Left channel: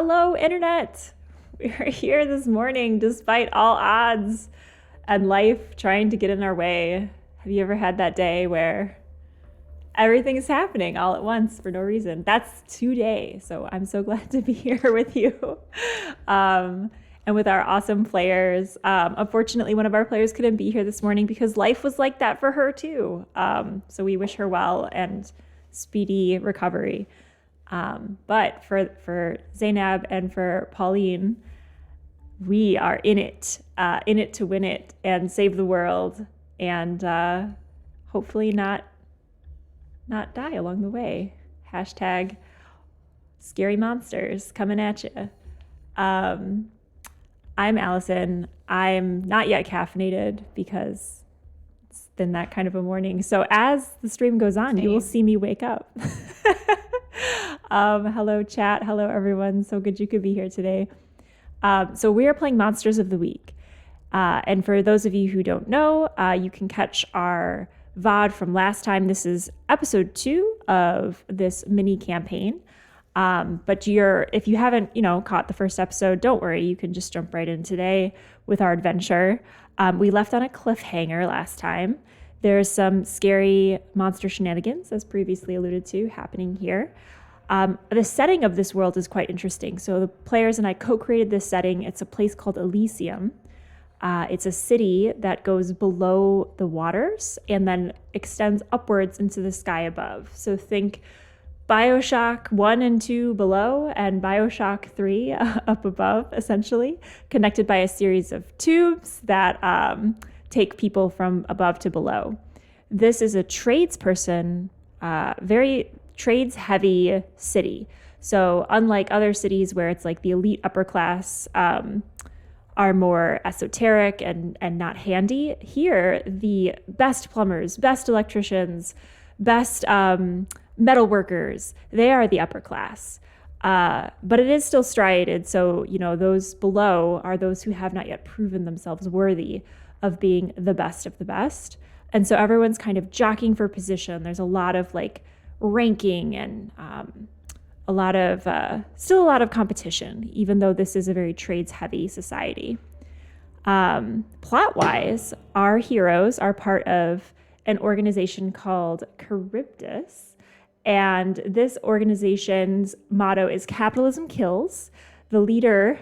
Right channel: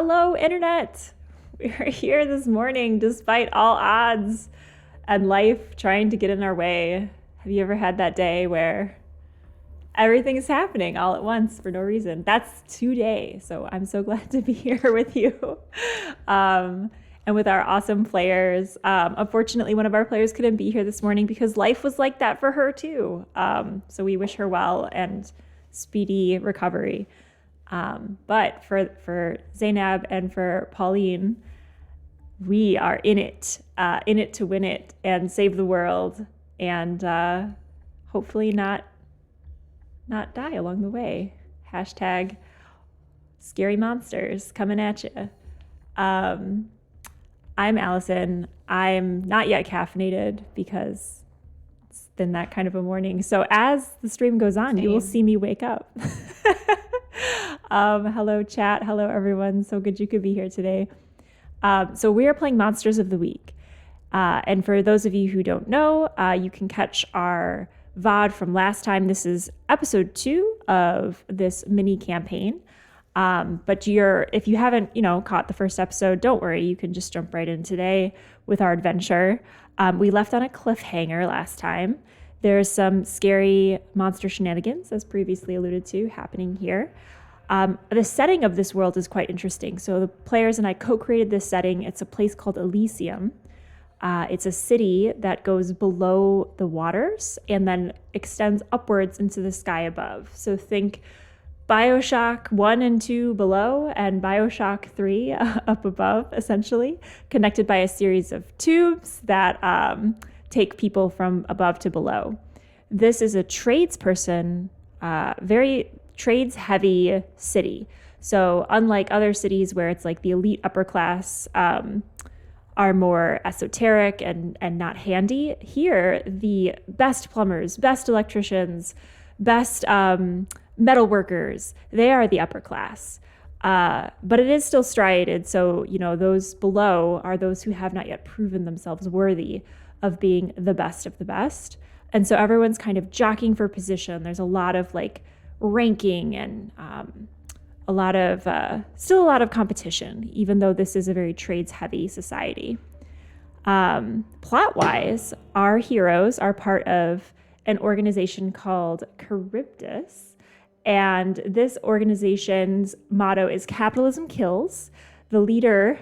Hello, Internet! We're here this morning despite all odds and life trying to get in our way. Have you ever had that day where everything is happening all at once for no reason? That's today, so I'm so glad to be here with you. Um, and with our awesome players. Unfortunately, one of our players couldn't be here this morning because life was like that for her too. So we wish her well and speedy recovery. But for Zainab and for Pauline, we are in it to win it and save the world, and hopefully not die along the way. Hashtag scary monsters coming at you. I'm Allison. I'm not yet caffeinated because it's been that kind of a morning. So as the stream goes on, you will see me wake up. Hello, chat. Hello, everyone. So good you could be here today. So we are playing Monsters of the Week. And for those of you who don't know, you can catch our VOD from last time. This is episode 2 of this mini campaign. But if you haven't, caught the first episode, don't worry. You can just jump right in today with our adventure. We left on a cliffhanger last time. There's some scary monster shenanigans, as previously alluded to, happening here. The setting of this world is quite interesting. So the players and I co-created this setting. It's a place called Elysium. It's a city that goes below the waters and then extends upwards into the sky above. So think BioShock 1 and 2 below and BioShock 3 up above, essentially, connected by a series of tubes that take people from above to below. This is a tradesperson, very trades-heavy city. So unlike other cities where it's like the elite upper class are more esoteric and not handy, here the best plumbers, best electricians, best metal workers, they are the upper class. But it is still striated, so those below are those who have not yet proven themselves worthy of being the best of the best. And so everyone's kind of jockeying for position. There's a lot of ranking and still a lot of competition, even though this is a very trades-heavy society. Plot-wise, our heroes are part of an organization called Charybdis, and this organization's motto is Capitalism Kills. The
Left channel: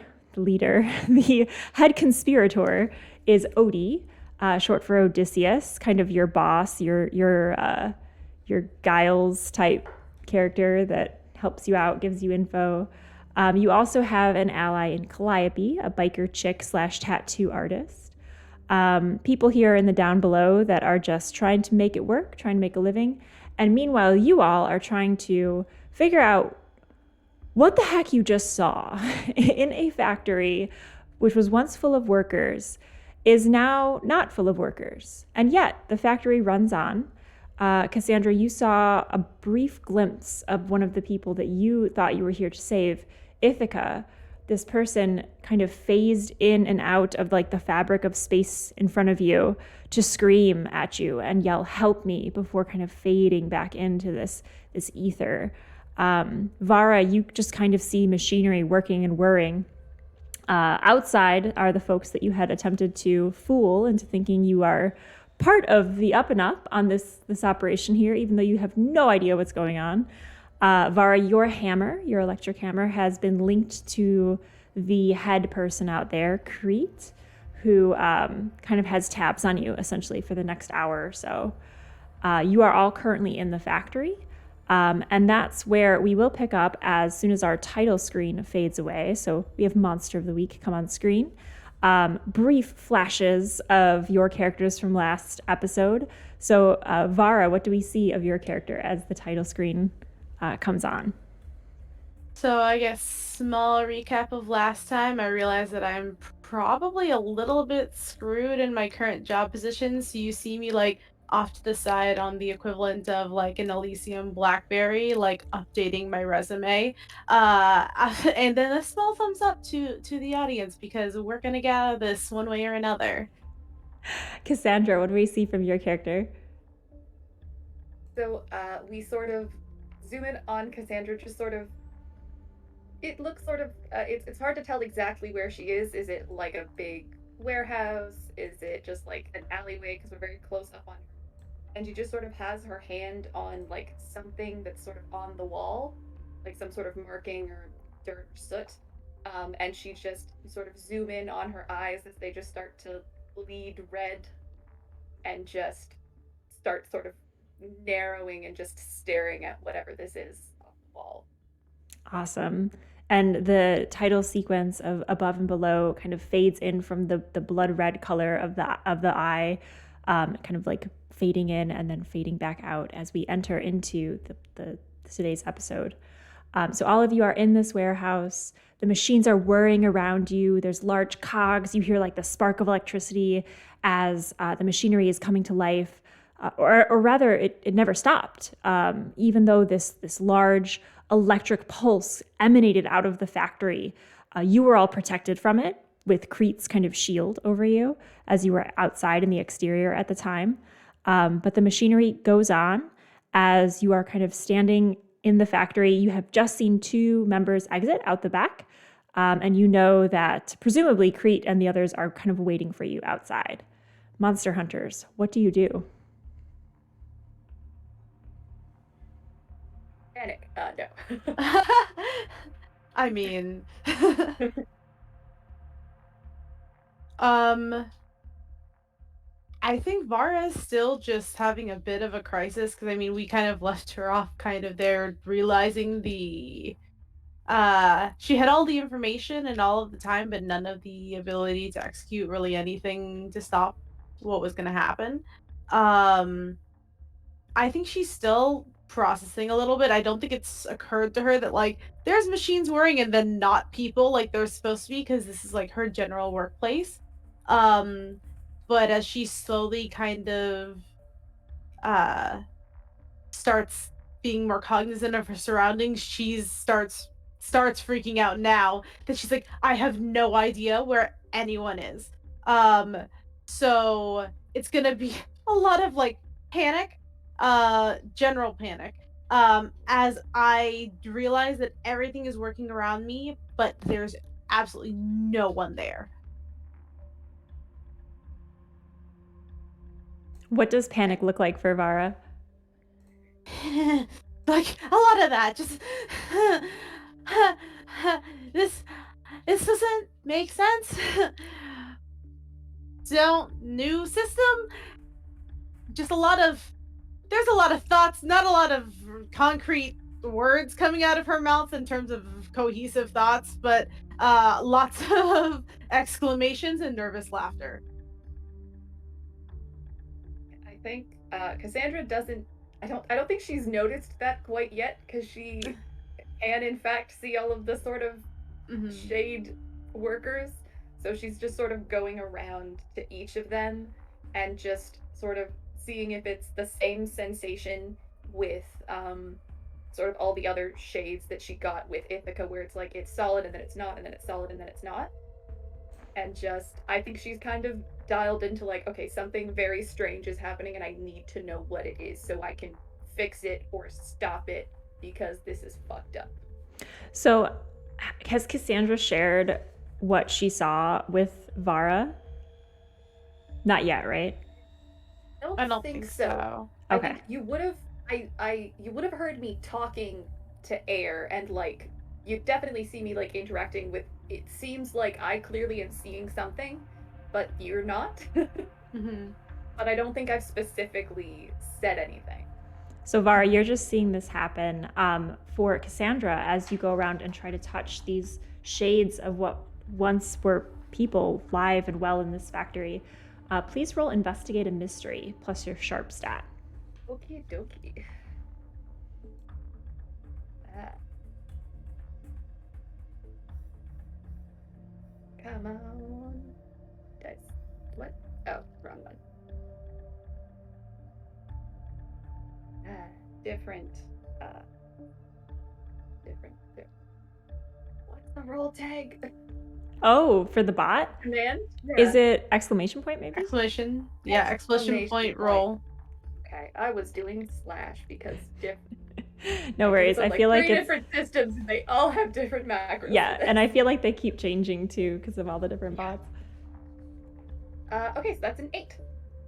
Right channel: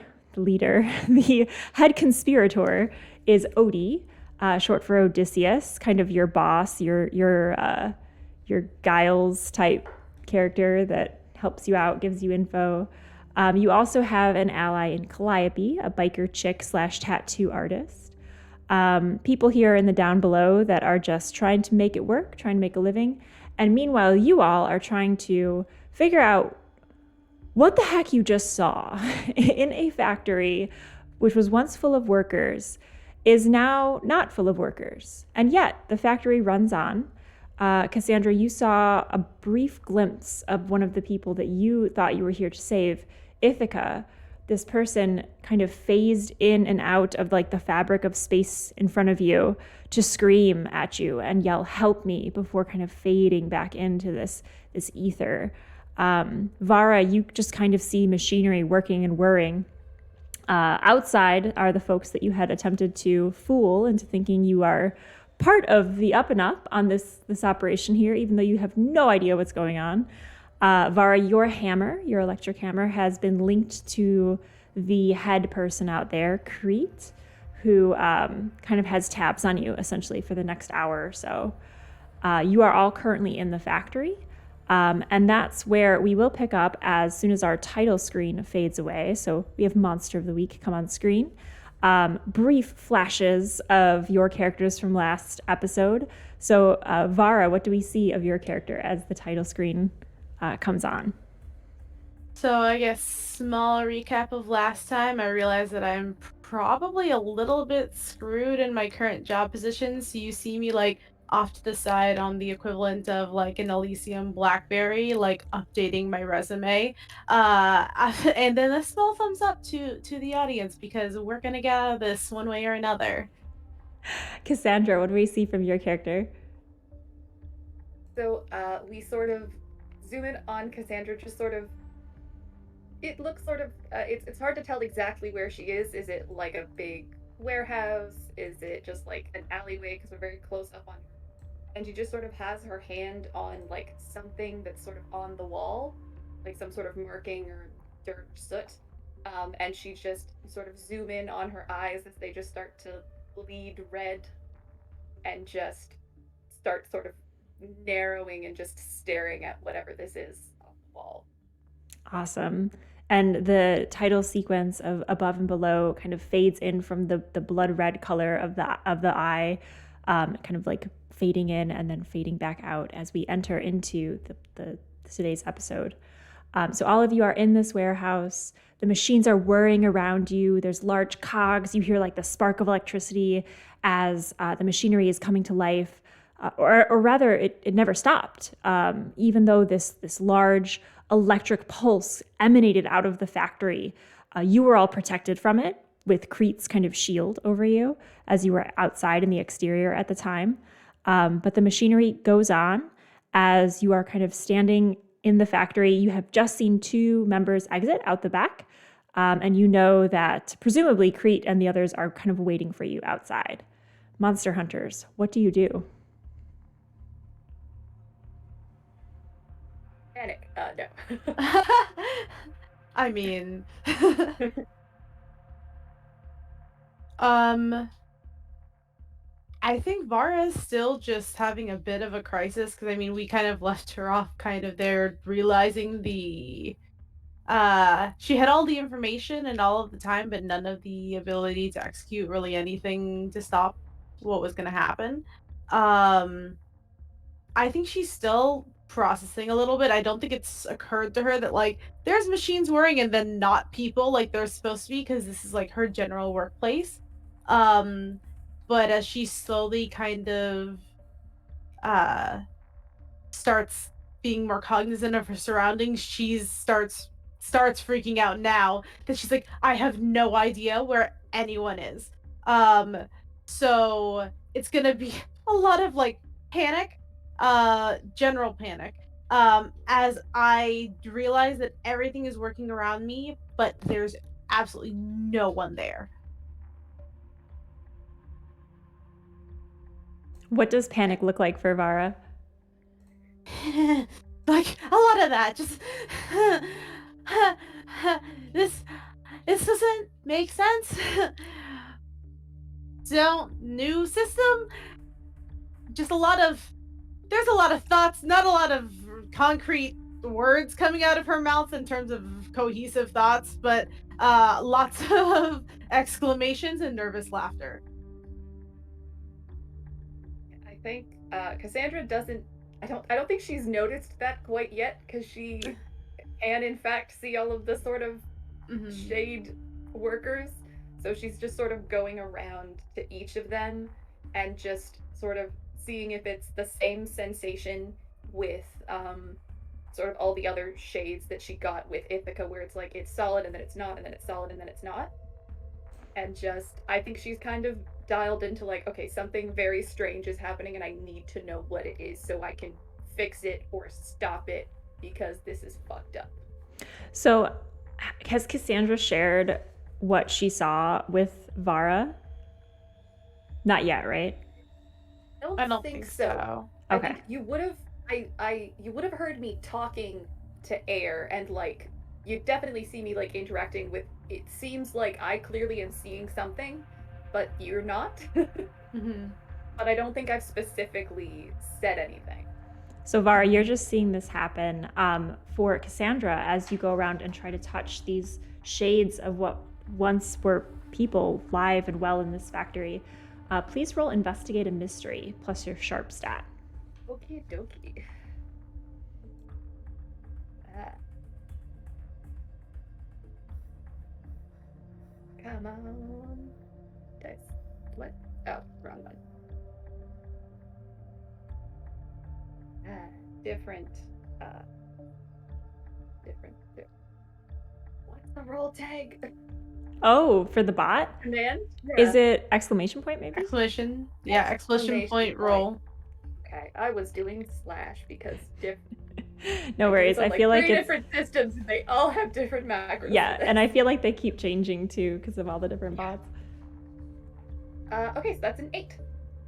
head conspirator is Odie, short for Odysseus, kind of your boss, your Giles type character that helps you out, gives you info. You also have an ally in Calliope, a biker chick / tattoo artist. People here in the down below that are just trying to make it work, trying to make a living. And meanwhile, you all are trying to figure out what the heck you just saw in a factory, which was once full of workers, is now not full of workers. And yet the factory runs on. Cassandra, you saw a brief glimpse of one of the people that you thought you were here to save, Ithaca. This person kind of phased in and out of the fabric of space in front of you to scream at you and yell, "Help me," before kind of fading back into this ether. Vara, you just kind of see machinery working and whirring. Outside are the folks that you had attempted to fool into thinking you are part of the up and up on this operation here, even though you have no idea what's going on. Vara, your electric hammer, has been linked to the head person out there, Crete, who kind of has tabs on you, essentially, for the next hour or so. You are all currently in the factory, and that's where we will pick up as soon as our title screen fades away. So we have Monster of the Week come on screen. Brief flashes of your characters from last episode. So, Vara, what do we see of your character as the title screen comes on? So I guess small recap of last time. I realized that I'm probably a little bit screwed in my current job position. So you see me off to the side on the equivalent of an Elysium BlackBerry, updating my resume. And then a small thumbs up to the audience because we're gonna get out of this one way or another. Cassandra, what do we see from your character? So we sort of zoom in on Cassandra, just sort of it looks sort of it's hard to tell exactly where she is. Is it like a big warehouse? Is it just like an alleyway because we're very close up on her? And she just sort of has her hand on like something that's sort of on the wall, like some sort of marking or dirt or soot. And she just sort of zoom in on her eyes as they just start to bleed red and just start sort of narrowing and just staring at whatever this is on the wall. Awesome. And the title sequence of Above and Below kind of fades in from the blood red color of the eye, kind of like fading in and then fading back out as we enter into the today's episode. So all of you are in this warehouse. The machines are whirring around you. There's large cogs. You hear like the spark of electricity as the machinery is coming to life. Or rather, it never stopped. Even though this large electric pulse emanated out of the factory, you were all protected from it with Crete's kind of shield over you as you were outside in the exterior at the time. But the machinery goes on as you are kind of standing in the factory. You have just seen 2 members exit out the back, and you know that presumably Crete and the others are kind of waiting for you outside. Monster hunters, what do you do? Panic. No. I mean, I think Vara is still just having a bit of a crisis because I mean we kind of left her off kind of there realizing she had all the information and all of the time but none of the ability to execute really anything to stop what was going to happen. I think she's still processing a little bit. I don't think it's occurred to her that like there's machines whirring and then not people like they're supposed to be because this is like her general workplace. But as she slowly kind of starts being more cognizant of her surroundings, she starts freaking out now that she's like, I have no idea where anyone is. So it's gonna be a lot of like panic, general panic. As I realize that everything is working around me, but there's absolutely no one there. What does panic look like for Vara? Like a lot of that. Just this doesn't make sense. Don't new system. Just there's a lot of thoughts, not a lot of concrete words coming out of her mouth in terms of cohesive thoughts, but lots of exclamations and nervous laughter. I think Cassandra doesn't. I don't think she's noticed that quite yet because she can in fact see all of the sort of shade workers. So she's just sort of going around to each of them and just sort of seeing if it's the same sensation with sort of all the other shades that she got with Ithaca, where it's like it's solid and then it's not, and then it's solid and then it's not. And just, I think she's kind of dialed into like, okay, something very strange is happening and I need to know what it is so I can fix it or stop it because this is fucked up. So has Cassandra shared what she saw with Vara? Not yet, right? I don't think so. Okay. I think you would have you would have heard me talking to Air and like you definitely see me like interacting with, it seems like I clearly am seeing something, but you're not. But I don't think I've specifically said anything. So Vara, you're just seeing this happen. For Cassandra, as you go around and try to touch these shades of what once were people live and well in this factory, please roll Investigate a Mystery plus your Sharp stat. Okie dokie. Come on. Dice. What? Oh, wrong one. Different. What's the roll tag? Oh, for the bot? Command? Yeah. Is it exclamation point maybe? Exclamation. Yeah, exclamation point roll. Okay, I was doing slash because No worries. I feel like three it's different systems and they all have different macros. yeah, and I feel like they keep changing too because of all the different bots. Okay, so that's an 8.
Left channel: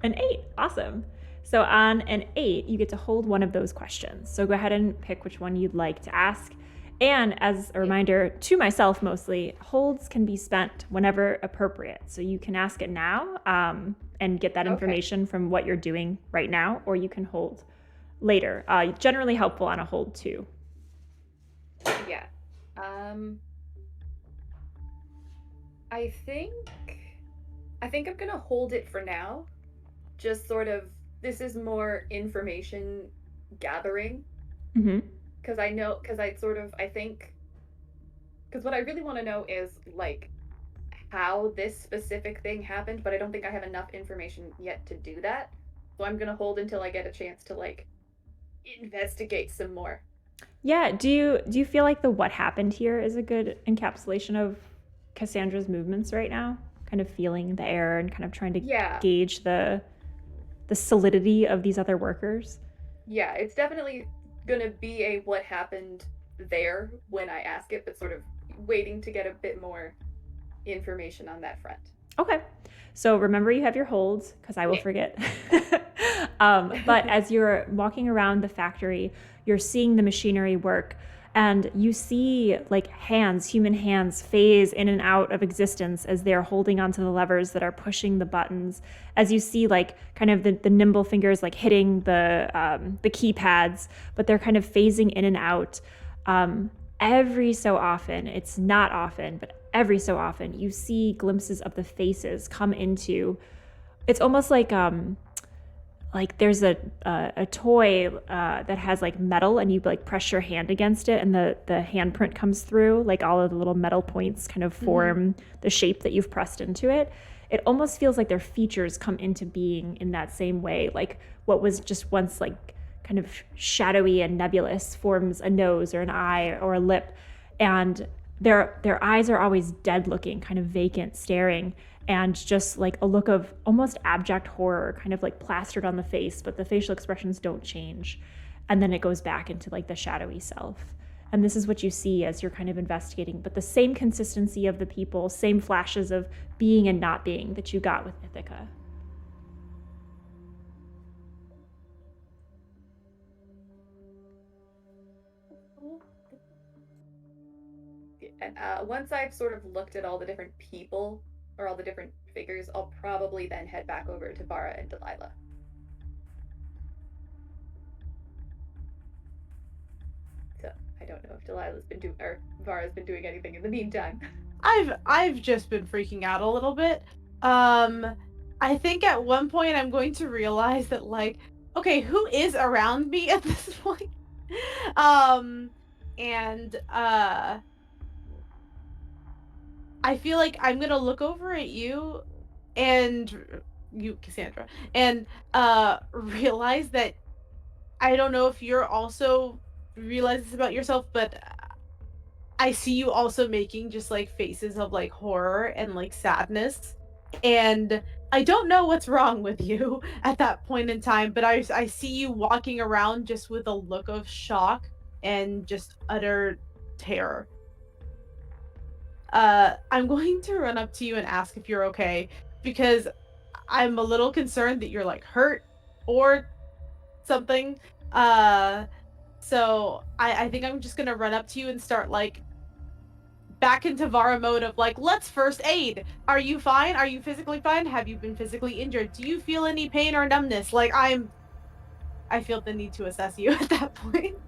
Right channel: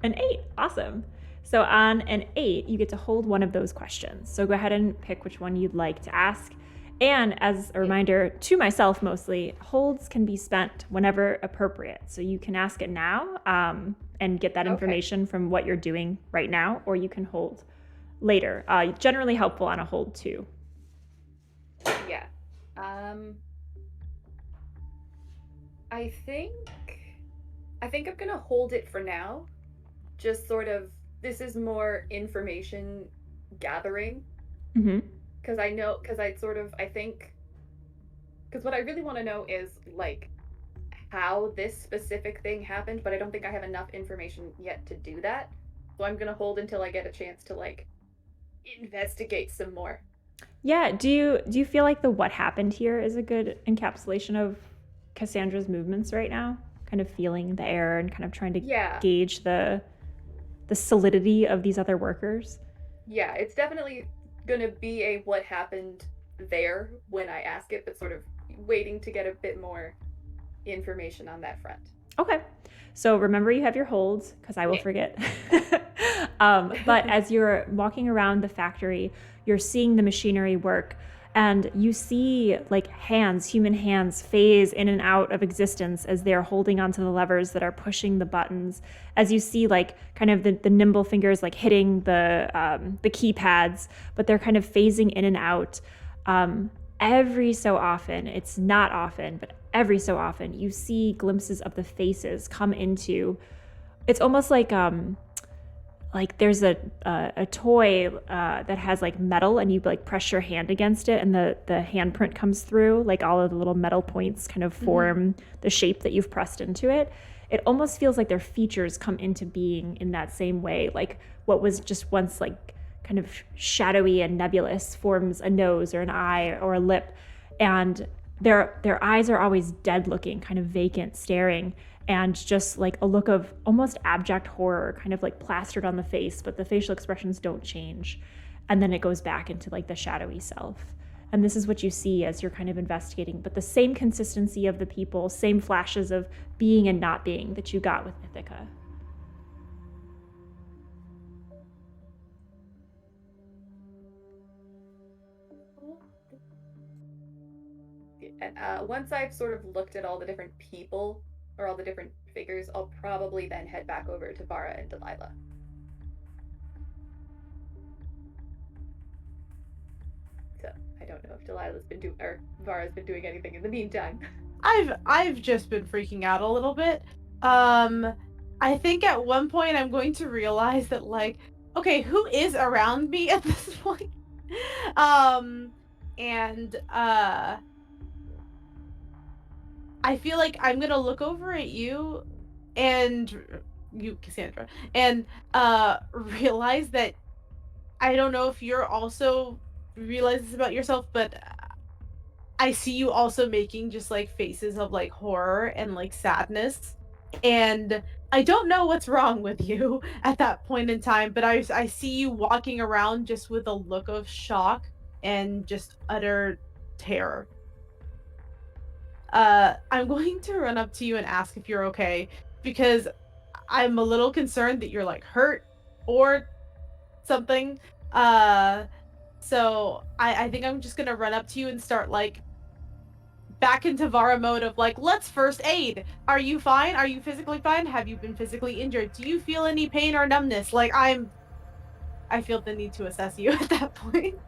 An 8, awesome. So on an 8, you get to hold one of those questions. So go ahead and pick which one you'd like to ask. And as a reminder to myself mostly, holds can be spent whenever appropriate. So you can ask it now and get that information from what you're doing right now, or you can hold later. Generally helpful on a hold too. Yeah. I think I'm gonna hold it for now. Just sort of, this is more information gathering. Mm-hmm. Because what I really want to know is, like, how this specific thing happened, but I don't think I have enough information yet to do that. So I'm gonna hold until I get a chance to, like, investigate some more. Yeah, do you feel like the what happened here is a good encapsulation of Cassandra's movements right now? Kind of feeling the air and kind of trying to gauge the solidity of these other workers? Yeah, it's definitely gonna be a what happened there when I ask it, but sort of waiting to get a bit more information on that front. Okay. So remember you have your holds, because I will forget. But as you're walking around the factory, you're seeing the machinery work, and you see like human hands phase in and out of existence as they're holding onto the levers that are pushing the buttons. As you see like kind of the nimble fingers like hitting the keypads, but they're kind of phasing in and out. Every so often, it's not often, but every so often, you see glimpses of the faces come into. It's almost like there's a toy that has like metal, and you like press your hand against it, and the handprint comes through. Like all of the little metal points kind of form the shape that you've pressed into it. It almost feels like their features come into being in that same way. Like what was just once like kind of shadowy and nebulous forms a nose or an eye or a lip, and their eyes are always dead looking, kind of vacant, staring, and just like a look of almost abject horror kind of like plastered on the face, but the facial expressions don't change. And then it goes back into like the shadowy self. And this is what you see as you're kind of investigating, but the same consistency of the people, same flashes of being and not being that you got with Ithaca. Once I've sort of looked at all the different people or all the different figures, I'll probably then head back over to Vara and Delilah. So I don't know if Vara's been doing anything in the meantime. I've just been freaking out a little bit. I think at one point I'm going to realize that like, okay, who is around me at this point? I feel like I'm gonna look over at you and you, Cassandra, and realize that I don't know if you're also realize this about yourself, but I see you also making just like faces of like horror and like sadness, and I don't know what's wrong with you at that point in time, but I see you walking around just with a look of shock and just utter terror. I'm going to run up to you and ask if you're okay, because I'm a little concerned that you're like hurt or something. So I think I'm just gonna run up to you and start like back into Vara mode of like, let's first aid. Are you fine? Are you physically fine? Have you been physically injured? Do you feel any pain or numbness? Like I feel the need to assess you at that point.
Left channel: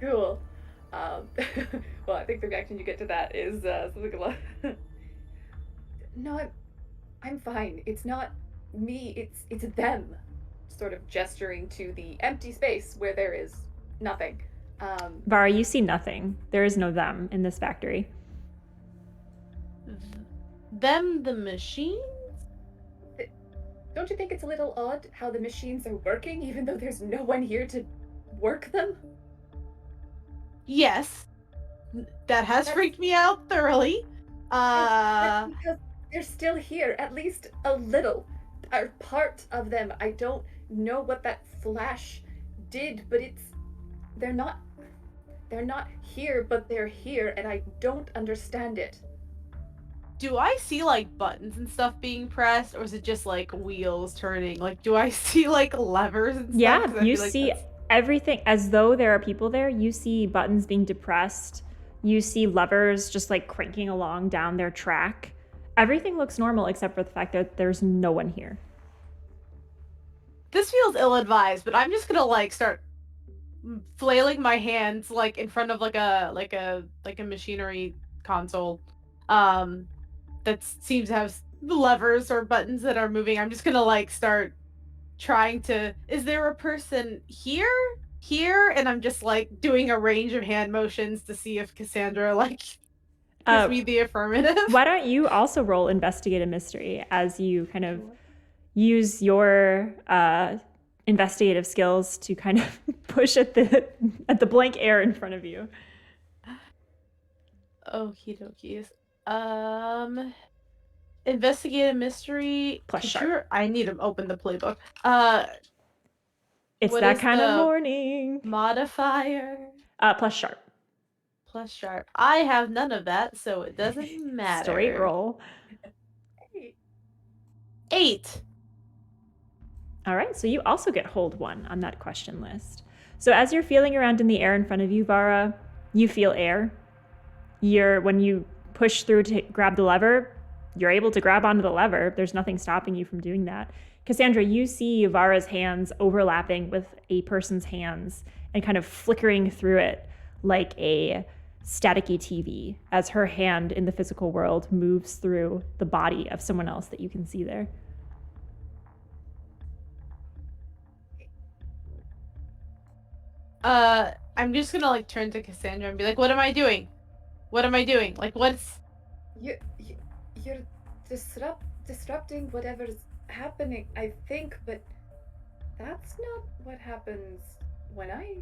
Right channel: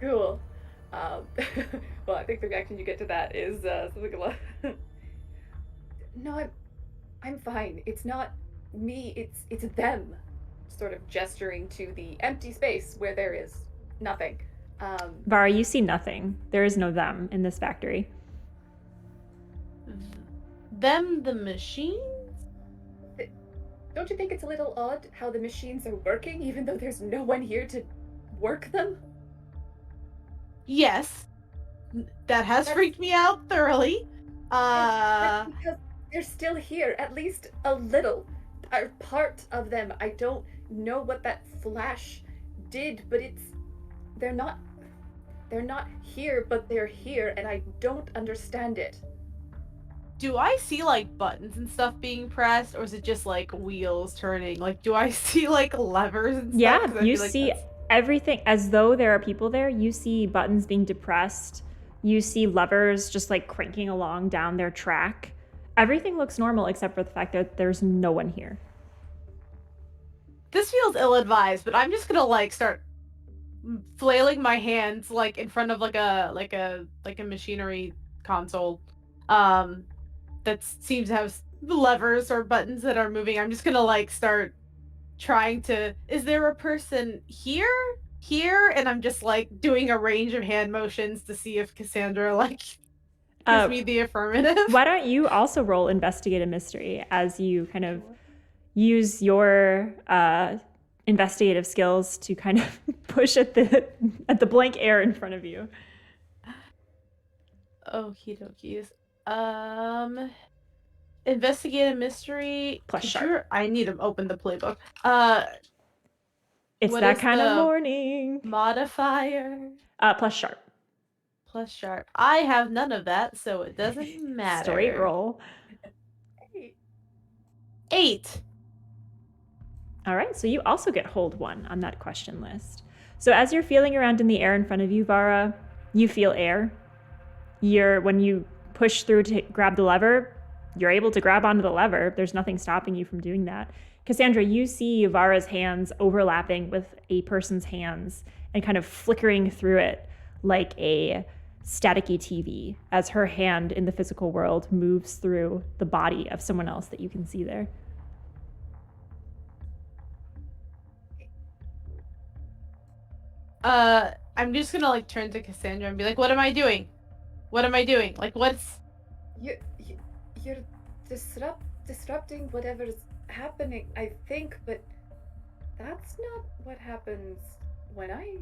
Cool. Well, I think the reaction you get to that is something like, no, I'm fine. It's not me. It's them. Sort of gesturing to the empty space where there is nothing. Vara, you see nothing. There is no them in this factory. Them, the machines? Don't you think it's a little odd how the machines are working even though there's no one here to work them? Yes. That has freaked me out thoroughly. That's because they're still here, at least a little. Are part of them. I don't know what that flash did, but they're not here, but they're here, and I don't understand it. Do I see like buttons and stuff being pressed, or is it just like wheels turning? Like, do I see like levers and stuff? Yeah, 'Cause I you feel like see that's- everything as though there are people there. You see buttons being depressed. You see levers just like cranking along down their track. Everything looks normal except for the fact that there's no one here. This feels ill-advised, but I'm just gonna like start flailing my hands like in front of like a machinery console that seems to have levers or buttons that are moving. I'm just gonna like start trying to, is there a person here, and I'm just like doing a range of hand motions to see if Cassandra like gives me the affirmative. Why don't you also roll investigate a mystery as you kind of use your investigative skills to kind of push at the blank air in front of you. Okie dokies. Investigate a mystery. Plus sharp. I need to open the playbook. It's that kind of morning. Modifier. Plus sharp. Plus sharp. I have none of that, so it doesn't matter. Straight roll. 8. All right, so you also get hold 1 on that question list. So as you're feeling around in the air in front of you, Vara, you feel air. When you push through to grab the lever, you're able to grab onto the lever. There's nothing stopping you from doing that. Cassandra, you see Vara's hands overlapping with a person's hands and kind of flickering through it like a staticky TV as her hand in the physical world moves through the body of someone else that you can see there. I'm just gonna like turn to Cassandra and be like, what am I doing? What am I doing? Like, what's... You're disrupting whatever's happening, I think, but that's not what happens when I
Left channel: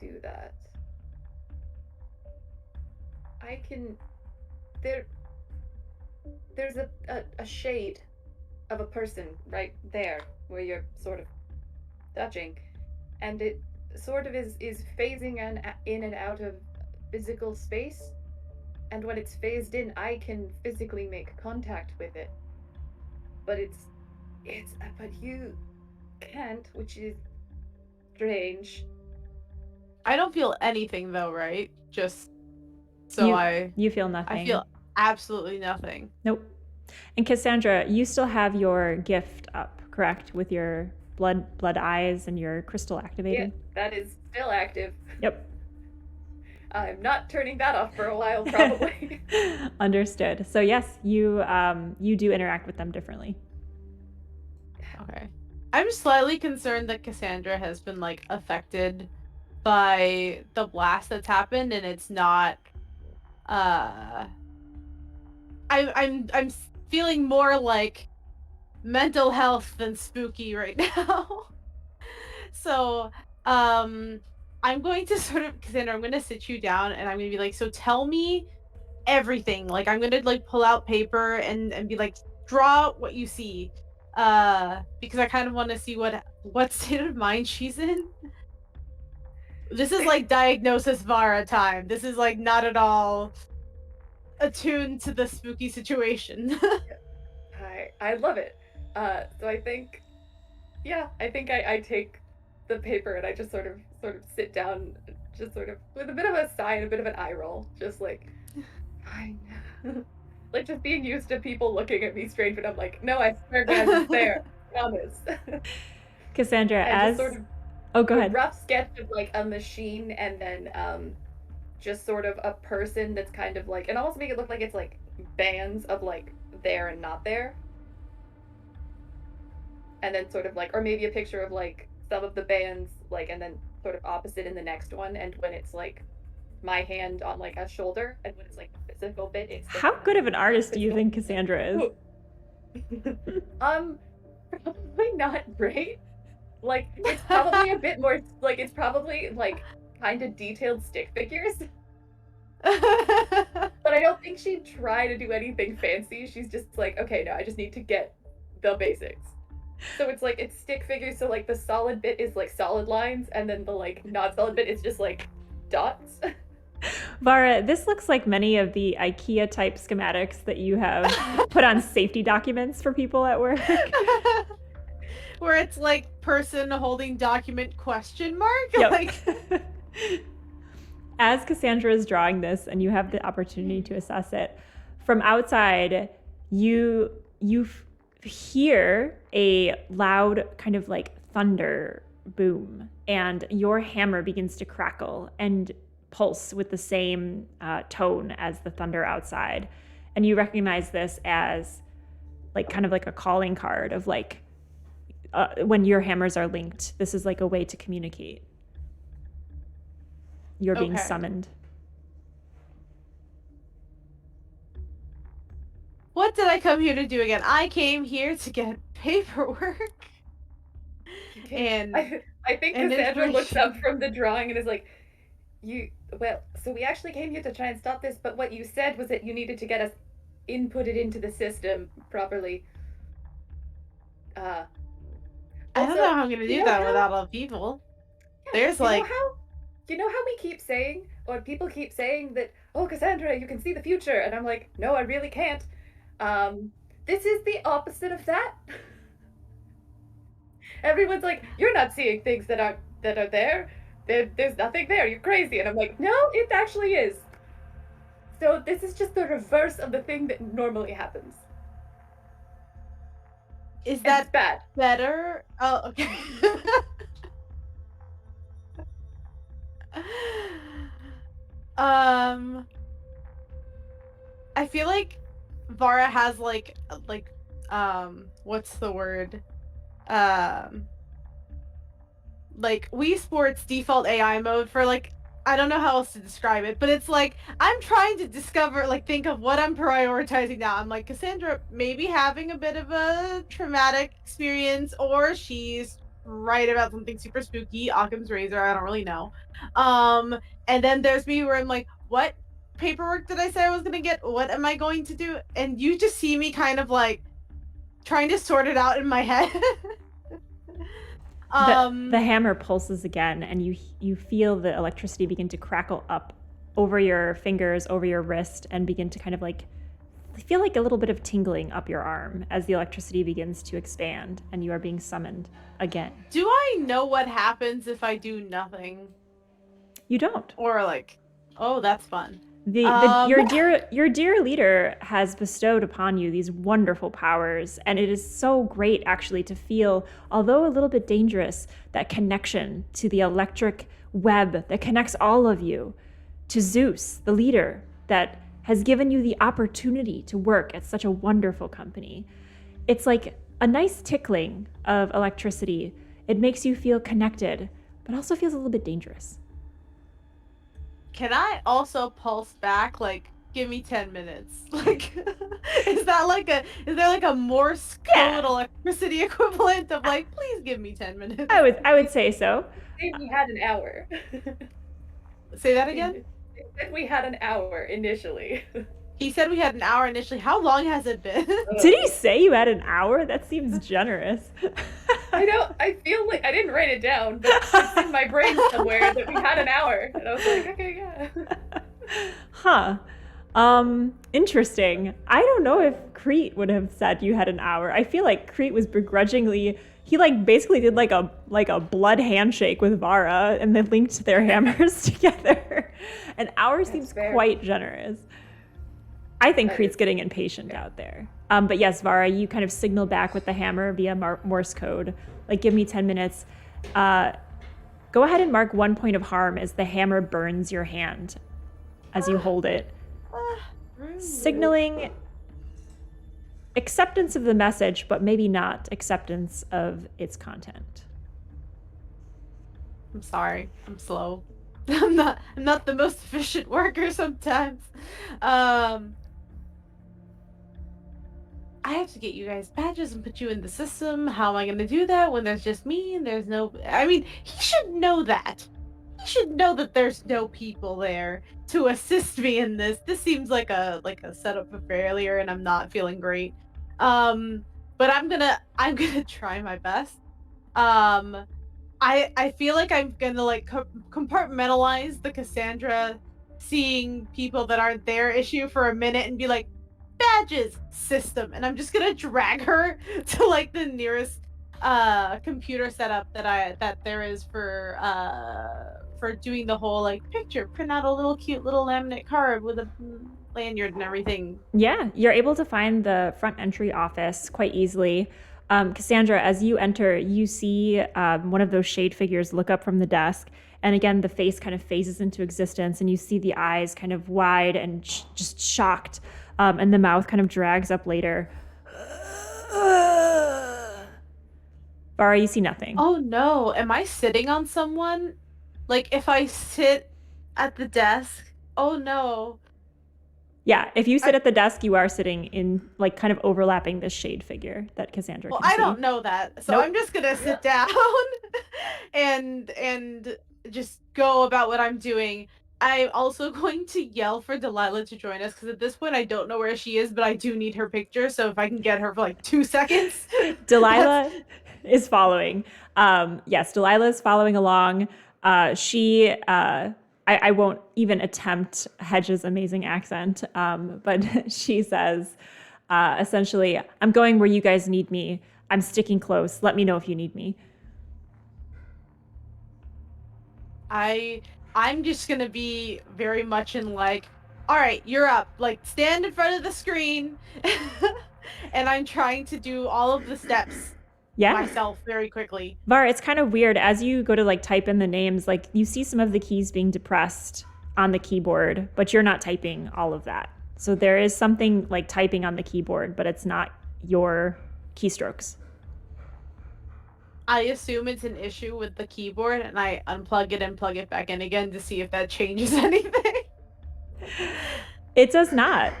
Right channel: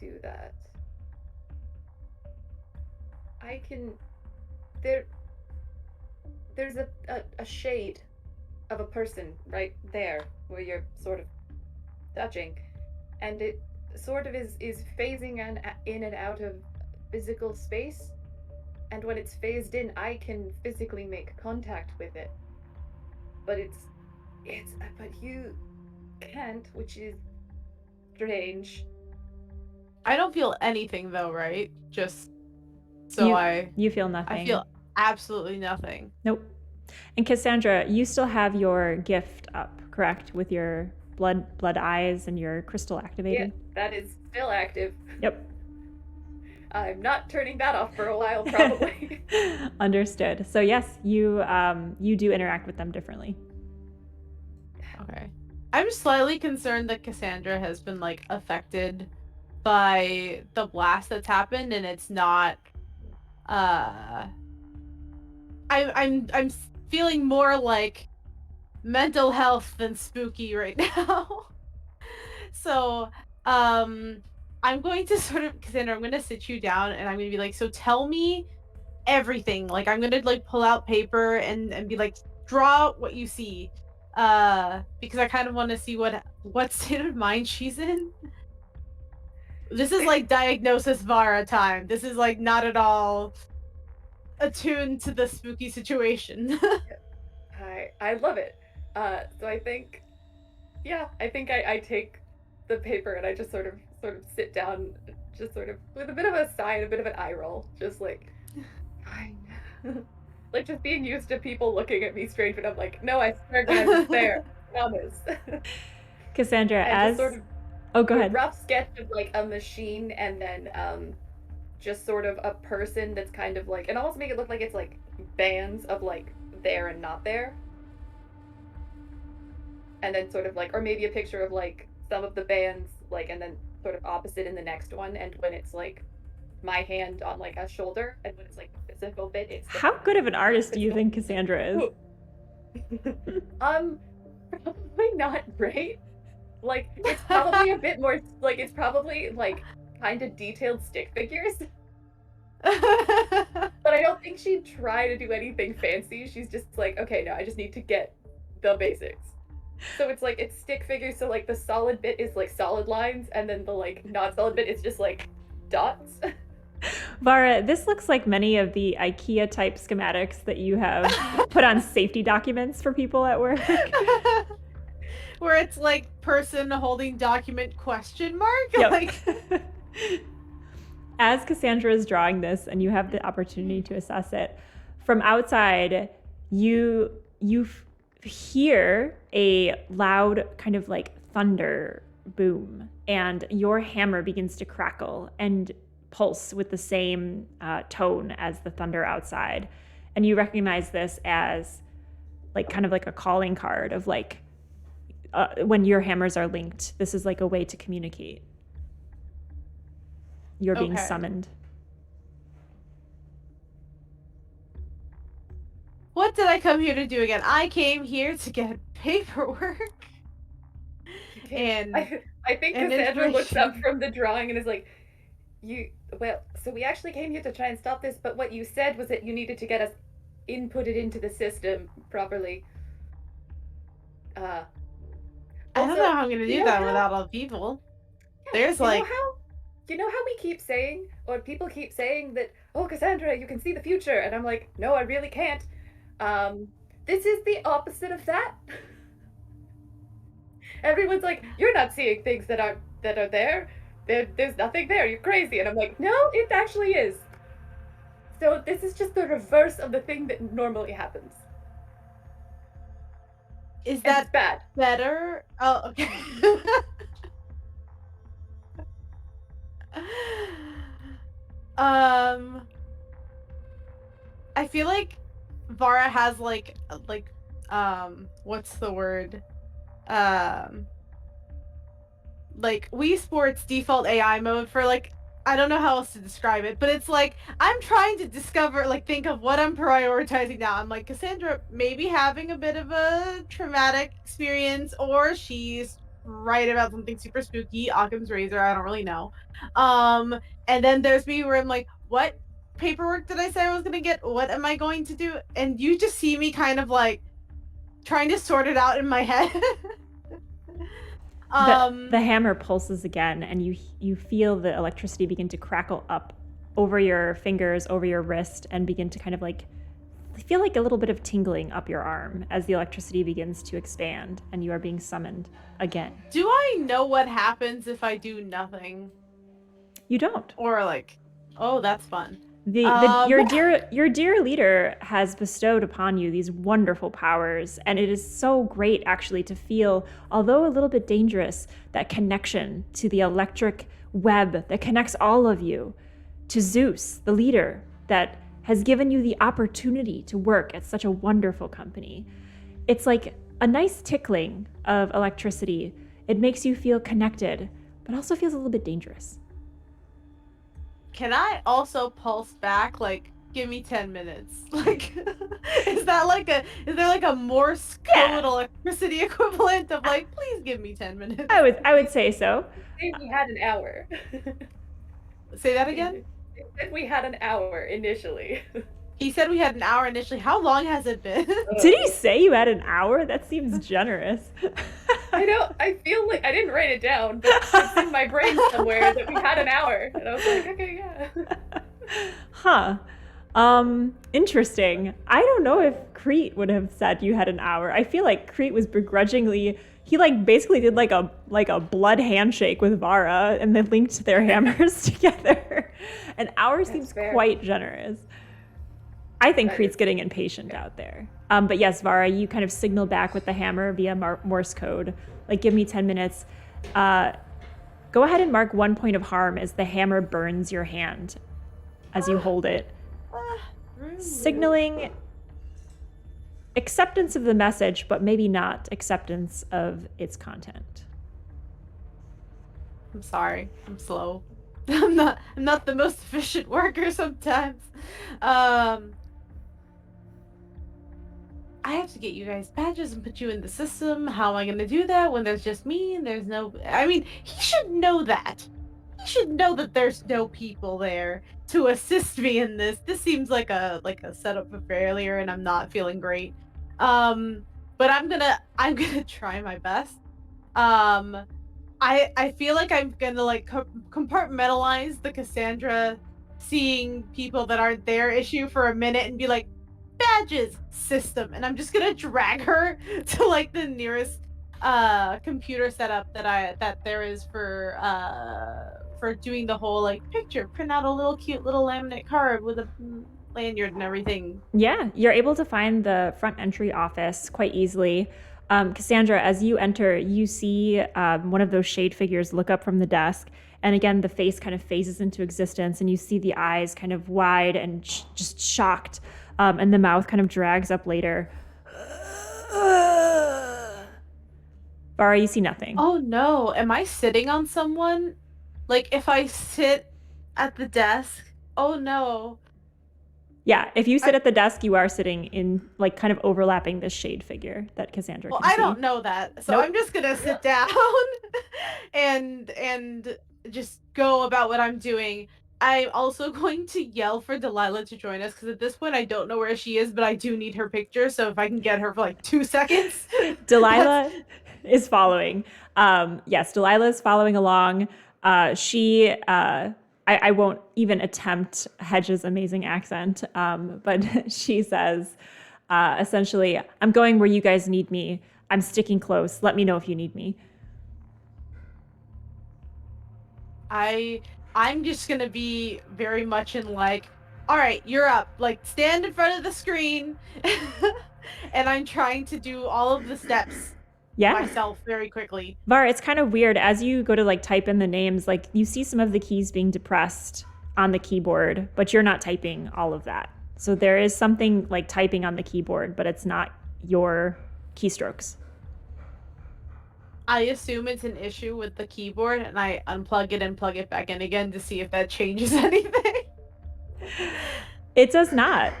do that. I can... There's a shade of a person right there where you're sort of touching, and it sort of is phasing in and out of physical space, and when it's phased in, I can physically make contact with it, but but you can't, which is strange. I don't feel anything though, right? Just so you feel nothing. I feel absolutely nothing. Nope. And Cassandra, you still have your gift up, correct? With your blood eyes and your crystal activated? Yeah, that is still active. Yep. I'm not turning that off for a while, probably. Understood. So yes, you do interact with them differently. Okay. I'm slightly concerned that Cassandra has been like affected by the blast that's happened, and it's not. I'm feeling more like mental health than spooky right now. So, I'm going to sort of, Cassandra, I'm going to sit you down and I'm going to be like, so tell me everything. Like, I'm going to like pull out paper and be like, draw what you see. Because I kind of want to see what state of mind she's in. This is like diagnosis Vara time. This is like not at all attuned to the spooky situation. I love it. So I think I take the paper and I just sort of sit down, just sort of with a bit of a sigh and a bit of an eye roll, just like, fine. Like just being used to people looking at me strange, but I'm like, no, I swear, guys, it's there. Promise. Cassandra, and as oh, go ahead. A rough sketch of like a machine, and then just sort of a person that's kind of like, and almost make it look like it's like bands of like there and not there. And then sort of like, or maybe a picture of like some of the bands, like, and then sort of opposite in the next one. And when it's like my hand on like a shoulder, and when it's like the physical bit, it's how good of an artist do you think Cassandra is? Probably not great. Like, it's probably a bit more like, it's probably like kind of detailed stick figures. But I don't think she'd try to do anything fancy. She's just like, okay, no, I just need to get the basics. So it's like, it's stick figures, so like the solid bit is like solid lines, and then the like not solid bit is just like dots. Vara, this looks like many of the IKEA type schematics that you have put on safety documents for people at work. Where it's like person holding document question mark. Yep. Like... As Cassandra is drawing this and you have the opportunity to assess it, from outside, you hear a loud kind of like thunder boom, and your hammer begins to crackle and pulse with the same tone as the thunder outside. And you recognize this as like kind of like a calling card of like when your hammers are linked, this is like a way to communicate. You're being summoned. What did I come here to do again? I came here to get paperwork. And I think Cassandra looks up from the drawing and is like, so we actually came here to try and stop this, but what you said was that you needed to get us inputted into the system properly. I don't know how I'm gonna do that without all people. There's like... You know how we keep saying, or people keep saying that, oh, Cassandra, you can see the future, and I'm like, no, I really can't. This is the opposite of that. Everyone's like, you're not seeing things that are there. There's nothing there. You're crazy. And I'm like, no, it actually is. So this is just the reverse of the thing that normally happens. Is that bad? Better? Oh, okay. I feel like Vara has like what's the word? Like Wii Sports default AI mode for like, I don't know how else to describe it, but it's like I'm trying to discover, like, think of what I'm prioritizing now. I'm like, Cassandra maybe having a bit of a traumatic experience, or she's right about something super spooky, Occam's razor, I don't really know. And then there's me where I'm like, what paperwork did I say I was gonna get? What am I going to do? And you just see me kind of like trying to sort it out in my head. The hammer pulses again, and you feel the electricity begin to crackle up over your fingers, over your wrist, and begin to kind of like feel like a little bit of tingling up your arm as the electricity begins to expand, and you are being summoned again. Do I know what happens if I do nothing? You don't. Or like, oh, that's fun. Your dear leader has bestowed upon you these wonderful powers, and it is so great actually to feel, although a little bit dangerous, that connection to the electric web that connects all of you to Zeus, the leader that has given you the opportunity to work at such a wonderful company. It's like a nice tickling of electricity. It makes you feel connected, but also feels a little bit dangerous. Can I also pulse back, like, give me 10 minutes? Like, is there like a Morse code electricity equivalent of like, please give me 10 minutes? I would say so. We had an hour. Say that again? He said we had an hour initially. He said we had an hour initially. How long has it been? Did he say you had an hour? That seems generous. I feel like I didn't write it down, but it's in my brain somewhere that we had an hour. And I was like, okay, yeah. Huh. Interesting. I don't know if Crete would have said you had an hour. I feel like Crete was begrudgingly, he like basically did like a blood handshake with Vara and then linked their hammers together. An hour seems quite generous. I think Crete's getting impatient out there. But yes, Vara, you kind of signal back with the hammer via Morse code. Like, give me 10 minutes. Go ahead and mark 1 point of harm as the hammer burns your hand as you hold it. Signaling acceptance of the message, but maybe not acceptance of its content. I'm sorry. I'm slow. I'm not the most efficient worker sometimes. I have to get you guys badges and put you in the system. How am I going to do that when there's just me and there's no... I mean, he should know that. He should know that there's no people there to assist me in this. This seems like a setup for failure, and I'm not feeling great. but I'm gonna try my best. I feel like I'm gonna like compartmentalize the Cassandra seeing people that aren't there issue for a minute and be like, badges system, and I'm just gonna drag her to like the nearest computer setup that there is for doing the whole like picture, print out a little cute little laminate card with a lanyard and everything. Yeah, you're able to find the front entry office quite easily. Cassandra, as you enter, you see one of those shade figures look up from the desk. And again, the face kind of phases into existence, and you see the eyes kind of wide and just shocked. And the mouth kind of drags up later. Vara, you see nothing. Oh no, am I sitting on someone? Like if I sit at the desk, oh no. Yeah, if you sit at the desk, you are sitting in, like, kind of overlapping this shade figure that Cassandra can see. I don't know that, so nope. I'm just gonna sit down and just go about what I'm doing. I'm also going to yell for Delilah to join us, because at this point I don't know where she is, but I do need her picture, so if I can get her for like 2 seconds. Delilah is following. Yes, Delilah is following along. I won't even attempt Hedge's amazing accent, but she says, essentially, I'm going where you guys need me. I'm sticking close. Let me know if you need me. I'm just going to be very much in like, all right, you're up. Like, stand in front of the screen. And I'm trying to do all of the steps. Myself very quickly. Var, it's kind of weird as you go to like type in the names, like you see some of the keys being depressed on the keyboard, but you're not typing all of that. So there is something like typing on the keyboard, but it's not your keystrokes. I assume it's an issue with the keyboard, and I unplug it and plug it back in again to see if that changes anything. It does not.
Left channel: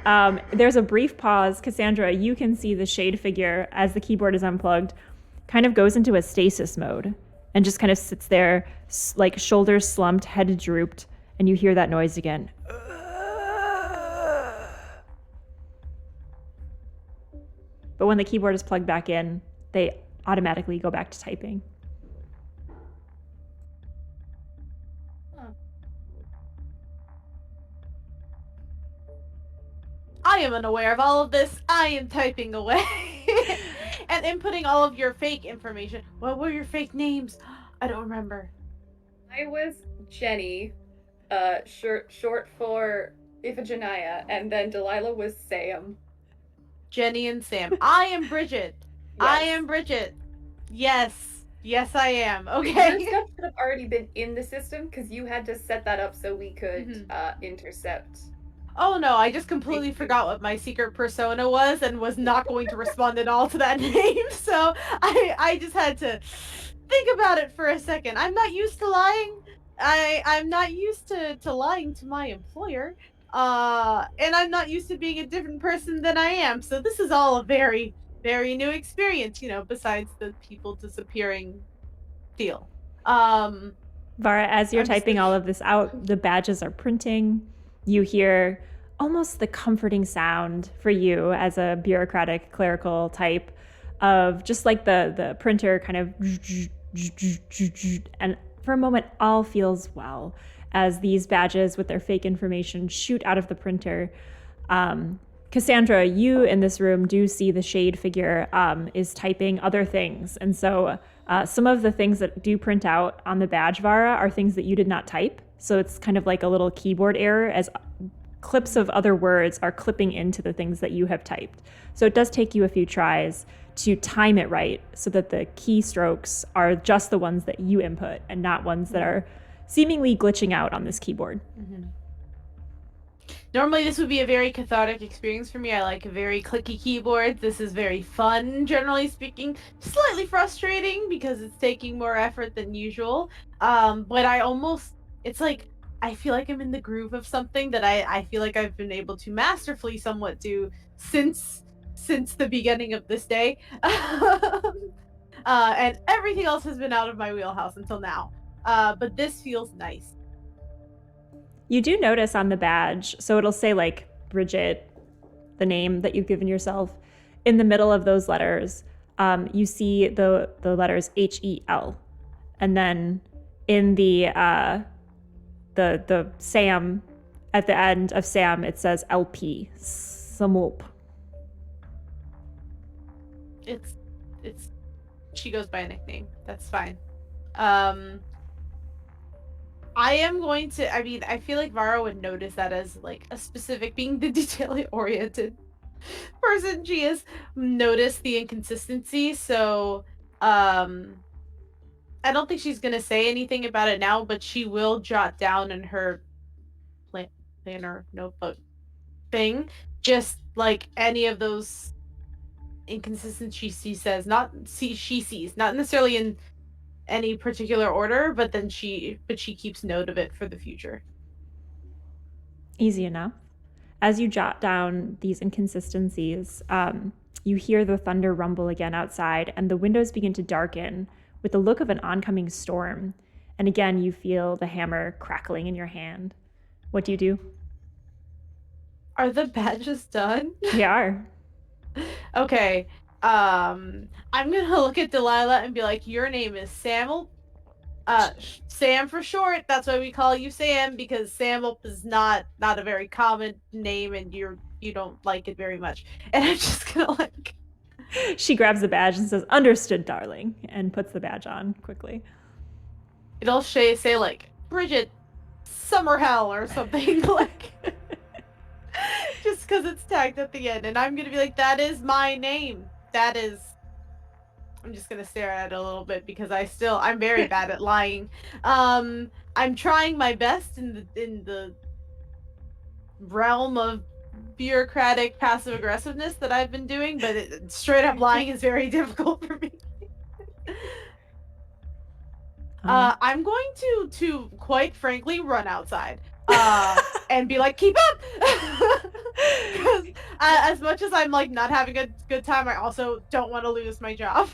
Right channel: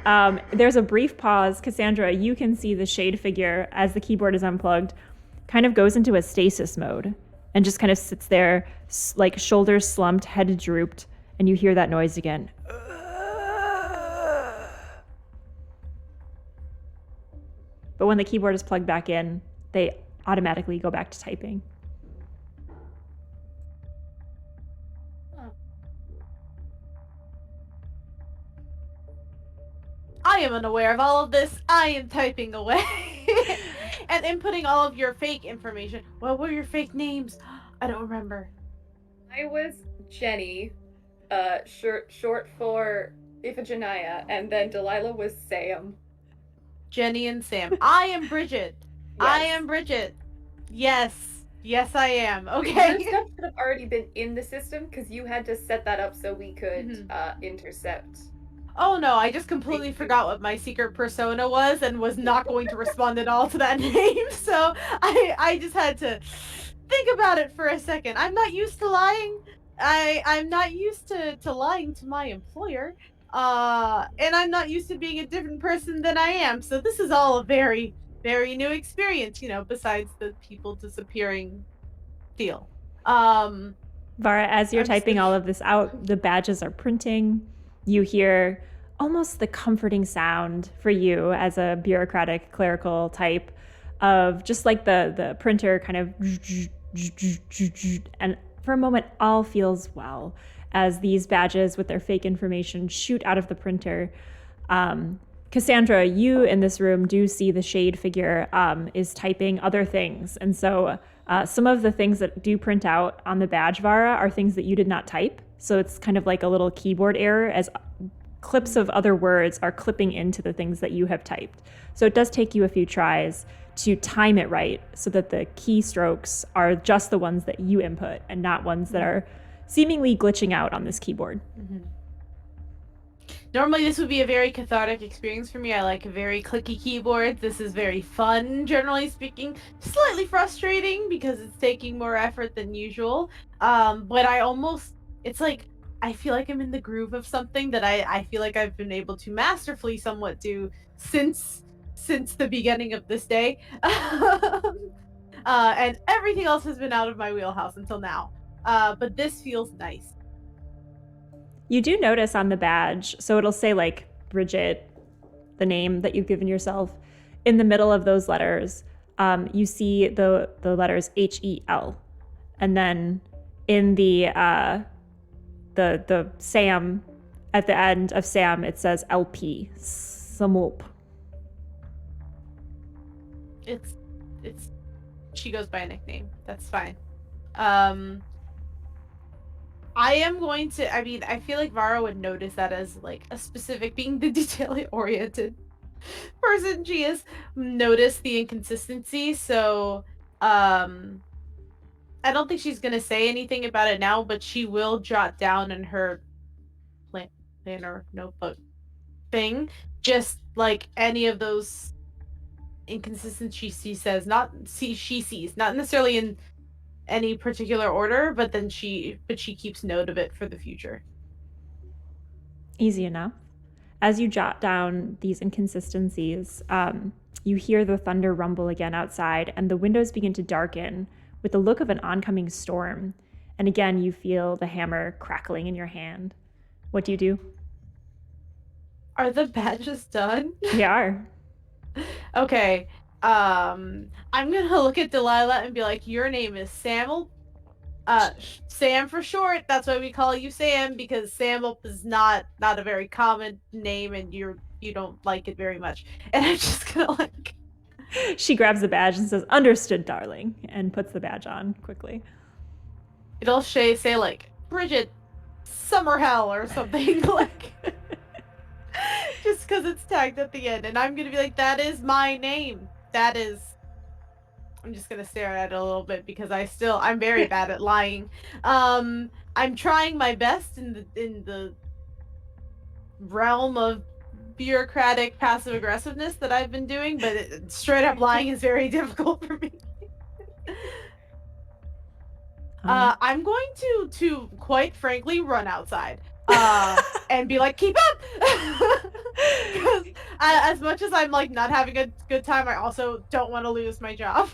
There's a brief pause. Cassandra, you can see the shade figure as the keyboard is unplugged kind of goes into a stasis mode and just kind of sits there, like shoulders slumped, head drooped, and you hear that noise again. But when the keyboard is plugged back in, they automatically go back to typing. I am unaware of all of this. I am typing away. And inputting all of your fake information. What were your fake names? I don't remember. I was Jenny, short for Iphigenia, and then Delilah was Sam. Jenny and Sam. I am Bridget. Yes. I am Bridget. Yes. Yes, I am. Okay. Your stuff should have already been in the system, because you had to set that up so we could intercept. Oh no, I just completely forgot what my secret persona was and was not going to respond at all to that name. So I just had to think about it for a second. I'm not used to lying. I'm not used to lying to my employer. And I'm not used to being a different person than I am. So this is all a very, very new experience, you know, besides the people disappearing deal. Vara, as you're typing all of this out, the badges are printing. You hear almost the comforting sound for you as a bureaucratic clerical type of just like the printer kind of, and for a moment all feels well as these badges with their fake information shoot out of the printer. Cassandra, you in this room do see the shade figure is typing other things. And so some of the things that do print out on the badge, Vara, are things that you did not type. So it's kind of like a little keyboard error as clips of other words are clipping into the things that you have typed. So it does take you a few tries to time it right so that the keystrokes are just the ones that you input and not ones that are seemingly glitching out on this keyboard. Mm-hmm. Normally this would be a very cathartic experience for me. I like very clicky keyboards. This is very fun, generally speaking. Slightly frustrating because it's taking more effort than usual. But it's like I feel like I'm in the groove of something that I feel like I've been able to masterfully somewhat do since the beginning of this day. And everything else has been out of my wheelhouse until now. But this feels nice. You do notice on the badge, so it'll say like Bridget, the name that you've given yourself. in the middle of those letters, you see the letters HEL, and then in the Sam, at the end of Sam, it says LP, Samop. It's she goes by a nickname. That's fine. I am going to, I mean, I feel like Vara would notice that as like a specific, being the detail-oriented person she is, notice the inconsistency. So I don't think she's gonna say anything about it now, but she will jot down in her planner notebook thing just like any of those inconsistencies she sees, not necessarily in any particular order, but she keeps note of it for the future. Easy enough. As you jot down these inconsistencies, you hear the thunder rumble again outside, and the windows begin to darken with the look of an oncoming storm. And again, you feel the hammer crackling in your hand. What do you do? Are the badges done? They are. Okay. I'm gonna look at Delilah and be like, your name is Sam for short. That's why we call you Sam, because Sam is not a very common name, and you don't like it very much. And I'm just gonna like. She grabs the badge and says, "Understood, darling," and puts the badge on quickly. It'll say like Bridget Summerhell or something like. Just because it's tagged at the end, and I'm gonna be like, that is my name. That is. I'm just gonna stare at it a little bit because I'm very bad at lying. I'm trying my best in the realm of bureaucratic passive aggressiveness that I've been doing, but straight up lying is very difficult for me. I'm going to quite frankly run outside and be like, keep up. Because as much as I'm like not having a good time, I also don't want to lose my job.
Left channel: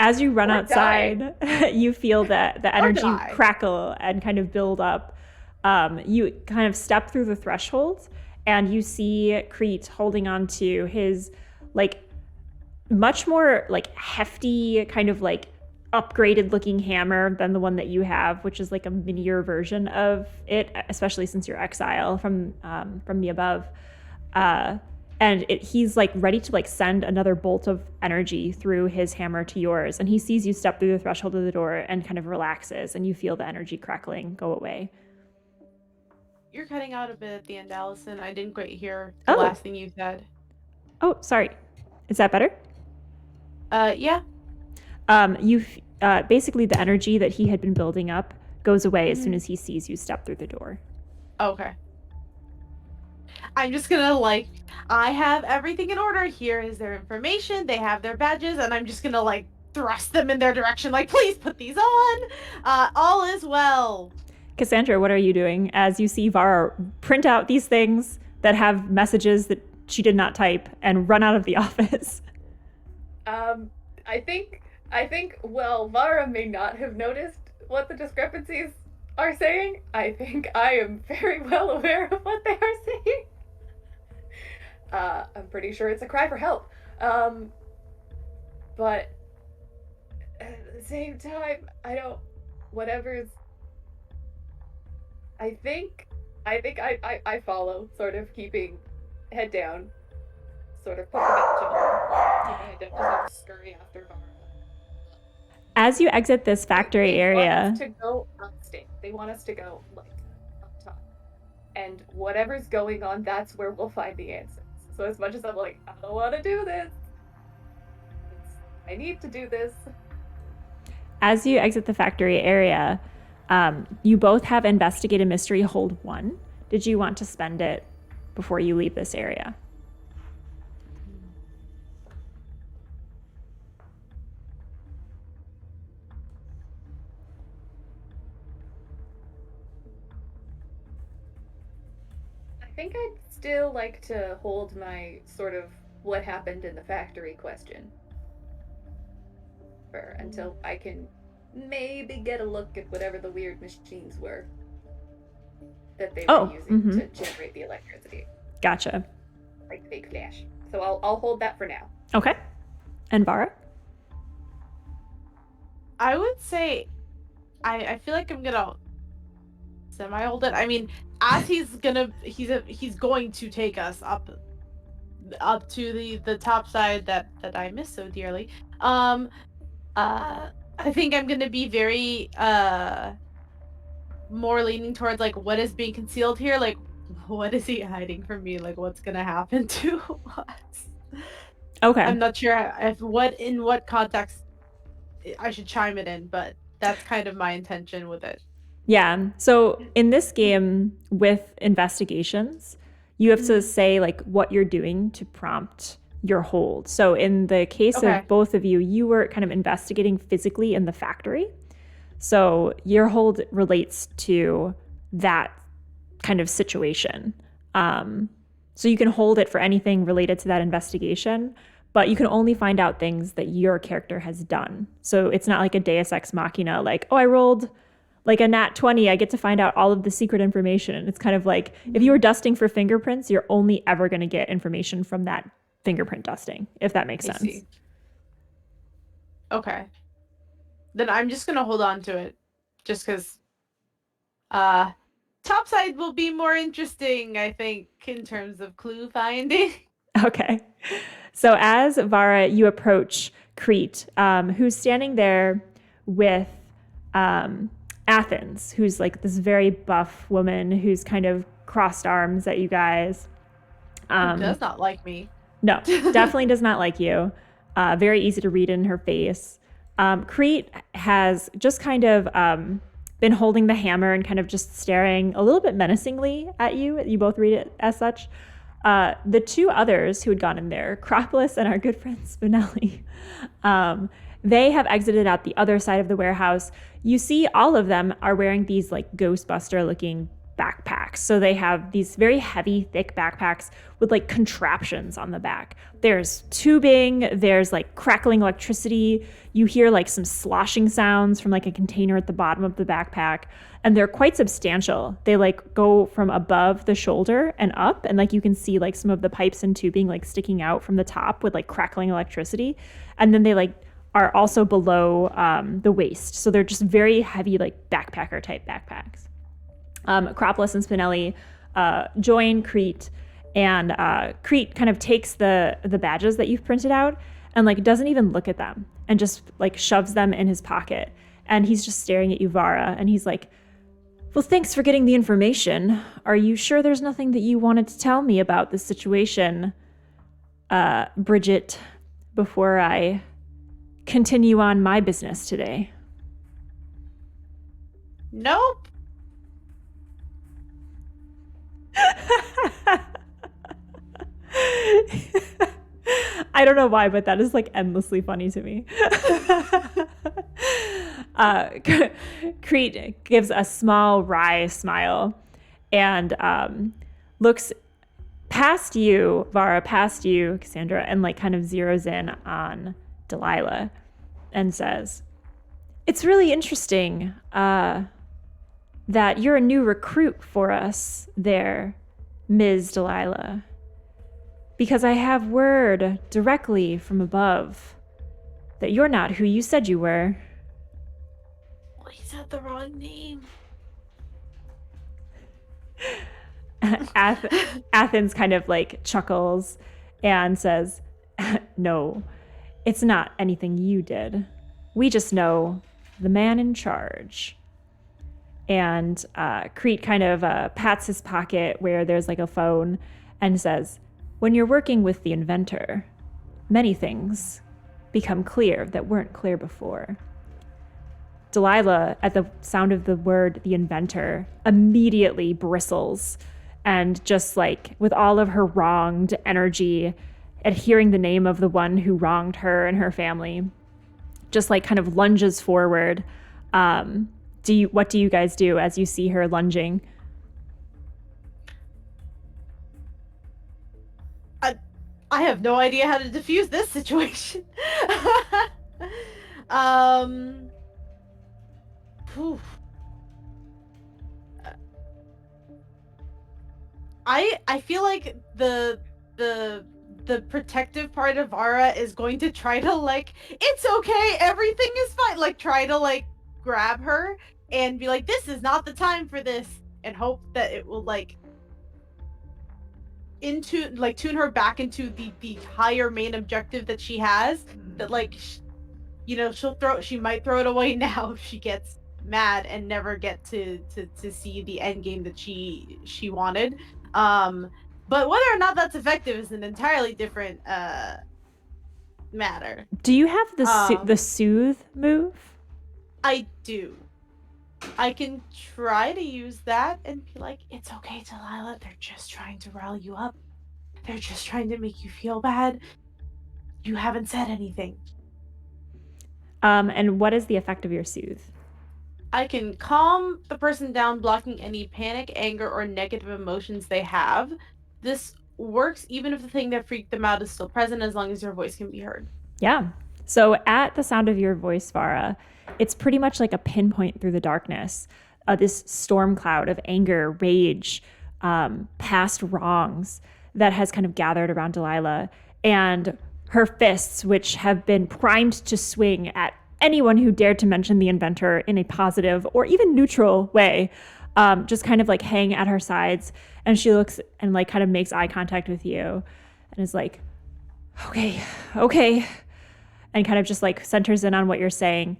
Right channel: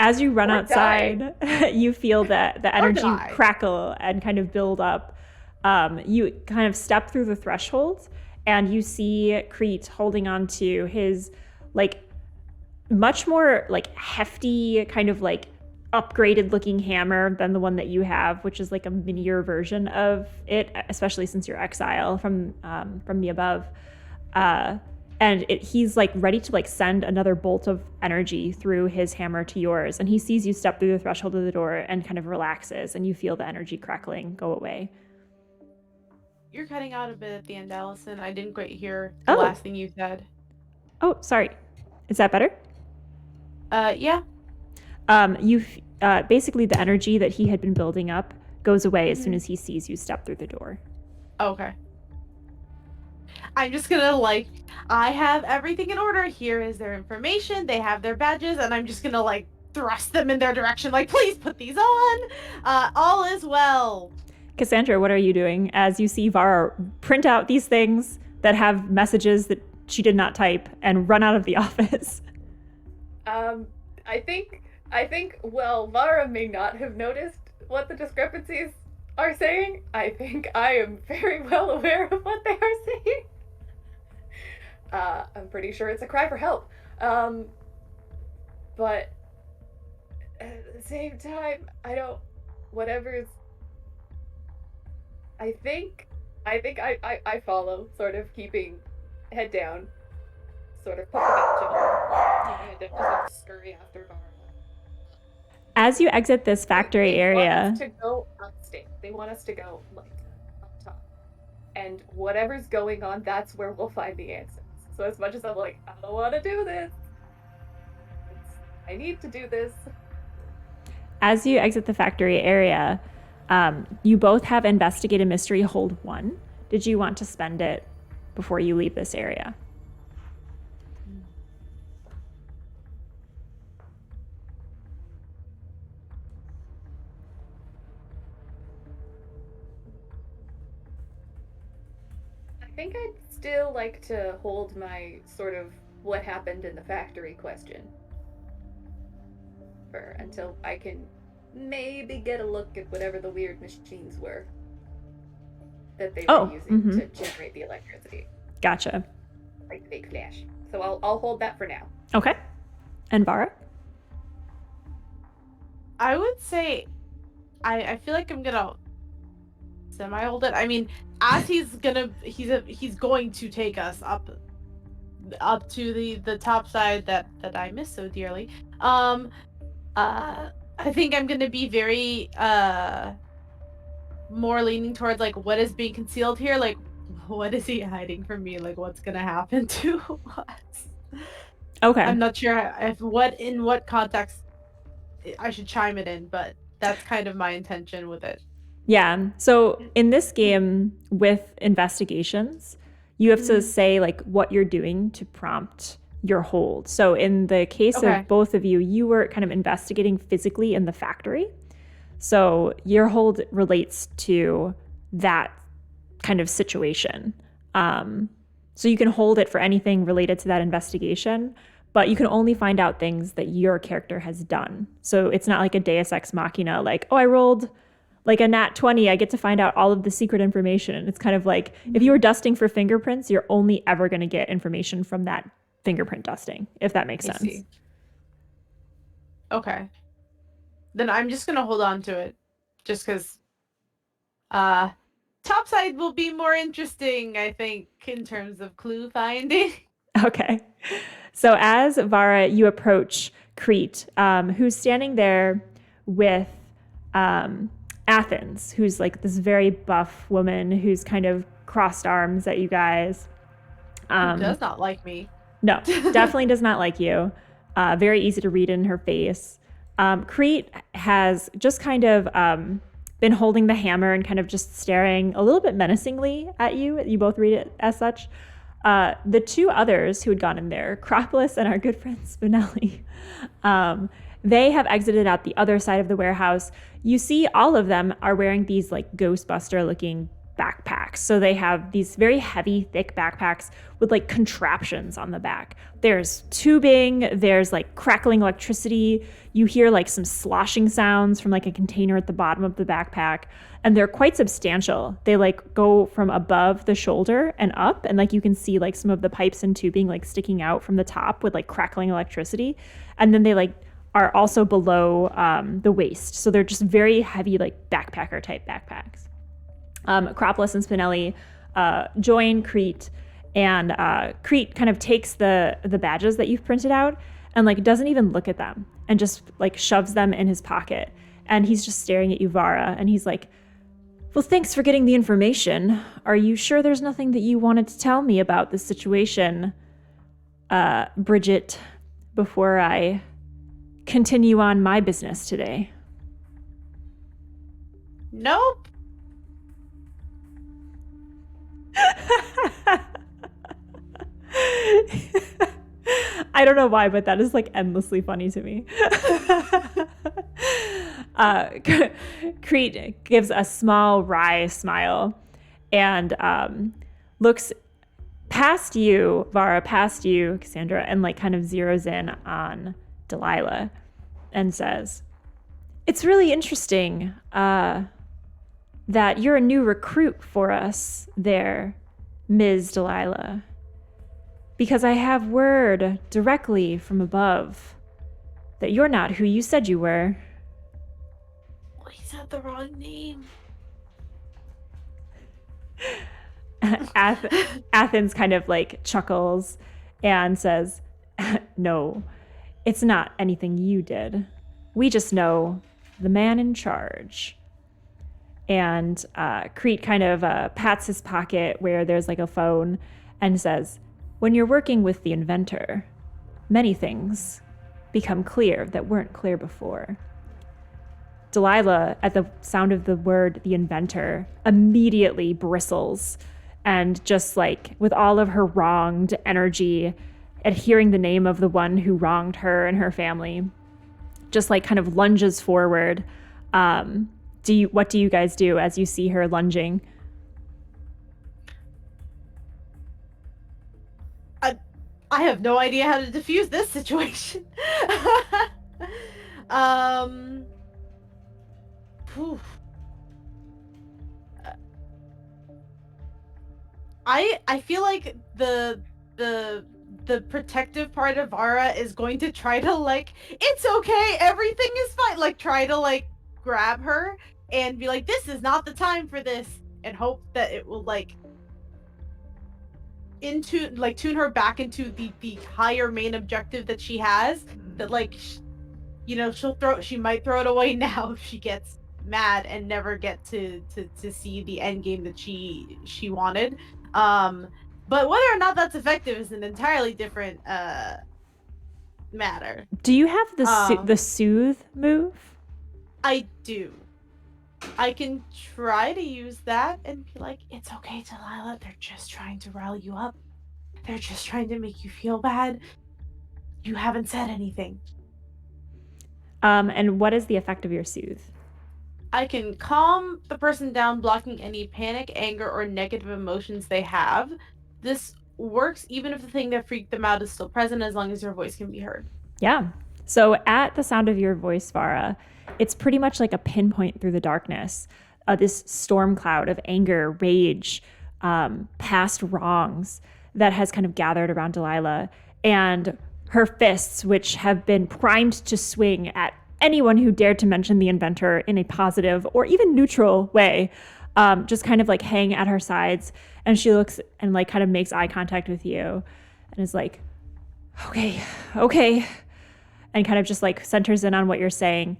As you run outside, you feel that the energy crackle and kind of build up. You kind of step through the threshold, and you see Crete holding on to his like much more like hefty kind of like upgraded looking hammer than the one that you have, which is like a minier version of it, especially since you're exile from the above. And he's like ready to like send another bolt of energy through his hammer to yours. And he sees you step through the threshold of the door and kind of relaxes, and you feel the energy crackling go away. You're cutting out a bit at the end, Allison. I didn't quite hear the last thing you said. Oh, sorry. Is that better? Yeah. Basically the energy that he had been building up goes away as soon as he sees you step through the door. Okay. I'm just gonna like, I have everything in order. Here is their information. They have their badges, and I'm just gonna like thrust them in their direction. Like, please put these on. All is well. Cassandra, what are you doing as you see Vara print out these things that have messages that she did not type and run out of the office? I think, well, Vara may not have noticed what the discrepancies are saying. I think I am very well aware of what they are saying. I'm pretty sure it's a cry for help. But at the same time, I think I follow, sort of keeping head down, sort of I don't scurry after Vara. As you exit this factory area, they want us to go upstate. They want us to go like up top, and whatever's going on, that's where we'll find the answers. So as much as I'm like, I don't want to do this, I need to do this. As you exit the factory area, you both have Investigate a Mystery Hold 1. Did you want to spend it before you leave this area? I think I'd still like to hold my sort of what happened in the factory question for until I can maybe get a look at whatever the weird machines were that they were using to generate the electricity. Gotcha. Like the big flash So I'll hold that for now. Okay. And Vara? I would say I feel like I'm gonna semi-hold it. I mean, as he's going to take us up to the top side that I miss so dearly. I think I'm gonna be very more leaning towards like what is being concealed here, like what is he hiding from me, like what's gonna happen to us. Okay. I'm not sure in what context I should chime it in, but that's kind of my intention with it. Yeah. So in this game with investigations, you have to say like what you're doing to prompt your hold. So in the case of both of you, you were kind of investigating physically in the factory. So your hold relates to that kind of situation. So you can hold it for anything related to that investigation, but you can only find out things that your character has done. So it's not like a Deus Ex Machina, like, oh, I rolled like a nat 20, I get to find out all of the secret information. And it's kind of like if you were dusting for fingerprints, you're only ever going to get information from that fingerprint dusting, if that makes sense. Okay. Then I'm just going to hold on to it just because topside will be more interesting, I think, in terms of clue finding. Okay. So as Vara, you approach Crete, who's standing there with Athens, who's like this very buff woman who's kind of crossed arms at you guys. Does not like me. No, definitely does not like you. Very easy to read in her face. Crete has just kind of been holding the hammer and kind of just staring a little bit menacingly at you. You both read it as such. The two others who had gone in there, Acropolis and our good friend Spinelli, they have exited out the other side of the warehouse. You see all of them are wearing these like Ghostbuster looking backpacks. So they have these very heavy, thick backpacks with like contraptions on the back. There's tubing, there's like crackling electricity. You hear like some sloshing sounds from like a container at the bottom of the backpack. And they're quite substantial. They like go from above the shoulder and up. And like you can see like some of the pipes and tubing like sticking out from the top with like crackling electricity. And then they like are also below the waist. So they're just very heavy, like backpacker type backpacks. Acropolis and Spinelli join Crete, and Crete kind of takes the badges that you've printed out and like doesn't even look at them and just like shoves them in his pocket. And he's just staring at you, Vara, and he's like, well, thanks for getting the information. Are you sure there's nothing that you wanted to tell me about this situation, Bridget, before I continue on my business today? Nope. I don't know why, but that is like endlessly funny to me. Crete gives a small wry smile and looks past you, Vara, past you, Cassandra, and like kind of zeroes in on Delilah and says, it's really interesting that you're a new recruit for us there, Ms. Delilah, because I have word directly from above that you're not who you said you were. Well, he said the wrong name. Athens kind of like chuckles and says, no, it's not anything you did. We just know the man in charge. And Crete kind of pats his pocket where there's like a phone and says, when you're working with the Inventor, many things become clear that weren't clear before. Delilah, at the sound of the word the Inventor, immediately bristles and just like with all of her wronged energy at hearing the name of the one who wronged her and her family, just like kind of lunges forward. What do you guys do as you see her lunging? I have no idea how to defuse this situation. I feel like the the protective part of Vara is going to try to like, it's okay, everything is fine. Like try to like grab her and be like, this is not the time for this, and hope that it will like tune her back into the higher main objective that she has. That like, she might throw it away now if she gets mad and never get to see the end game that she wanted. But whether or not that's effective is an entirely different matter. Do you have the soothe move? I do. I can try to use that and be like, it's okay, Delilah. They're just trying to rile you up. They're just trying to make you feel bad. You haven't said anything. And what is the effect of your soothe? I can calm the person down, blocking any panic, anger, or negative emotions they have. This works even if the thing that freaked them out is still present, as long as your voice can be heard. Yeah. So at the sound of your voice, Vara, it's pretty much like a pinpoint through the darkness. This storm cloud of anger, rage, past wrongs that has kind of gathered around Delilah, and her fists, which have been primed to swing at anyone who dared to mention the Inventor in a positive or even neutral way, just kind of like hang at her sides. And she looks and like kind of makes eye contact with you and is like, okay, and kind of just like centers in on what you're saying.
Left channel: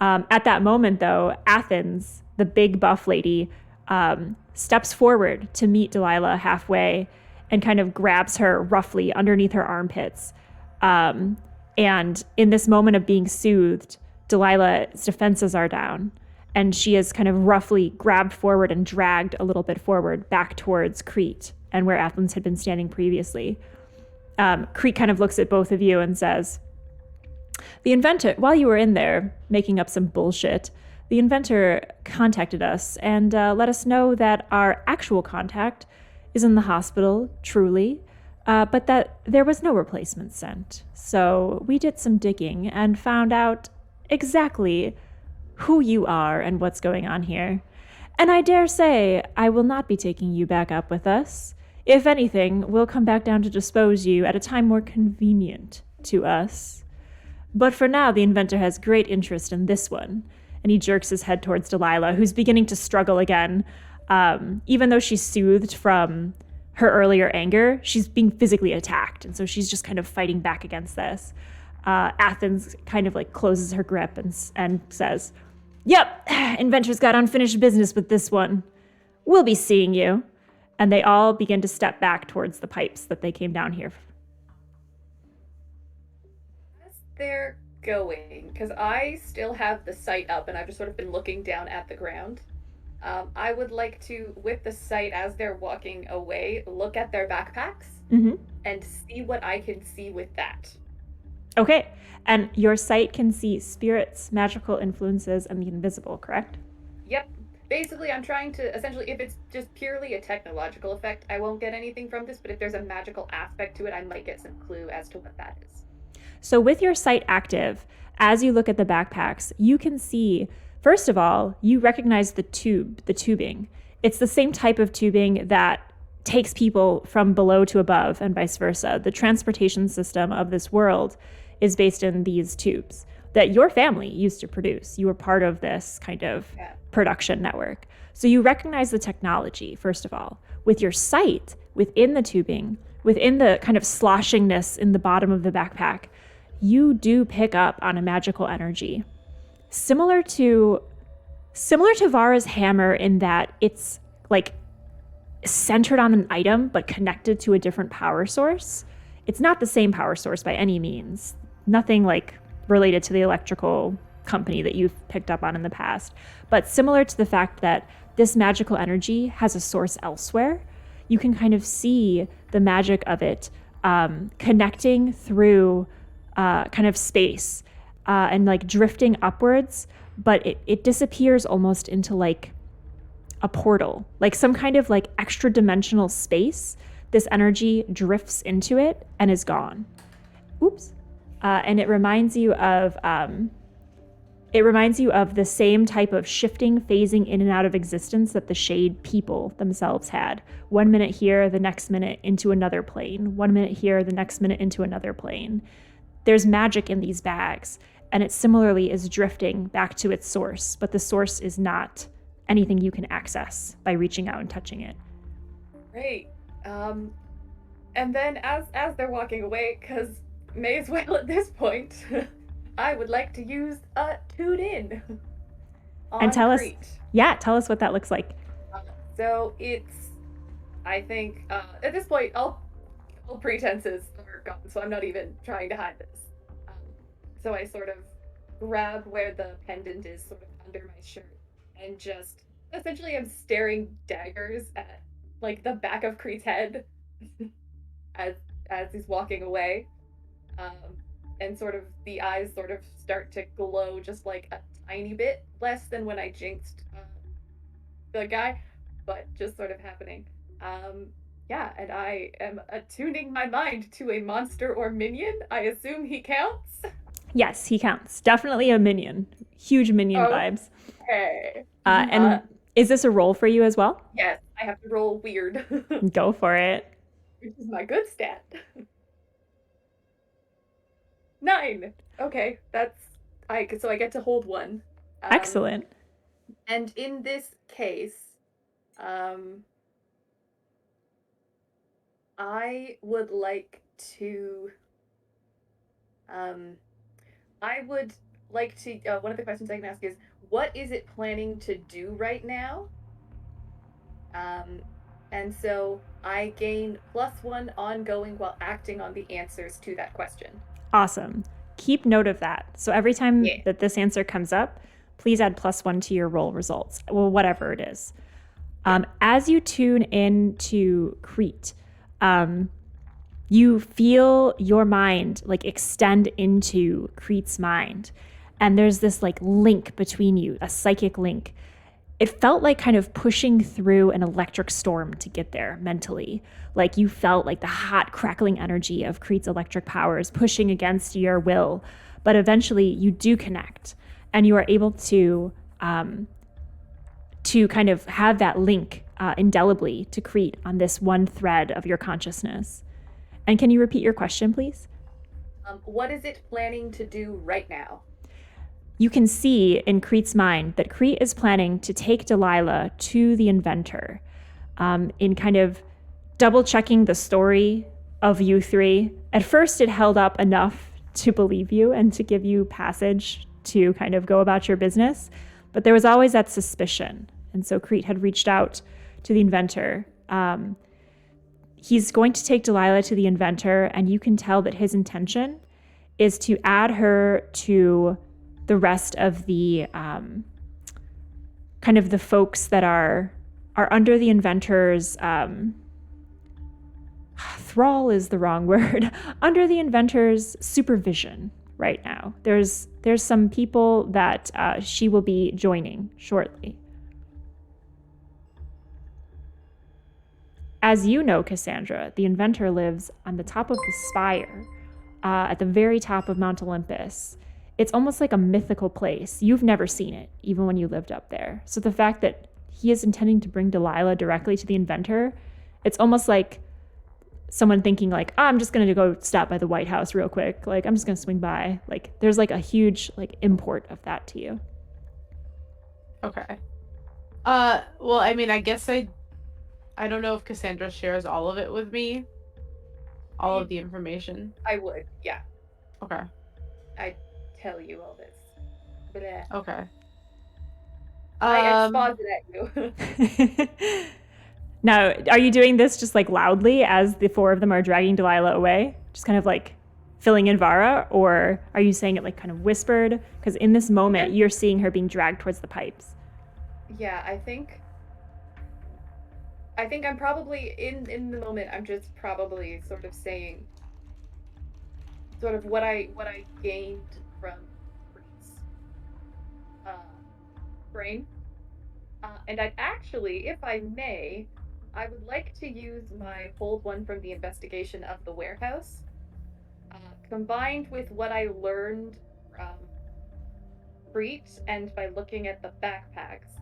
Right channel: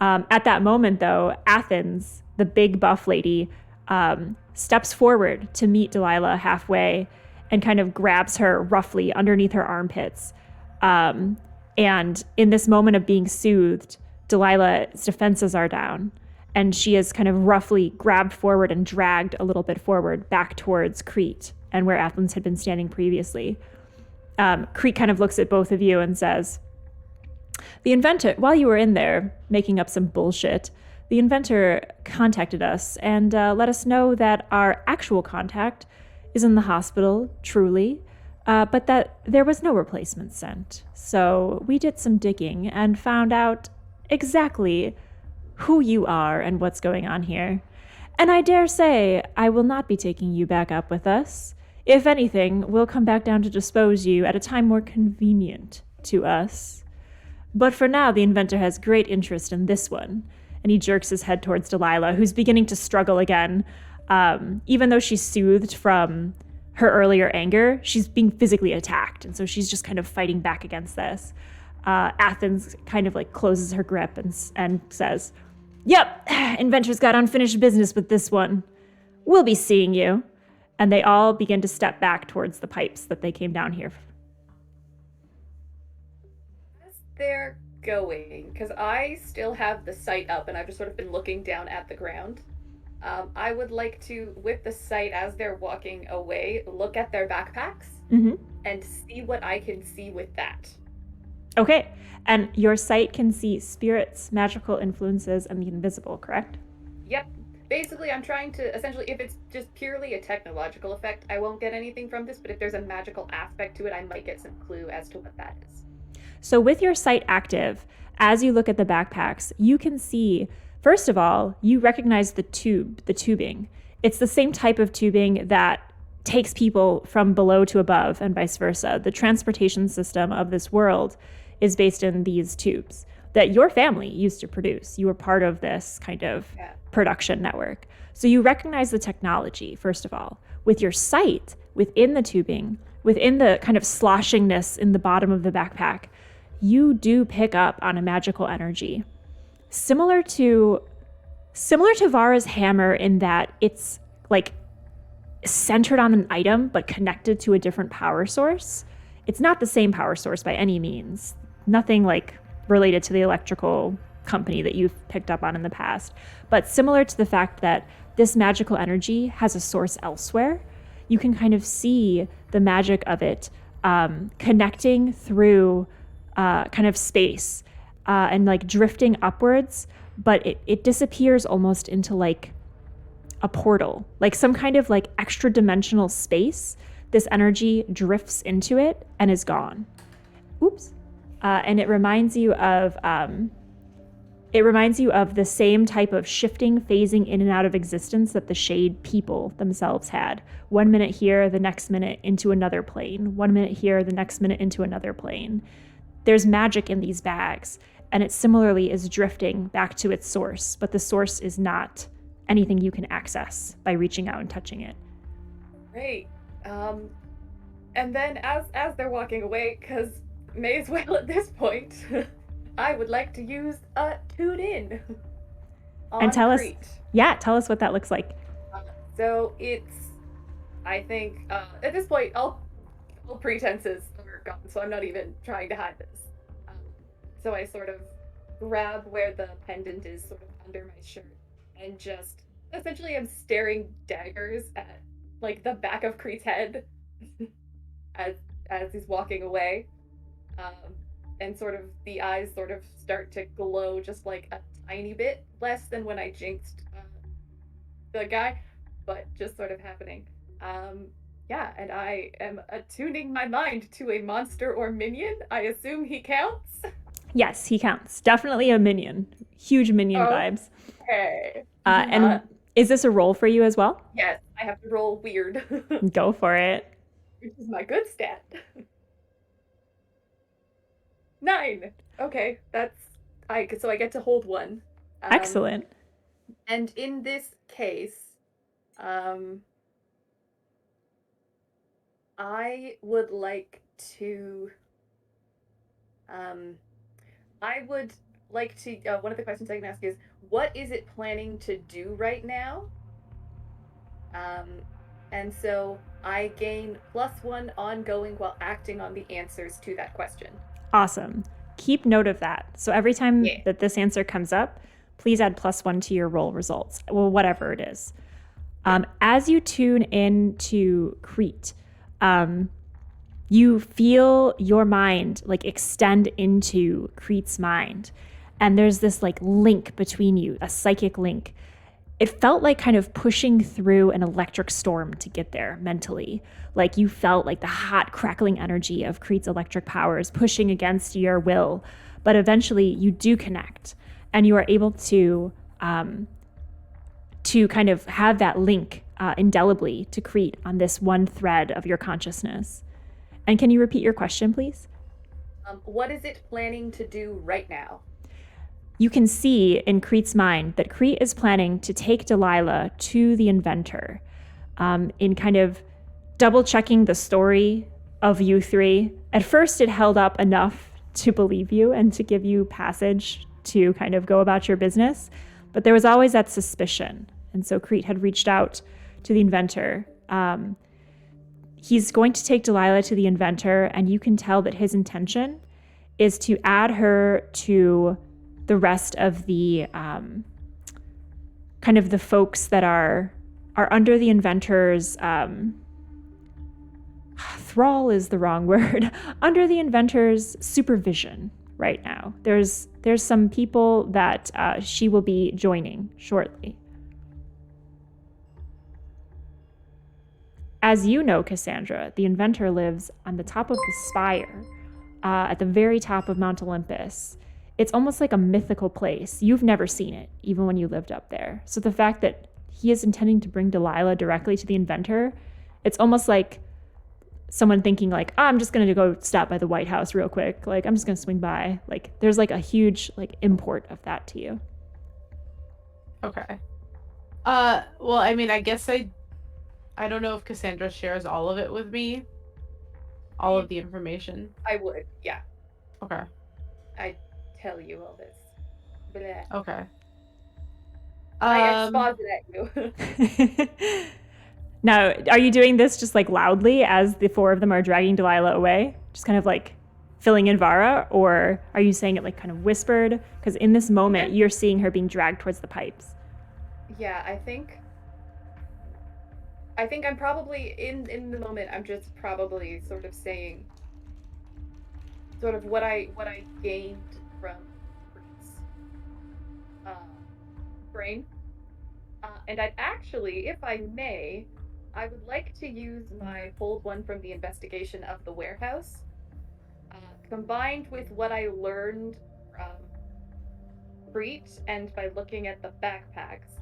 At that moment, though, Athens, the big buff lady, steps forward to meet Delilah halfway and kind of grabs her roughly underneath her armpits. And in this moment of being soothed, Delilah's defenses are down, and she is kind of roughly grabbed forward and dragged a little bit forward back towards Crete and where Athens had been standing previously. Crete kind of looks at both of you and says, the Inventor, while you were in there making up some bullshit, the Inventor contacted us and let us know that our actual contact is in the hospital, truly, but that there was no replacement sent. So we did some digging and found out exactly who you are and what's going on here. And I dare say I will not be taking you back up with us. If anything, we'll come back down to dispose you at a time more convenient to us. But for now, the Inventor has great interest in this one. And he jerks his head towards Delilah, who's beginning to struggle again. Even though she's soothed from her earlier anger, she's being physically attacked. And so she's just kind of fighting back against this. Athens kind of like closes her grip and says, yep, Inventor's got unfinished business with this one. We'll be seeing you. And they all begin to step back towards the pipes that they came down here. As they're going, because I still have the sight up and I've just sort of been looking down at the ground, I would like to, with the sight as they're walking away, look at their backpacks and see what I can see with that. Okay, and your sight can see spirits, magical influences, and the invisible, correct? Yep. Basically, I'm trying to, essentially, if it's just purely a technological effect, I won't get anything from this, but if there's a magical aspect to it, I might get some clue as to what that is. So with your sight active, as you look at the backpacks, you can see, first of all, you recognize the tubing. It's the same type of tubing that takes people from below to above and vice versa. The transportation system of this world is based in these tubes that your family used to produce. You were part of this kind of production network. So you recognize the technology, first of all. With your sight within the tubing, within the kind of sloshingness in the bottom of the backpack, you do pick up on a magical energy. Similar to Vara's hammer in that it's like centered on an item but connected to a different power source. It's not the same power source by any means. Nothing like related to the electrical company that you've picked up on in the past, but similar to the fact that this magical energy has a source elsewhere. You can kind of see the magic of it connecting through kind of space and like drifting upwards, but it disappears almost into like a portal, like some kind of like extra dimensional space. This energy drifts into it and is gone. Oops. And it reminds you of It reminds you of the same type of shifting, phasing in and out of existence that the Shade people themselves had. 1 minute here, the next minute into another plane. 1 minute here, the next minute into another plane. There's magic in these bags, and it similarly is drifting back to its source, but the source is not anything you can access by reaching out and touching it. Great. And then as they're walking away, because may as well at this point, I would like to use Tune In. And tell us what that looks like. So it's, I think, at this point, all pretenses are gone, so I'm not even trying to hide this. So I sort of grab where the pendant is sort of under my shirt and just essentially am staring daggers at like the back of Crete's head as he's walking away. And sort of the eyes sort of start to glow just like a tiny bit less than when I jinxed the guy, but just sort of happening. And I am attuning my mind to a monster or minion. I assume he counts. Yes, he counts. Definitely a minion. Huge minion vibes. Okay. And is this a roll for you as well? Yes, I have to roll weird. Go for it. Which is my good stat. 9. Okay, so I get to hold one. Excellent. And in this case, I would like to. One of the questions I can ask is, what is it planning to do right now? And so I gain +1 ongoing while acting on the answers to that question. Awesome. Keep note of that. So every time that this answer comes up, please add +1 to your roll results. Well, whatever it is. As you tune in to Crete, you feel your mind like extend into Crete's mind. And there's this like link between you, a psychic link. It felt like kind of pushing through an electric storm to get there mentally. Like you felt like the hot crackling energy of Crete's electric powers pushing against your will. But eventually you do connect and you are able to kind of have that link indelibly to Crete on this one thread of your consciousness. And can you repeat your question, please? What is it planning to do right now? You can see in Crete's mind that Crete is planning to take Delilah to the Inventor in kind of double checking the story of you three. At first, it held up enough to believe you and to give you passage to kind of go about your business. But there was always that suspicion. And so Crete had reached out to the Inventor. He's going to take Delilah to the Inventor, and you can tell that his intention is to add her to the rest of the kind of the folks that are under the Inventor's thrall is the wrong word, under the Inventor's supervision right now. There's some people that she will be joining shortly. As you know, Cassandra, the Inventor lives on the top of the Spire, at the very top of Mount Olympus. It's almost like a mythical place. You've never seen it, even when you lived up there. So the fact that he is intending to bring Delilah directly to the Inventor, it's almost like someone thinking like, I'm just going to go stop by the White House real quick. Like, I'm just going to swing by. Like, there's like a huge like import of that to you. Okay. Well, I mean, I guess I don't know if Cassandra shares all of it with me. All of the information. I would, yeah. Okay. I tell you all this. Blah. Okay. I exposit at you. Now, are you doing this just like loudly as the four of them are dragging Delilah away? Just kind of like filling in Vara? Or are you saying it like kind of whispered? Because in this moment, you're seeing her being dragged towards the pipes. Yeah, I think I'm probably in the moment. I'm just probably sort of saying sort of what I gained from Crete's brain, and I'd actually, if I may, I would like to use my hold one from the investigation of the warehouse, combined with what I learned from Crete and by looking at the backpacks,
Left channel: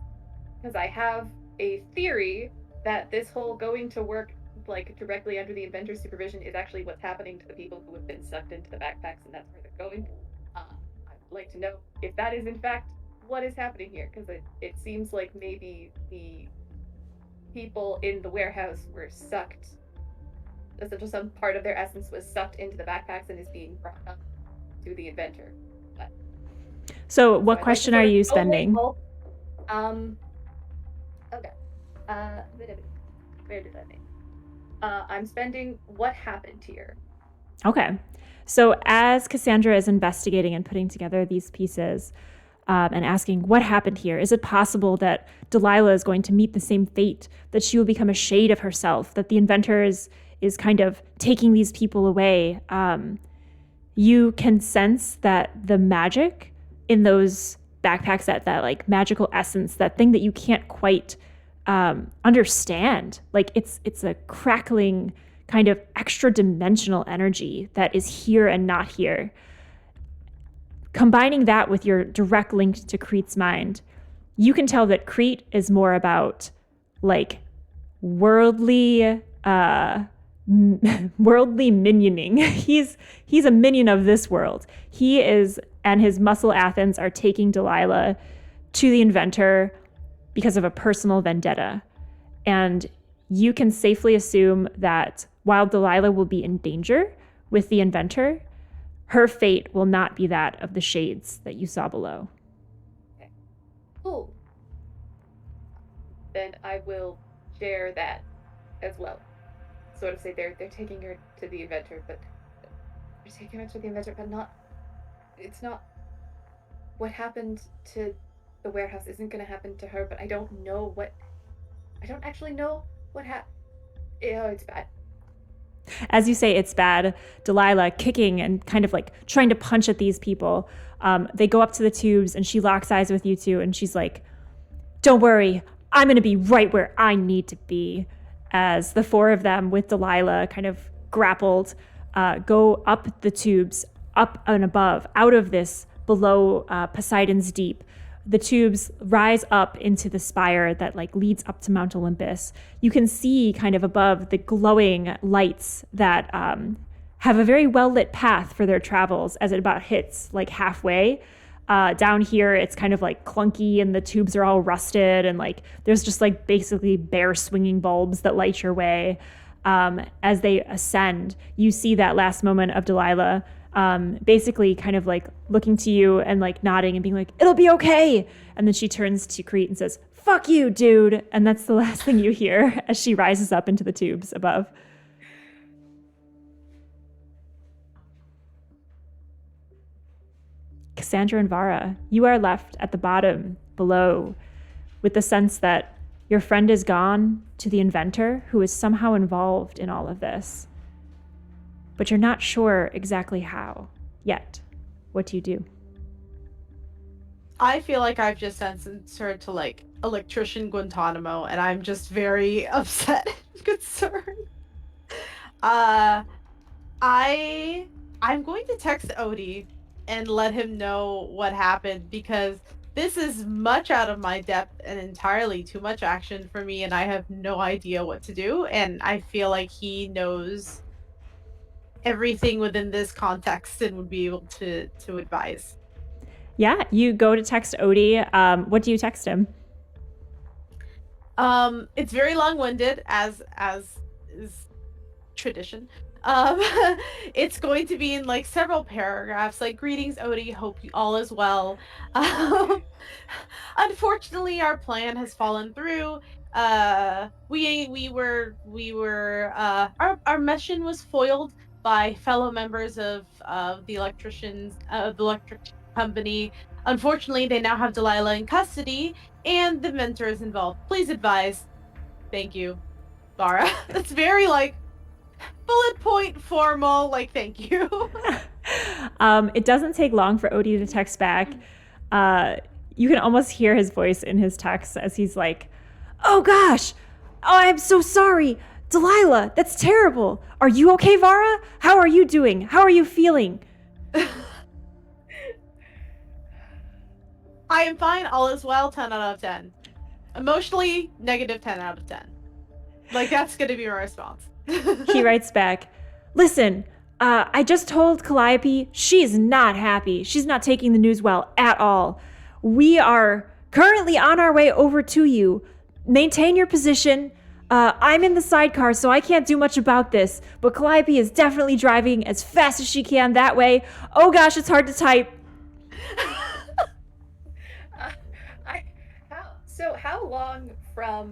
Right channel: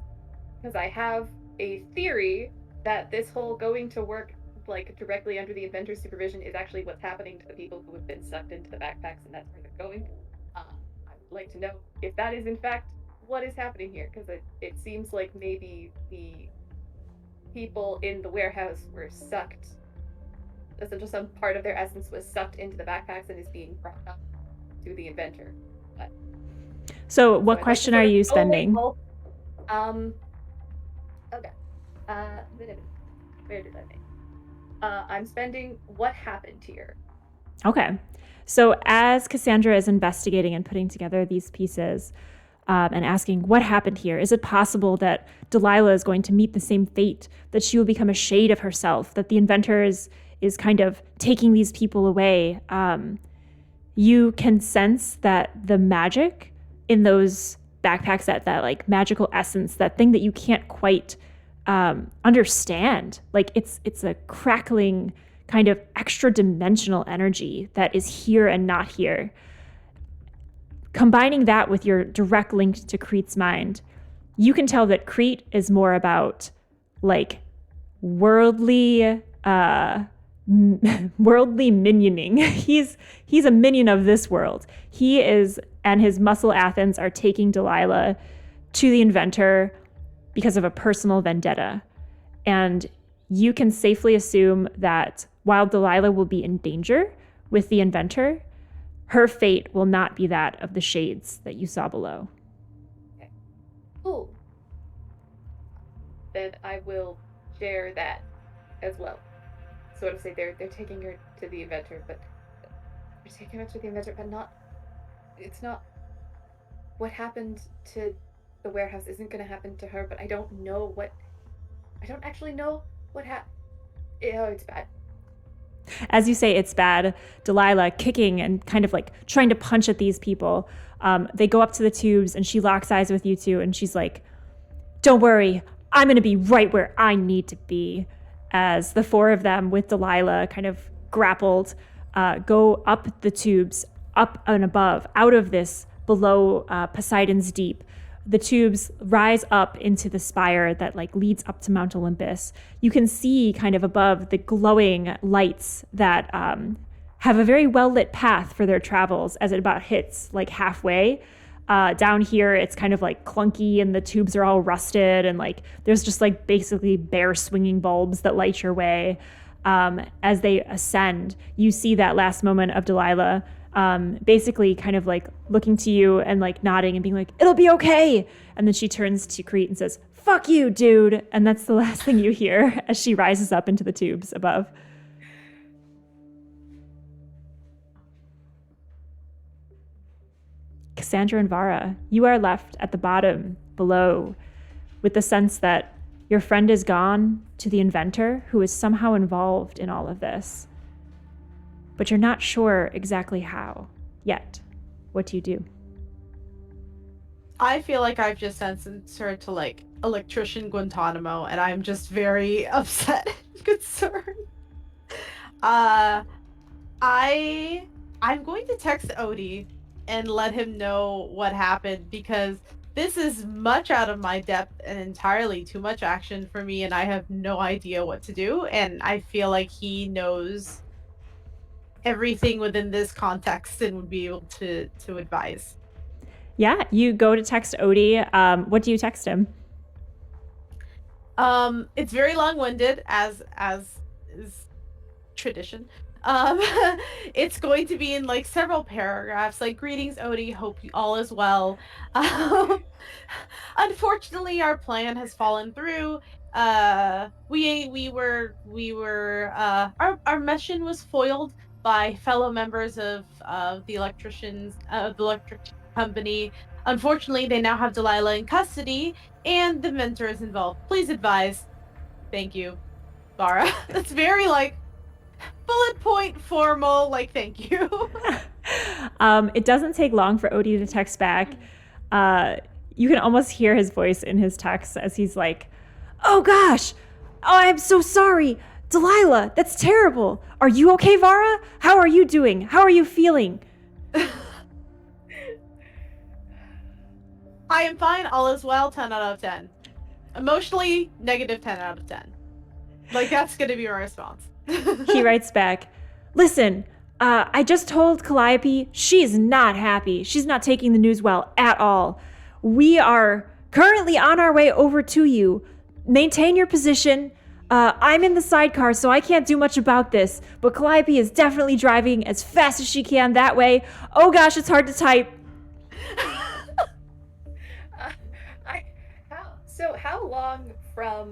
because I have a theory that this whole going to work like directly under the inventor's supervision is actually what's happening to the people who have been sucked into the backpacks, and that's where they're going. I'd like to know if that is in fact what is happening here, because it seems like maybe the people in the warehouse were sucked. Essentially, some part of their essence was sucked into the backpacks and is being brought up to the inventor. So what question are you spending? Okay. Where did I make? I'm spending what happened here. Okay. So as Cassandra is investigating and putting together these pieces and asking what happened here, is it possible that Delilah is going to meet the same fate, that she will become a shade of herself, that the inventor is kind of taking these people away? You can sense that the magic in those backpacks, that like magical essence, that thing that you can't quite understand, like it's a crackling kind of extra dimensional energy that is here and not here. Combining that with your direct link to Crete's mind, you can tell that Crete is more about like worldly minioning. He's a minion of this world. He is, and his muscle Athens are taking Delilah to the inventor because of a personal vendetta. And you can safely assume that while Delilah will be in danger with the inventor, her fate will not be that of the shades that you saw below. Okay. Cool. Then I will share that as well. Sort of say they're taking her to the inventor, but not. It's not. What happened to the warehouse isn't going to happen to her, but I don't actually know what happened. Oh, it's bad. As you say, it's bad. Delilah kicking and kind of like trying to punch at these people. They go up to the tubes and she locks eyes with you two and she's like, "Don't worry, I'm going to be right where I need to be." As the four of them with Delilah kind of grappled, go up the tubes, up and above, out of this below Poseidon's deep. The tubes rise up into the spire that like leads up to Mount Olympus. You can see kind of above the glowing lights that have a very well-lit path for their travels as it about hits like halfway. Down here, it's kind of like clunky and the tubes are all rusted and like there's just like basically bare swinging bulbs that light your way. As they ascend, you see that last moment of Delilah basically kind of like looking to you and like nodding and being like, "It'll be okay." And then she turns to Crete and says, "Fuck you, dude." And that's the last thing you hear as she rises up into the tubes above. Cassandra and Vara, you are left at the bottom below with the sense that your friend is gone to the inventor who is somehow involved in all of this. But you're not sure exactly how yet. What do you do? I feel like I've just sentenced her to like electrician Guantanamo, and I'm just very upset and concerned. I'm going to text Odie and let him know what happened, because this is much out of my depth and entirely too much action for me, and I have no idea what to do, and I feel like he knows everything within this context and would be able to advise. Yeah, you go to text Odie. What do you text him? It's very long-winded, as is tradition. It's going to be in like several paragraphs, like, "Greetings, Odie, hope all is well. Unfortunately, our plan has fallen through. Our mission was foiled by fellow members of the electric company. Unfortunately, they now have Delilah in custody, and the Inventor is involved. Please advise. Thank you, Vara." That's very like bullet point formal, like, thank you. It doesn't take long for Odie to text back. You can almost hear his voice in his text as he's like, "Oh gosh, oh, I'm so sorry. Delilah, that's terrible. Are you okay, Vara? How are you doing? How are you feeling?" I am fine, all is well, 10 out of 10. Emotionally, negative 10 out of 10. Like, that's gonna be my response. He writes back, listen, I just told Calliope she's not happy. She's not taking the news well at all. We are currently on our way over to you. Maintain your position. I'm in the sidecar, so I can't do much about this, but Calliope is definitely driving as fast as she can that way. Oh gosh, it's hard to type. How long from...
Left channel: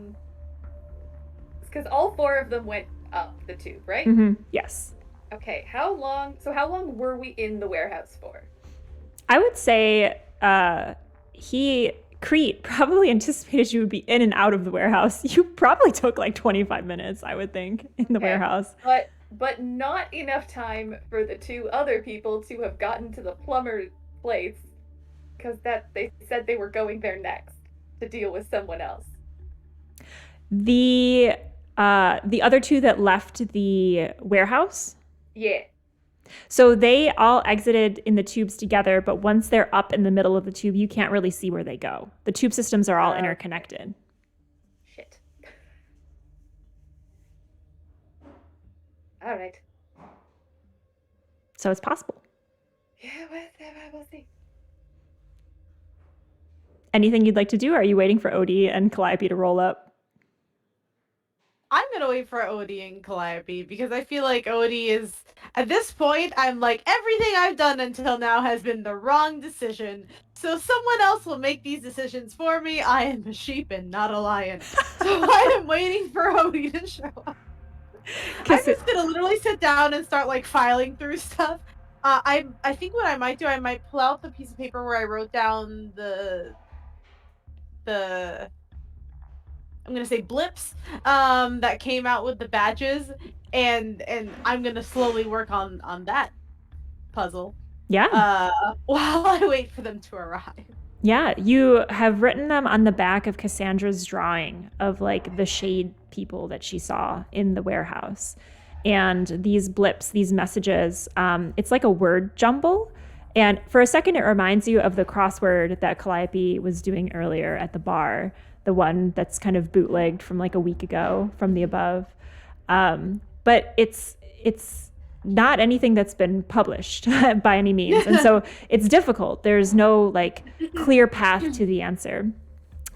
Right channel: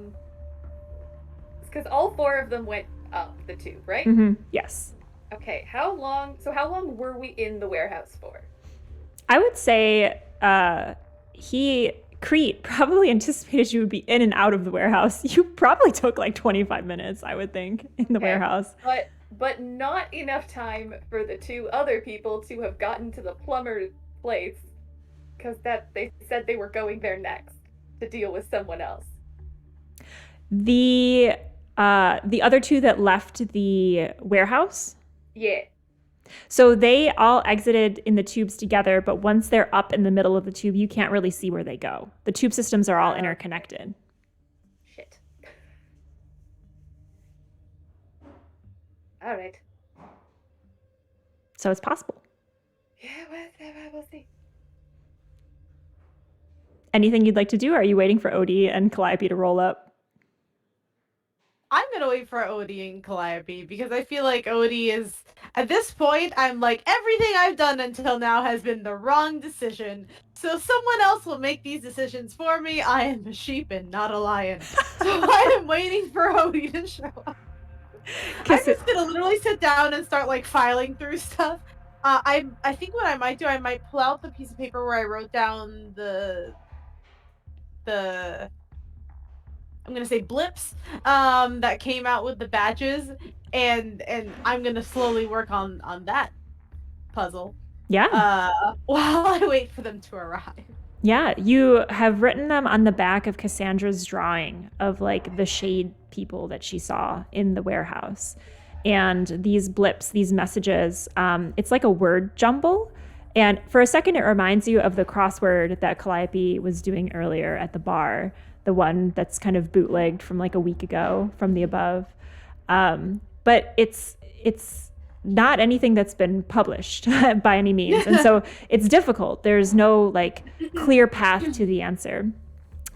Because all 4 of them went up the tube, right? Mm-hmm. Yes. Okay, how long were we in the warehouse for? I would say Crete probably anticipated you would be in and out of the warehouse. You probably took like 25 minutes, I would think, in the warehouse. But not enough time for the 2 other people to have gotten to the plumber place, because they said they were going there next to deal with someone else. The other 2 that left the warehouse? Yeah. So they all exited in the tubes together, but once they're up in the middle of the tube, you can't really see where they go. The tube systems are all interconnected. Shit. All right. So it's possible. Yeah, we'll see. Anything you'd like to do? Or are you waiting for Odie and Calliope to roll up? I'm gonna wait for Odie and Calliope because I feel like Odie is, at this point, I'm like, everything I've done until now has been the wrong decision. So someone else will make these decisions for me. I am a sheep and not a lion. So I am waiting for Odie to show up. I'm just gonna literally sit down and start like filing through stuff. I think what I might do, I might pull out the piece of paper where I wrote down the I'm gonna say blips that came out with the badges, and I'm gonna slowly work on that puzzle. Yeah. While I wait for them to arrive. Yeah, you have written them on the back of Cassandra's drawing of like the shade people that she saw in the warehouse. And these blips, these messages, it's like a word jumble. And for a second, it reminds you of the crossword that Calliope was doing earlier at the bar, the one that's kind of bootlegged from like a week ago from the above. But it's not anything that's been published by any means. And so it's difficult. There's no like clear path to the answer.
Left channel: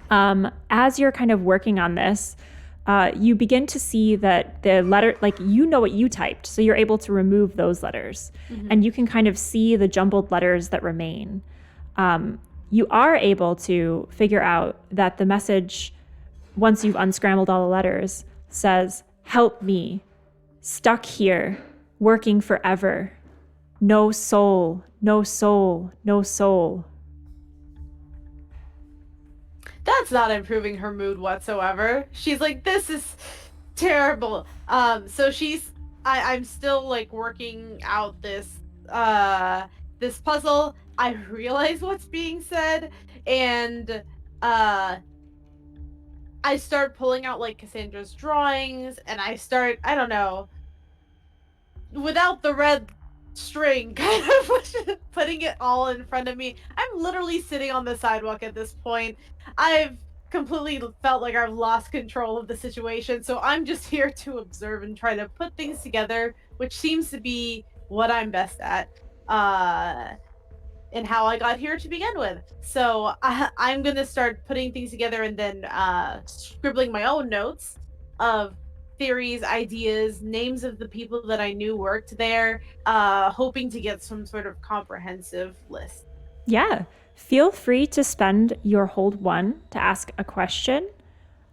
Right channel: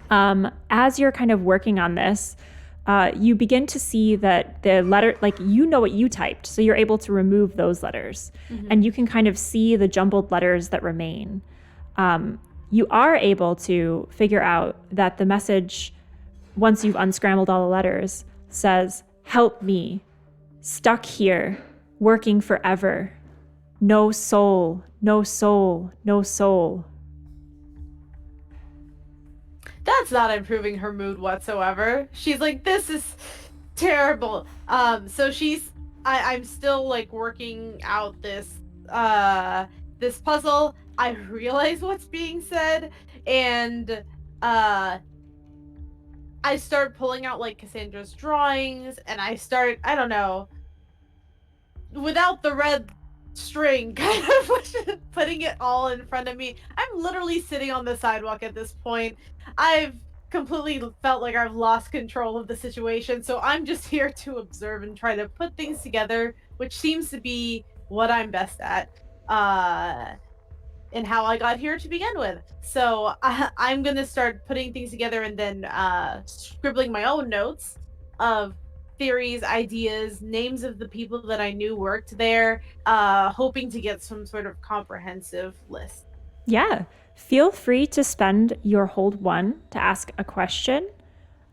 As you're kind of working on this, you begin to see that the letter, like you know what you typed, so you're able to remove those letters. Mm-hmm. And you can kind of see the jumbled letters that remain. You are able to figure out that the message, once you've unscrambled all the letters, says, "Help me, stuck here, working forever. No soul, no soul, no soul." That's not improving her mood whatsoever. She's like, this is terrible. So I'm still like working out this puzzle. I realize what's being said, and I start pulling out like Cassandra's drawings, and I don't know, without the red string, kind of putting it all in front of me. I'm literally sitting on the sidewalk at this point. I've completely felt like I've lost control of the situation, so I'm just here to observe and try to put things together, which seems to be what I'm best at, and how I got here to begin with. So I'm gonna start putting things together and then scribbling my own notes of theories, ideas, names of the people that I knew worked there, hoping to get some sort of comprehensive list. Yeah. Feel free to spend your hold 1 to ask a question.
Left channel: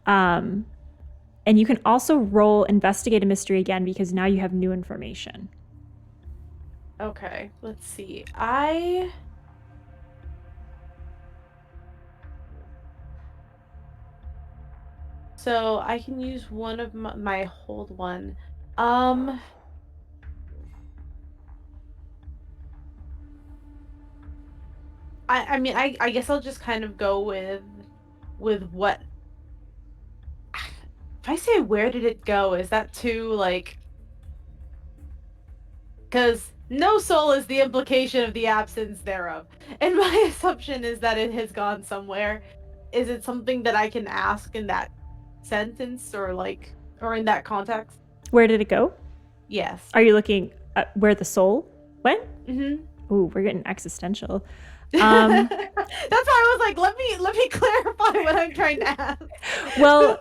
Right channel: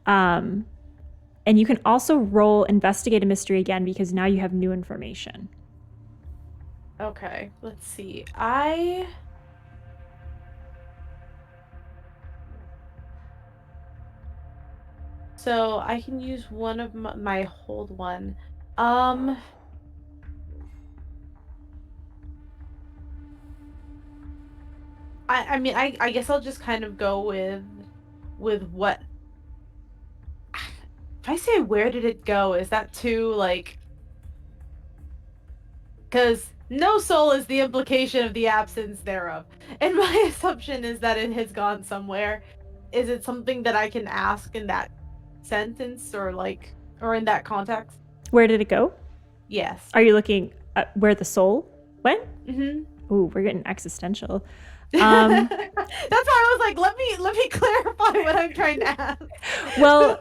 And you can also roll investigate a mystery again because now you have new information. Okay, let's see. So I can use one of my hold 1. I mean, I guess I'll just kind of go with what. If I say where did it go, is that too like? Because No soul is the implication of the absence thereof. And my assumption is that it has gone somewhere. Is it something that I can ask in that sentence or in that context? Where did it go? Yes. Are you looking at where the soul went? Mm-hmm. Ooh, we're getting existential. That's why I was like, let me clarify what I'm trying to ask. Well,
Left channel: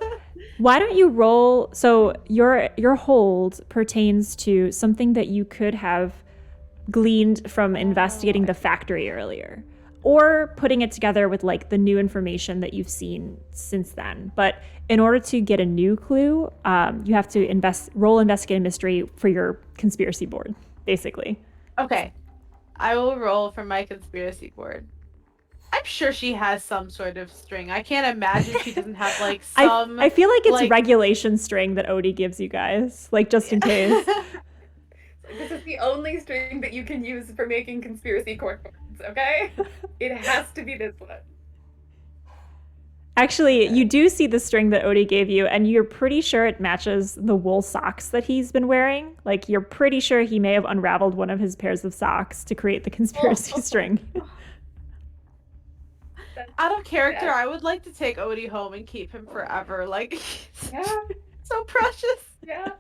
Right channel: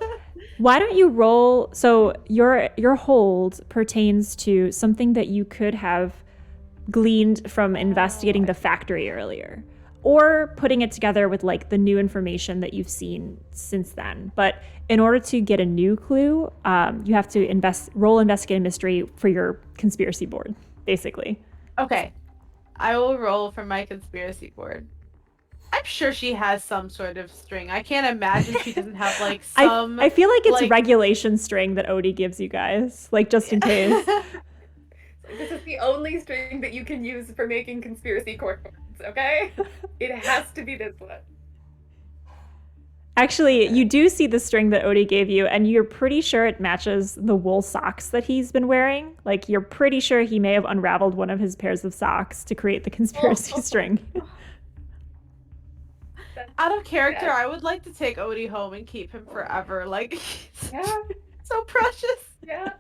why don't you roll? So your hold pertains to something that you could have gleaned from investigating the factory earlier, or putting it together with like the new information that you've seen since then. But in order to get a new clue, you have to roll investigate a mystery for your conspiracy board, basically. Okay. I will roll for my conspiracy board. I'm sure she has some sort of string. I can't imagine she doesn't have like some. I feel like it's regulation string that Odie gives you guys, like just in case. This is the only string that you can use for making conspiracy court boards, okay? It has to be this one. Actually, you do see the string that Odie gave you, and you're pretty sure it matches the wool socks that he's been wearing. Like, you're pretty sure he may have unraveled one of his pairs of socks to create the conspiracy string. Out of character, I would like to take Odie home and keep him forever. Like, so precious. Yeah.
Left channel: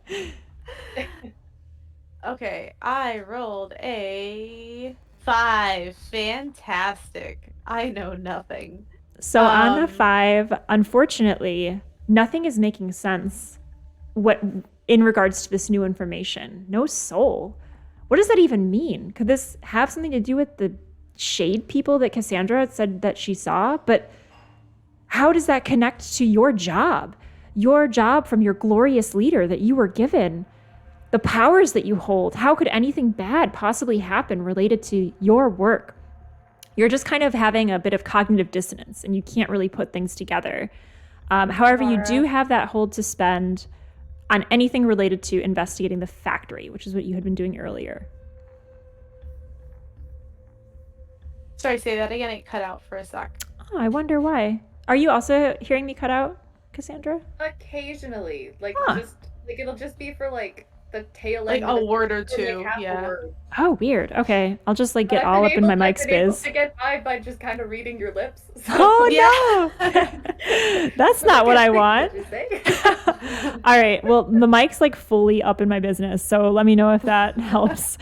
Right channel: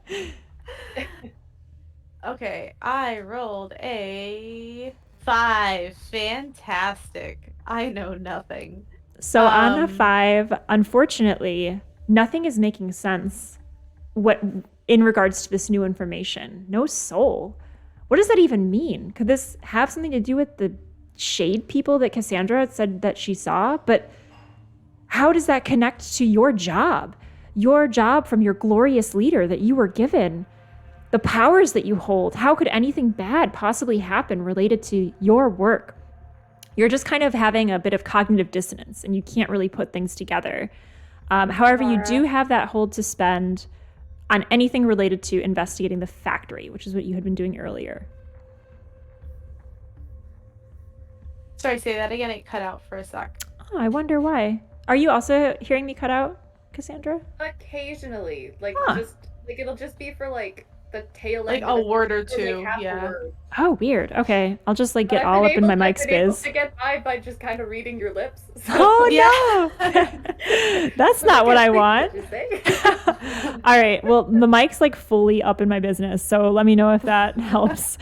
Okay, I rolled a 5. Fantastic. I know nothing. So on a 5, unfortunately, nothing is making sense in regards to this new information. No soul. What does that even mean? Could this have something to do with the shade people that Cassandra said that she saw? But how does that connect to your job? Your job from your glorious leader that you were given? The powers that you hold? How could anything bad possibly happen related to your work? You're just kind of having a bit of cognitive dissonance and you can't really put things together. However, you do have that hold to spend on anything related to investigating the factory, which is what you had been doing earlier. Sorry, say that again. It cut out for a sec. Oh, I wonder why. Are you also hearing me cut out, Cassandra? Occasionally. It'll just be for the tail end. Like a word or two. Yeah. Oh, weird. Okay. I'll just get all up in my mic's biz. I get by just kind of reading your lips. So. Oh, no. That's not what I want. All right. Well, the mic's fully up in my business. So let me know if that helps.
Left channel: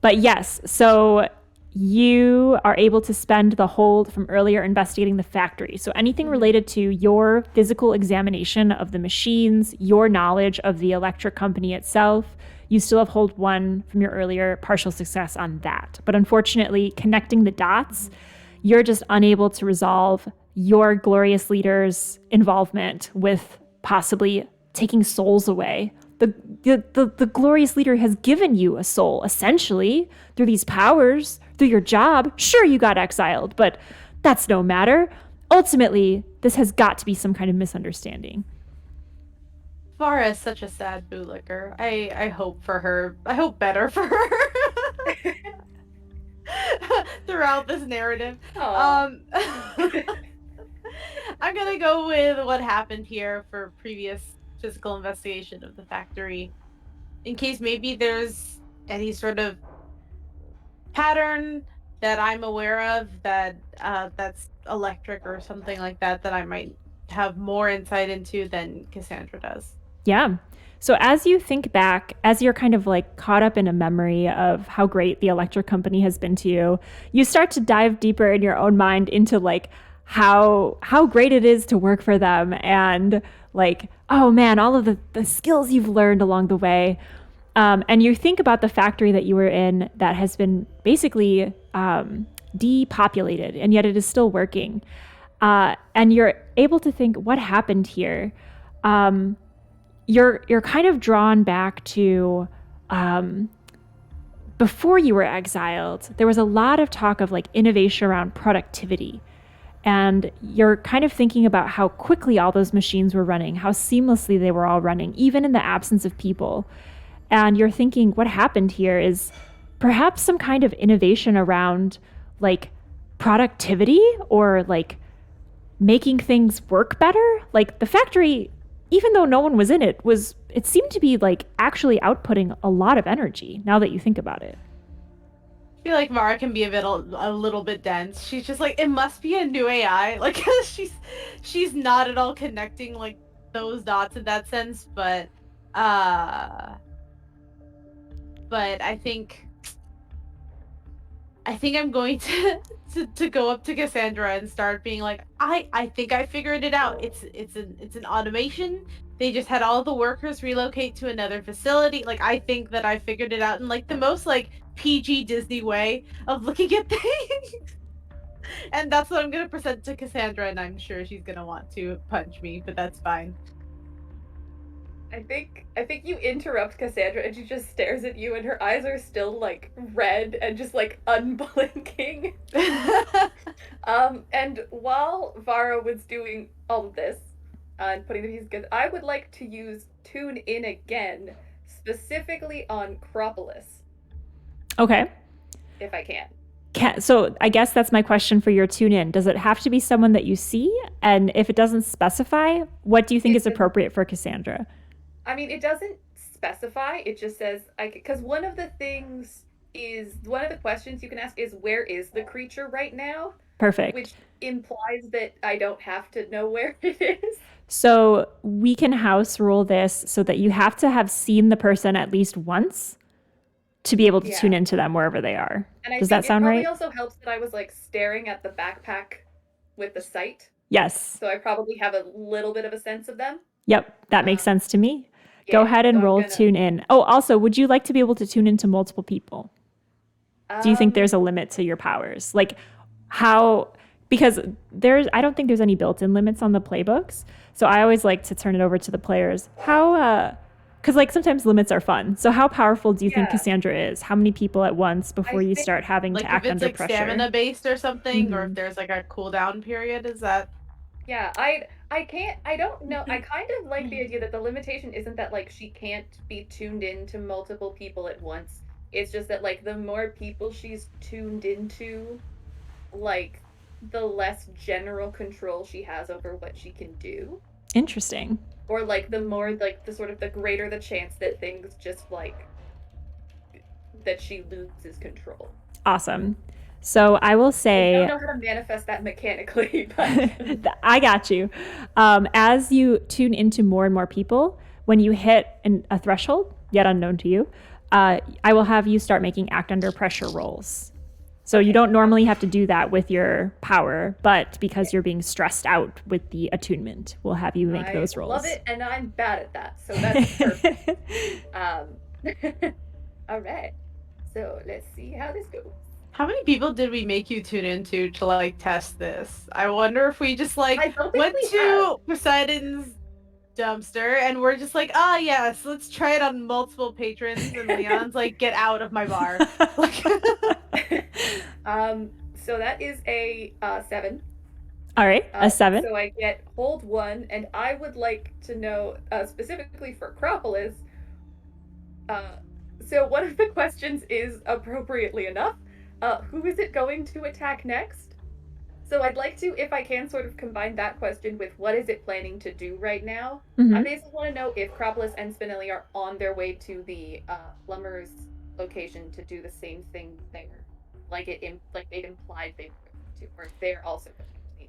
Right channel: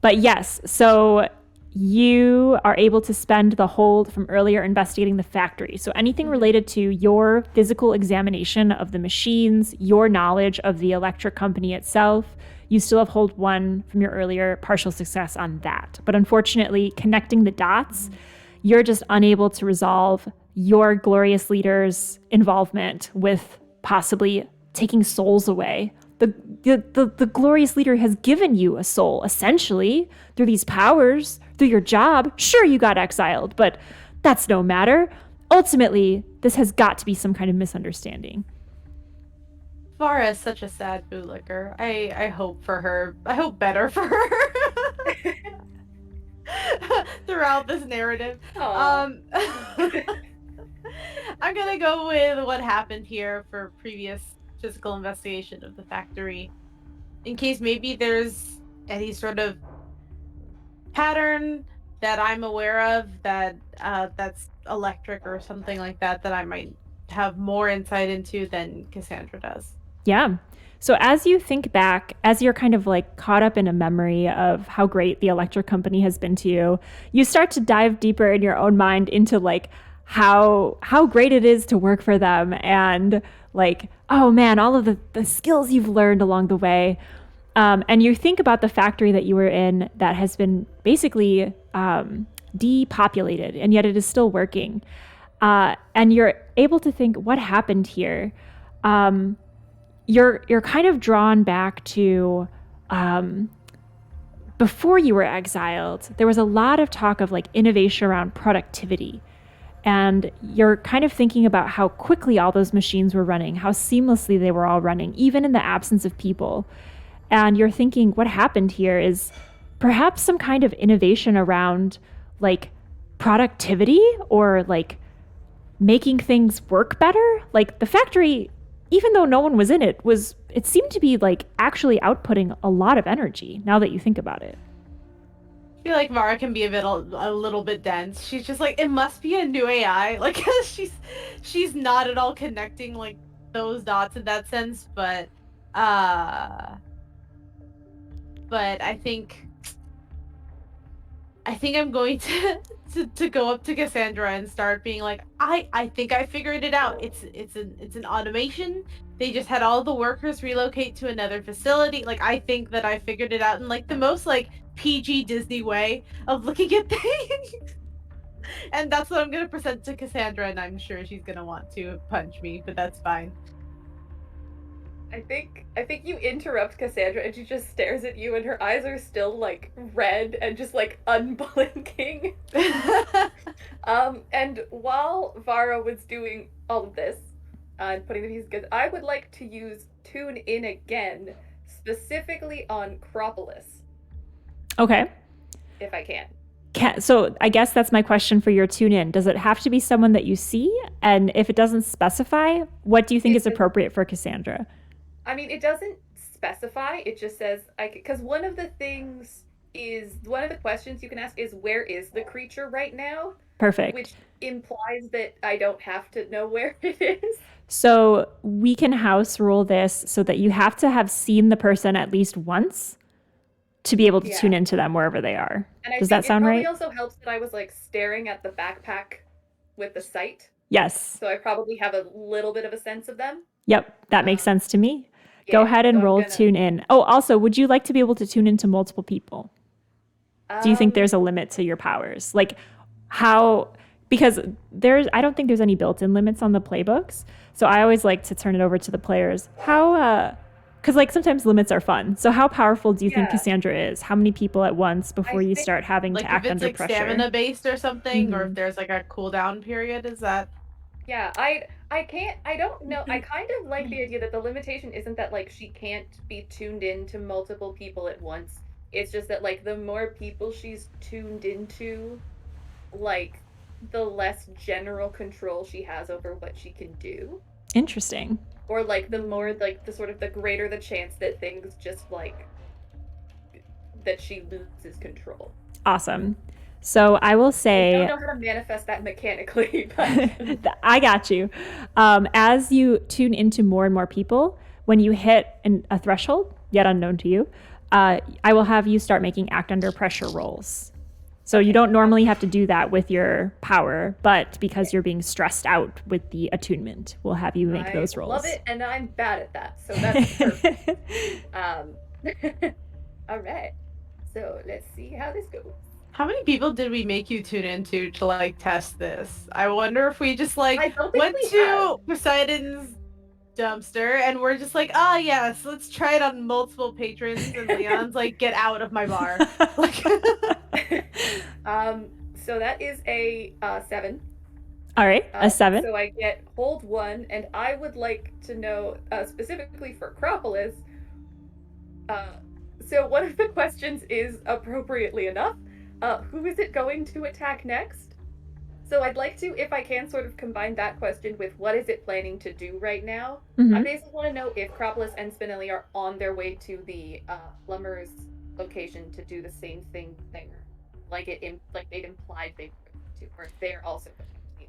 But yes, so you are able to spend the hold from earlier investigating the factory. So anything related to your physical examination of the machines, your knowledge of the electric company itself, you still have hold 1 from your earlier partial success on that. But unfortunately, connecting the dots, you're just unable to resolve your glorious leader's involvement with possibly taking souls away. The glorious leader has given you a soul, essentially, through these powers, through your job. Sure, you got exiled, but that's no matter. Ultimately, this has got to be some kind of misunderstanding. Farah is such a sad bootlicker. I hope for her. I hope better for her. Throughout this narrative. I'm gonna go with what happened here for previous physical investigation of the factory, in case maybe there's any sort of pattern that I'm aware of that's electric or something like that I might have more insight into than Cassandra does. Yeah. So as you think back, as you're kind of caught up in a memory of how great the electric company has been to you, you start to dive deeper in your own mind into how great it is to work for them, and oh man, all of the skills you've learned along the way. And you think about the factory that you were in that has been basically depopulated, and yet it is still working. And you're able to think, what happened here? You're kind of drawn back to before you were exiled. There was a lot of talk of innovation around productivity. And you're kind of thinking about how quickly all those machines were running, how seamlessly they were all running, even in the absence of people. And you're thinking, what happened here is perhaps some kind of innovation around productivity or making things work better. The factory even though no one was in it, it seemed to be like actually outputting a lot of energy now that you think about it. I feel like Mara can be a little bit dense. She's just like, it must be a new AI. Like she's not at all connecting like those dots in that sense, but I think I'm going to go up to Cassandra and start being like, I think I figured it out. It's an automation. They just had all the workers relocate to another facility. Like, I think that I figured it out in like the most like PG Disney way of looking at things. And that's what I'm gonna present to Cassandra, and I'm sure she's gonna want to punch me, but that's fine. I think you interrupt Cassandra and she just stares at you and her eyes are still like red and just like unblinking. And while Vara was doing all of this and putting the pieces together, I would like to use Tune In again, specifically on Acropolis. Okay. If I can. So I guess that's my question for your tune in. Does it have to be someone that you see? And if it doesn't specify, what do you think is appropriate for Cassandra? I mean, it doesn't specify. It just says, because one of the questions you can ask is, where is the creature right now? Perfect. Which implies that I don't have to know where it is. So we can house rule this so that you have to have seen the person at least once to be able to tune into them wherever they are. Does that sound right? It also helps that I was like staring at the backpack with the sight. Yes. So I probably have a little bit of a sense of them. Yep, that makes sense to me. Go ahead and roll tune in. Oh, also, would you like to be able to tune into multiple people? Do you think there's a limit to your powers? Like how, because I don't think there's any built-in limits on the playbooks. So I always like to turn it over to the players. Because like sometimes limits are fun. So how powerful do you think Cassandra is? How many people at once before you start having to act under pressure? Like stamina based or something, or if there's like a cooldown period, is that? Yeah, I don't know. I kind of like the idea that the limitation isn't that like she can't be tuned in to multiple people at once. It's just that like the more people she's tuned into, like the less general control she has over what she can do. Interesting. Or like the more like the sort of the greater the chance that things just like that she loses control. Awesome. So I will say, I don't know how to manifest that mechanically, but I got you. As you tune into more and more people, when you hit a threshold, yet unknown to you, I will have you start making act under pressure rolls. So you don't normally have to do that with your power, but because you're being stressed out with the attunement, we'll have you make those rolls. I love it, and I'm bad at that, so that's perfect. All right, so let's see how this goes. How many people did we make you tune into to like test this? I wonder if we just like went to Poseidon's dumpster and we're just like, yes, let's try it on multiple patrons, and Leon's like, get out of my bar. So that is a 7. All right, a 7. So I get hold 1, and I would like to know specifically for Acropolis. So one of the questions is, appropriately enough, who is it going to attack next? So I'd like to, if I can, sort of combine that question with what is it planning to do right now. I basically want to know if Acropolis and Spinelli are on their way to the Plumber's location to do the same thing there, like they'd implied they were to, or if they're also going to be.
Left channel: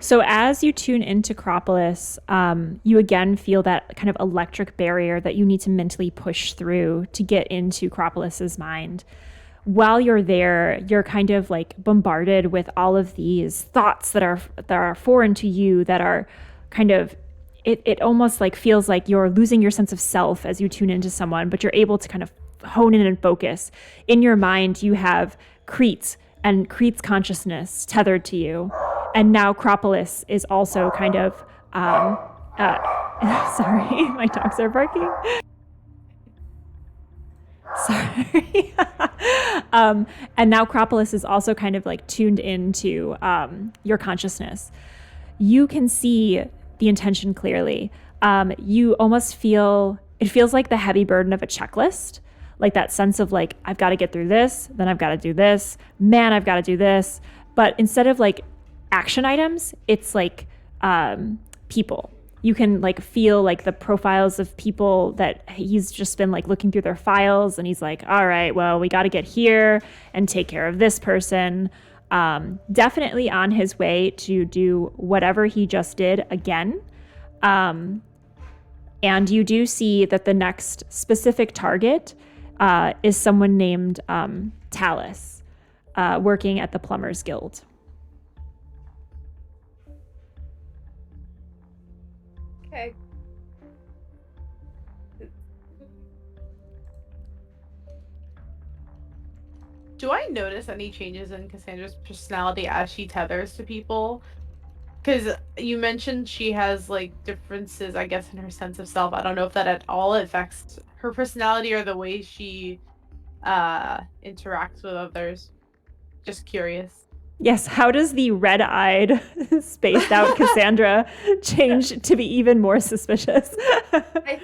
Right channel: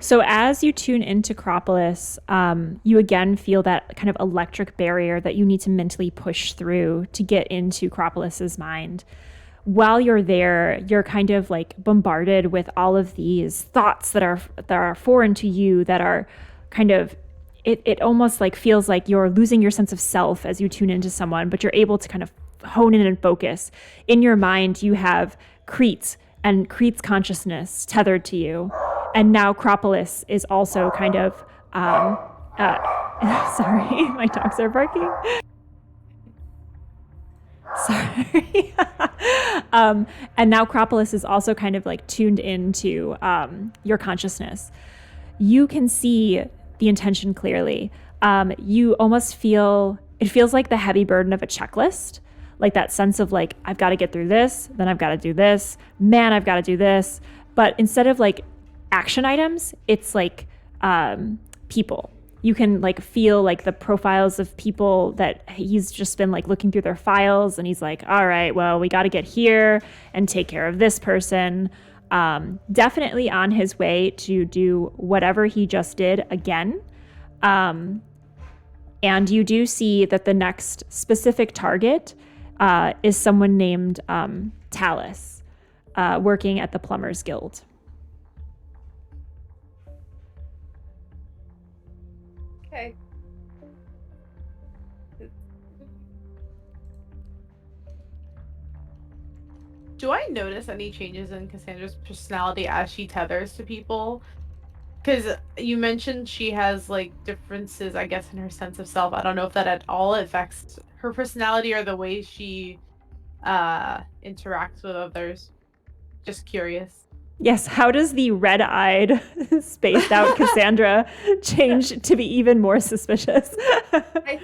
So as you tune into Acropolis, you again feel that kind of electric barrier that you need to mentally push through to get into Acropolis's mind. While you're there, you're kind of like bombarded with all of these thoughts that are foreign to you, that are kind of, it almost like feels like you're losing your sense of self as you tune into someone, but you're able to kind of hone in and focus. In your mind, you have Crete and Crete's consciousness tethered to you. And now Acropolis is also kind of, sorry, my dogs are barking. Sorry. And now Acropolis is also kind of like tuned into your consciousness. You can see the intention clearly. You almost feel, it feels like the heavy burden of a checklist, like that sense of like, I've got to get through this, then I've got to do this, man, I've got to do this. But instead of like action items, it's like people. You can like feel like the profiles of people that he's just been like looking through their files, and he's like, all right, well, we got to get here and take care of this person. Definitely on his way to do whatever he just did again. And you do see that the next specific target is someone named Talus, working at the Plumbers Guild. Okay. Do I notice any changes in Cassandra's personality as she tethers to people? Because you mentioned she has like differences, I guess, in her sense of self. I don't know if that at all affects her personality or the way she interacts with others. Just curious. Yes, how does the red-eyed, spaced-out Cassandra change to be even more suspicious? I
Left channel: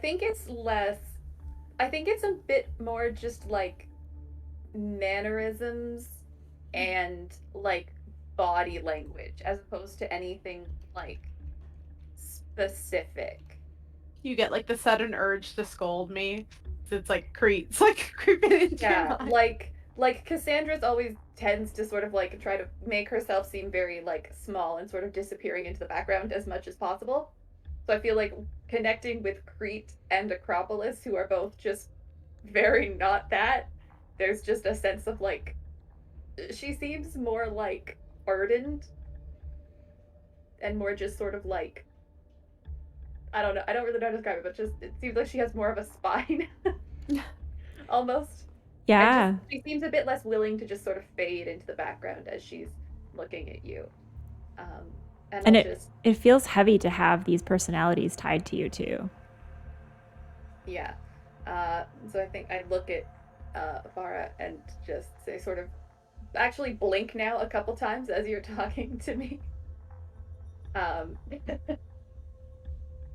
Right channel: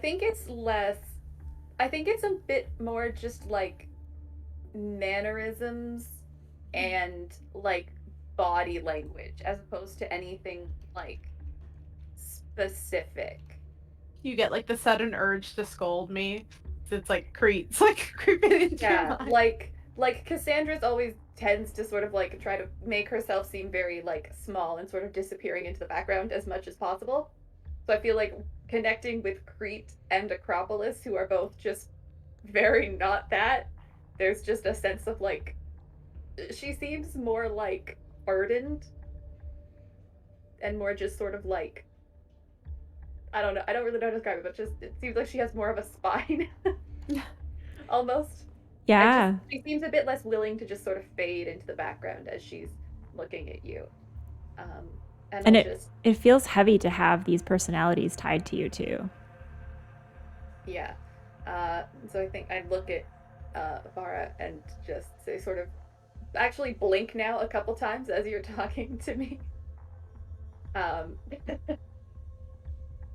think it's less. I think it's a bit more just like mannerisms and like body language as opposed to anything like specific. You get like the sudden urge to scold me. It's like creeps like creeping into your mind. Like Cassandra's always tends to sort of like try to make herself seem very like small and sort of disappearing into the background as much as possible. So I feel like connecting with Crete and Acropolis, who are both just very not that, there's just a sense of like she seems more like burdened and more just sort of like I don't really know how to describe it, but just it seems like she has more of a spine almost. Yeah. She seems a bit less willing to just sort of fade into the background as she's looking at you. And it feels heavy to have these personalities tied to you too. Yeah. So I think I look at Farah and just say sort of actually blink now a couple times as you're talking to me. And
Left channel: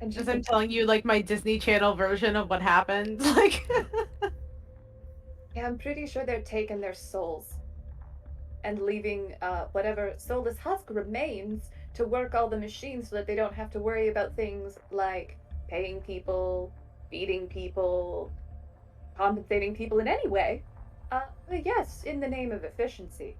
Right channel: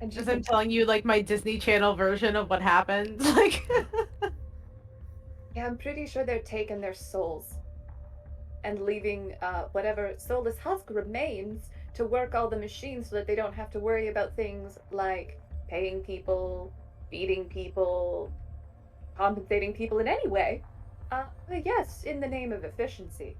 just I'm telling you like my Disney Channel version of what happened. Like yeah, I'm pretty sure they're taking their souls and leaving whatever soulless husk remains to work all the machines so that they don't have to worry about things like paying people, feeding people, compensating people in any way. Yes, in the name of efficiency.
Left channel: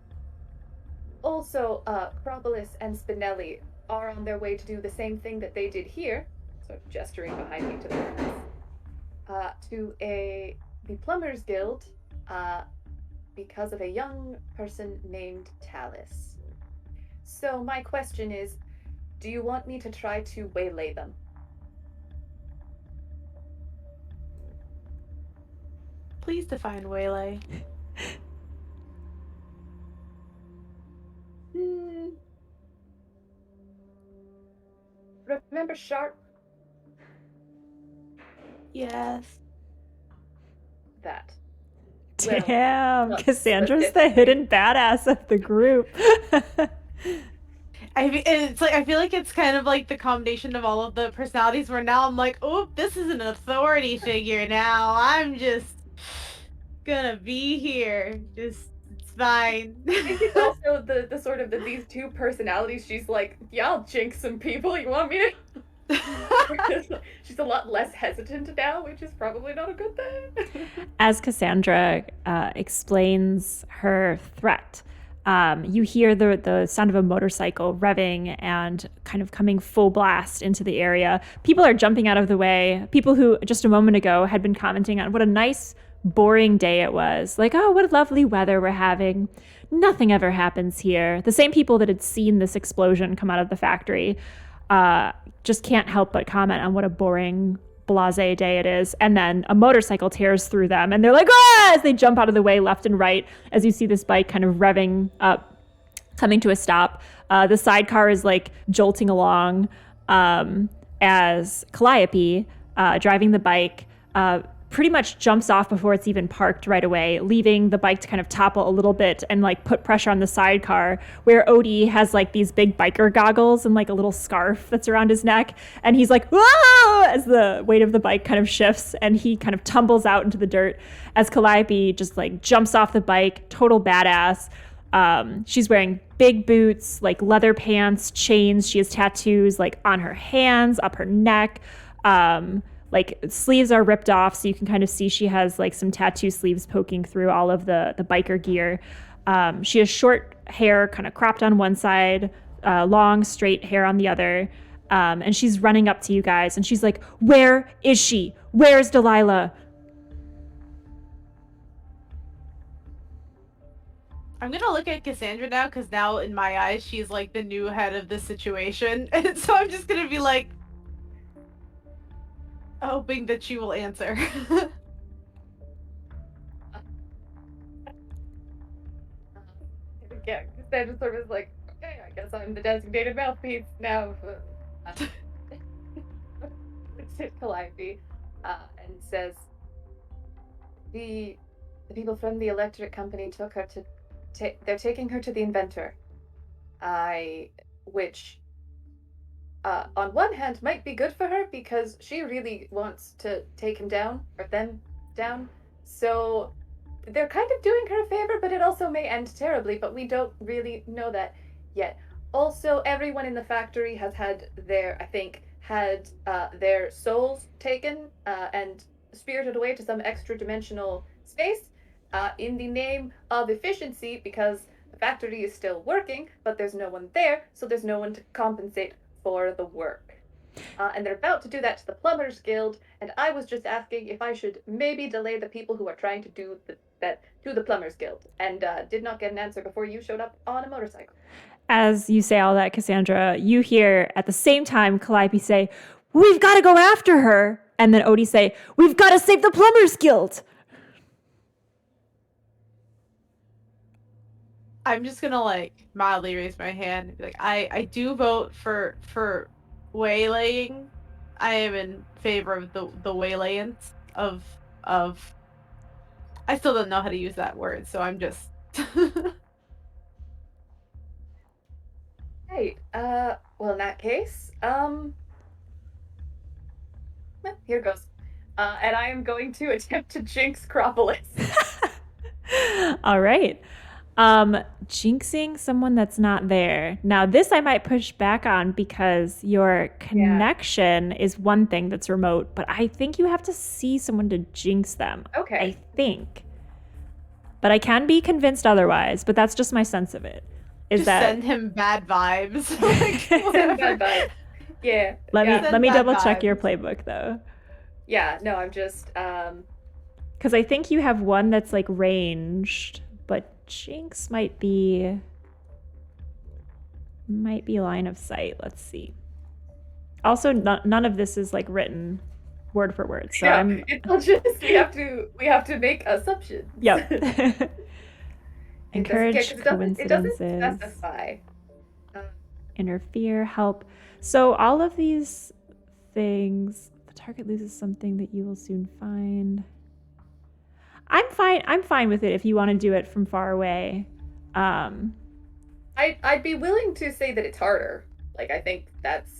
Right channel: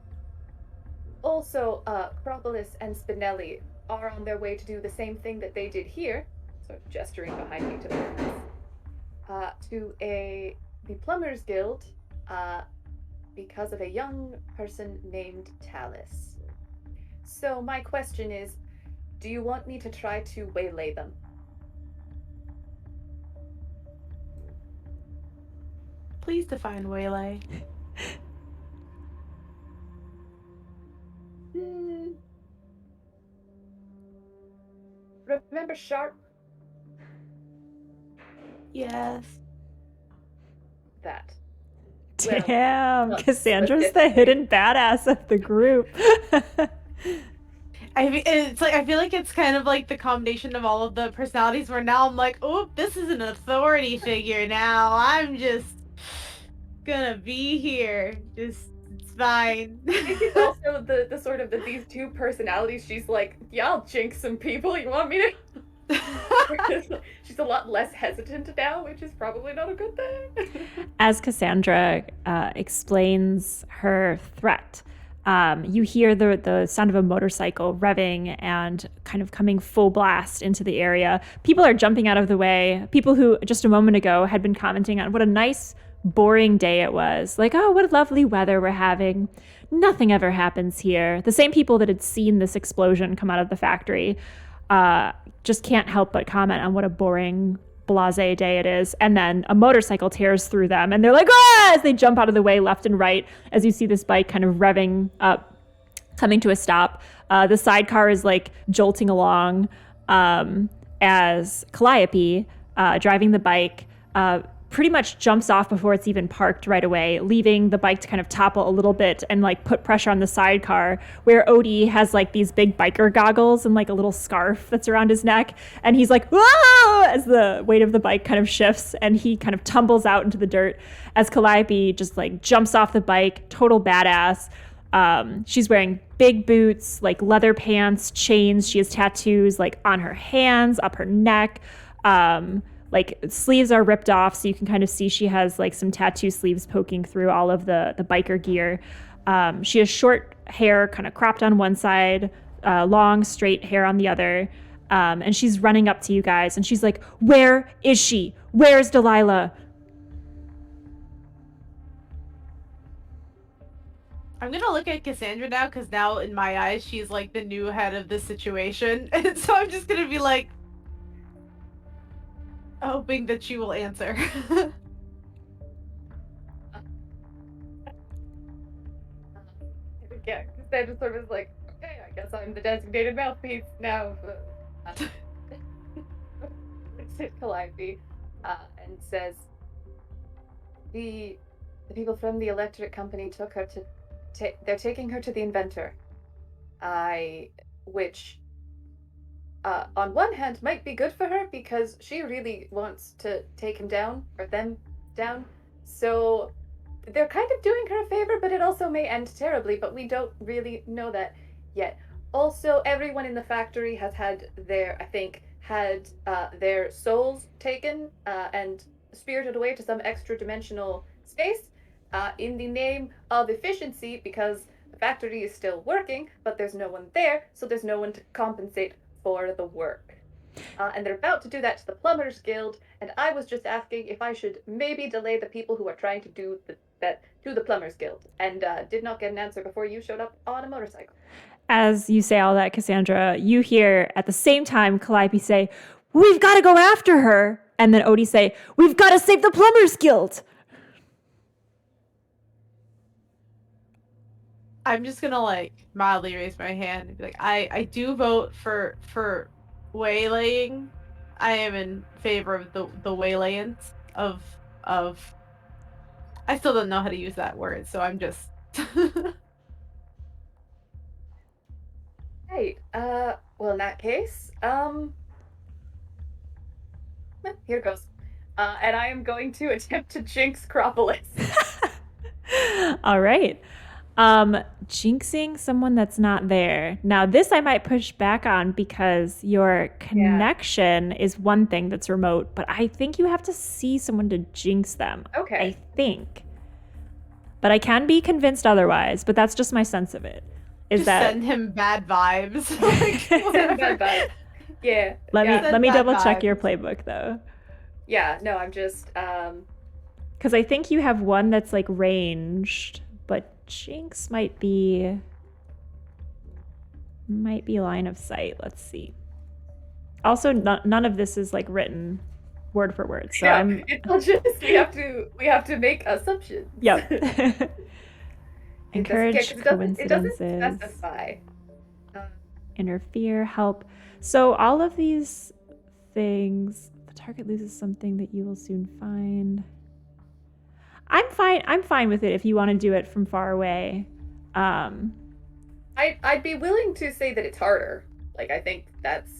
Also, Acropolis and Spinelli are on their way to do the same thing that they did here, sort of gesturing behind me to the to the Plumbers Guild, because of a young person named Talus. So my question is, do you want me to try to waylay them? please define waylay. Remember Sharp? Yes. That. Damn, Cassandra's the hidden badass of the group. I feel like it's kind of like the combination of all of the personalities where now I'm like, oh, this is an authority figure now. I'm just gonna be here. It's fine. I think it's also the sort of these two personalities. She's like, yeah, I'll jinx some people. You want me to? She's a lot less hesitant now, which is probably not a good thing. As Cassandra explains her threat, you hear the sound of a motorcycle revving and kind of coming full blast into the area. People are jumping out of the way. People who just a moment ago had been commenting on what a nice, boring day it was. Like, oh, what lovely weather we're having. Nothing ever happens here. The same people that had seen this explosion come out of the factory just can't help but comment on what a boring, blasé day it is. And then a motorcycle tears through them and they're like, ah, as they jump out of the way left and right as you see this bike kind of revving up, coming to a stop. The sidecar is like jolting along as Calliope, driving the bike, pretty much jumps off before it's even parked right away, leaving the bike to kind of topple a little bit and like put pressure on the sidecar, where Odie has like these big biker goggles and like a little scarf that's around his neck. And he's like, whoa, as the weight of the bike kind of shifts and he kind of tumbles out into the dirt as Calliope just like jumps off the bike, total badass, She's wearing big boots, like leather pants, chains. She has tattoos like on her hands, up her neck. Like sleeves are ripped off, so you can kind of see she has like some tattoo sleeves poking through all of the biker gear. She has short hair, kind of cropped on one side, long straight hair on the other. And she's running up to you guys, and she's like, "Where is she? Where's Delilah?" I'm gonna look at Cassandra now, because now in my eyes she's like the new head of the situation, and so I'm just gonna be like, hoping that she will answer. Yeah, Cassandra sort of is like, okay, I guess I'm the designated mouthpiece now. Looks at Calliope and says, the people from the electric company took her to. They're taking her to the Inventor. Which, on one hand, might be good for her because she really wants to take him down, or them down. So they're kind of doing her a favor, but it also may end terribly, but we don't really know that yet. Also, everyone in the factory has had their souls taken and spirited away to some extra dimensional space in the name of efficiency, because the factory is still working, but there's no one there, so there's no one to compensate for the work. And they're about to do that to the Plumbers Guild, and I was just asking if I should maybe delay the people who are trying to do that to the Plumbers Guild, and did not get an answer before you showed up on a motorcycle. As you say all that, Cassandra, you hear at the same time Calliope say, "We've got to go after her," and then Odie say, "We've got to save the Plumbers Guild." I'm just gonna like mildly raise my hand and be like, I do vote for waylaying. I am in favor of the waylayance of I still don't know how to use that word, so I'm just Right. Well, in that case, here goes. And I am going to attempt to jinx Cropolis. All right. Jinxing someone that's not there. Now, this I might push back on because your connection is one thing that's remote, but I think you have to see someone to jinx them. Okay. I think. But I can be convinced otherwise, but that's just my sense of it. Just send him bad vibes. Send him bad vibes. Yeah. Let me double check your playbook though. Yeah, no, I'm just because I think you have one that's like ranged, but Jinx might be line of sight. Let's see. Also, none of this is like written word for word, so It'll just we have to make assumptions. Yep. Encourage coincidences. It doesn't specify. Interfere, help. So all of these things, the target loses something that you will soon find. I'm fine with it if you want to do it from far away. I'd be willing to say that it's harder. Like, I think that's...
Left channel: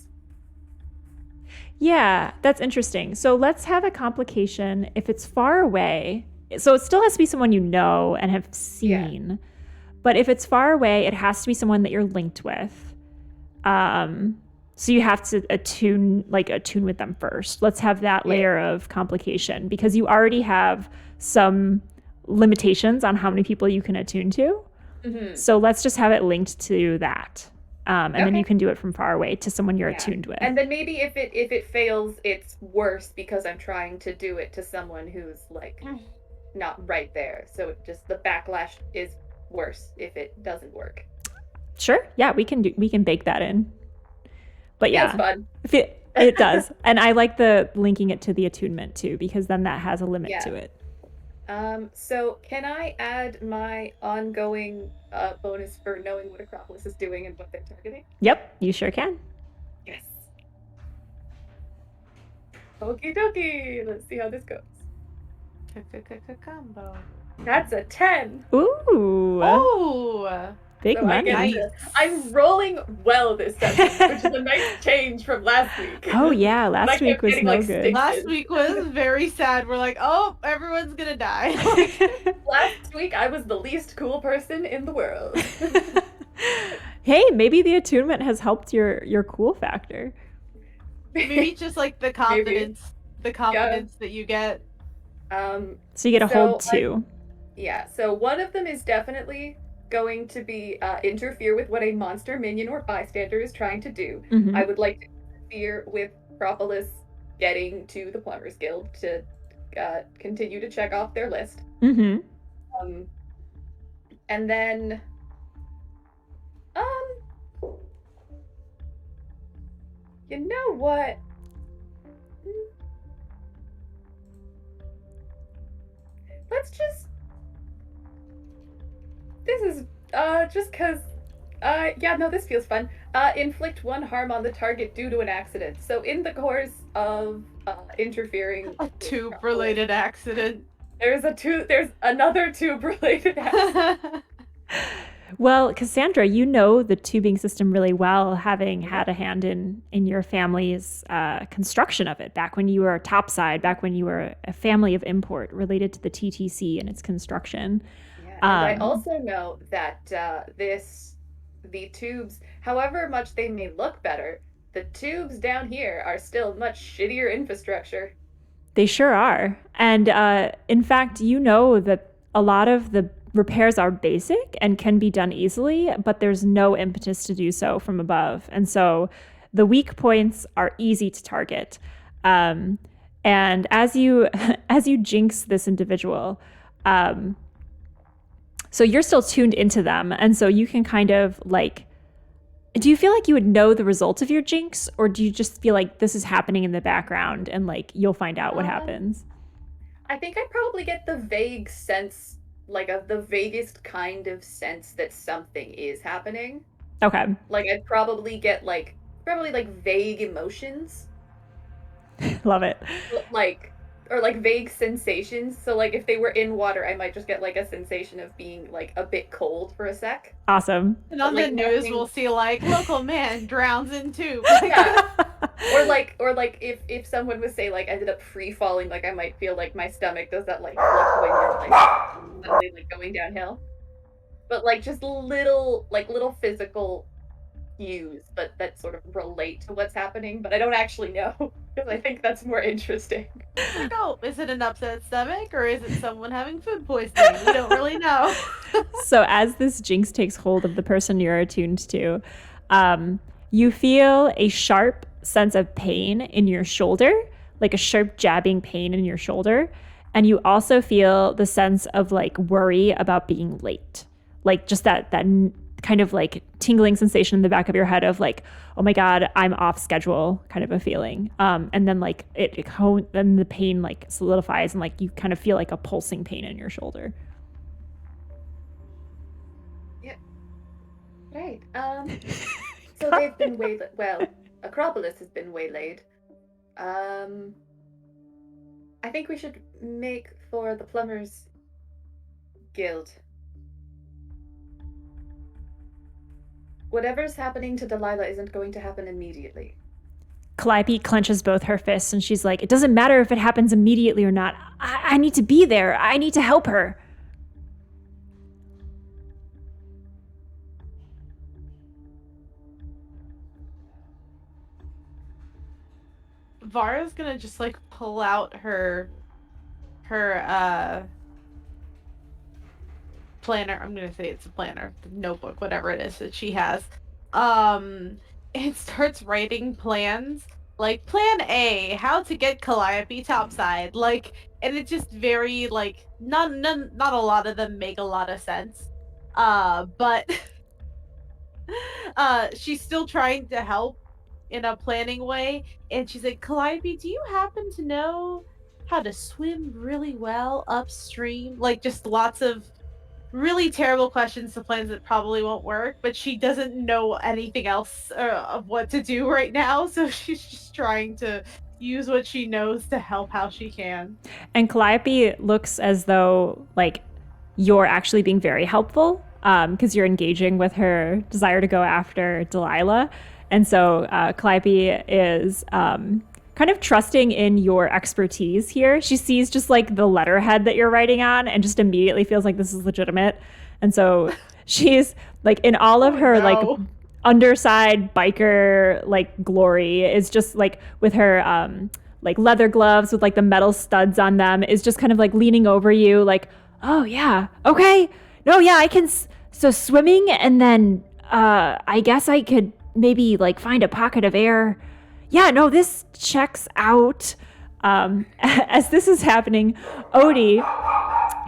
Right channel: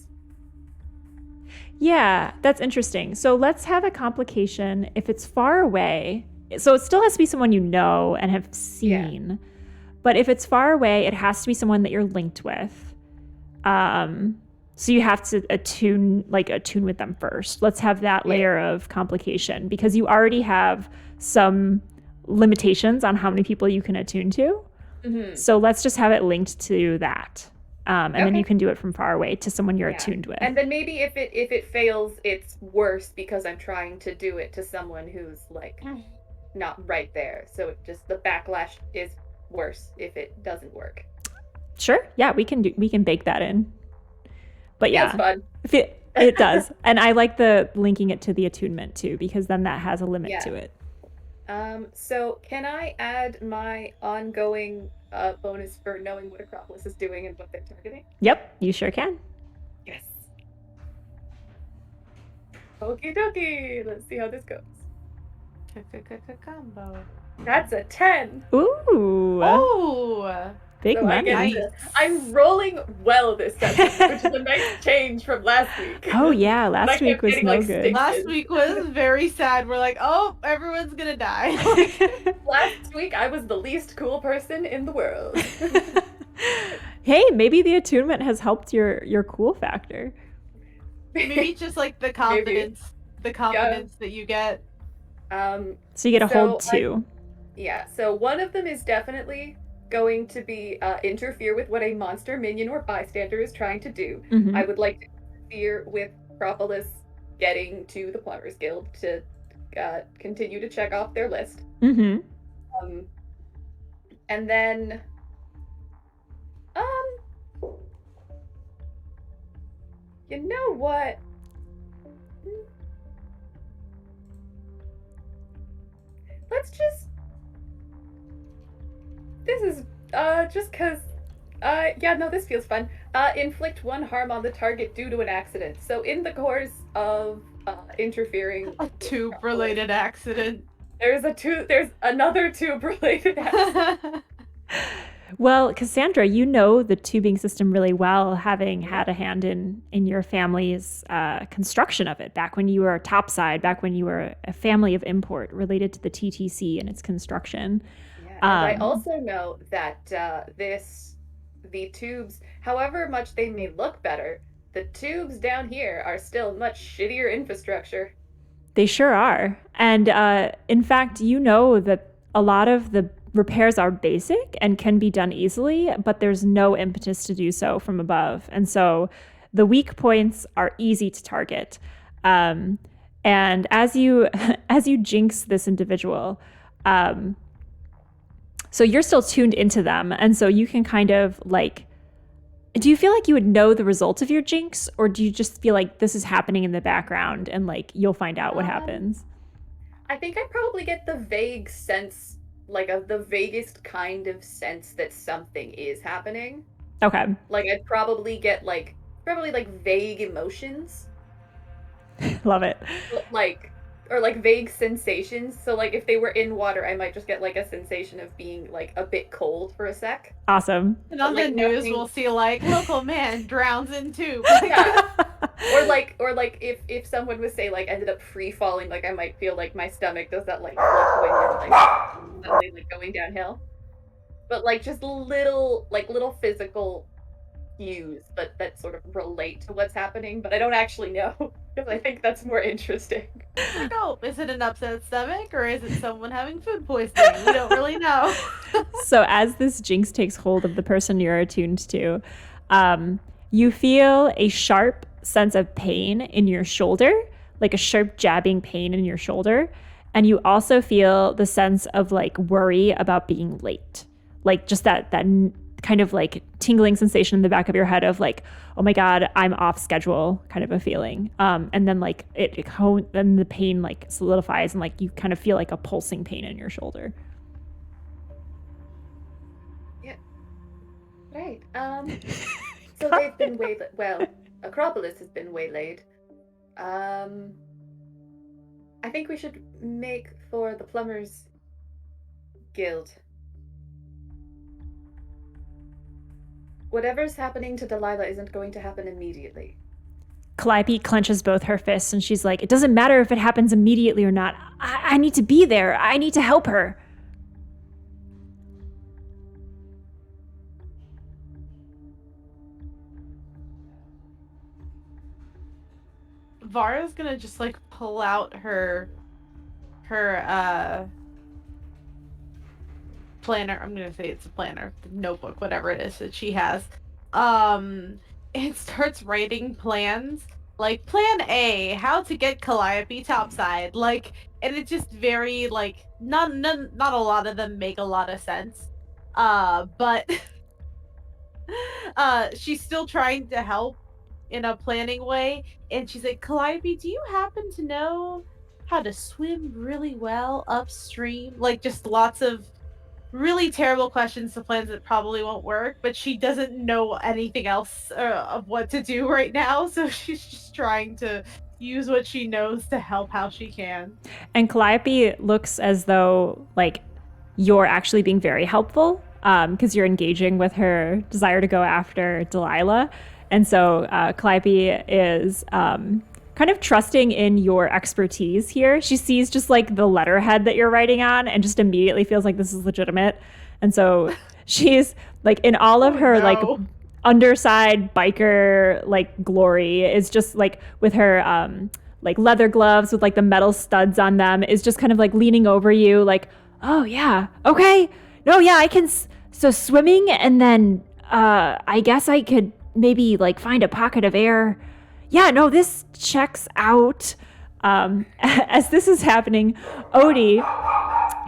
Yeah, that's interesting. So let's have a complication. If it's far away, so it still has to be someone you know and have seen. Yeah. But if it's far away, it has to be someone that you're linked with. So you have to attune with them first. Let's have that layer of complication because you already have some limitations on how many people you can attune to. Mm-hmm. So let's just have it linked to that. And then you can do it from far away to someone you're attuned with. And then maybe if it fails, it's worse because I'm trying to do it to someone who's like not right there. So it just the backlash is worse if it doesn't work. Sure. Yeah, we can bake that in. But yeah, fun. It does. And I like the linking it to the attunement too, because then that has a limit to it. So can I add my ongoing bonus for knowing what Acropolis is doing and what they're targeting? Yep, you sure can. Yes. Okie dokie. Let's see how this goes. Combo. That's a 10. Ooh. Oh. Big So money. I'm rolling well this session, which is a nice change from last week. Oh yeah, last week was getting, no like, good. Last week was very sad. We're like, oh, everyone's gonna die. Last week I was the least cool person in the world. Hey, maybe the attunement has helped your cool factor. Maybe just like the confidence, that you get. So you get a hold 2. Yeah, so one of them is definitely going to be interfere with what a monster minion or bystander is trying to do. Mhm. I would like to interfere with Propolis getting to the Plumbers Guild to continue to check off their list. Mhm. And then you know what? Let's just this is just because yeah, no, this feels fun. Inflict 1 harm on the target due to an accident. So in the course of interfering, a tube-related accident. There's another tube-related accident. Well, Cassandra, you know the tubing system really well, having had a hand in your family's construction of it back when you were topside, back when you were a family of import related to the TTC and its construction. Yeah, and I also know that the tubes, however much they may look better, the tubes down here are still much shittier infrastructure. They sure are. And in fact, you know that a lot of the repairs are basic and can be done easily, but there's no impetus to do so from above. And so the weak points are easy to target. And as you jinx this individual, so you're still tuned into them. And so you can kind of like, do you feel like you would know the result of your jinx, or do you just feel like this is happening in the background and like you'll find out what happens? I think I probably get the vague sense, like of the vaguest kind of sense that something is happening. Okay. Like I'd probably get like vague emotions. Love it. Or like vague sensations. So like if they were in water, I might just get like a sensation of being like a bit cold for a sec. Awesome. And on the news, we'll see like local man drowns in tube. Yeah. or like if someone was say like ended up free falling, like I might feel like my stomach does that like suddenly like going downhill. But like just little physical cues, but that sort of relate to what's happening, but I don't actually know because I think that's more interesting. Like, oh, is it an upset stomach or is it someone having food poisoning? We don't really know. So as this jinx takes hold of the person you're attuned to, you feel a sharp sense of pain in your shoulder, like a sharp jabbing pain in your shoulder. And you also feel the sense of like worry about being late, like just that kind of like tingling sensation in the back of your head of like, oh my God, I'm off schedule kind of a feeling. And then like then the pain like solidifies and like you kind of feel like a pulsing pain in your shoulder. Yeah. Right. So they've been waylaid. Well, Acropolis has been waylaid. I think we should make for the Plumbers Guild. Whatever's happening to Delilah isn't going to happen immediately. Calliope clenches both her fists and she's like, it doesn't matter if it happens immediately or not. I need to be there. I need to help her. Vara's gonna just like pull out her planner. I'm gonna say it's a planner, notebook, whatever it is that she has. And starts writing plans. Like plan A, how to get Calliope topside. Like, and it's just very like not a lot of them make a lot of sense. But she's still trying to help in a planning way, and she's like, Calliope, do you happen to know how to swim really well upstream? Like just lots of really terrible questions to plans that probably won't work, but she doesn't know anything else of what to do right now, so she's just trying to use what she knows to help how she can. And Calliope looks as though like you're actually being very helpful. because you're engaging with her desire to go after Delilah. And so Calliope is kind of trusting in your expertise here. She sees just like the letterhead that you're writing on and just immediately feels like this is legitimate. And so she's like in all of her like underside biker like glory is just like with her like leather gloves with like the metal studs on them is just kind of like leaning over you like, oh yeah, okay, no, yeah, I can. So swimming and then I guess I could maybe like find a pocket of air. Yeah, no, this checks out. As this is happening, Odie,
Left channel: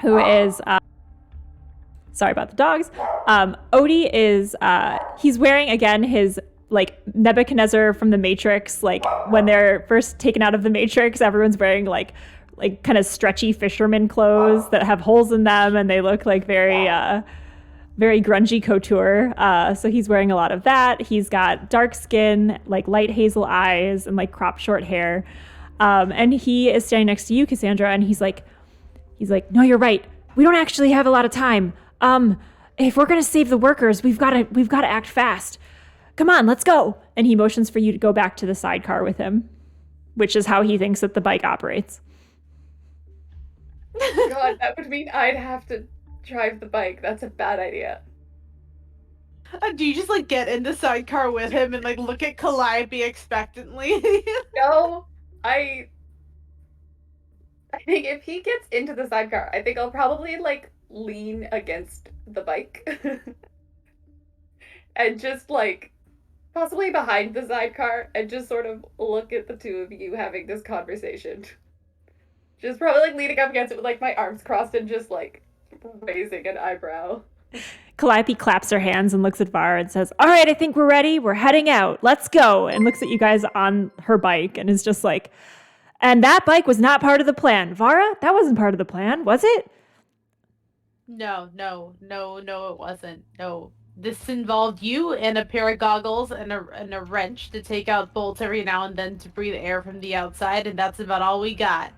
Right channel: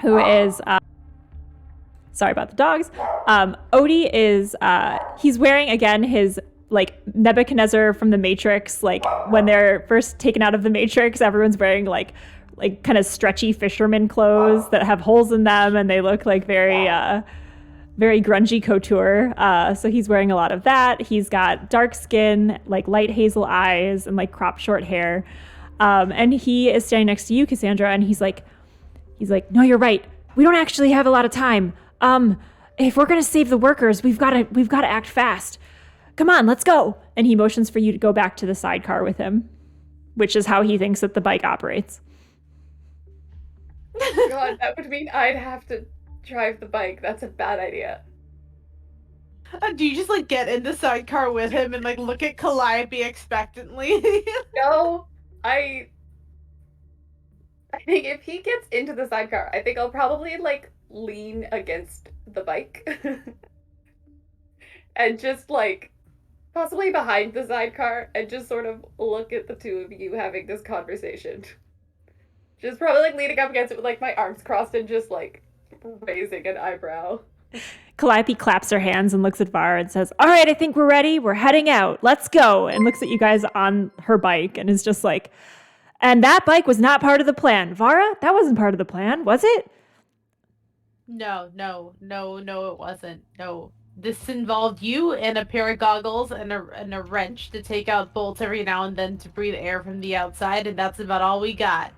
who is sorry about the dogs. Odie is he's wearing again his like Nebuchadnezzar from the Matrix. Like when they're first taken out of the Matrix, everyone's wearing like kind of stretchy fisherman clothes that have holes in them, and they look like very grungy couture. So he's wearing a lot of that. He's got dark skin, like light hazel eyes, and like cropped short hair. And he is standing next to you, Cassandra, and he's like, no, you're right. We don't actually have a lot of time. If we're gonna save the workers, we've got to act fast. Come on, let's go. And he motions for you to go back to the sidecar with him, which is how he thinks that the bike operates. God, that would mean I'd have to drive the bike. That's a bad idea. Do you just like get in the sidecar with him and like look at Calliope expectantly? No, I think if he gets into the sidecar, I think I'll probably like lean against the bike and just like possibly behind the sidecar and just sort of look at the two of you having this conversation. Just probably like leaning up against it with like my arms crossed and just like raising an eyebrow. Calliope claps her hands and looks at Vara and says, all right, I think we're ready. We're heading out. Let's go. And looks at you guys on her bike and is just like, and that bike was not part of the plan. Vara, that wasn't part of the plan, was it? No, it wasn't. No. This involved you and a pair of goggles and a wrench to take out bolts every now and then to breathe air from the outside, and that's about all we got.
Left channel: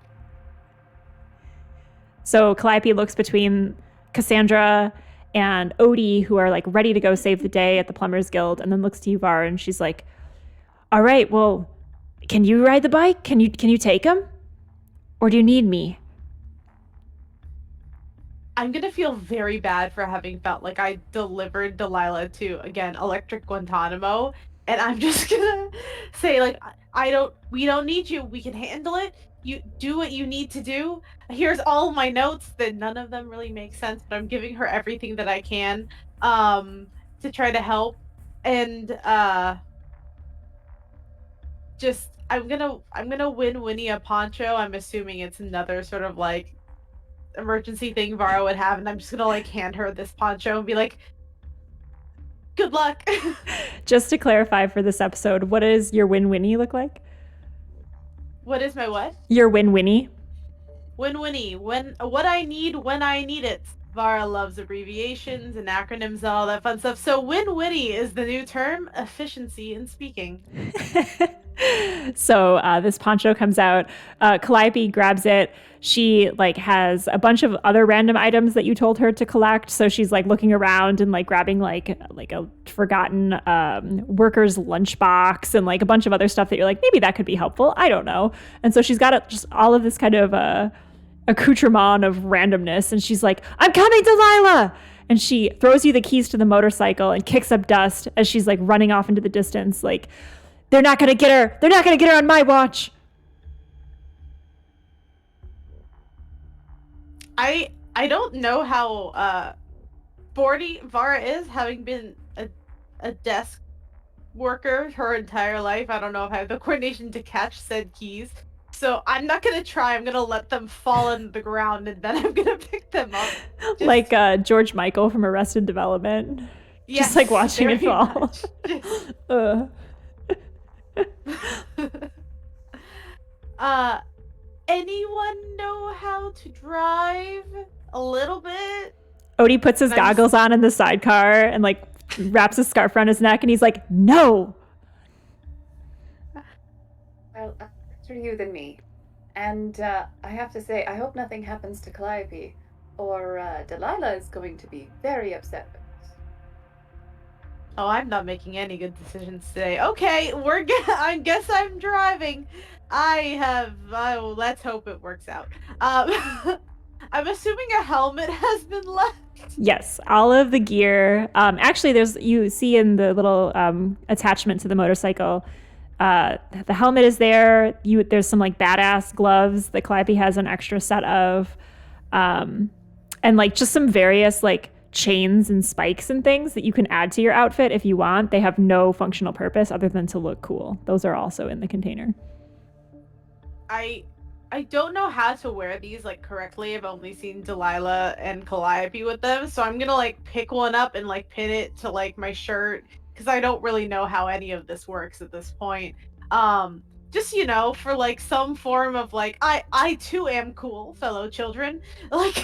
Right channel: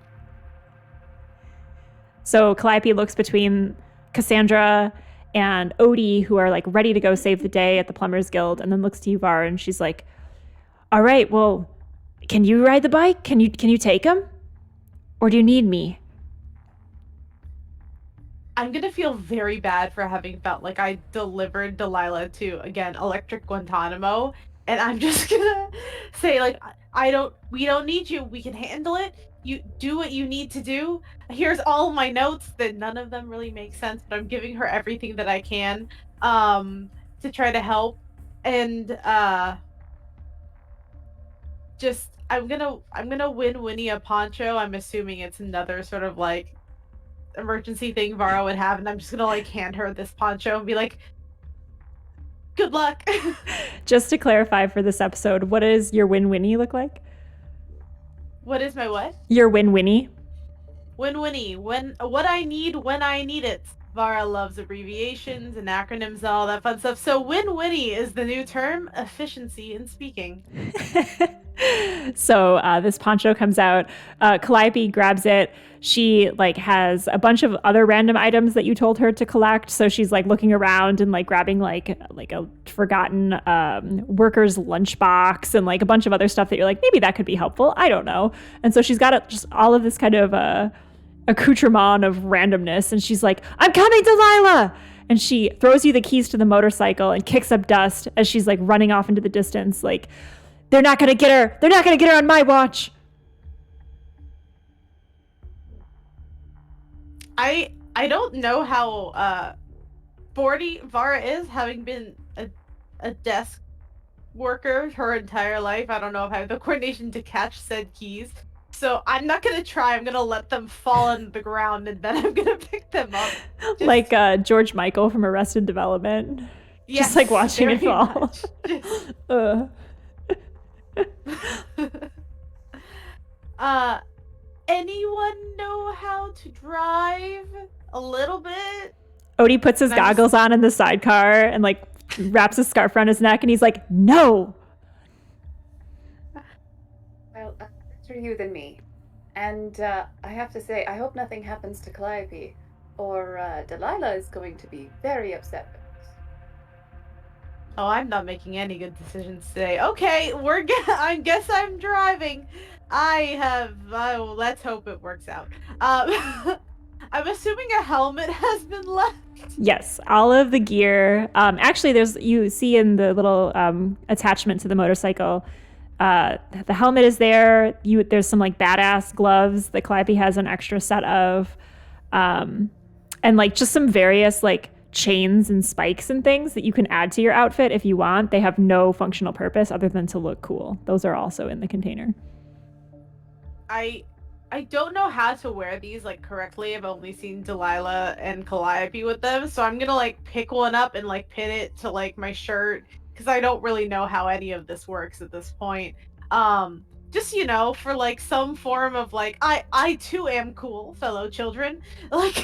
So Calliope looks between Cassandra and Odie, who are like ready to go save the day at the Plumbers Guild, and then looks to you, Vara, and she's like, all right, well, can you ride the bike? Can you take him? Or do you need me? I'm gonna feel very bad for having felt like I delivered Delilah to, again, Electric Guantanamo, and I'm just gonna say, like, we don't need you. We can handle it. You do what you need to do. Here's all my notes that none of them really make sense, but I'm giving her everything that I can to try to help. And just I'm gonna win Winnie a poncho. I'm assuming it's another sort of like emergency thing Vara would have, and I'm just gonna like hand her this poncho and be like, good luck. Just to clarify for this episode, what does your Win Winnie look like? What is my what? Your Win Winnie. Win Winnie. What I need when I need it. Vara loves abbreviations and acronyms and all that fun stuff. So Win Winnie is the new term, efficiency in speaking. So this poncho comes out. Calliope grabs it. She like has a bunch of other random items that you told her to collect. So she's like looking around and like grabbing like a forgotten worker's lunchbox and like a bunch of other stuff that you're like, maybe that could be helpful. I don't know. And so she's got just all of this kind of accoutrement of randomness. And she's like, I'm coming, Delilah. And she throws you the keys to the motorcycle and kicks up dust as she's like running off into the distance. Like, they're not going to get her. They're not going to get her on my watch. I don't know how sporty Vara is, having been a desk worker her entire life. I don't know if I have the coordination to catch said keys. So I'm not going to try. I'm going to let them fall on the ground and then I'm going to pick them up. Like George Michael from Arrested Development. Yes, just like watching it fall. Anyone know how to drive a little bit? Odie puts his goggles on in the sidecar and like wraps a scarf around his neck and he's like, no. Well, better you than me. And I have to say, I hope nothing happens to Calliope, or Delilah is going to be very upset Oh, I'm not making any good decisions today. Okay, I guess I'm driving. Oh, let's hope it works out. I'm assuming a helmet has been left. Yes, all of the gear. Actually, you see in the little attachment to the motorcycle, the helmet is there. There's some like badass gloves that Calliope has an extra set of, and like just some various like chains and spikes and things that you can add to your outfit if you want. They have no functional purpose other than to look cool. Those are also in the container. I don't know how to wear these like correctly. I've only seen Delilah and Calliope with them, so I'm gonna like pick one up and like pin it to like my shirt because I don't really know how any of this works at this point. Just for like some form of like I too am cool, fellow children. Like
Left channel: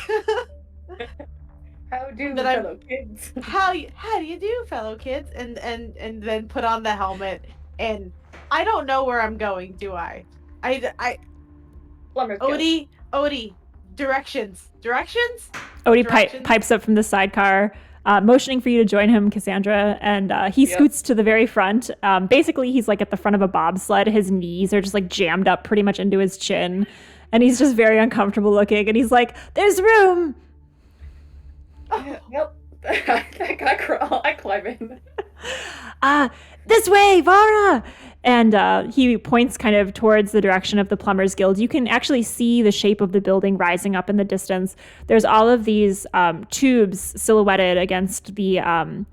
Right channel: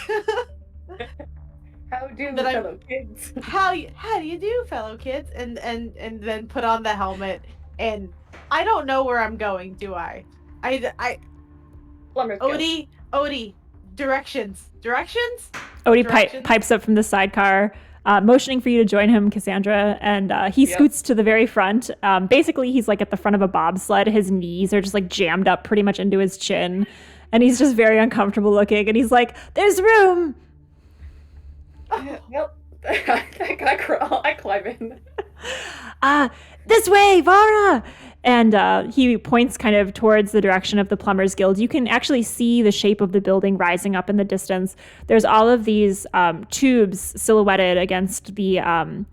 how do fellow kids? How do you do, fellow kids? And then put on the helmet, and I don't know where I'm going, do I? Plumber Odie, directions. Odie pipes up from the sidecar, motioning for you to join him, Cassandra, and he scoots to the very front. Basically, he's like at the front of a bobsled. His knees are just like jammed up pretty much into his chin, and he's just very uncomfortable looking. And he's like, "There's room." Yep. I crawl. I climb in. This way, Vara! And he points kind of towards the direction of the Plumbers Guild. You can actually see the shape of the building rising up in the distance. There's all of these tubes silhouetted against the...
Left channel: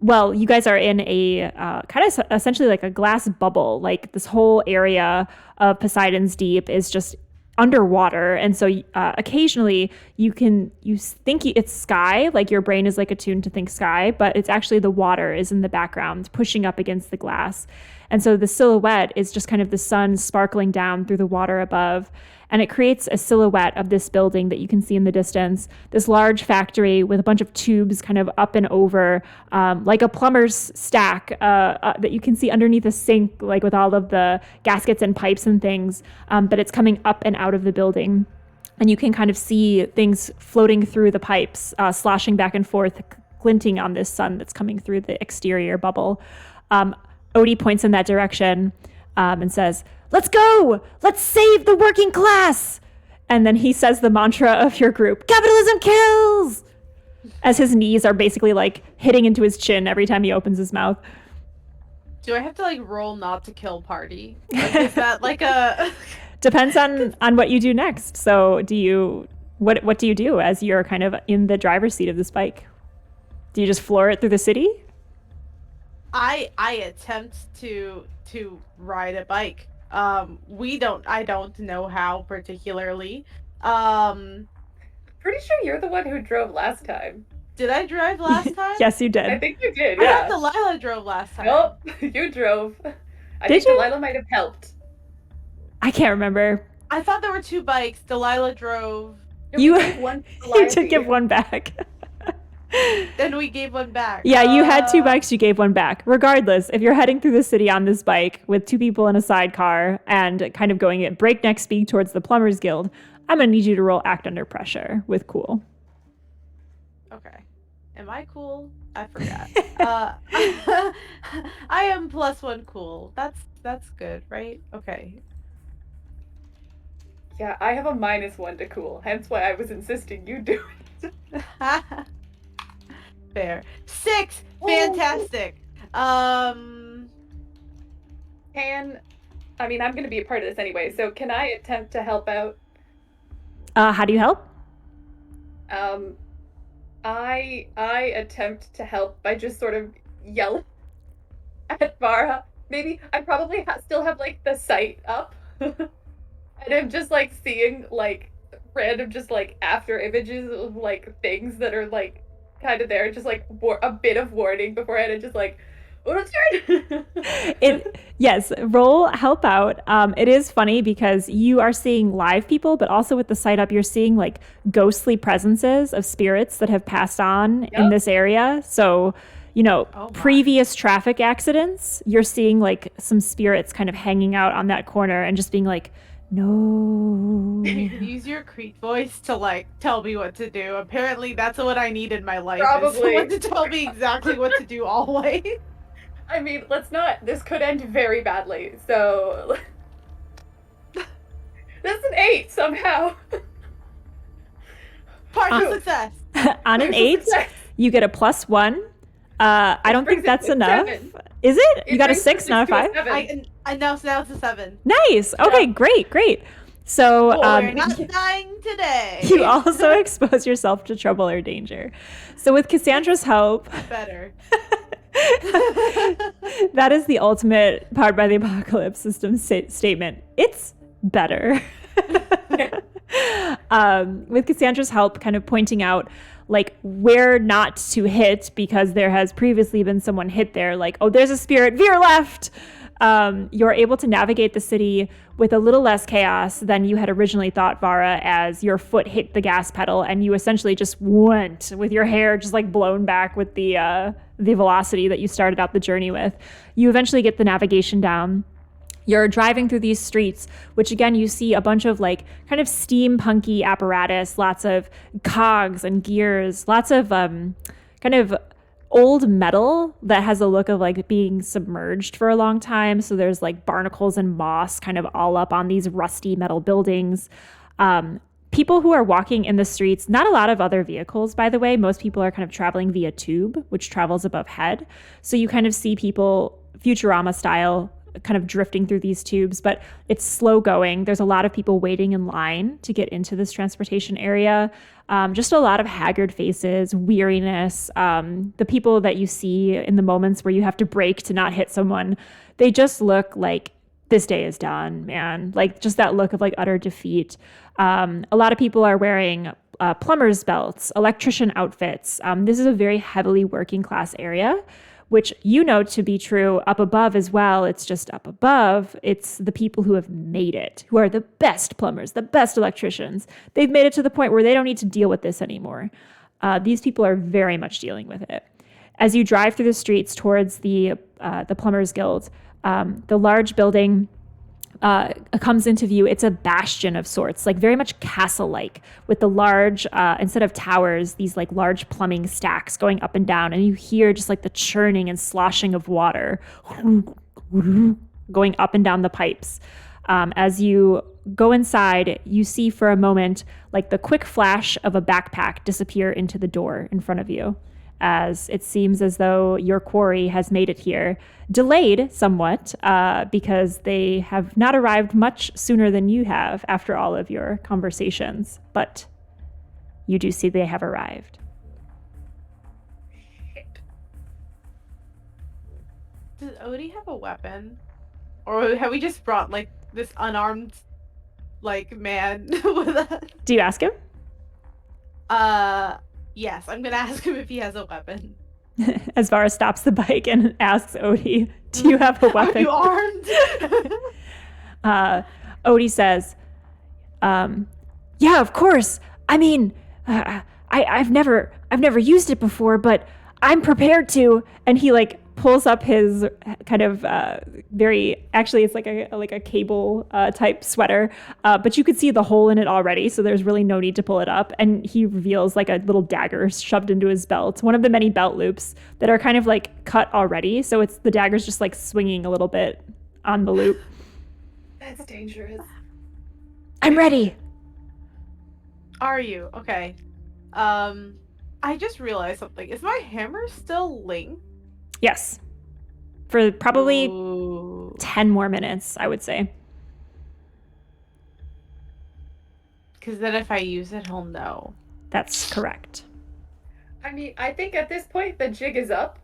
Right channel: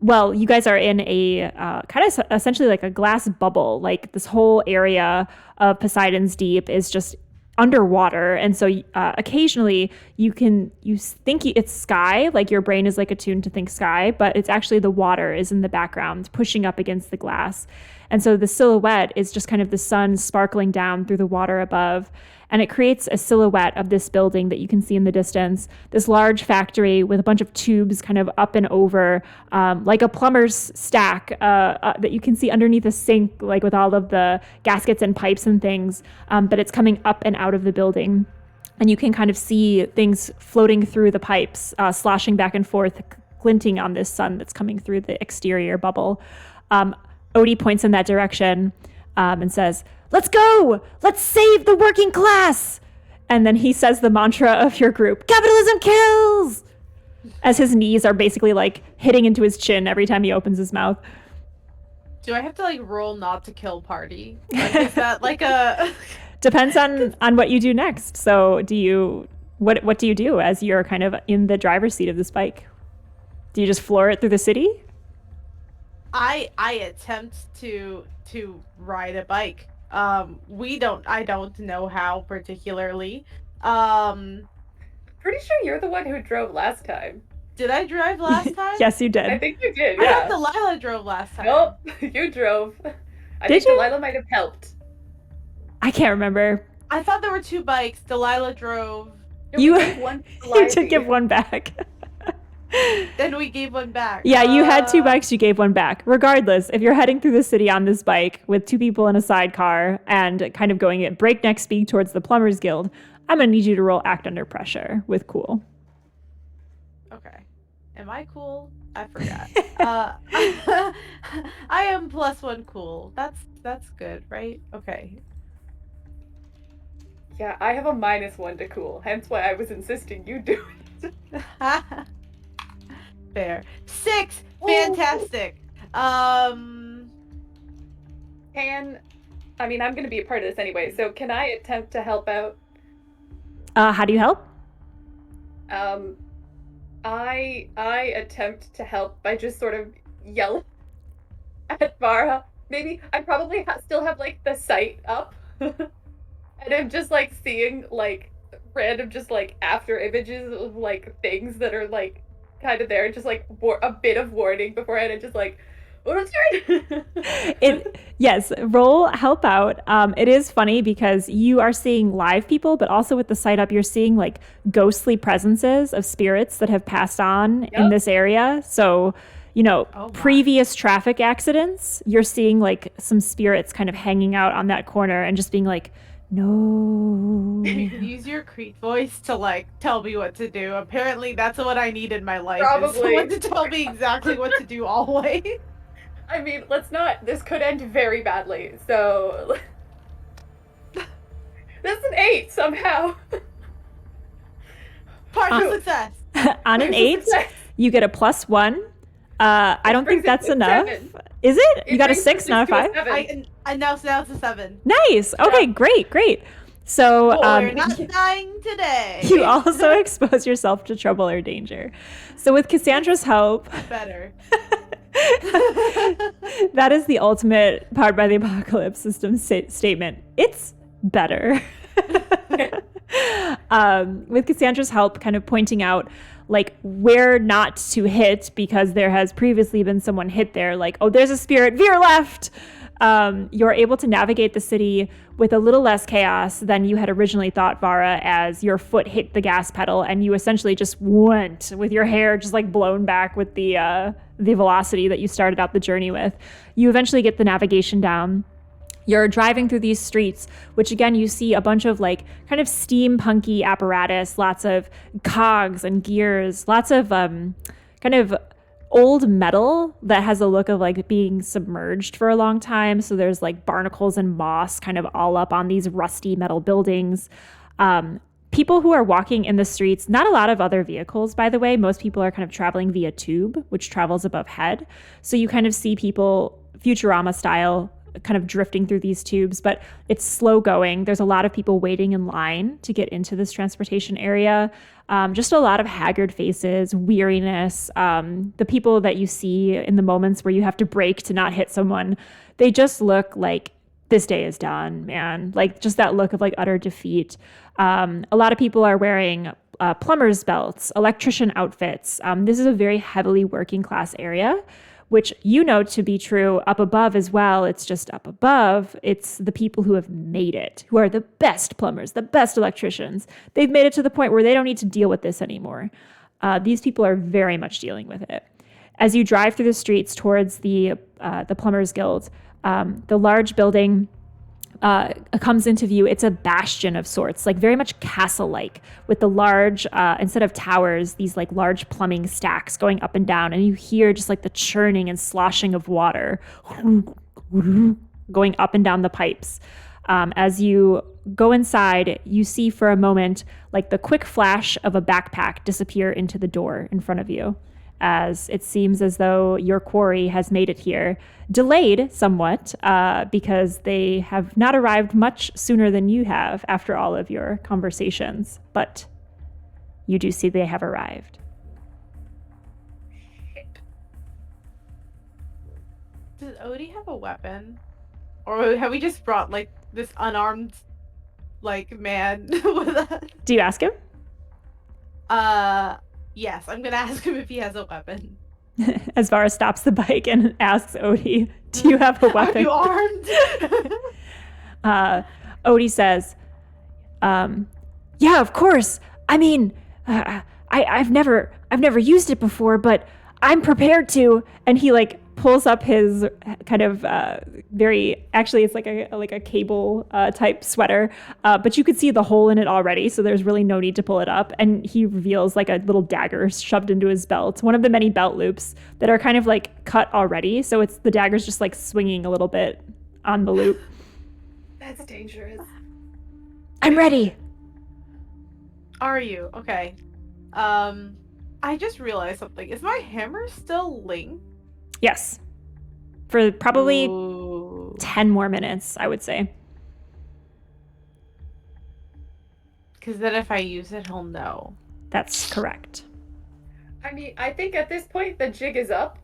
you guys are in a kind of essentially like a glass bubble. Like this whole area of Poseidon's Deep is just underwater, and so occasionally you think it's sky, like your brain is like attuned to think sky, but it's actually the water is in the background pushing up against the glass. And so the silhouette is just kind of the sun sparkling down through the water above, and it creates a silhouette of this building that you can see in the distance, this large factory with a bunch of tubes kind of up and over, like a plumber's stack that you can see underneath a sink, like with all of the gaskets and pipes and things, but it's coming up and out of the building. And you can kind of see things floating through the pipes, sloshing back and forth, glinting on this sun that's coming through the exterior bubble. Odie points in that direction and says, "Let's go! Let's save the working class!" And then he says the mantra of your group, "Capitalism kills!" as his knees are basically like hitting into his chin every time he opens his mouth. Do I have to like roll not to kill party? Like, is that like a... Depends on what you do next. So what do you do as you're kind of in the driver's seat of this bike? Do you just floor it through the city? I attempt to ride a bike. I don't know how particularly. Pretty sure you're the one who drove last time. Did I drive last time? Yes, you did. I think you did. I thought Delilah drove last time. Nope, you drove. I Did think you? Delilah might have helped. I can't remember. I thought there were two bikes. Delilah drove. You you took give one back. Then we gave one back. Yeah, you had two bikes, you gave one back. Regardless, if you're heading through the city on this bike with two people in a sidecar and kind of going at breakneck speed towards the Plumbers Guild, I'm going to need you to roll Act Under Pressure with cool. Okay. Am I cool? I forgot. I am +1 cool. That's good, right? Okay. Yeah, I have a -1 to cool, hence why I was insisting you do it. Fair. 6! Fantastic! I'm gonna be a part of this anyway, so can I attempt to help out? How do you help? I attempt to help by just sort of yelling at Vara. Maybe I probably still have like the sight up. And I'm just like seeing like random just like after images of like things that are like kind of there, just like a bit of warning beforehand, and just like, oh, it's Yes, roll help out. It is funny because you are seeing live people, but also with the sight up, you're seeing like ghostly presences of spirits that have passed on in this area. So, previous traffic accidents, you're seeing like some spirits kind of hanging out on that corner and just being like, No. You can use your Crete voice to like tell me what to do. Apparently, that's what I need in my life. Probably. Is someone to tell me exactly what to do always. I mean, let's not. This could end very badly. So that's an 8 somehow. Partial success. On an 8, you get a +1. I don't think that's enough. 7. Is it? You got a brings 6, not a 5? I know, so now it's a 7. Nice. Okay, great. So we're not dying today. you also expose yourself to trouble or danger. So with Cassandra's help, better. that is the ultimate Powered by the Apocalypse system statement. It's better. With Cassandra's help, kind of pointing out like where not to hit because there has previously been someone hit there, like, oh, there's a spirit, veer left. You're able to navigate the city with a little less chaos than you had originally thought, Vara, as your foot hit the gas pedal and you essentially just went with your hair just like blown back with the velocity that you started out the journey with. You eventually get the navigation down. You're driving through these streets, which again, you see a bunch of like kind of steampunky apparatus, lots of cogs and gears, lots of kind of old metal that has a look of like being submerged for a long time. So there's like barnacles and moss kind of all up on these rusty metal buildings. People who are walking in the streets, not a lot of other vehicles, by the way. Most people are kind of traveling via tube, which travels above head. So you kind of see people Futurama style kind of drifting through these tubes, but it's slow going. There's a lot of people waiting in line to get into this transportation area. Just a lot of haggard faces, weariness. The people that you see in the moments where you have to brake to not hit someone, they just look like this day is done, man. Like just that look of like utter defeat. A lot of people are wearing plumber's belts, electrician outfits. This is a very heavily working class area, which you know to be true up above as well. It's just up above. It's the people who have made it, who are the best plumbers, the best electricians. They've made it to the point where they don't need to deal with this anymore. These people are very much dealing with it. As you drive through the streets towards the Plumbers Guild, the large building comes into view. It's a bastion of sorts, like very much castle-like, with the large, instead of towers, these like large plumbing stacks going up and down, and you hear just like the churning and sloshing of water going up and down the pipes. As you go inside, you see for a moment like the quick flash of a backpack disappear into the door in front of you, as it seems as though your quarry has made it here. Delayed somewhat, because they have not arrived much sooner than you have after all of your conversations, but you do see they have arrived. Does Odie have a weapon? Or have we just brought like this unarmed like man with us? Do you ask him? Yes, I'm gonna ask him if he has a weapon. As Vara stops the bike and asks Odie, do you have a weapon? Are you armed? Odie says, yeah, of course. I mean, I've never used it before, but I'm prepared to. And he like pulls up his kind of actually it's like a cable type sweater, but you could see the hole in it already, so there's really no need to pull it up. And he reveals like a little dagger shoved into his belt, one of the many belt loops that are kind of like cut already, so it's the dagger's just like swinging a little bit on the loop. That's dangerous. I'm ready. Are you? Okay. I just realized something. Is my hammer still linked? Yes. For probably Ooh. 10 more minutes, I would say. Because then if I use it, he'll know. That's correct. I mean, I think at this point the jig is up.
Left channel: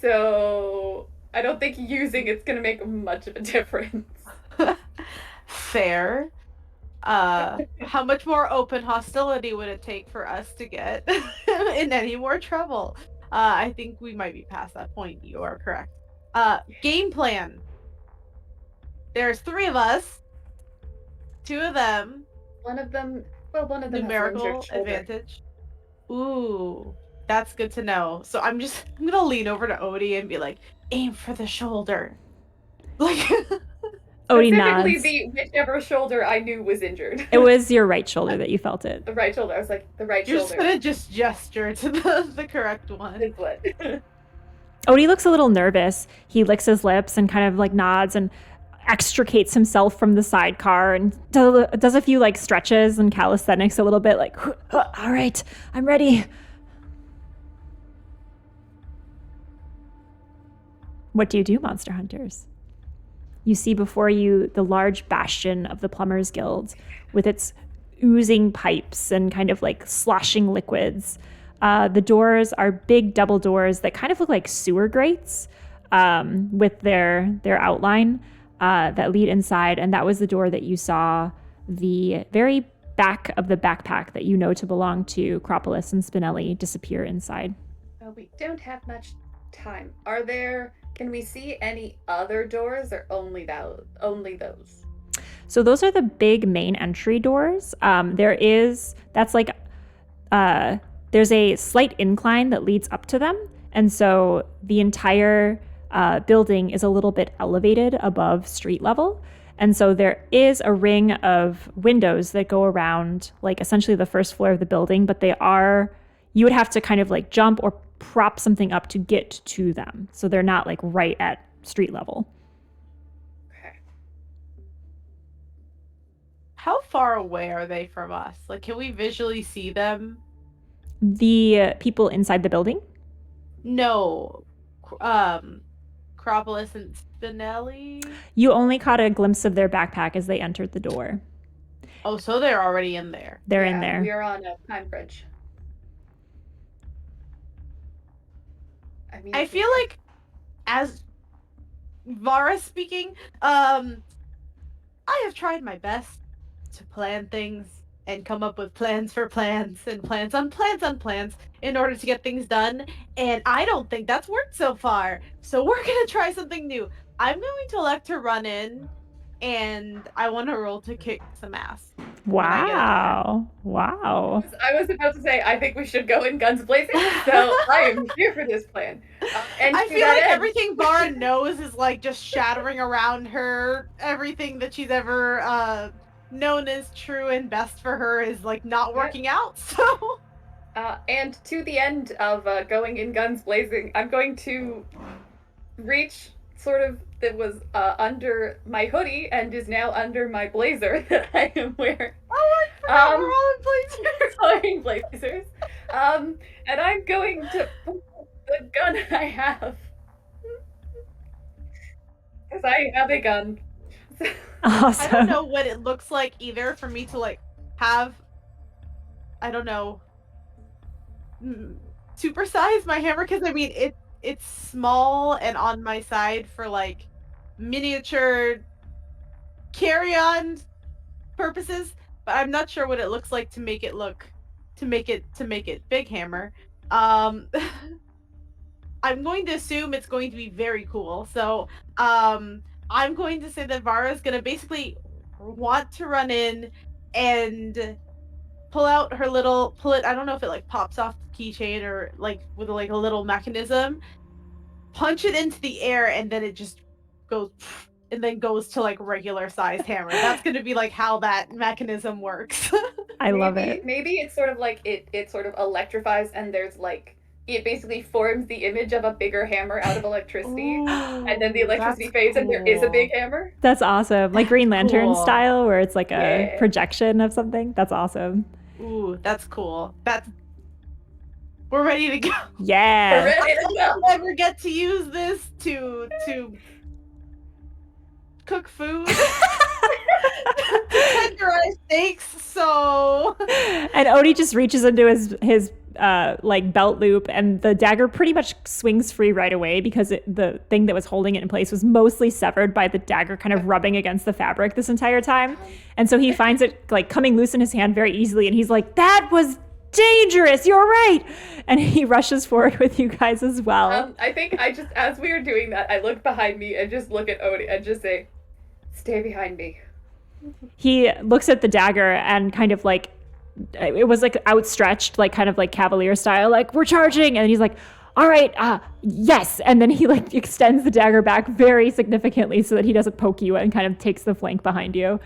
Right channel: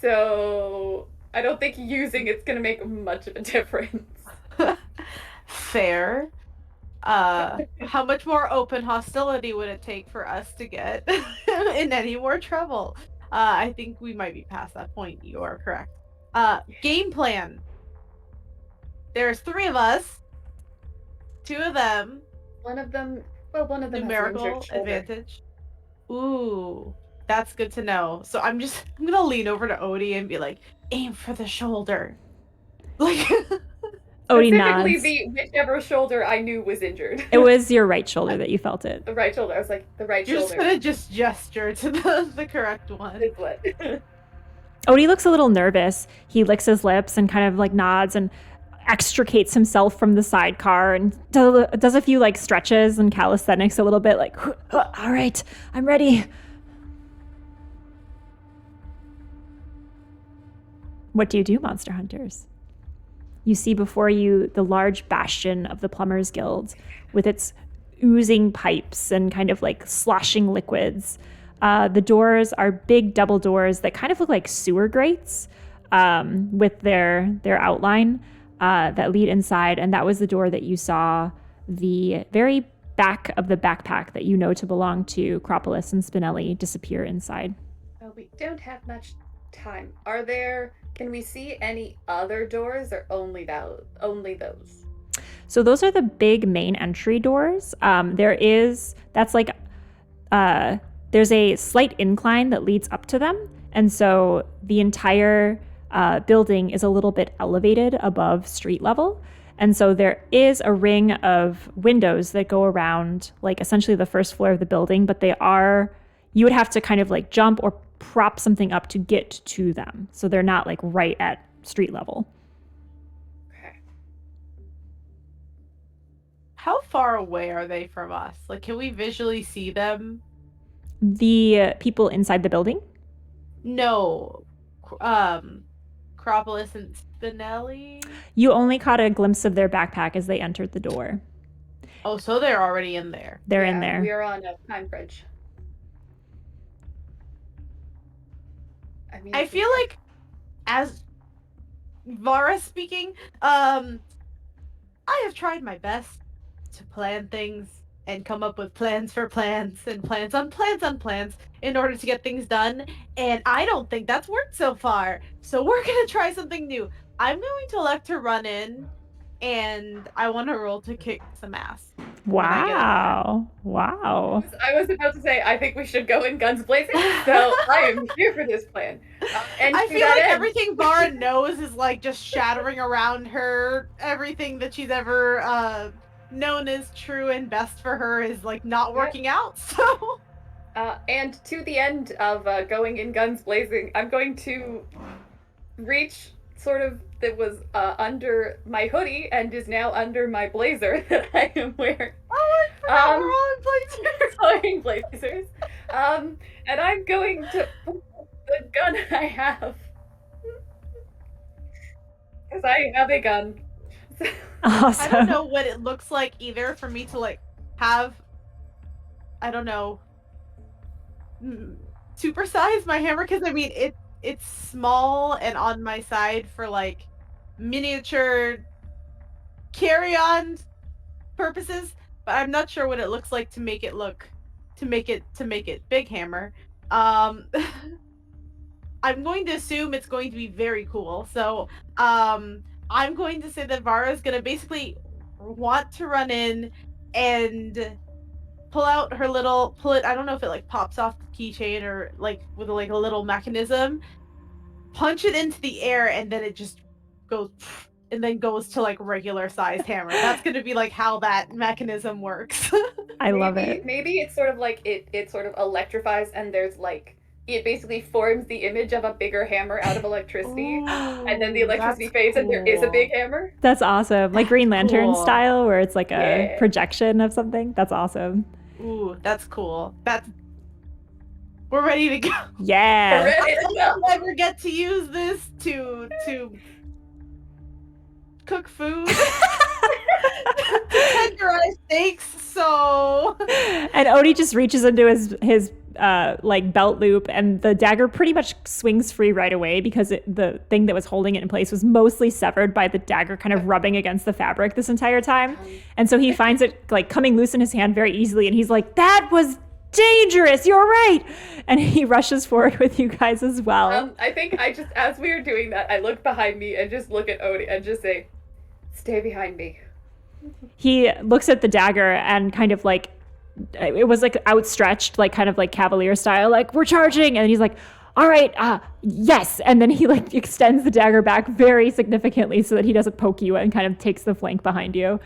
So I don't think using it's gonna make much of a difference. Fair. How much more open hostility would it take for us to get in any more trouble? I think we might be past that point. You are correct. Game plan. There's 3 of us. 2 of them. One of them Numerical advantage. Ooh, that's good to know. So I'm gonna lean over to Odie and be like, aim for the shoulder. Like Odie Specifically nods. the whichever shoulder I knew was injured. It was your right shoulder that you felt it. The right shoulder. I was like, the right You're shoulder. just gonna just gesture to the correct one. Is what. Odie looks a little nervous. He licks his lips and kind of like nods and extricates himself from the sidecar and does a few like stretches and calisthenics a little bit, like, all right, I'm ready. What do you do, monster hunters? You see before you the large bastion of the Plumbers Guild with its oozing pipes and kind of like sloshing liquids. The doors are big double doors that kind of look like sewer grates with their outline that lead inside. And that was the door that you saw the very back of the backpack that you know to belong to Acropolis and Spinelli disappear inside. Well, we don't have much time. Can we see any other doors or only those? So those are the big main entry doors. There's a slight incline that leads up to them. And so the entire building is a little bit elevated above street level. And so there is a ring of windows that go around like essentially the first floor of the building, but you would have to kind of like jump or prop something up to get to them. So they're not like right at street level. Okay. How far away are they from us? Like, can we visually see them? The people inside the building? No. Acropolis and Spinelli? You only caught a glimpse of their backpack as they entered the door. Oh, so they're already in there. They're in there. We are on a time bridge. I feel like, as Vara speaking, I have tried my best to plan things and come up with plans for plans and plans on plans on plans in order to get things done, and I don't think that's worked so far. So we're gonna try something new. I'm going to elect to run in, and I want to roll to kick some ass. Wow. I was about to say, I think we should go in guns blazing, so I am here for this plan. And I feel like everything Vara knows is like just shattering around her. Everything that she's ever known as true and best for her is like not working out, so... And to the end of going in guns blazing, I'm going to reach sort of that was under my hoodie and is now under my blazer that I am wearing. Oh, I forgot we're all in blazers. Wearing blazers. And I'm going to put the gun I have. Because I have a gun. Awesome. I don't know what it looks like either for me to like have, I don't know, supersize my hammer, because I mean it's small and on my side for like miniature carry-on purposes, but I'm not sure what it looks like to make it big hammer. I'm going to assume it's going to be very cool. So I'm going to say that Vara's gonna basically want to run in and pull out her I don't know if it like pops off the keychain or like with like a little mechanism, punch it into the air, and then it just goes and then goes to like regular sized hammer. That's gonna be like how that mechanism works. I love it. Maybe it's sort of like it sort of electrifies, and there's like it basically forms the image of a bigger hammer out of electricity. Ooh, and then the electricity fades and there is a big hammer. That's awesome. Like Green Lantern style, where it's like a projection of something. That's awesome. Ooh, that's cool. We're ready to go. Yeah. We're ready to go. I'll never get to use this to cook food. Tenderize steaks, so... And Odie just reaches into his like belt loop, and the dagger pretty much swings free right away because the thing that was holding it in place was mostly severed by the dagger kind of rubbing against the fabric this entire time. And so he finds it like coming loose in his hand very easily, and he's like, that was dangerous, you're right. And he rushes forward with you guys as well. I think as we were doing that, I look behind me and just look at Odie and just say, stay behind me. He looks at the dagger and kind of like, it was like outstretched, like kind of like cavalier style, like we're charging. And he's like, all right, yes. And then he like extends the dagger back very significantly so that he doesn't poke you and kind of takes the flank behind you,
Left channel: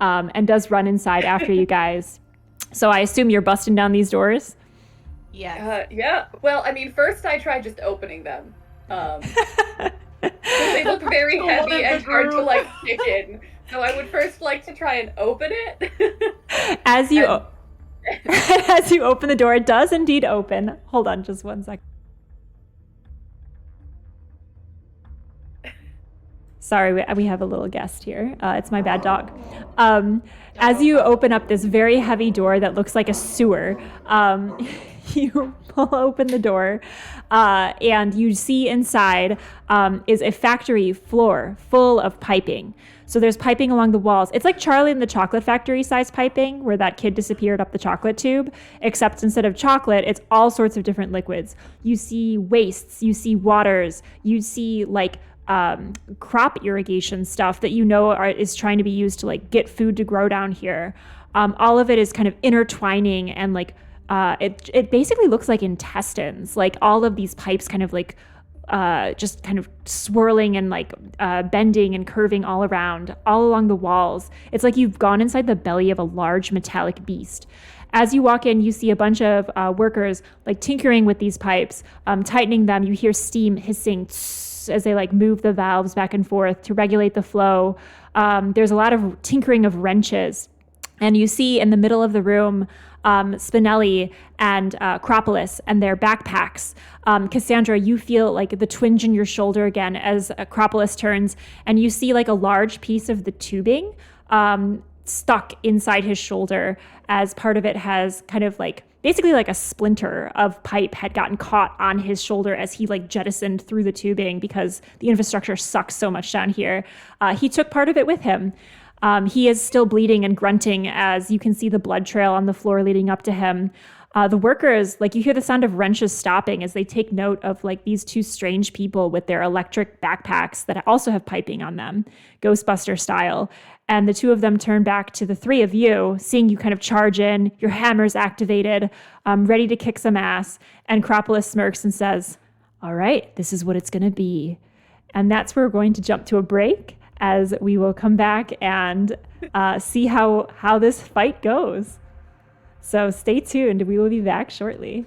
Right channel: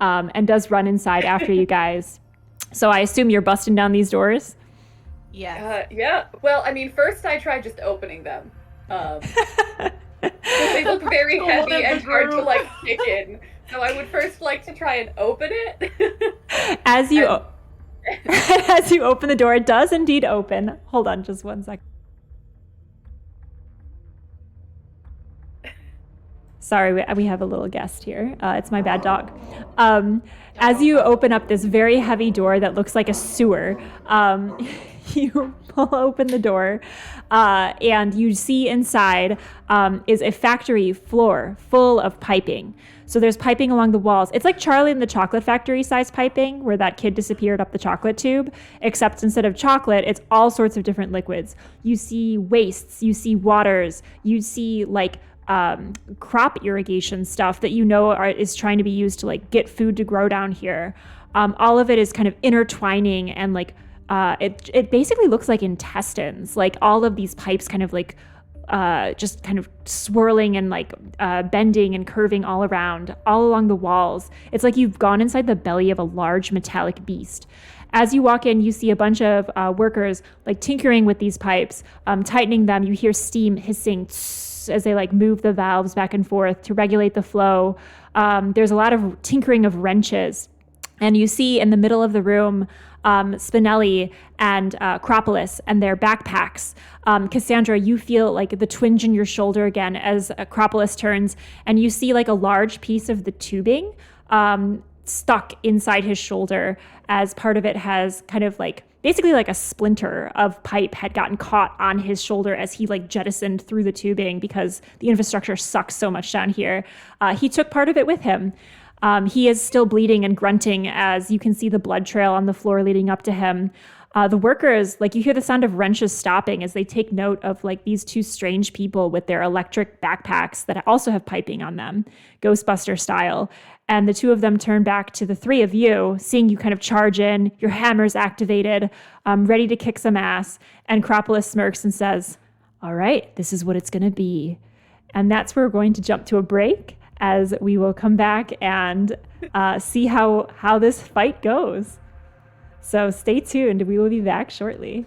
and does run inside after you guys. So I assume you're busting down these doors? Yeah. Well, I mean, first I tried just opening them. They look very heavy and hard to like kick in. So I would first like to try and open it. As you open the door, it does indeed open. Hold on just 1 second. Sorry, we have a little guest here. It's my bad dog. As you open up this very heavy door that looks like a sewer, you pull open the door, and you see inside is a factory floor full of piping. So there's piping along the walls. It's like Charlie and the Chocolate Factory size piping, where that kid disappeared up the chocolate tube, except instead of chocolate, it's all sorts of different liquids. You see wastes, you see waters, you see like crop irrigation stuff that is trying to be used to like get food to grow down here. All of it is kind of intertwining, and like it basically looks like intestines. Like all of these pipes kind of like just kind of swirling and like bending and curving all around, all along the walls. It's like you've gone inside the belly of a large metallic beast. As you walk in, you see a bunch of workers like tinkering with these pipes, tightening them. You hear steam hissing as they like move the valves back and forth to regulate the flow. There's a lot of tinkering of wrenches. And you see in the middle of the room, Spinelli and Acropolis and their backpacks. Cassandra, you feel like the twinge in your shoulder again as Acropolis turns, and you see like a large piece of the tubing stuck inside his shoulder, as part of it has kind of like basically like a splinter of pipe had gotten caught on his shoulder as he like jettisoned through the tubing because the infrastructure sucks so much down here. He took part of it with him. He is still bleeding and grunting as you can see the blood trail on the floor leading up to him. The workers, like you hear the sound of wrenches stopping as they take note of like these two strange people with their electric backpacks that also have piping on them, Ghostbuster style. And the two of them turn back to the three of you, seeing you kind of charge in, your hammer's activated, ready to kick some ass. And Acropolis smirks and says, all right, this is what it's going to be. And that's where we're going to jump to a break, as we will come back and see how this fight goes. So stay tuned. We will be back shortly.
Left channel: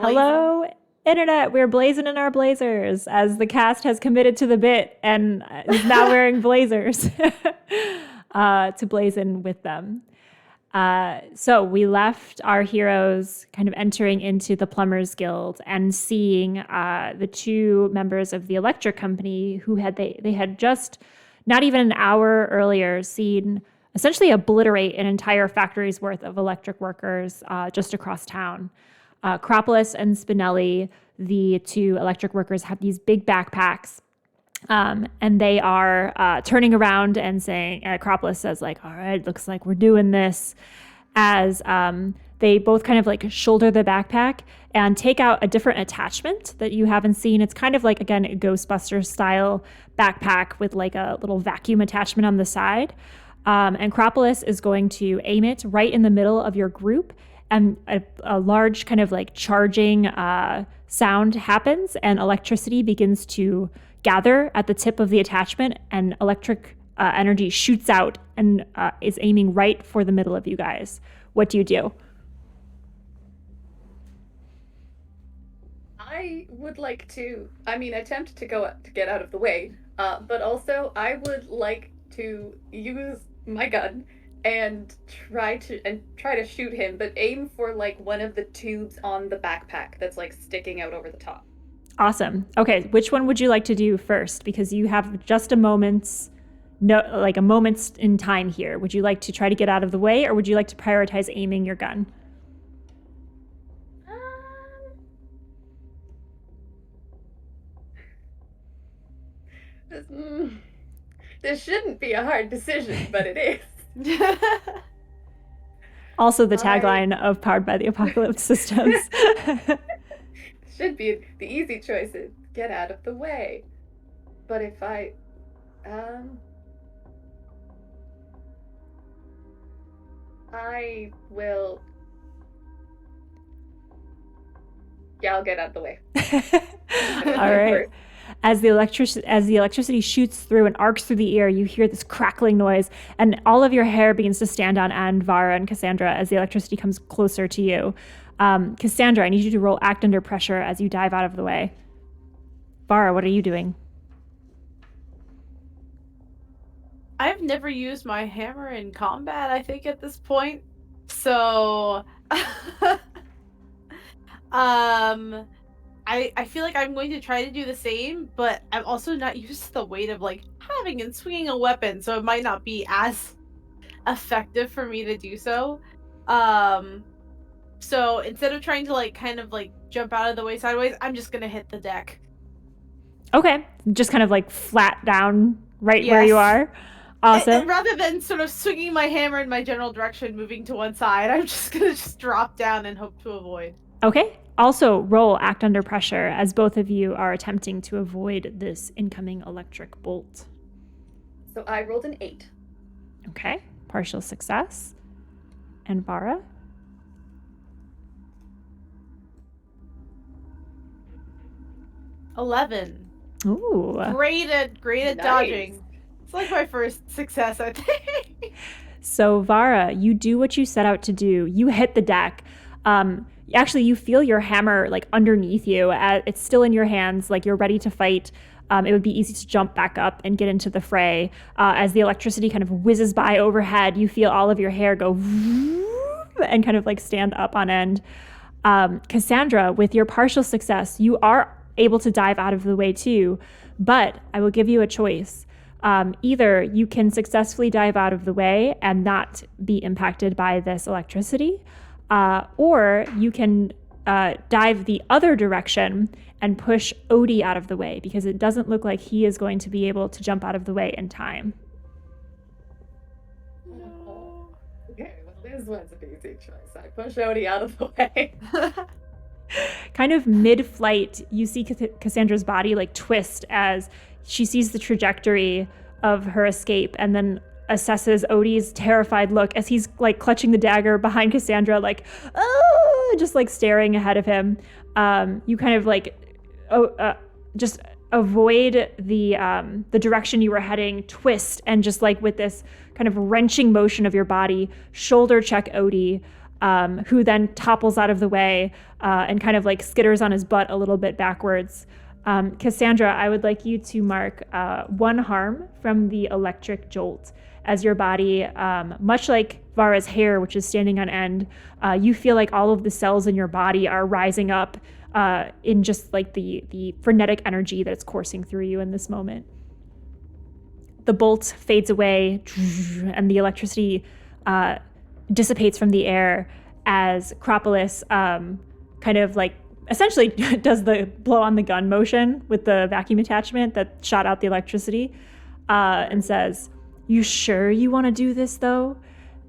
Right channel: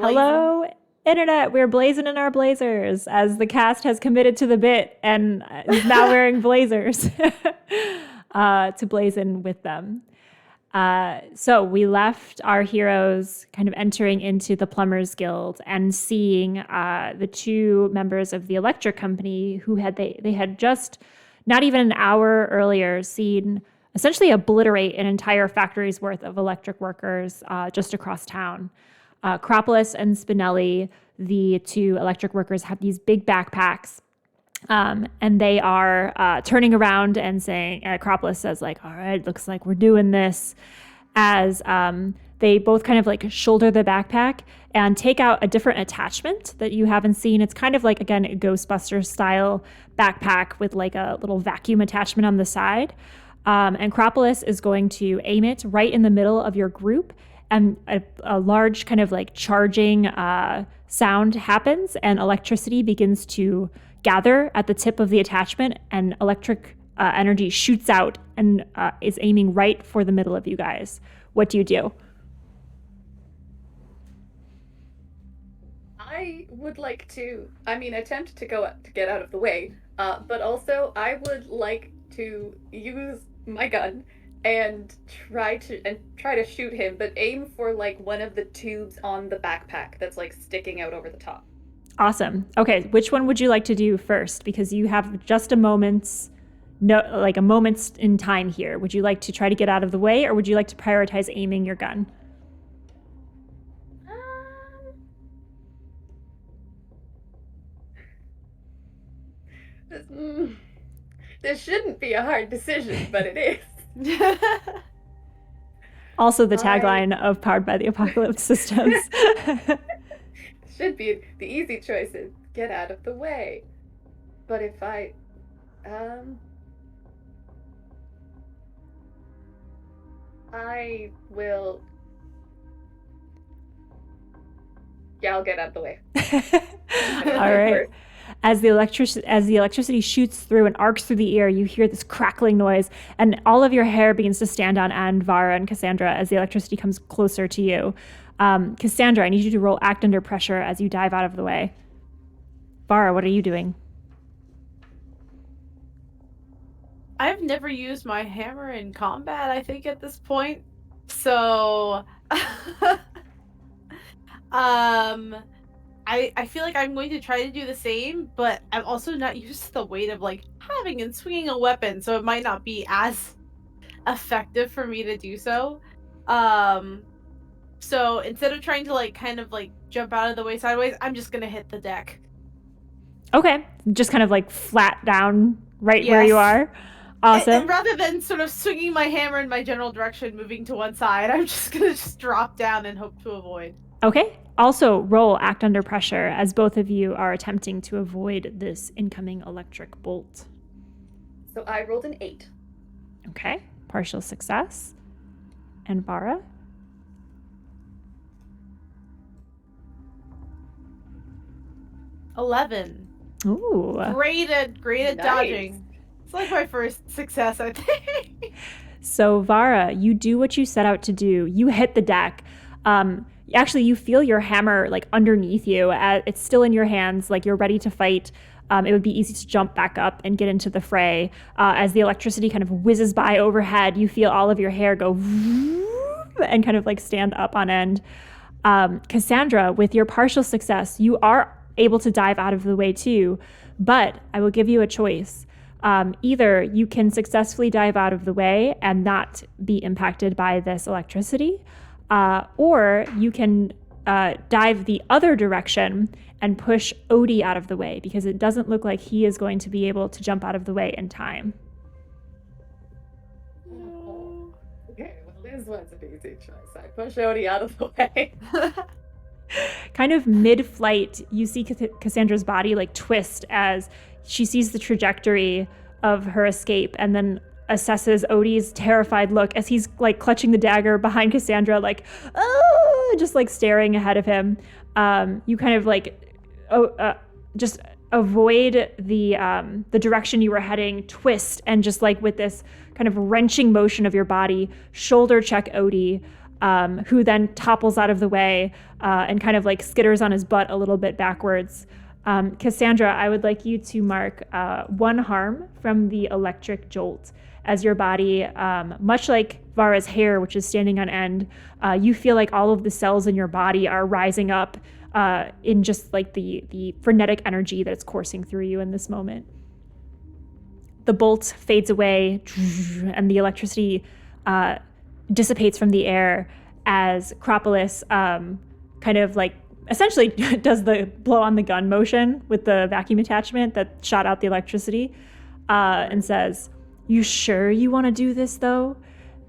Hello, internet. We're blazing in our blazers as the cast has committed to the bit and is now wearing blazers to blazon with them. So we left our heroes kind of entering into the Plumbers Guild and seeing the two members of the electric company who they had just not even an hour earlier seen essentially obliterate an entire factory's worth of electric workers just across town. Acropolis and Spinelli, the two electric workers, have these big backpacks. And they are turning around and saying, Acropolis says like, all right, looks like we're doing this, as they both kind of like shoulder the backpack and take out a different attachment that you haven't seen. It's kind of like, again, a Ghostbusters style backpack with like a little vacuum attachment on the side. And Acropolis is going to aim it right in the middle of your group, and a large kind of like charging sound happens, and electricity begins to gather at the tip of the attachment, and electric energy shoots out and is aiming right for the middle of you guys. What do you do? I would like to, attempt to get out of the way, but also I would like to use my gun and try to shoot him, but aim for like one of the tubes on the backpack that's like sticking out over the top. Awesome. Okay, which one would you like to do first? Because you have just a moment's in time here. Would you like to try to get out of the way, or would you like to prioritize aiming your gun? This shouldn't be a hard decision, but it is. Also the tagline of Powered by the Apocalypse Systems. Should be the easy choice is get out of the way. But if I will, I'll get out of the way. All right. As the electricity shoots through and arcs through the air, you hear this crackling noise, and all of your hair begins to stand on end, Vara and Cassandra, as the electricity comes closer to you. Cassandra, I need you to roll Act Under Pressure as you dive out of the way. Vara, what are you doing? I've never used my hammer in combat, I think, at this point. So, I feel like I'm going to try to do the same, but I'm also not used to the weight of like having and swinging a weapon, so it might not be as effective for me to do so. So instead of trying to like kind of like jump out of the way sideways, I'm just gonna hit the deck. Okay, just kind of like flat down right where you are. Awesome. And rather than sort of swinging my hammer in my general direction, moving to one side, I'm just gonna drop down and hope to avoid. Okay. Also, roll Act Under Pressure as both of you are attempting to avoid this incoming electric bolt. So I rolled an 8. Okay. Partial success. And Vara? 11. Ooh. Great at nice. Dodging. It's like my first success, I think. So, Vara, you do what you set out to do. You hit the deck. Actually, you feel your hammer like underneath you. It's still in your hands, like you're ready to fight. It would be easy to jump back up and get into the fray. As the electricity kind of whizzes by overhead, you feel all of your hair go and kind of like stand up on end. Cassandra, with your partial success, you are able to dive out of the way too, but I will give you a choice. Either you can successfully dive out of the way and not be impacted by this electricity, or you can dive the other direction and push Odie out of the way, because it doesn't look like he is going to be able to jump out of the way in time. Okay, well, this one's an easy choice. I push Odie out of the way. Kind of mid-flight, you see Cassandra's body like twist as she sees the trajectory of her escape, and then assesses Odie's terrified look as he's like clutching the dagger behind Cassandra, like, oh, just like staring ahead of him. You kind of like just avoid the direction you were heading, twist, and just like with this kind of wrenching motion of your body, shoulder check Odie. who then topples out of the way and kind of like skitters on his butt a little bit backwards. Cassandra, I would like you to mark 1 harm from the electric jolt as your body, much like Vara's hair, which is standing on end, you feel like all of the cells in your body are rising up in just like the frenetic energy that's coursing through you in this moment. The bolt fades away and the electricity dissipates from the air as Acropolis kind of like essentially does the blow on the gun motion with the vacuum attachment that shot out the electricity and says, "You sure you want to do this though?"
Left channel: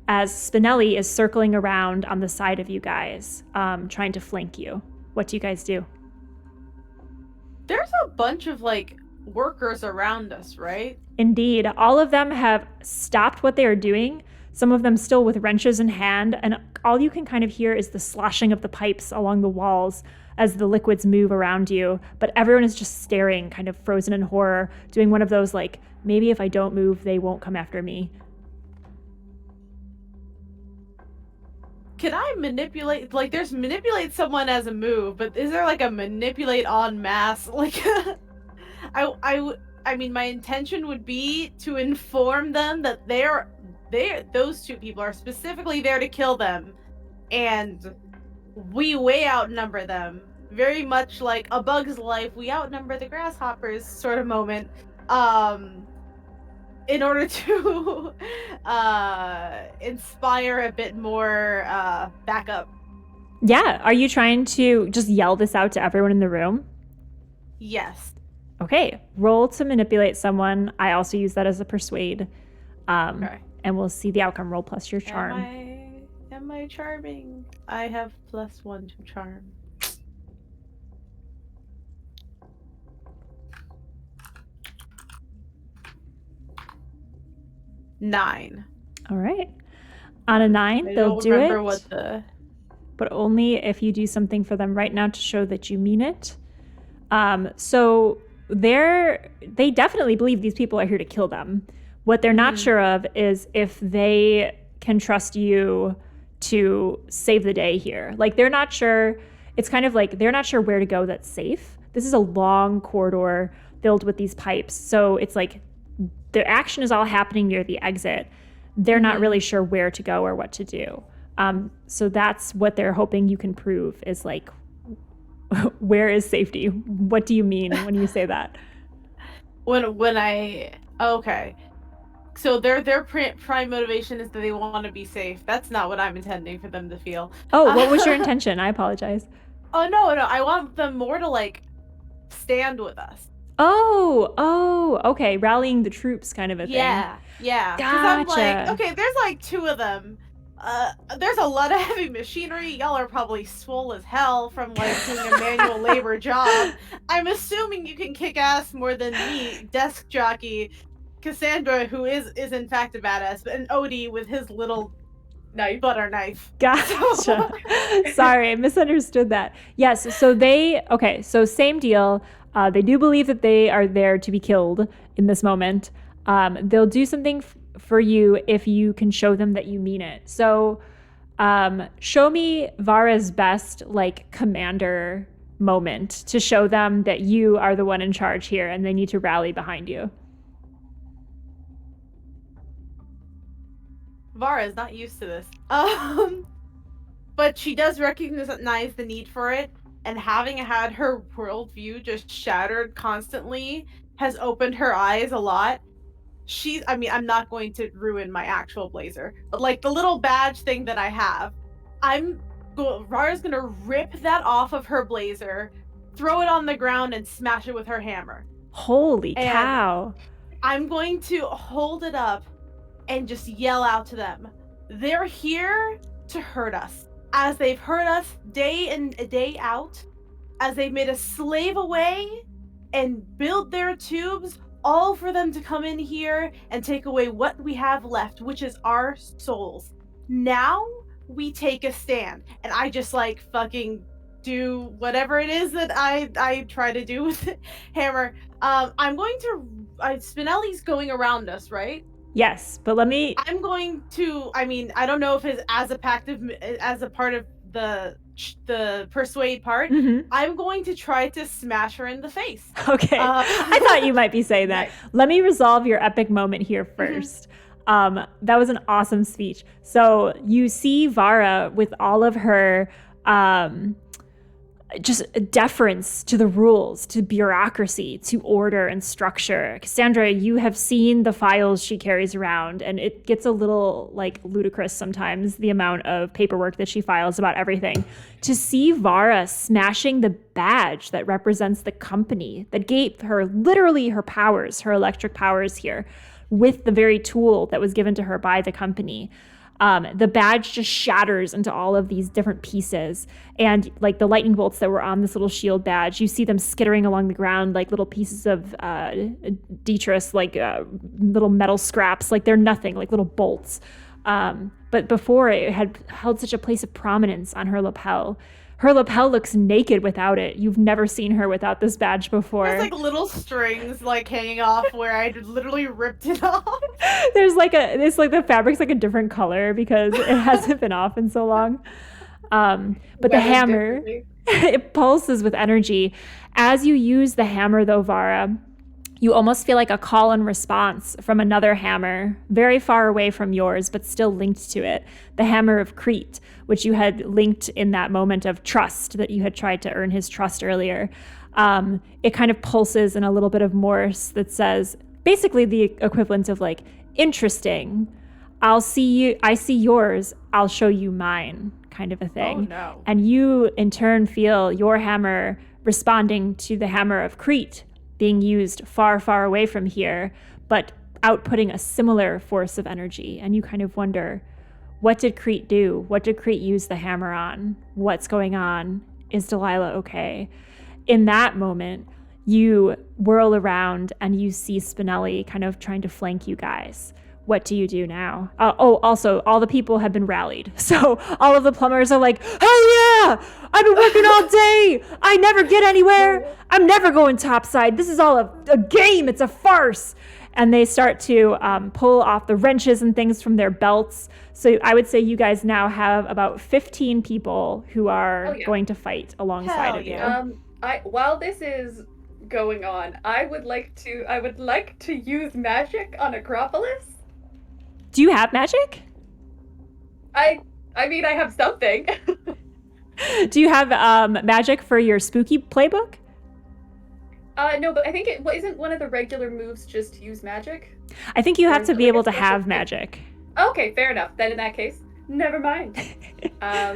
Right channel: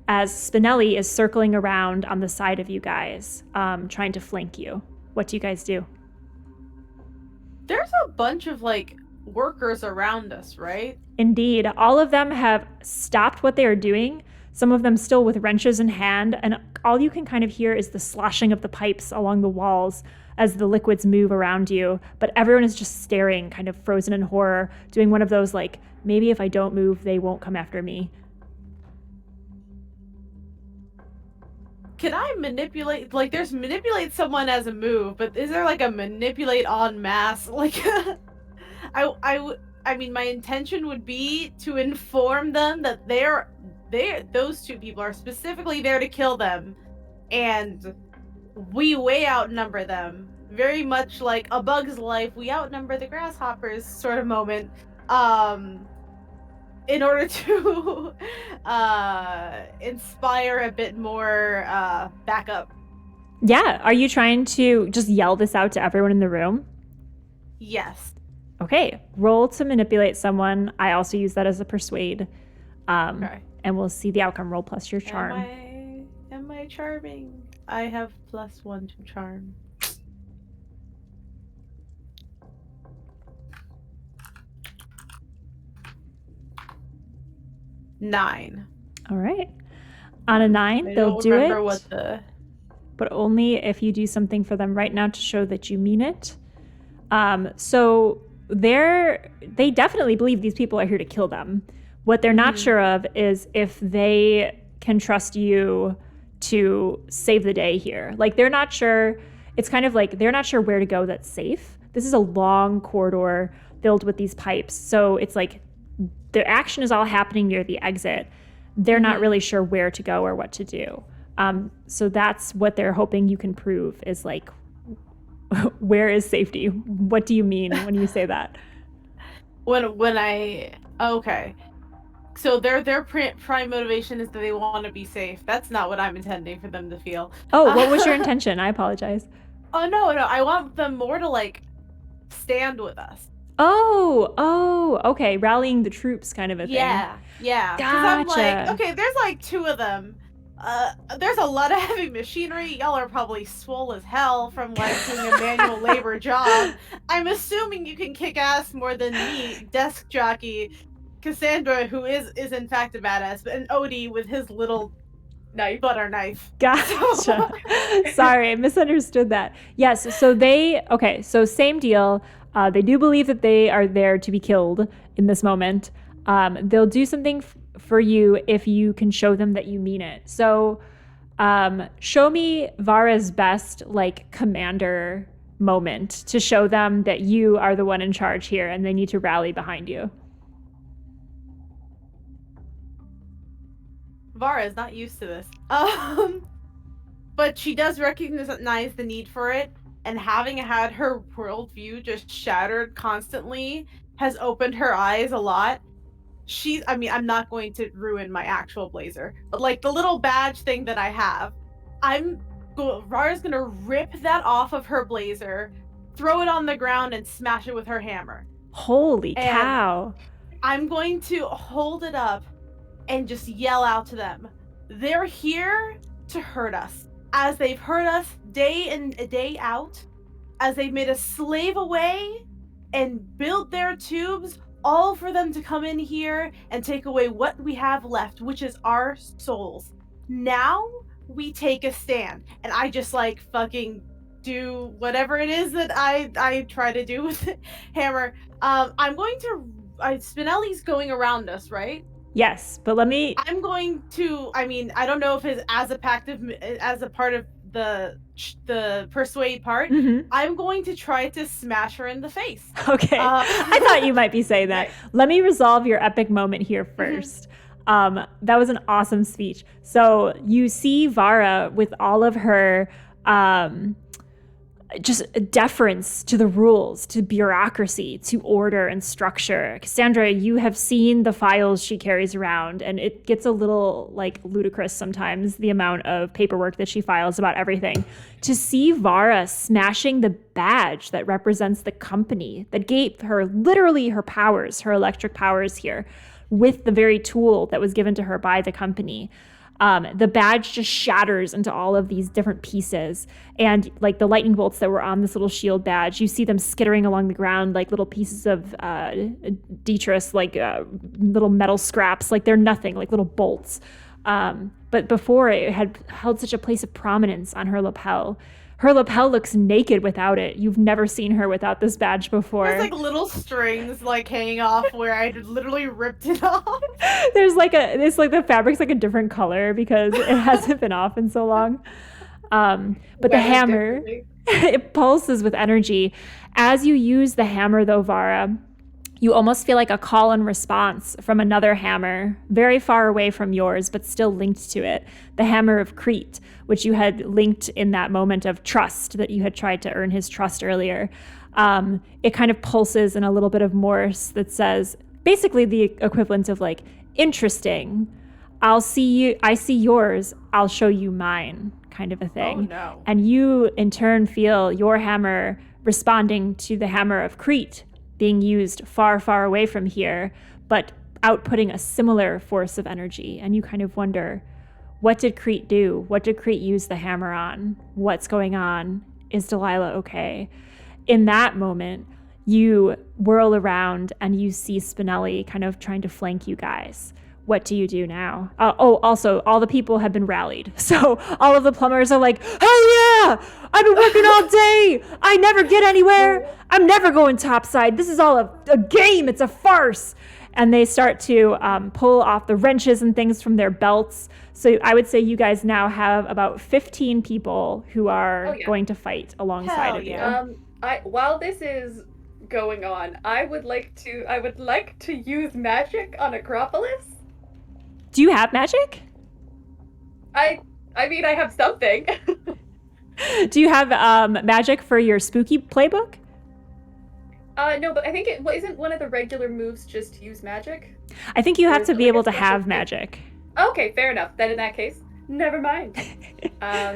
As Spinelli is circling around on the side of you guys, trying to flank you. What do you guys do? There's a bunch of like workers around us, right? Indeed. All of them have stopped what they are doing, some of them still with wrenches in hand, and all you can kind of hear is the sloshing of the pipes along the walls as the liquids move around you. But everyone is just staring, kind of frozen in horror, doing one of those like, maybe if I don't move, they won't come after me. Can I manipulate, like there's manipulate someone as a move, but is there like a manipulate en masse? Like, I mean, my intention would be to inform them that those 2 people are specifically there to kill them, and we way outnumber them. Very much like A Bug's Life, we outnumber the grasshoppers sort of moment. In order to inspire a bit more backup. Yeah. Are you trying to just yell this out to everyone in the room? Yes. Okay. Roll to manipulate someone. I also use that as a persuade. Okay. And we'll see the outcome. Roll plus your charm. Am I charming? I have +1 to charm. Nine. All right. On a 9, they'll do it. But only if you do something for them right now to show that you mean it. So they definitely believe these people are here to kill them. What they're not sure of is if they can trust you to save the day here. Like, they're not sure. It's kind of like they're not sure where to go that's safe. This is a long corridor filled with these pipes. So it's like the action is all happening near the exit. They're not really sure where to go or what to do. So that's what they're hoping you can prove is like, where is safety? What do you mean when you say that? Okay. So their prime motivation is that they want to be safe. That's not what I'm intending for them to feel. Oh, what was your intention? I apologize. Oh, no. I want them more to like stand with us. Oh, okay. Rallying the troops kind of a thing. Yeah. Gotcha. I'm like, okay, there's like 2 of them. There's a lot of heavy machinery. Y'all are probably swole as hell from like doing a manual labor job. I'm assuming you can kick ass more than me, desk jockey, Cassandra, who is in fact a badass, and Odie with his little butter knife. Gotcha. Sorry, I misunderstood that. Yes, so same deal. They do believe that they are there to be killed in this moment. They'll do something for you if you can show them that you mean it. So show me Vara's best like commander moment to show them that you are the one in charge here and they need to rally behind you. Vara is not used to this. But she does recognize the need for it, and having had her worldview just shattered constantly has opened her eyes a lot. I'm not going to ruin my actual blazer, but like the little badge thing that I have, Vara's gonna rip that off of her blazer, throw it on the ground, and smash it with her hammer. Holy cow. I'm going to hold it up and just yell out to them. They're here to hurt us, as they've hurt us day in day out, as they've made us slave away and build their tubes, all for them to come in here and take away what we have left, which is our souls. Now we take a stand, and I just like fucking do whatever it is that I try to do with the hammer. I'm going to Spinelli's going around us, right? Yes, but let me... I'm going to, I mean, I don't know if it's as a part of the persuade part. Mhm. I'm going to try to smash her in the face. Okay. I thought you might be saying that. Nice. Let me resolve your epic moment here first. That was an awesome speech. So you see Vara with all of her just deference to the rules, to bureaucracy, to order and structure. Cassandra, you have seen the files she carries around, and it gets a little like ludicrous sometimes, the amount of paperwork that she files about everything. To see Vara smashing the badge that represents the company, that gave her literally her powers, her electric powers here, with the very tool that was given to her by the company. The badge just shatters into all of these different pieces. And like the lightning bolts that were on this little shield badge, you see them skittering along the ground like little pieces of detritus, like little metal scraps, like they're nothing, like little bolts. But before, it had held such a place of prominence on her lapel. Her lapel looks naked without it. You've never seen her without this badge before. There's like little strings like hanging off where I literally ripped it off. There's like it's like the fabric's like a different color because it hasn't been off in so long. But the hammer, it pulses with energy. As you use the hammer though, Vara, you almost feel like a call and response from another hammer, very far away from yours, but still linked to it. The hammer of Crete, which you had linked in that moment of trust that you had tried to earn his trust earlier. It kind of pulses in a little bit of Morse that says basically the equivalent of like, interesting. I see yours, I'll show you mine, kind of a thing. Oh, no. And you in turn feel your hammer responding to the hammer of Crete, being used far, far away from here, but outputting a similar force of energy. And you kind of wonder, what did Crete do? What did Crete use the hammer on? What's going on? Is Delilah okay? In that moment, you whirl around and you see Spinelli kind of trying to flank you guys. What do you do now? Also, all the people have been rallied. So all of the plumbers are like, hell yeah! I've been working all day! I never get anywhere! I'm never going topside. This is all a game. It's a farce. And they start to pull off the wrenches and things from their belts. So I would say you guys now have about 15 people who are going to fight alongside of you. While this is going on, I would like to use magic on Acropolis. Do you have magic? I mean, I have something. Do you have magic for your spooky playbook? No, but I think isn't one of the regular moves just to use magic? I think you have to be able to have magic. Okay, fair enough. Then in that case, never mind.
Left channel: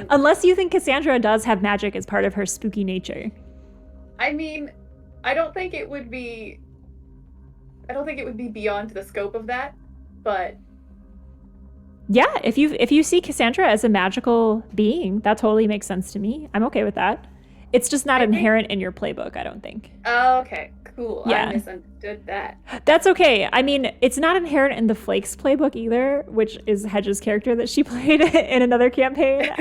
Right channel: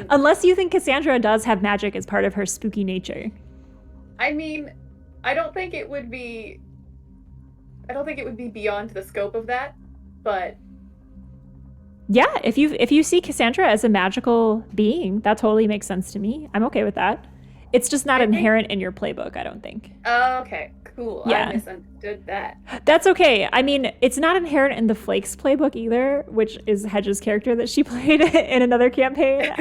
Unless you think Cassandra does have magic as part of her spooky nature. I mean, I don't think it would be beyond the scope of that, but yeah, if you see Cassandra as a magical being, that totally makes sense to me. I'm okay with that. It's just not inherent in your playbook, I don't think. Okay, cool. Yeah. I misunderstood that. That's okay. I mean, it's not inherent in the Flakes playbook either, which is Hedge's character that she played in another campaign.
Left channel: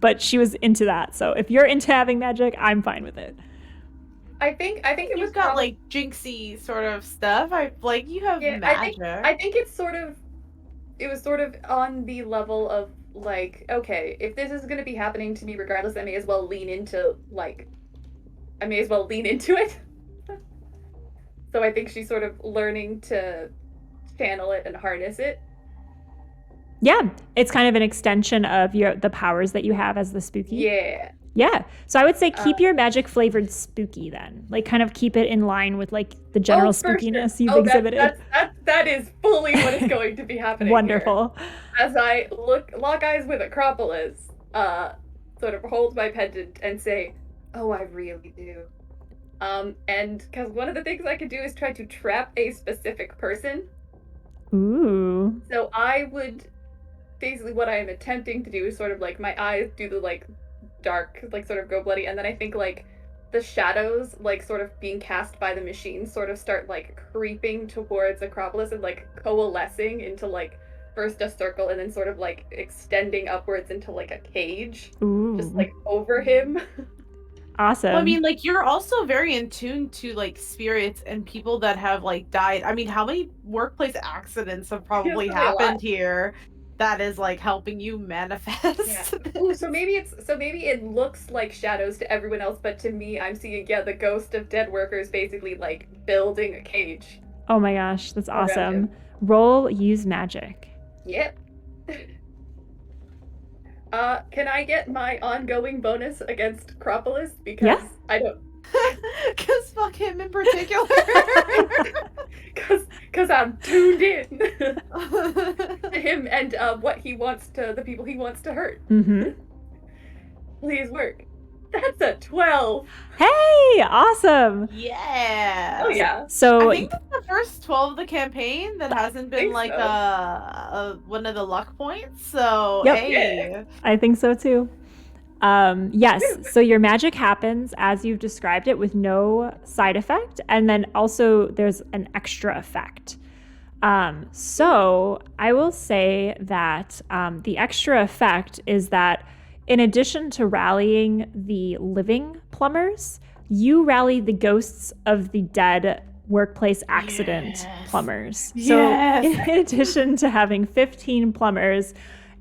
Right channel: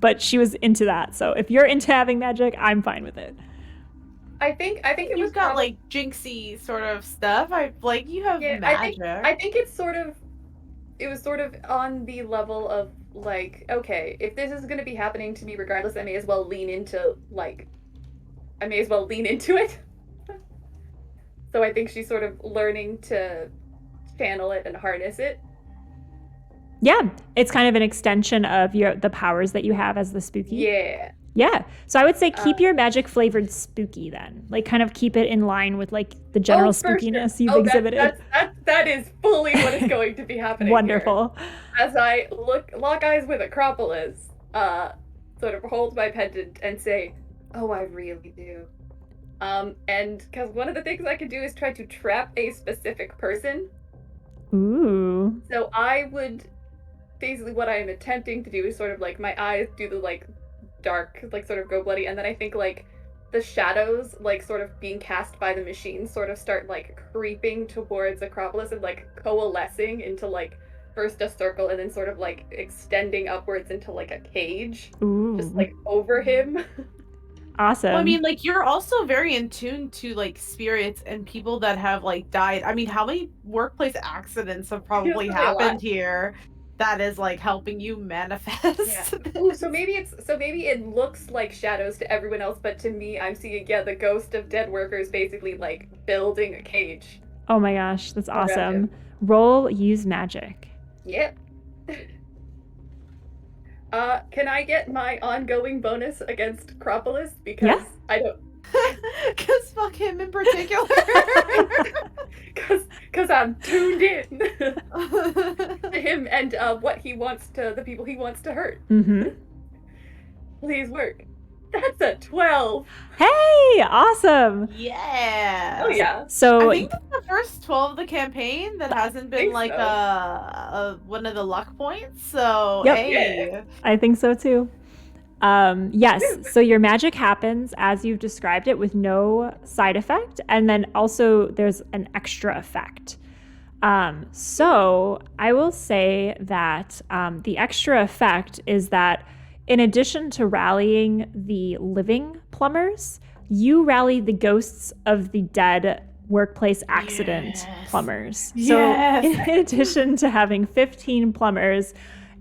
But she was into that. So if you're into having magic, I'm fine with it. I think it was got like jinxy sort of stuff. You have magic. I think it was sort of on the level of like, okay, if this is going to be happening to me regardless, I may as well lean into it. So I think she's sort of learning to channel it and harness it. Yeah, it's kind of an extension of the powers that you have as the spooky. Yeah. Yeah. So I would say keep your magic flavored spooky then. Like kind of keep it in line with like the general spookiness you've exhibited. That is fully what is going to be happening. Wonderful. Here. As I lock eyes with Acropolis, sort of hold my pendant and say, "Oh, I really do." And because one of the things I could do is try to trap a specific person. Ooh. So I would basically what I am attempting to do is sort of like my eyes do the like dark, like sort of go bloody, and then I think like the shadows like sort of being cast by the machine sort of start like creeping towards Acropolis and like coalescing into like first a circle and then sort of like extending upwards into like a cage. Ooh. Just like over him. Awesome. Well, I mean, like, you're also very in tune to, like, spirits and people that have, like, died. I mean, how many workplace accidents have probably happened here that is, like, helping you manifest? Yeah. Ooh, so maybe it looks like shadows to everyone else, but to me, I'm seeing, the ghost of dead workers basically, like, building a cage. Oh my gosh, that's awesome. Roll use magic. Yep. Can I get my ongoing bonus against Acropolis? Because I don't. Because fuck him in particular. Because I'm tuned in to him and what he wants to, the people he wants to hurt. Mm-hmm. Please work. That's a 12. Hey, awesome. Yeah. Oh yeah. So I think that's the first 12 of the campaign that hasn't been like one of the luck points. So hey. I think so too. Yes, so your magic happens as you've described it with no side effect, and then also there's an extra effect. So I will say that the extra effect is that in addition to rallying the living plumbers, you rally the ghosts of the dead workplace accident plumbers. So in addition to having 15 plumbers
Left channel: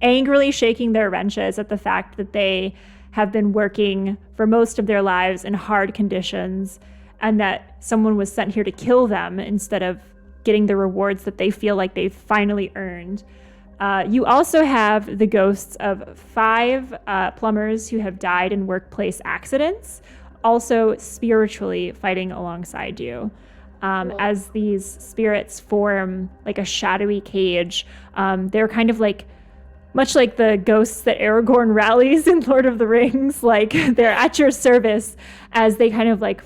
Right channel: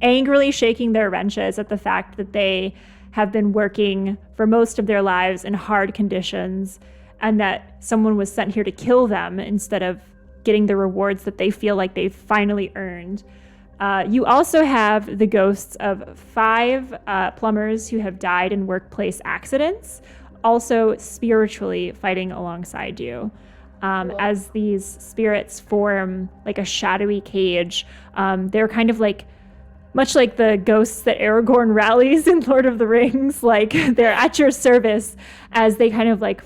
angrily shaking their wrenches at the fact that they have been working for most of their lives in hard conditions and that someone was sent here to kill them instead of getting the rewards that they feel like they've finally earned. You also have the ghosts of 5 plumbers who have died in workplace accidents, also spiritually fighting alongside you. As these spirits form like a shadowy cage, they're kind of like, much like the ghosts that Aragorn rallies in Lord of the Rings, like they're at your service as they kind of like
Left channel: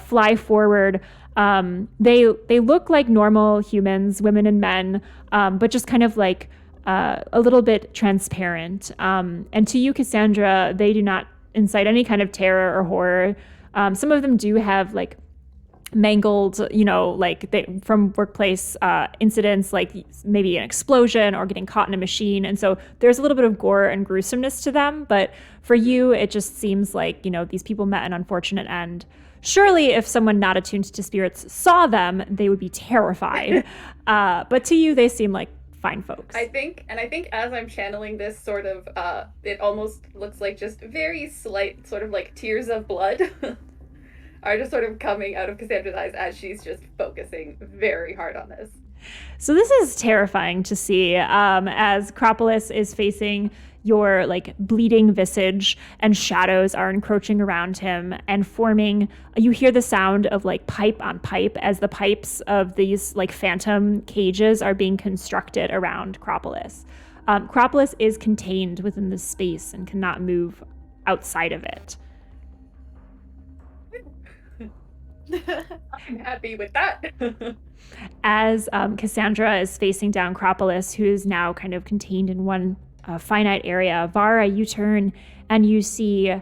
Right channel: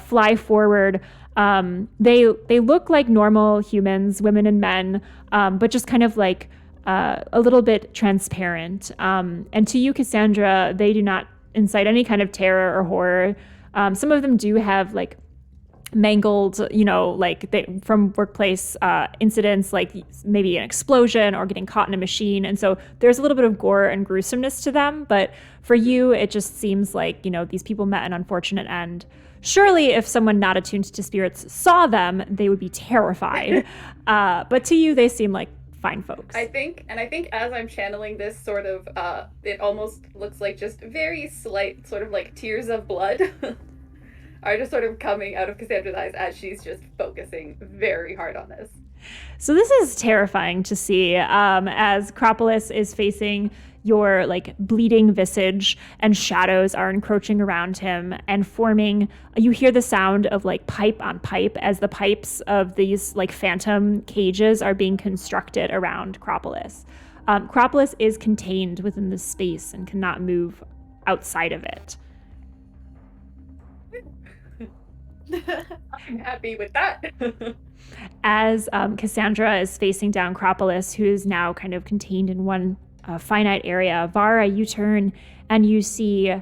fly forward. They look like normal humans, women and men, but just kind of like a little bit transparent. And to you, Cassandra, they do not incite any kind of terror or horror. Some of them do have like mangled, from workplace incidents, like maybe an explosion or getting caught in a machine. And so there's a little bit of gore and gruesomeness to them. But for you, it just seems like, these people met an unfortunate end. Surely if someone not attuned to spirits saw them, they would be terrified. But to you, they seem like fine folks. I think as I'm channeling this sort of, it almost looks like just very slight sort of like tears of blood are just sort of coming out of Cassandra's eyes as she's just focusing very hard on this. So this is terrifying to see as Acropolis is facing your like bleeding visage and shadows are encroaching around him and forming. You hear the sound of like pipe on pipe as the pipes of these like phantom cages are being constructed around Acropolis. Acropolis is contained within this space and cannot move outside of it. I'm happy with that. As Cassandra is facing down Acropolis, who is now kind of contained in one finite area, Vara, you turn and you see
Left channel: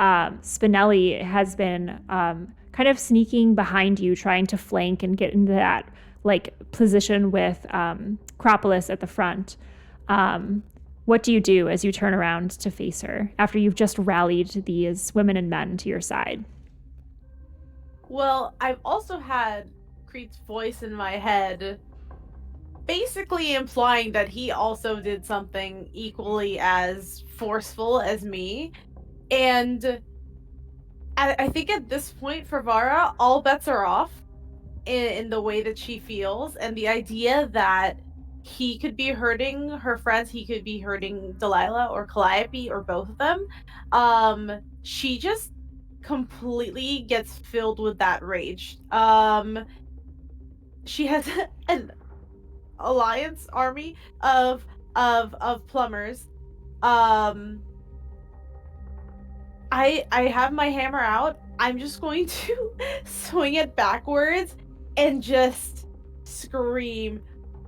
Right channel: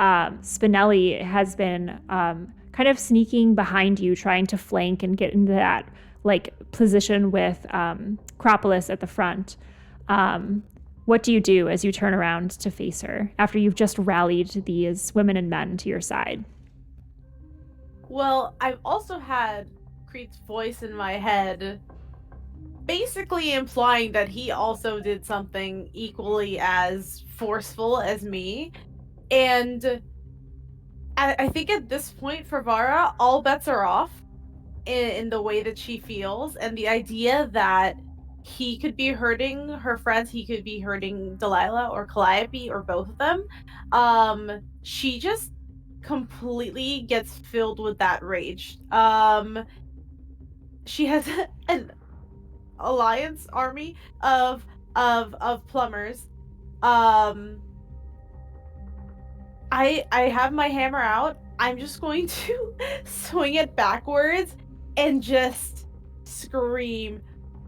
Spinelli has been kind of sneaking behind you, trying to flank and get into that like position with Acropolis at the front. What do you do as you turn around to face her after you've just rallied these women and men to your side? Well, I've also had Creed's voice in my head basically implying that he also did something equally as forceful as me. And I think at this point for Vara, all bets are off in the way that she feels. And the idea that he could be hurting her friends, he could be hurting Delilah or Calliope or both of them. She just completely gets filled with that rage. She has an alliance army of plumbers. I have my hammer out. I'm just going to swing it backwards and just scream,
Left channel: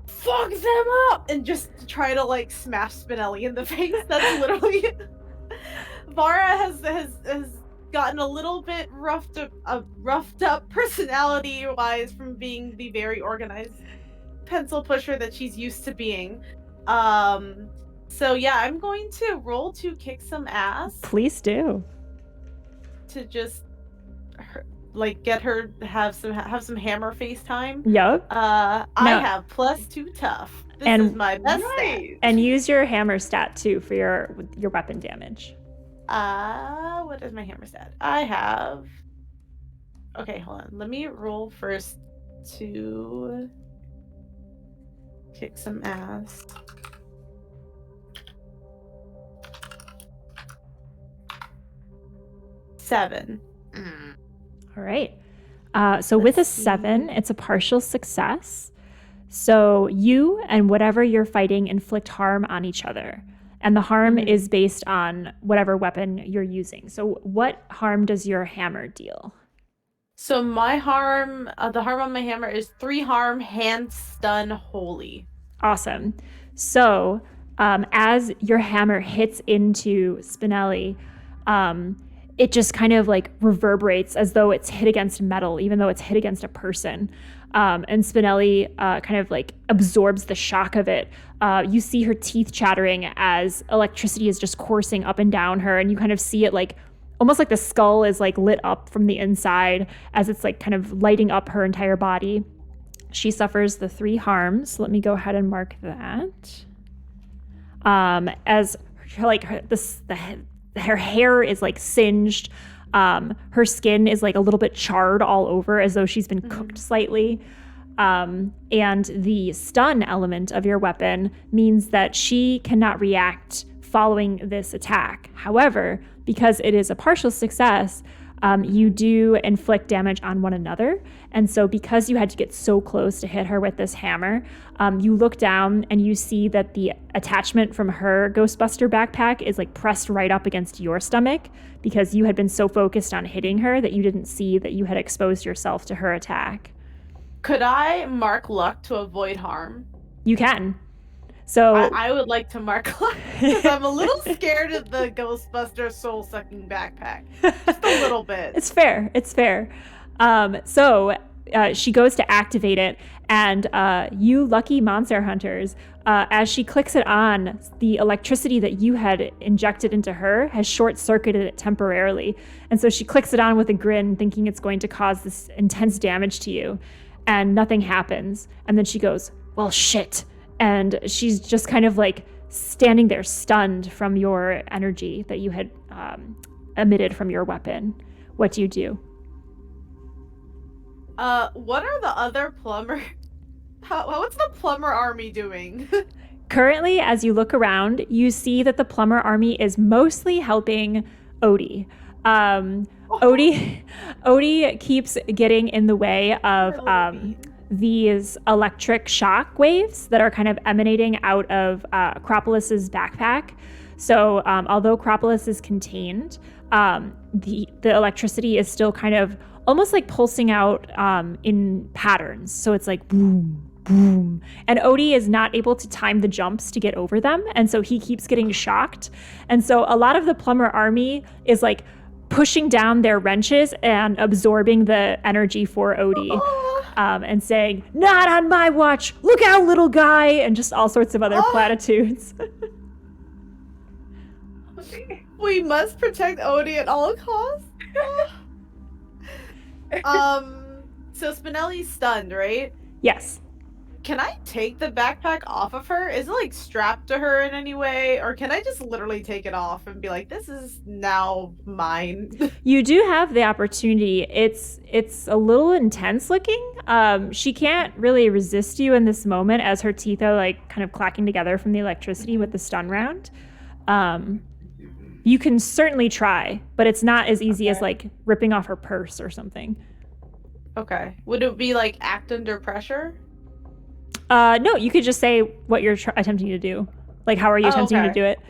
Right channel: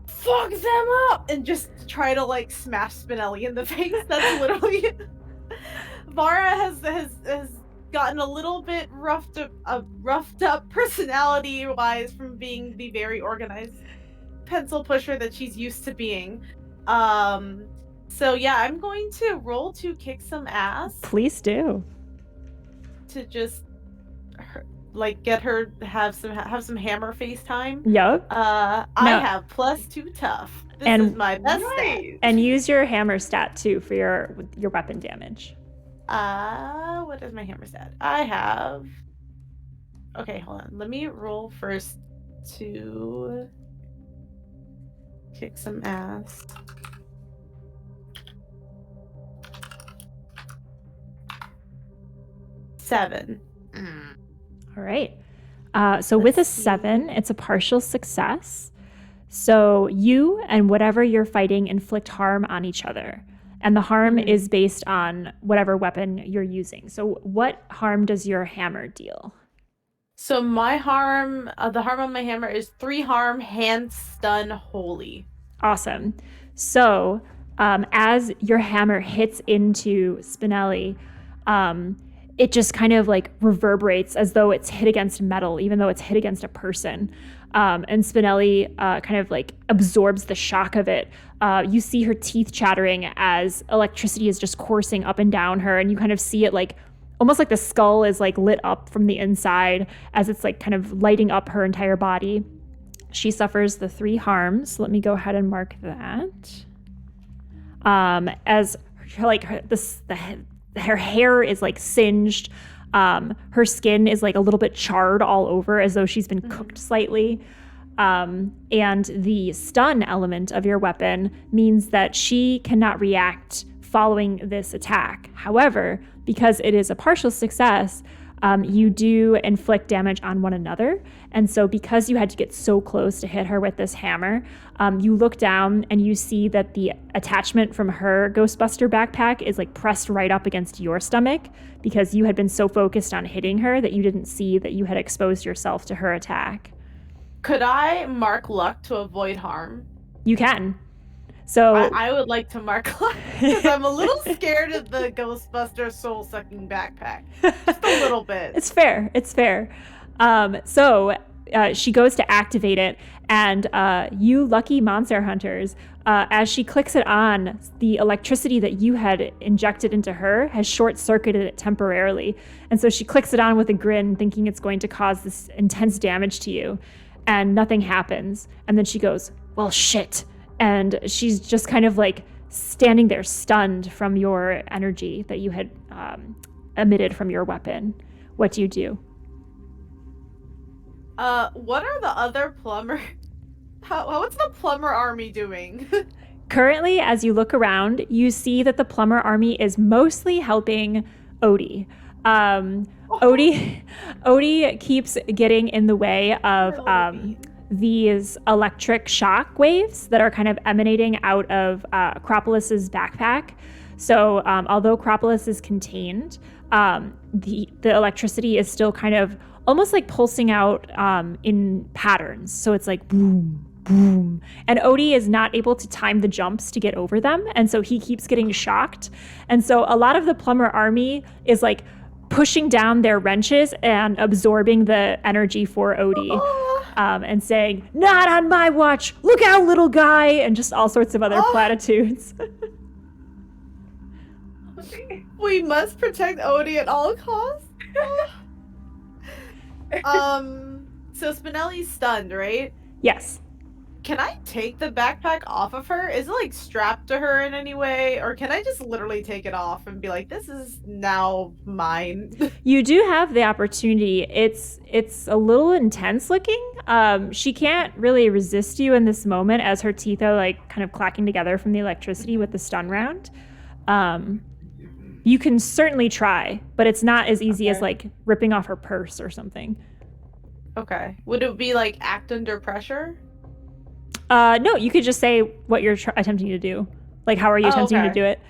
"Fuck them up!" and just try to like smash Spinelli in the face. That's literally Vara has gotten a little bit roughed up personality-wise from being the very organized pencil pusher that she's used to being. So yeah, I'm going to roll to kick some ass. Please do. to just get her have some hammer face time. Yep. I have +2 tough. This is my best stat. And use your hammer stat too for your weapon damage. What is my hammer stat? I have. Okay, hold on. Let me roll first to kick some ass. Seven. All right. So with a 7, it's a partial success. So you and whatever you're fighting inflict harm on each other. And the harm is based on whatever weapon you're using. So what harm does your hammer deal? So my harm, the harm on my hammer is 3 harm, hand, stun, holy. Awesome. So as your hammer hits into Spinelli, it just kind of like reverberates as though it's hit against metal, even though it's hit against a person. And Spinelli kind of like absorbs the shock of it. You see her teeth chattering as electricity is just coursing up and down her, and you kind of see it like almost like the skull is like lit up from the inside as it's like kind of lighting up her entire body. She suffers the 3 harms. Let me go ahead and mark that. As like her hair is like singed. Her skin is like a little bit charred all over as though she's been cooked slightly. And the stun element of your weapon means that she cannot react following this attack. However, because it is a partial success, you do inflict damage on one another. And so because you had to get so close to hit her with this hammer, you look down and you see that the attachment from her Ghostbuster backpack is like pressed right up against your stomach because you had been so focused on hitting her that you didn't see that you had exposed yourself to her attack. Could I mark luck to avoid harm? You can. So I would like to mark luck because I'm a little scared of the Ghostbuster soul-sucking backpack. Just a little bit. It's fair. It's fair. So she goes to activate it, and you lucky monster hunters, as she clicks it on, the electricity that you had injected into her has short-circuited it temporarily. And so she clicks it on with a grin, thinking it's going to cause this intense damage to you, and nothing happens. And then she goes, well, shit. And she's just kind of like standing there stunned from your energy that you had emitted from your weapon. What do you do? What are the other plumber? What's the plumber army doing? Currently, as you look around, you see that the plumber army is mostly helping Odie. Odie keeps getting in the way of these electric shock waves that are kind of emanating out of Acropolis's backpack. So although Acropolis is contained, the electricity is still kind of almost like pulsing out in patterns. So it's like boom, boom. And Odie is not able to time the jumps to get over them. And so he keeps getting shocked. And so a lot of the plumber army is like pushing down their wrenches and absorbing the energy for Odie. And saying, not on my watch, look out, little guy, and just all sorts of other platitudes. We must protect Odie at all costs. So Spinelli's stunned, right? Yes. Can I take the backpack off of her? Is it like strapped to her in any way? Or can I just literally take it off and be like, this is now mine? You do have the opportunity. It's a little intense looking. She can't really resist you in this moment as her teeth are like kind of clacking together from the electricity with the stun round. You can certainly try, but it's not as easy as like ripping off her purse or something. Okay. Would it be like act under pressure? No, you could just say what you're attempting to do. Like, how are you attempting to do it?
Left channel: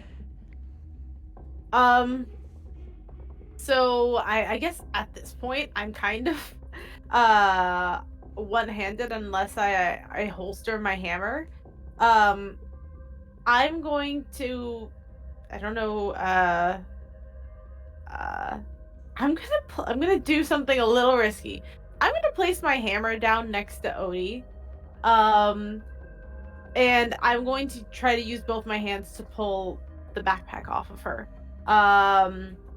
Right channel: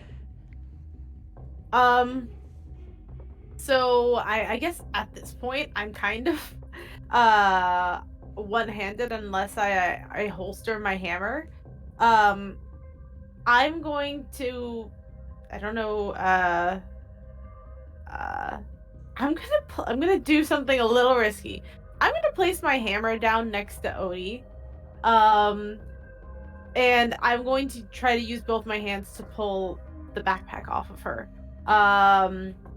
So I guess at this point, I'm kind of one-handed unless I holster my hammer. I'm going to, I don't know, I'm gonna do something a little risky. I'm gonna place my hammer down next to Odie. And I'm going to try to use both my hands to pull the backpack off of her.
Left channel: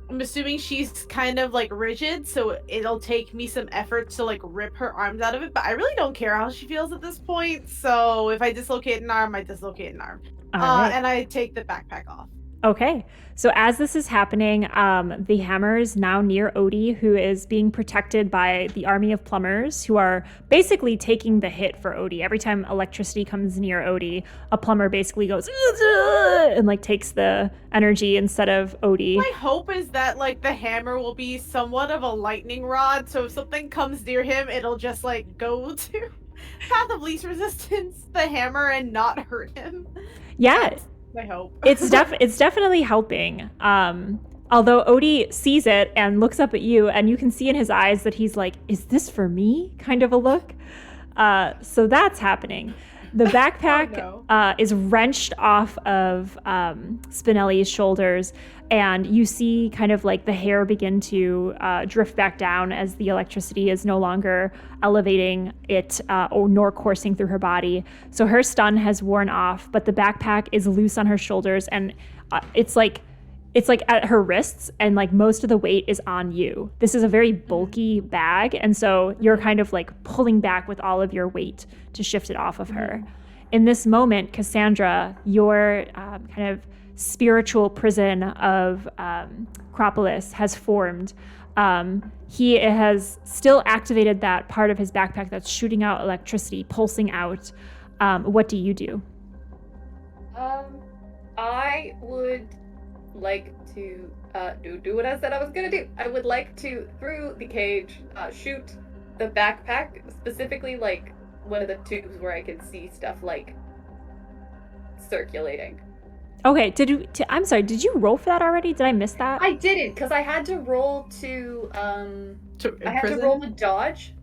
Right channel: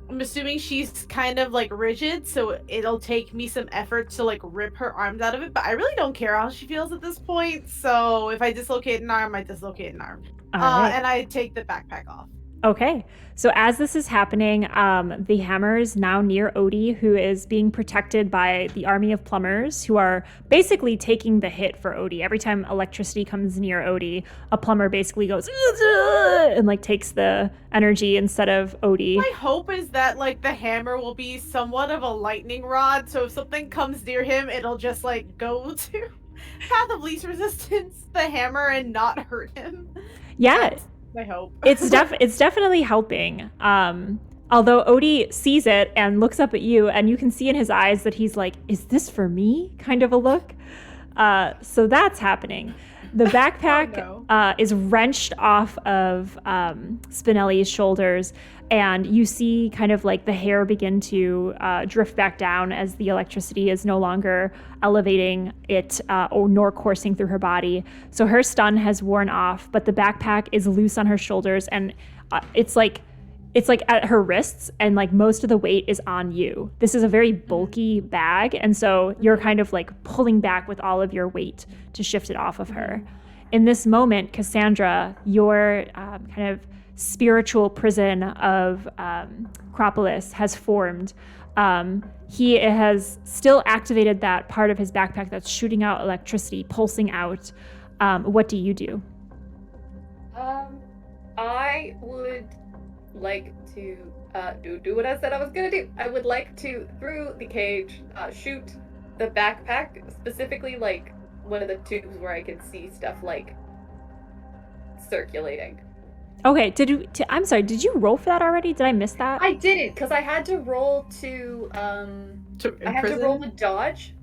I'm assuming she's kind of like rigid, so it'll take me some effort to like rip her arms out of it, but I really don't care how she feels at this point. So if I dislocate an arm, I dislocate an arm. All right. And I take the backpack off. Okay. So as this is happening, the hammer is now near Odie, who is being protected by the army of plumbers who are basically taking the hit for Odie. Every time electricity comes near Odie, a plumber basically goes and like takes the energy instead of Odie. My hope is that like the hammer will be somewhat of a lightning rod, so if something comes near him, it'll just like go to path of least resistance, the hammer, and not hurt him. Yeah. That's my hope. It's definitely helping. Although Odie sees it and looks up at you, and you can see in his eyes that he's like, "Is this for me?" kind of a look. So that's happening. The backpack is wrenched off of Spinelli's shoulders, and you see kind of like the hair begin to drift back down as the electricity is no longer elevating it or nor coursing through her body. So her stun has worn off, but the backpack is loose on her shoulders, and it's like at her wrists, and like most of the weight is on you. This is a very bulky bag, and so you're kind of like pulling back with all of your weight to shift it off of her. In this moment, Cassandra, your kind of spiritual prison of Acropolis has formed. He has still activated that part of his backpack that's shooting out electricity, pulsing out. What do you do? I would like to do what I said I was gonna do. I would like to, through the cage, shoot the backpack, specifically like one of the tubes where I can see stuff like circulating. Okay, I'm sorry, did you roll for that already? Did I miss that? I didn't, because I had to roll to roll to dodge.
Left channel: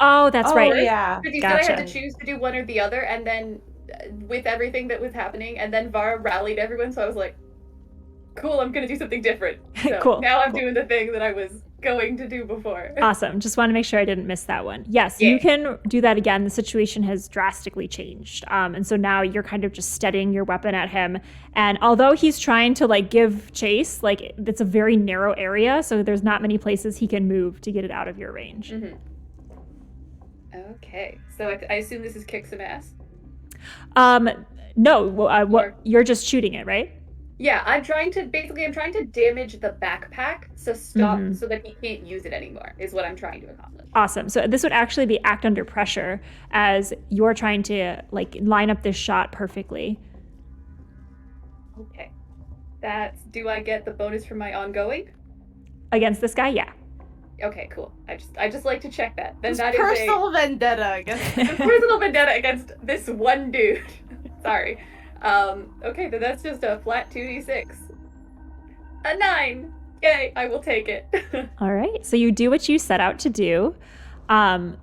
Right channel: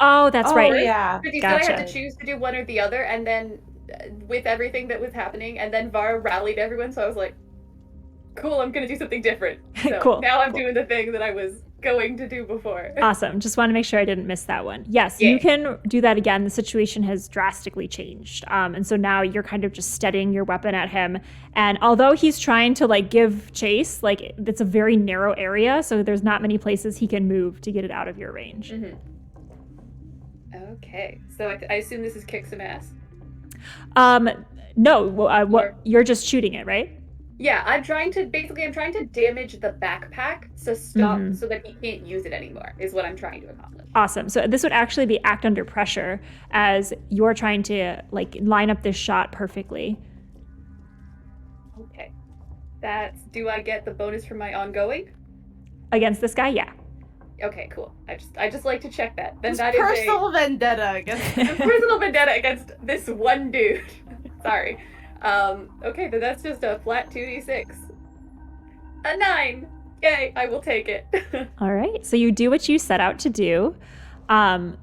Oh, that's right. Yeah. Because you Gotcha. said I had to choose to do one or the other, and then with everything that was happening, and then Vara rallied everyone, so I was like, cool, I'm gonna do something different. So Cool. Now I'm doing the thing that I was going to do before. Awesome. Just want to make sure I didn't miss that one. Yes, Yeah. you can do that again. The situation has drastically changed. And so now you're kind of just steadying your weapon at him. And although he's trying to like give chase, like it's a very narrow area, so there's not many places he can move to get it out of your range. Mm-hmm. Okay, so I assume this is kick some ass. No, what you're just shooting it, right? Yeah, I'm trying to damage the backpack so that he can't use it anymore, is what I'm trying to accomplish. Awesome. So this would actually be act under pressure, as you're trying to like line up this shot perfectly. Okay. Do I get the bonus from my ongoing? Against this guy? Yeah. Okay, cool. I just like to check that. Then It's that personal vendetta against personal vendetta against this one dude. Sorry. Okay, then that's just a flat 2d6. A 9! Yay, I will take it. All right. So you do what you set out to do.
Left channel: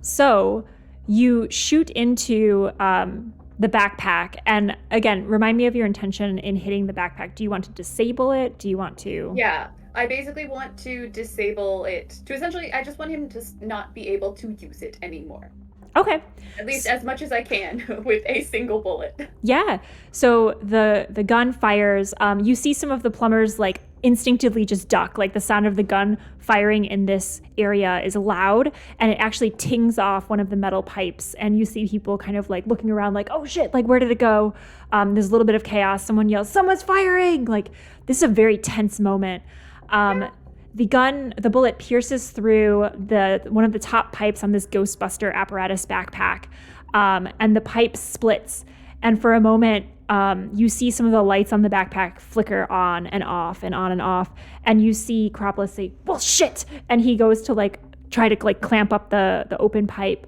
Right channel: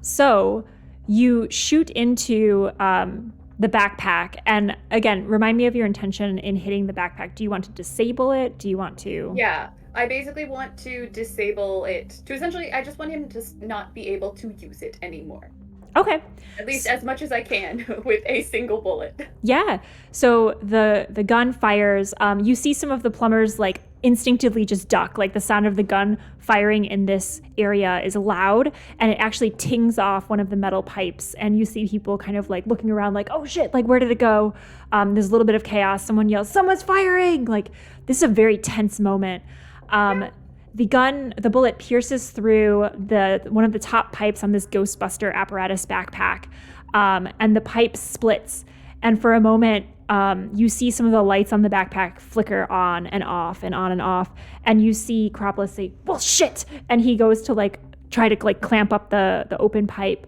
So you shoot into the backpack. And again, remind me of your intention in hitting the backpack. Do you want to disable it? Do you want to? Yeah, I basically want to disable it. To essentially, I just want him to not be able to use it anymore. Okay. At least as much as I can with a single bullet. Yeah. So the gun fires. You see some of the plumbers like instinctively just duck. Like the sound of the gun firing in this area is loud, and it actually tings off one of the metal pipes. And you see people kind of like looking around like, oh shit, like where did it go? There's a little bit of chaos. Someone yells, someone's firing. Like this is a very tense moment. The bullet pierces through one of the top pipes on this Ghostbuster apparatus backpack, and the pipe splits. And for a moment, you see some of the lights on the backpack flicker on and off and on and off. And you see Acropolis say, well, shit! And he goes to like try to like clamp up the open pipe.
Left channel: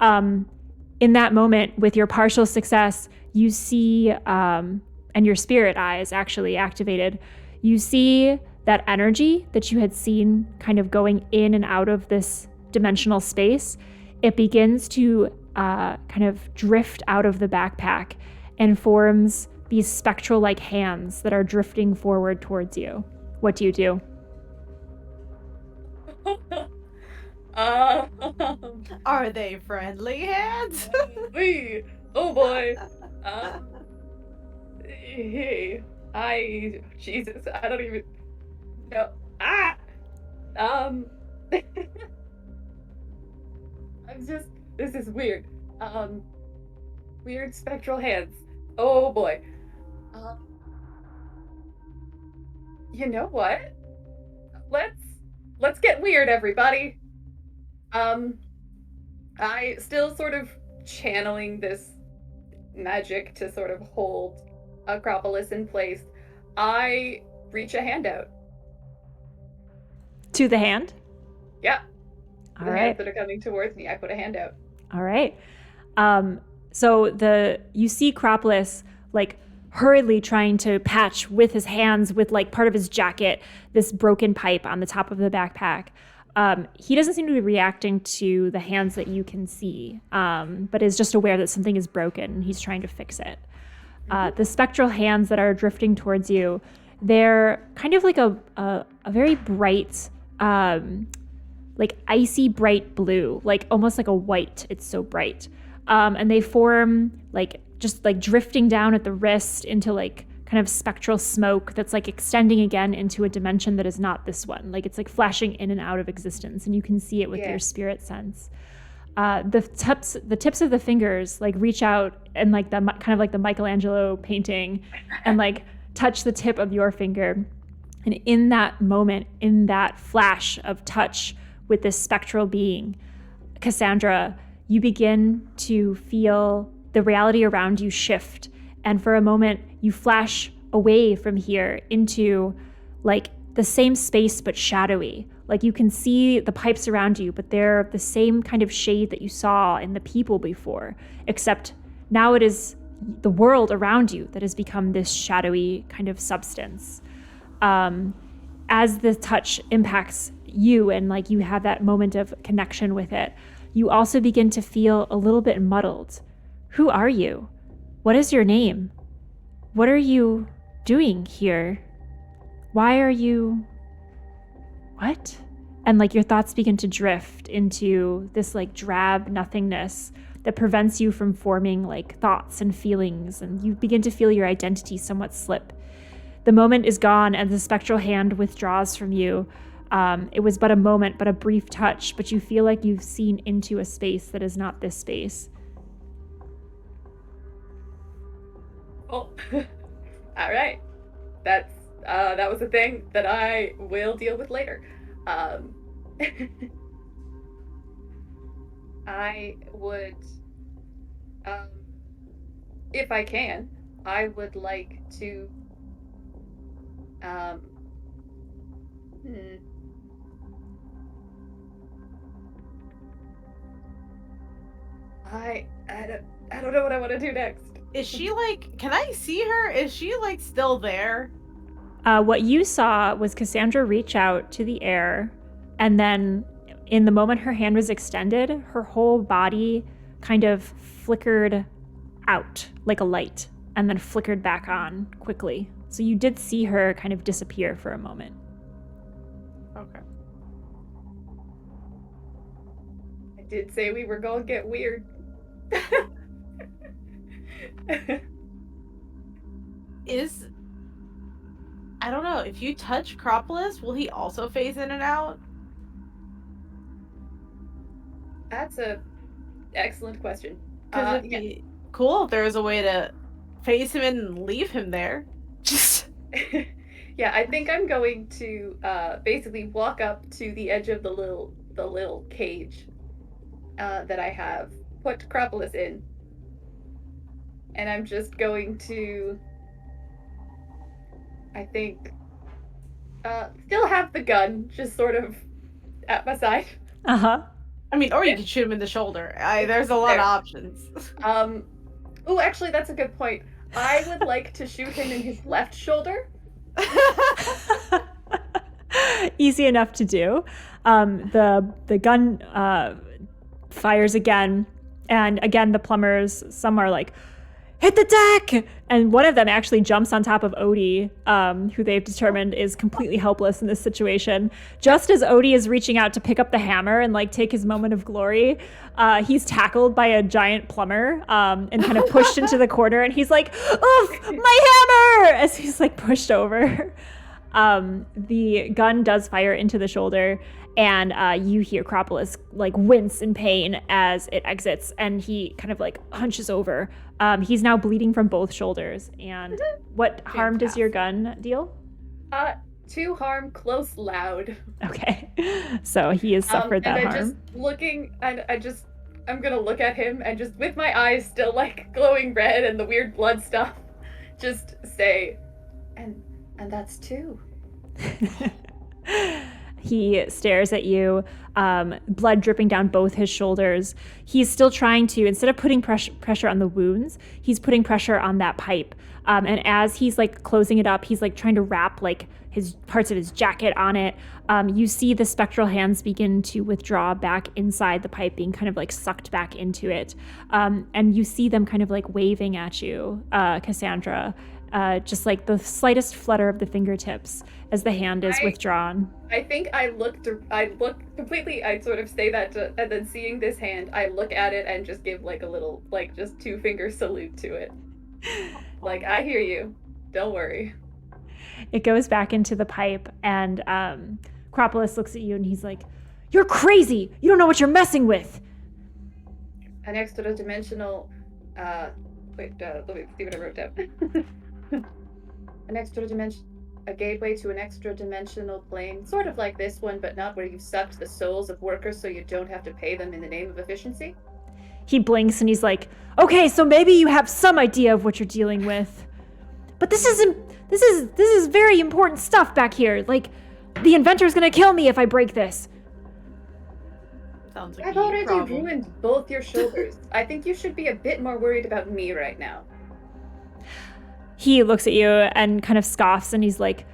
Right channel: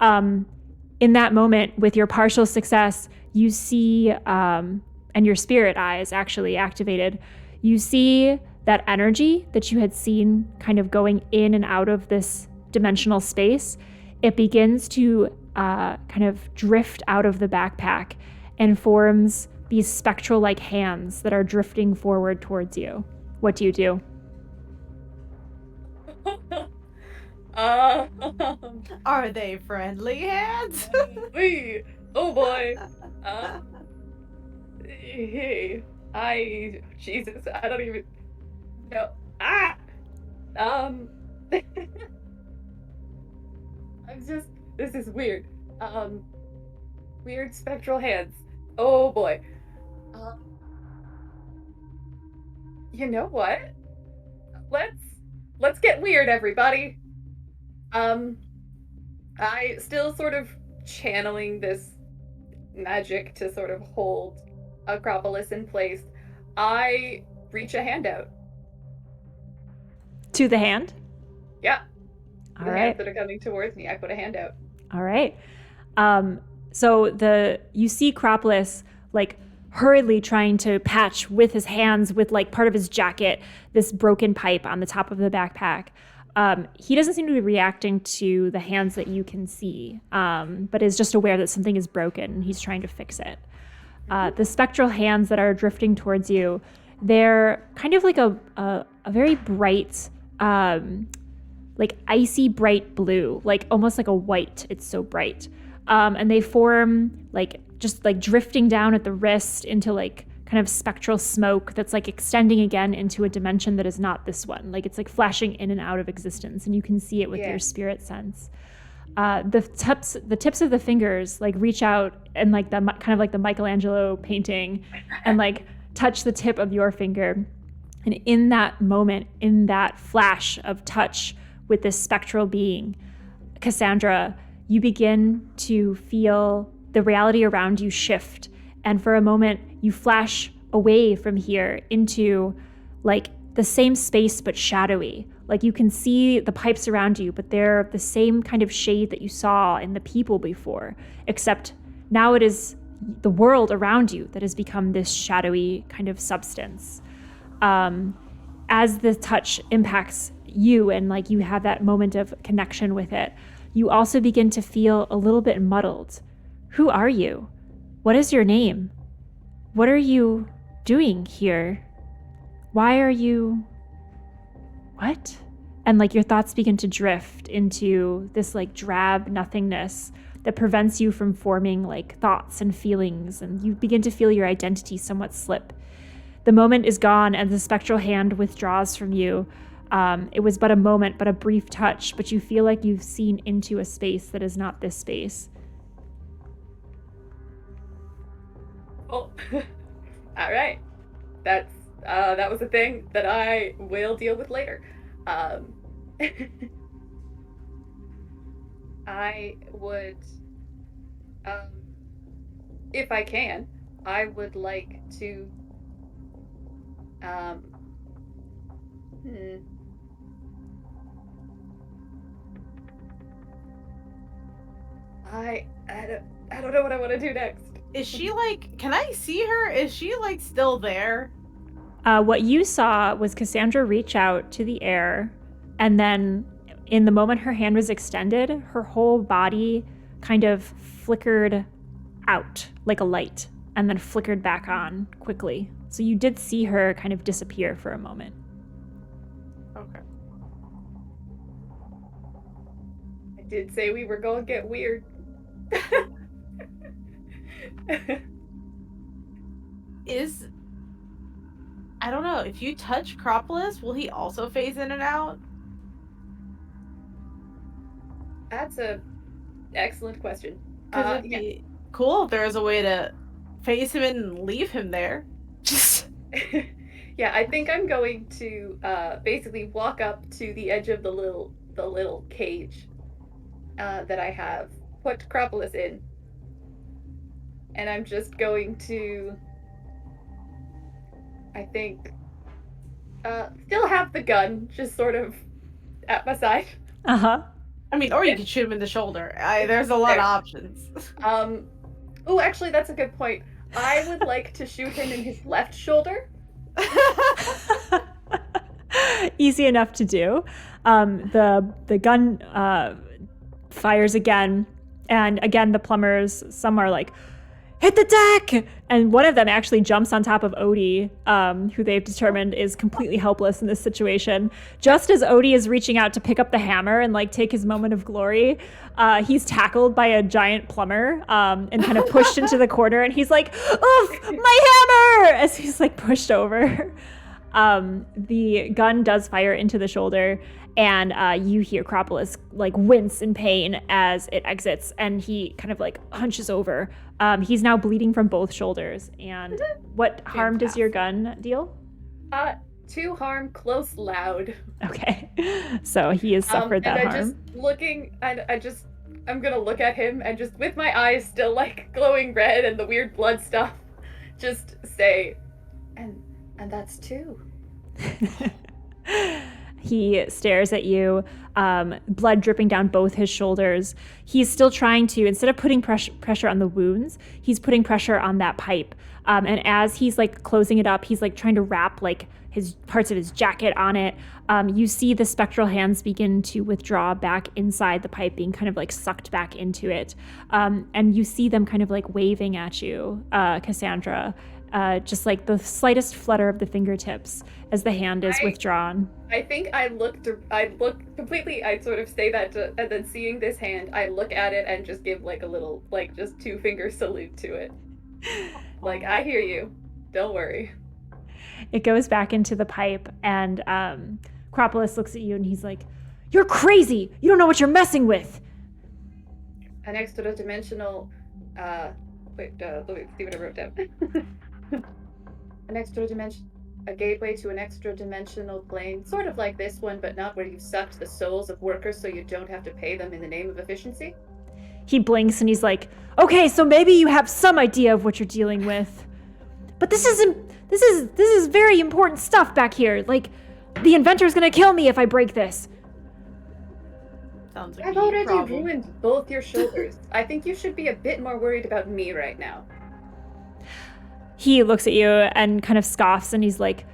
In that moment, with your partial success, you see, and your spirit eye is actually activated, you see that energy that you had seen kind of going in and out of this dimensional space, it begins to kind of drift out of the backpack and forms these spectral-like hands that are drifting forward towards you. What do you do? Are they friendly hands? Oh boy. Hey, Jesus, I don't even... No. This is weird. Weird spectral hands. Oh boy. You know what? Let's get weird, everybody. I still sort of channeling this magic to sort of hold Acropolis in place. I reach a hand out. To the hand? Yeah. All the right. hands that are coming towards me, I put a hand out. All right. So you see Acropolis like hurriedly trying to patch with his hands with like part of his jacket this broken pipe on the top of the backpack. He doesn't seem to be reacting to the hands that you can see, but is just aware that something is broken and he's trying to fix it. The spectral hands that are drifting towards you, they're kind of like a very bright, like icy bright blue, like almost like a white. It's so bright. And they form like just like drifting down at the wrist into like kind of spectral smoke that's like extending again into a dimension that is not this one. Like it's like flashing in and out of existence, and you can see it with your spirit sense. The tips of the fingers like reach out and like the kind of like the Michelangelo painting, and like touch the tip of your finger. And in that moment, in that flash of touch with this spectral being, Cassandra, you begin to feel the reality around you shift. And for a moment, you flash away from here into like the same space, but shadowy. Like you can see the pipes around you, but they're the same kind of shade that you saw in the people before, except now it is the world around you that has become this shadowy kind of substance. As the touch impacts you and like you have that moment of connection with it, you also begin to feel a little bit muddled. Who are you? What is your name? What are you doing here? Why are you... What? And like your thoughts begin to drift into this like drab nothingness that prevents you from forming like thoughts and feelings, and you begin to feel your identity somewhat slip. The moment is gone and the spectral hand withdraws from you. It was but a moment, but a brief touch, but you feel like you've seen into a space that is not this space. Oh, all right. That was a thing that I will deal with later. I would, if I can, I would like to, I don't know what I want to do next. Is she like, can I see her? Is she like still there? What you saw was Cassandra reach out to the air, and then in the moment her hand was extended, her whole body kind of flickered out like a light and then flickered back on quickly. So you did see her kind of disappear for a moment. Okay. I did say we were going to get weird. I don't know, if you touch Acropolis, will he also phase in and out? That's a excellent question. Because it'd be cool if there was a way to phase him in and leave him there. Yeah, I think I'm going to basically walk up to the edge of the little cage that I have put Acropolis in, and I'm just going to, I think, still have the gun just sort of at my side. I mean, or you could shoot him in the shoulder. There's a lot of options. Oh, actually, that's a good point. I would like to shoot him in his left shoulder. Easy enough to do. The gun fires again, and again the plumbers, some are like, hit the deck! And one of them actually jumps on top of Odie, who they've determined is completely helpless in this situation. Just as Odie is reaching out to pick up the hammer and like take his moment of glory, he's tackled by a giant plumber and kind of pushed into the corner, and he's like, oof, my hammer! As he's like pushed over. The gun does fire into the shoulder, and you hear Acropolis like wince in pain as it exits, and he kind of like hunches over. He's now bleeding from both shoulders. And what harm does your gun deal? 2 harm, close, loud. Okay, so he has suffered that harm. Just looking, and I'm gonna look at him and just with my eyes still like glowing red and the weird blood stuff, just say, and that's 2. He stares at you, blood dripping down both his shoulders. He's still trying to, instead of putting pressure on the wounds, he's putting pressure on that pipe. And as he's like closing it up, he's like trying to wrap like his parts of his jacket on it. You see the spectral hands begin to withdraw back inside the pipe, being kind of like sucked back into it. And you see them kind of like waving at you, Cassandra, just like the slightest flutter of the fingertips as the hand is withdrawn. I think I look completely, I sort of say that and then seeing this hand, I look at it and just give like a little, like just 2-finger salute to it. Like, I hear you. Don't worry. It goes back into the pipe, and Acropolis looks at you and he's like, "You're crazy! You don't know what you're messing with!" An extra-dimensional, let me see what I wrote down. A gateway to an extra-dimensional plane, sort of like this one, but not where you've sucked the souls of workers so you don't have to pay them in the name of efficiency. He blinks and he's like, "Okay, so maybe you have some idea of what you're dealing with. But this is very important stuff back here. Like, the Inventor's gonna kill me if I break this." Sounds like I've already ruined both your shoulders. I think you should be a bit more worried about me right now. He looks at you and kind of scoffs, and he's like,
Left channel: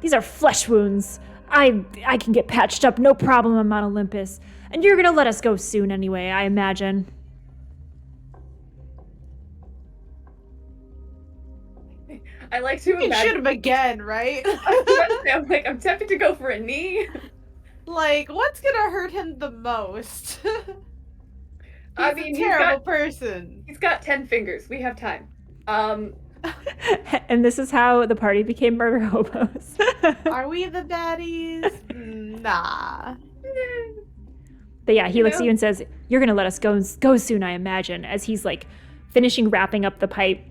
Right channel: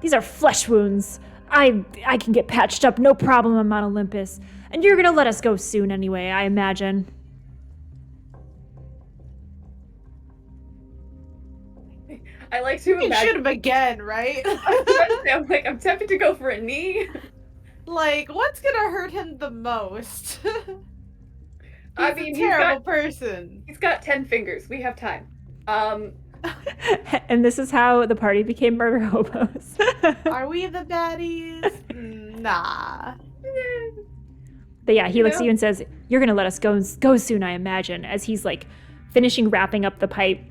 "These are flesh wounds. I can get patched up, no problem. I'm on Olympus. And you're gonna let us go soon anyway, I imagine." I like to imagine. You shoot him again, right? I'm tempted to go for a knee. Like, what's gonna hurt him the most? I mean, he's a terrible person. He's got 10 fingers. We have time. And this is how the party became murder hobos. Are we the baddies? Nah. But yeah, he looks at you and says, "You're gonna let us go soon, I imagine," as he's like finishing wrapping up the pipe.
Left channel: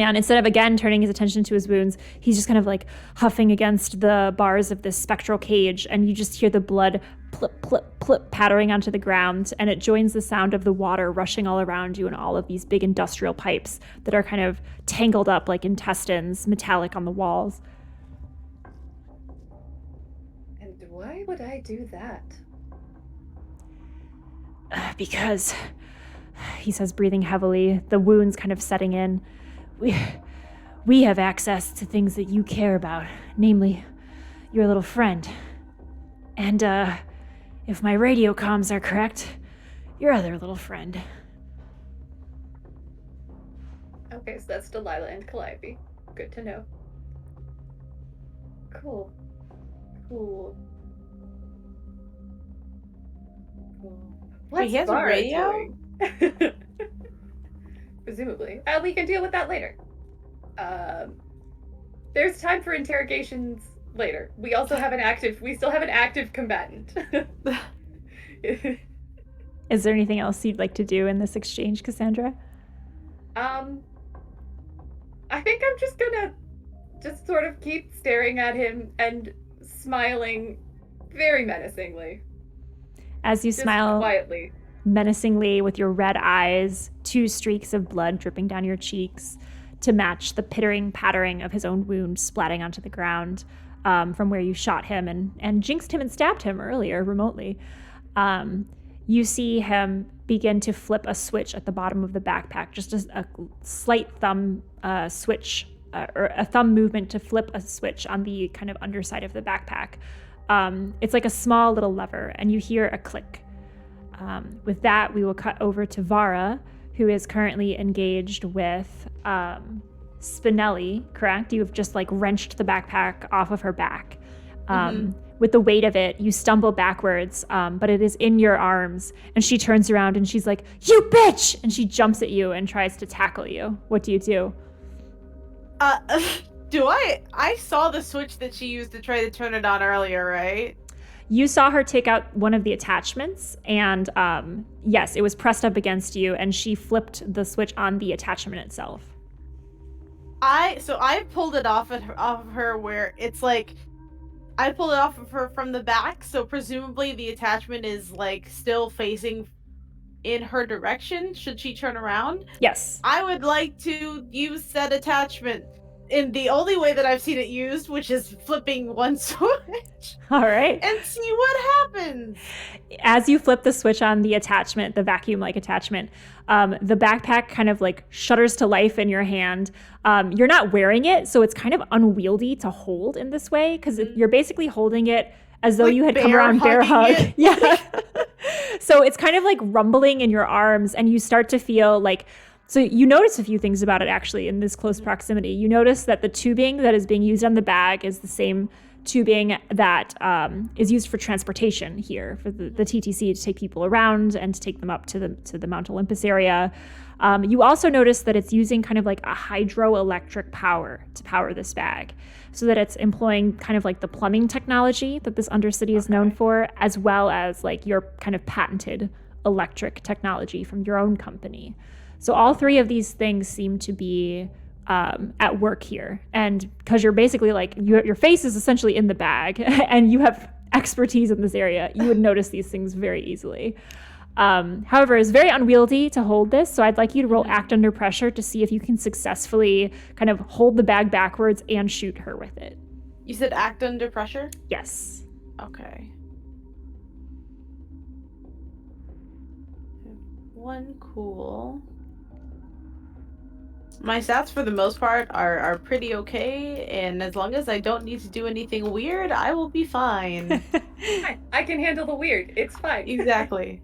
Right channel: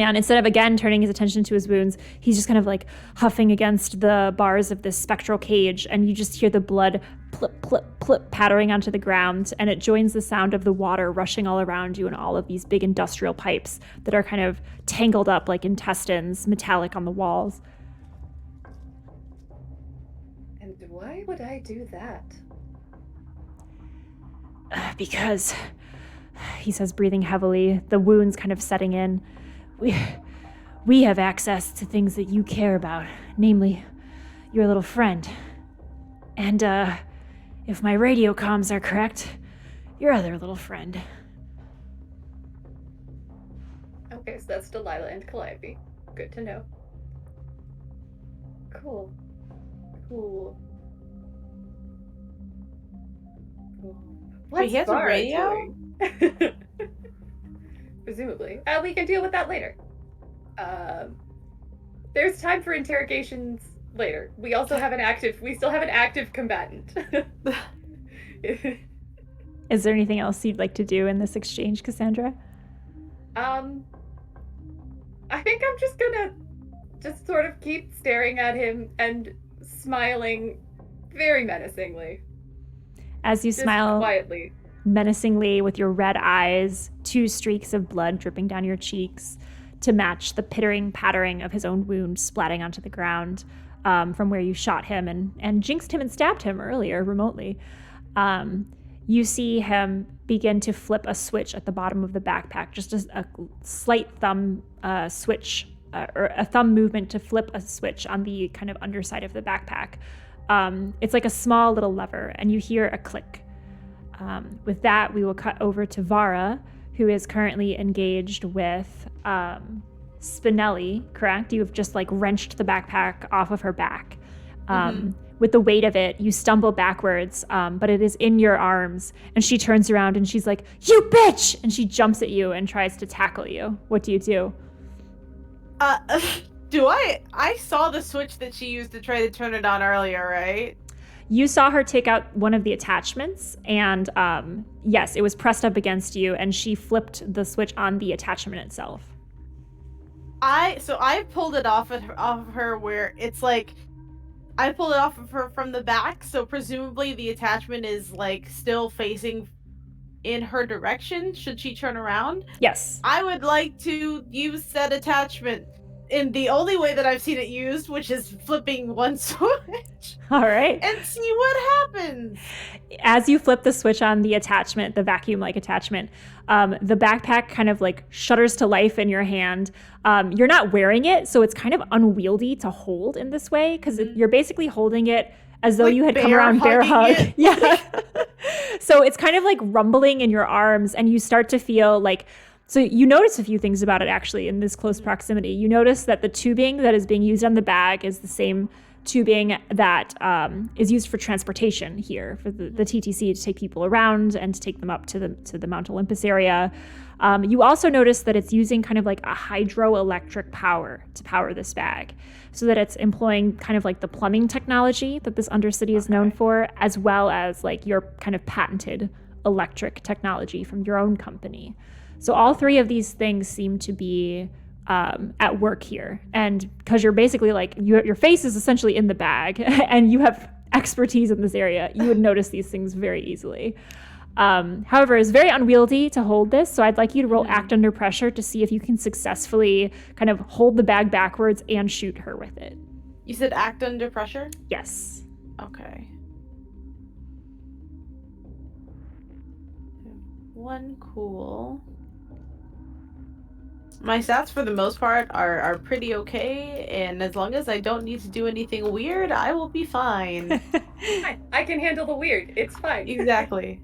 And instead of again turning his attention to his wounds, he's just kind of like huffing against the bars of this spectral cage, and you just hear the blood plip, plip, plip pattering onto the ground, and it joins the sound of the water rushing all around you and all of these big industrial pipes that are kind of tangled up like intestines, metallic on the walls. And why would I do that? Because, he says, breathing heavily, the wounds kind of setting in, we have access to things that you care about, namely your little friend. And if my radio comms are correct, your other little friend. Okay, so that's Delilah and Calliope. Good to know. Cool. Wait, he has a radio? Presumably. We can deal with that later. There's time for interrogations later. We still have an active combatant. Is there anything else you'd like to do in this exchange, Cassandra? I think I'm just gonna just sort of keep staring at him and smiling very menacingly. As you just smile quietly, menacingly with your red eyes, 2 streaks of blood dripping down your cheeks to match the pittering pattering of his own wound splatting onto the ground from where you shot him and jinxed him and stabbed him earlier remotely. You see him begin to flip a switch at the bottom of the backpack, just a slight thumb switch or a thumb movement to flip a switch on the kind of underside of the backpack. It's like a small little lever, and you hear a click. With that, we will cut over to Vara, who is currently engaged with Spinelli, correct? You have just like wrenched the backpack off of her back. With the weight of it, you stumble backwards, but it is in your arms, and she turns around and she's like, "You bitch!" And she jumps at you and tries to tackle you. What do you do? I saw the switch that she used to try to turn it on earlier, right? You saw her take out one of the attachments, and yes, it was pressed up against you, and she flipped the switch on the attachment itself. I pulled it off of her where it's like, I pulled it off of her from the back, so presumably the attachment is like still facing in her direction should she turn around. Yes. I would like to use that attachment in the only way that I've seen it used, which is flipping one switch. All right. And see what happens. As you flip the switch on the attachment, the vacuum-like attachment, the backpack kind of like shudders to life in your hand. You're not wearing it, so it's kind of unwieldy to hold in this way because you're basically holding it as though like you had come around bear hug. It. Yeah. So it's kind of like rumbling in your arms, and you start to feel like, so you notice a few things about it actually in this close proximity. You notice that the tubing that is being used on the bag is the same tubing that is used for transportation here for the TTC to take people around and to take them up to the Mount Olympus area. You also notice that it's using kind of like a hydroelectric power to power this bag, so that it's employing kind of like the plumbing technology that this undercity is known for, as well as like your kind of patented electric technology from your own company. So all three of these things seem to be at work here. And because you're basically like, your face is essentially in the bag and you have expertise in this area, you would notice these things very easily. However, it's very unwieldy to hold this. So I'd like you to roll Act Under Pressure to see if you can successfully kind of hold the bag backwards and shoot her with it. You said Act Under Pressure? Yes. Okay. One cool. My stats for the most part are pretty okay, and as long as I don't need to do anything weird, I will be fine. I can handle the weird. It's fine. Exactly.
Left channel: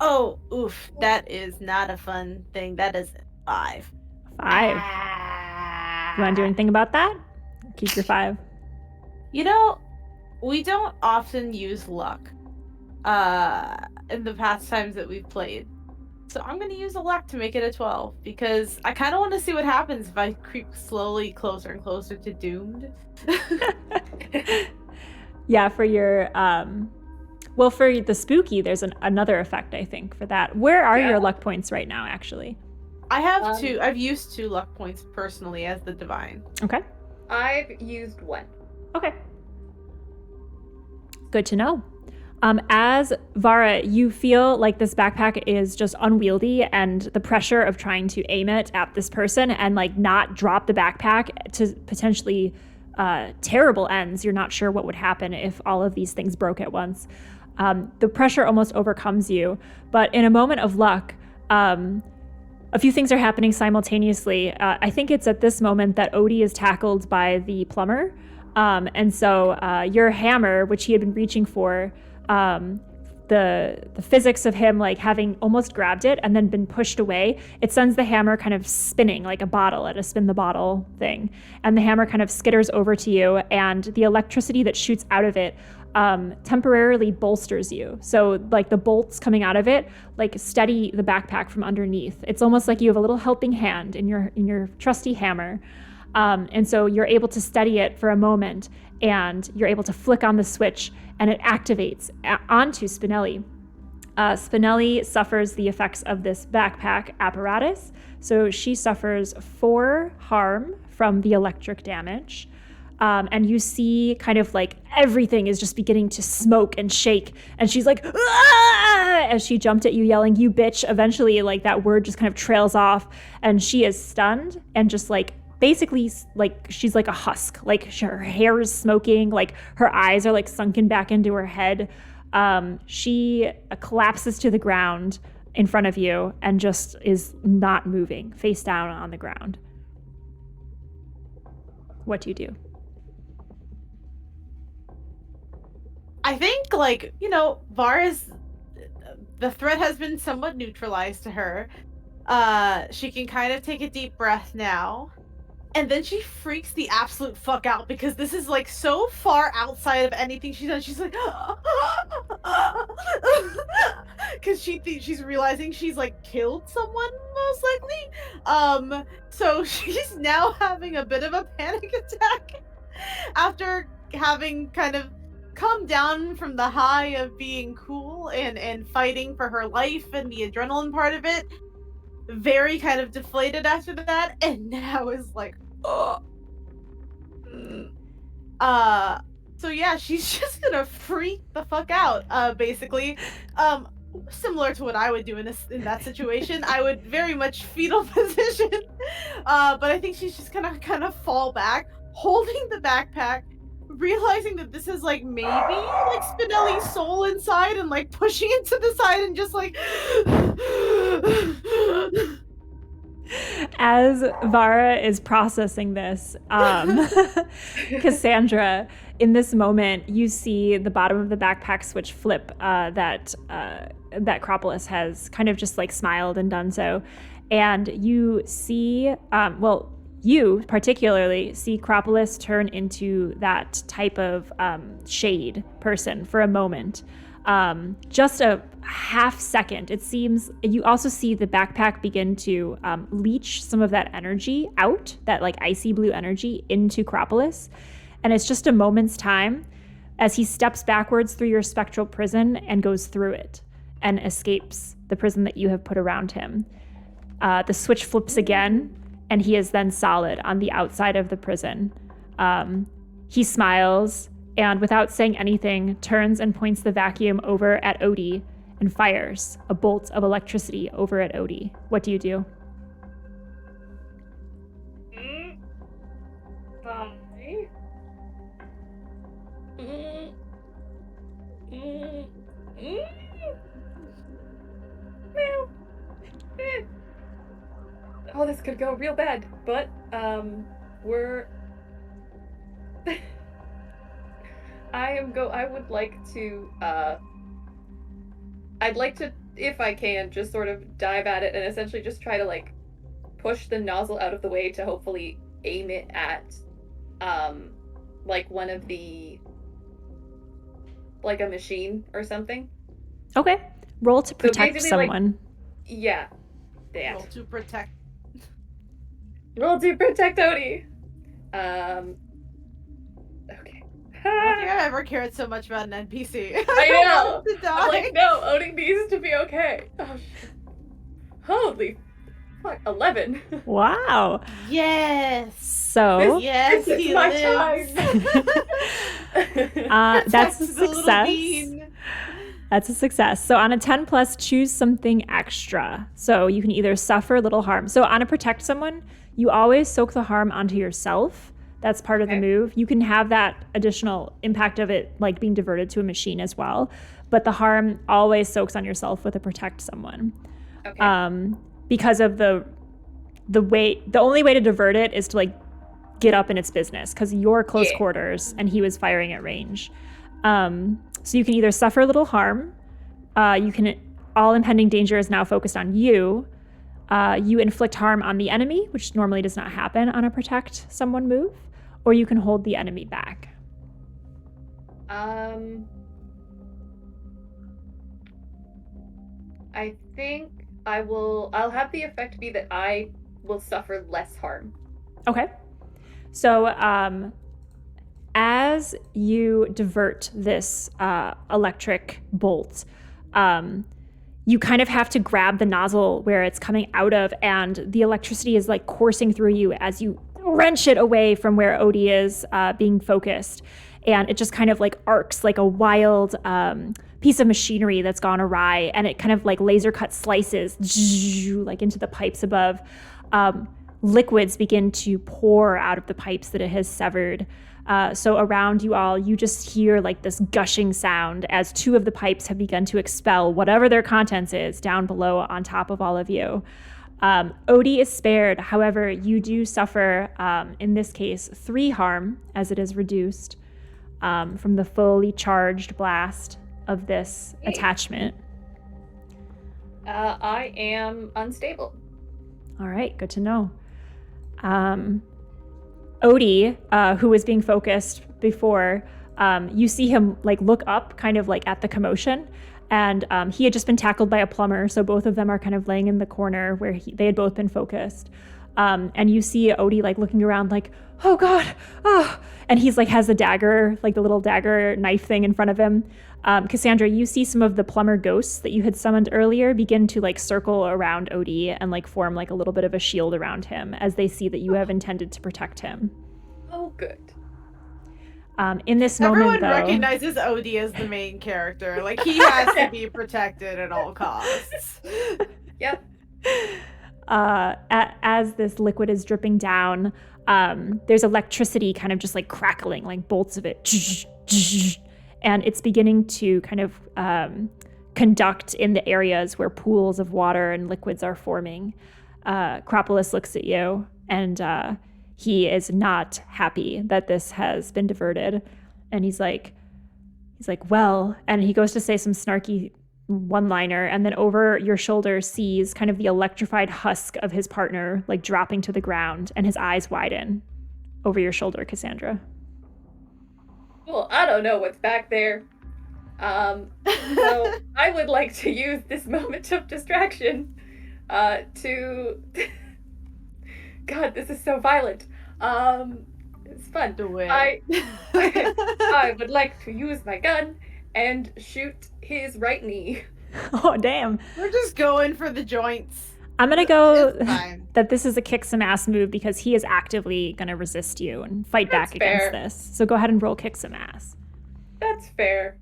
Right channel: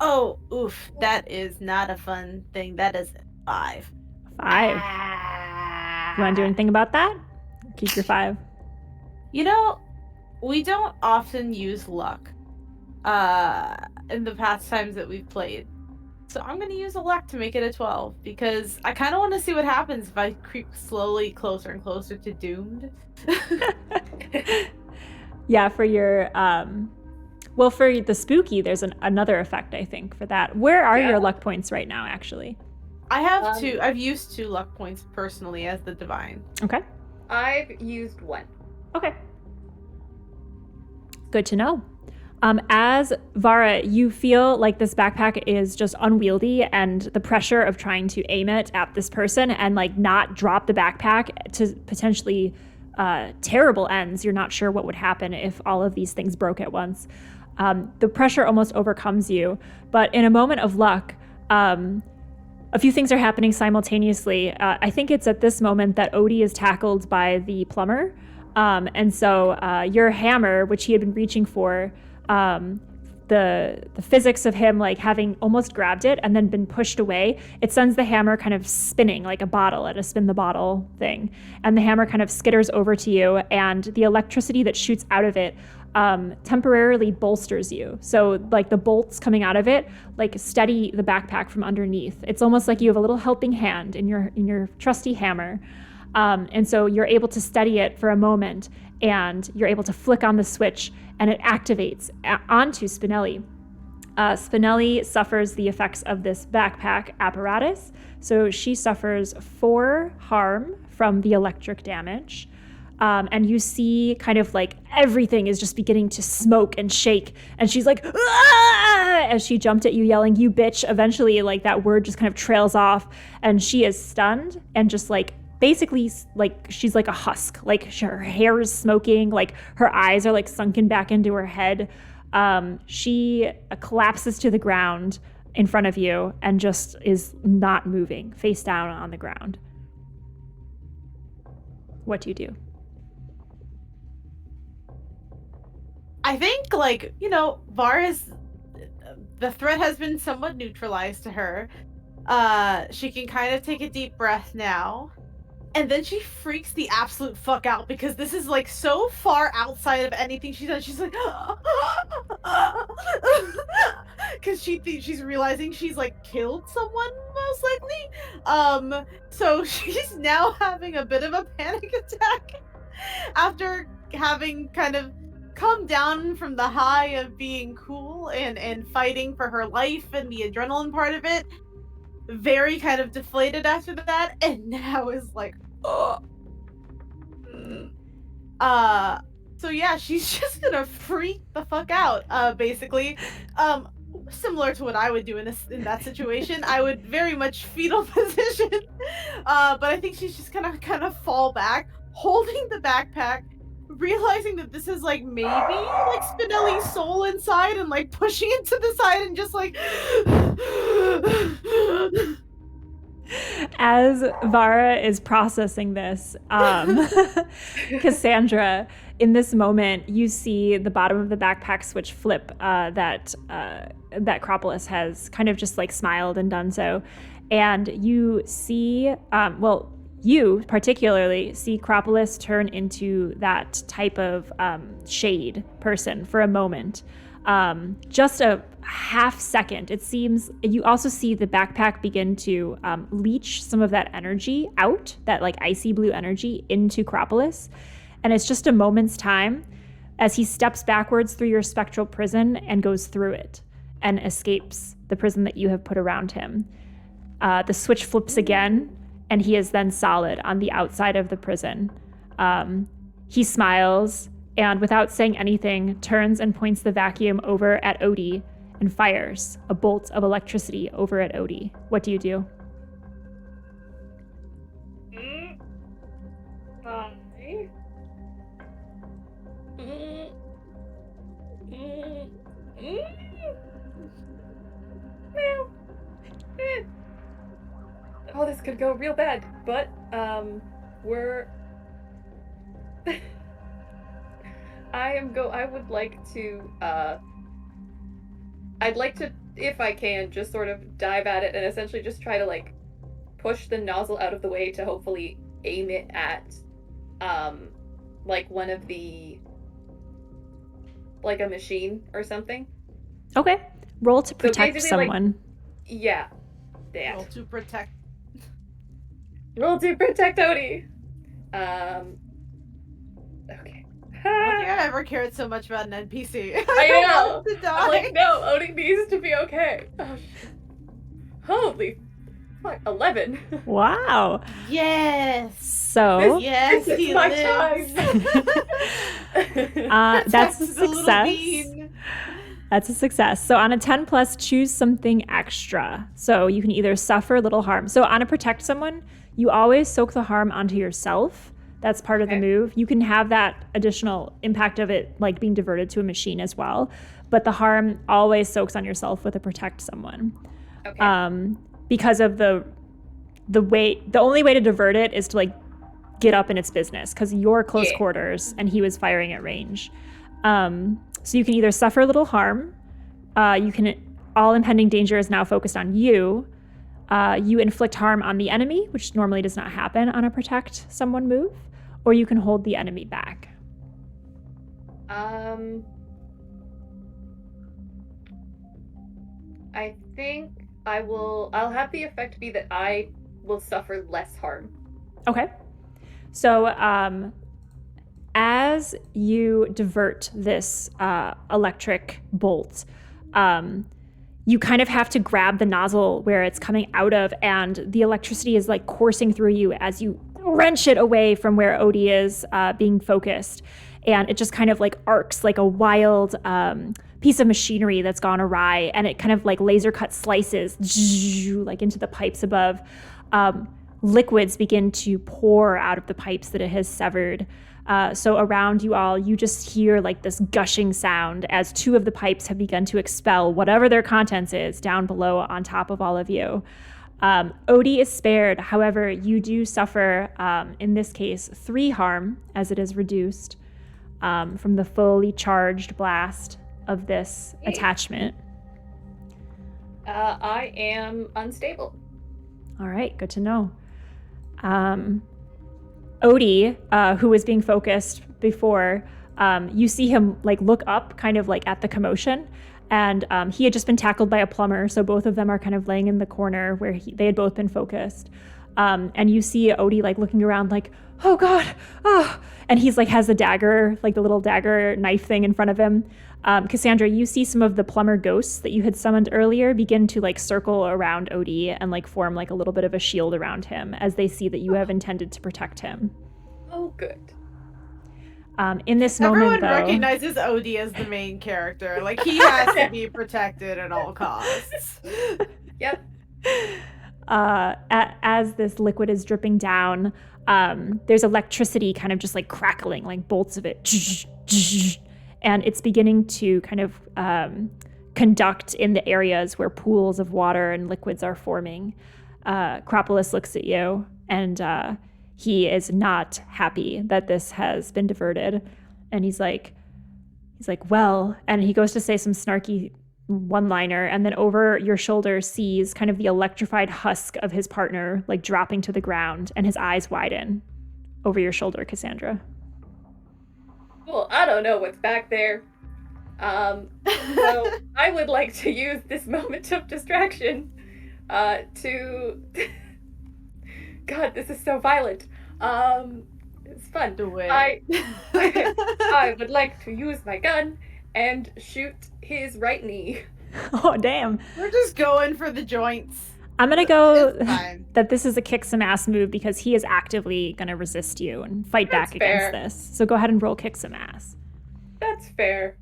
Oh, oof. That is not a fun thing. That is 5. 5. You want to do anything about that? Keep your 5. You know, we don't often use luck in the past times that we've played. So I'm going to use a luck to make it a 12, because I kind of want to see what happens if I creep slowly closer and closer to doomed. Yeah, for your, well, for the spooky, there's another effect, I think, for that. Where are your luck points right now, actually? I have 2. I've used 2 luck points personally as the divine. Okay. I've used 1. Okay. Good to know. As Vara, you feel like this backpack is just unwieldy, and the pressure of trying to aim it at this person and like not drop the backpack to potentially terrible ends. You're not sure what would happen if all of these things broke at once. The pressure almost overcomes you, but in a moment of luck, a few things are happening simultaneously. I think it's at this moment that Odie is tackled by the plumber. And so your hammer, which he had been reaching for, the physics of him like having almost grabbed it and then been pushed away, it sends the hammer kind of spinning like a bottle at a spin the bottle thing. And the hammer kind of skitters over to you, and the electricity that shoots out of it temporarily bolsters you. So like the bolts coming out of it like steady the backpack from underneath. It's almost like you have a little helping hand in your trusty hammer. And so you're able to steady it for a moment, and you're able to flick on the switch, and it activates onto Spinelli. Spinelli suffers the effects of this backpack apparatus. So she suffers 4 harm from the electric damage. And you see kind of like everything is just beginning to smoke and shake. And she's like, "Ah!" As she jumped at you yelling, "You bitch." Eventually, like that word just kind of trails off, and she is stunned and just like basically like she's like a husk. Like her hair is smoking, like her eyes are like sunken back into her head. She collapses to the ground in front of you and just is not moving, face down on the ground. What do you do? I think, like, you know, Vara's, the threat has been somewhat neutralized to her. She can kind of take a deep breath now. And then she freaks the absolute fuck out, because this is, like, so far outside of anything she's done. She's like, because she's realizing she's like killed someone most likely. So she's now having a bit of a panic attack after having kind of come down from the high of being cool and fighting for her life and the adrenaline part of it. Very kind of deflated after that, and now is like, oh. So yeah, she's just gonna freak the fuck out, basically. Similar to what I would do in that situation. I would very much fetal position, but I think she's just gonna kind of fall back, holding the backpack, realizing that this is like maybe like Spinelli's soul inside, and like pushing it to the side and just like. As Vara is processing this, Cassandra, in this moment, you see the bottom of the backpack switch flip that Acropolis has kind of just like smiled and done so. And you see, you particularly see Acropolis turn into that type of shade person for a moment. Just a half second. It seems you also see the backpack begin to leach some of that energy out, that like icy blue energy into Acropolis. And it's just a moment's time as he steps backwards through your spectral prison and goes through it and escapes the prison that you have put around him. The switch flips again, and he is then solid on the outside of the prison. He smiles, and without saying anything, turns and points the vacuum over at Odie and fires a bolt of electricity over at Odie. What do you do? Oh, this could go real bad, but we're I would like to I'd like to, if I can, just sort of dive at it and essentially just try to like push the nozzle out of the way to hopefully aim it at like one of the, like a machine or something. Okay. Roll to protect someone. Like, yeah. That. Roll to protect. Roll to protect Odie. Okay. I don't think I ever cared so much about an NPC. I know. To die. I'm like, no, Odie needs to be okay. Oh, shit. Holy fuck, 11. Wow. Yes. So. Yes, this he is my lives. That's a success. That's a success. So on a 10 plus, choose something extra. So you can either suffer little harm. So on a protect someone, you always soak the harm onto yourself. That's part of the move. You can have that additional impact of it like being diverted to a machine as well. But the harm always soaks on yourself with a protect someone. Okay. Because of the only way to divert it is to like get up in its business because you're close quarters and he was firing at range. So you can either suffer a little harm, all impending danger is now focused on you. You inflict harm on the enemy, which normally does not happen on a protect someone move, or you can hold the enemy back. I think I'll have the effect be that I will suffer less harm. Okay. So, as you divert this electric bolt, you kind of have to grab the nozzle where it's coming out of, and the electricity is like coursing through you as you wrench it away from where Odie is being focused. And it just kind of like arcs like a wild piece of machinery that's gone awry, and it kind of like laser cut slices like into the pipes above. Liquids begin to pour out of the pipes that it has severed. So around you all, you just hear like this gushing sound as two of the pipes have begun to expel whatever their contents is down below on top of all of you. Odie is spared. However, you do suffer, in this case, 3 harm as it is reduced from the fully charged blast of this attachment. I am unstable. All right, good to know. Odie, who was being focused before, you see him like look up kind of like at the commotion, And he had just been tackled by a plumber, so both of them are kind of laying in the corner where they had both been focused. And you see Odie like looking around like, oh God, oh. And he's like has the dagger, like the little dagger knife thing in front of him. Cassandra, you see some of the plumber ghosts that you had summoned earlier begin to like circle around Odie and like form like a little bit of a shield around him as they see that you have intended to protect him. Oh, good. In this moment, though, everyone recognizes Odie as the main character. Like, he has to be protected at all costs. Yep. As this liquid is dripping down, there's electricity kind of just like crackling, like bolts of it. And it's beginning to kind of conduct in the areas where pools of water and liquids are forming. Acropolis looks at you, and he is not happy that this has been diverted. And he's like, well, and he goes to say some snarky one-liner, and then over your shoulder sees kind of the electrified husk of his partner like dropping to the ground, and his eyes widen over your shoulder, Cassandra. Well, I don't know what's back there. So I would like to use this moment of distraction to... God, this is so violent. It's fun. Do it. I would like to use my gun and shoot his right knee. Oh, damn. We're just going for the joints. I'm going to go that this is a kick some ass move because he is actively going to resist you and fight back against this. So go ahead and roll kick some ass. That's fair.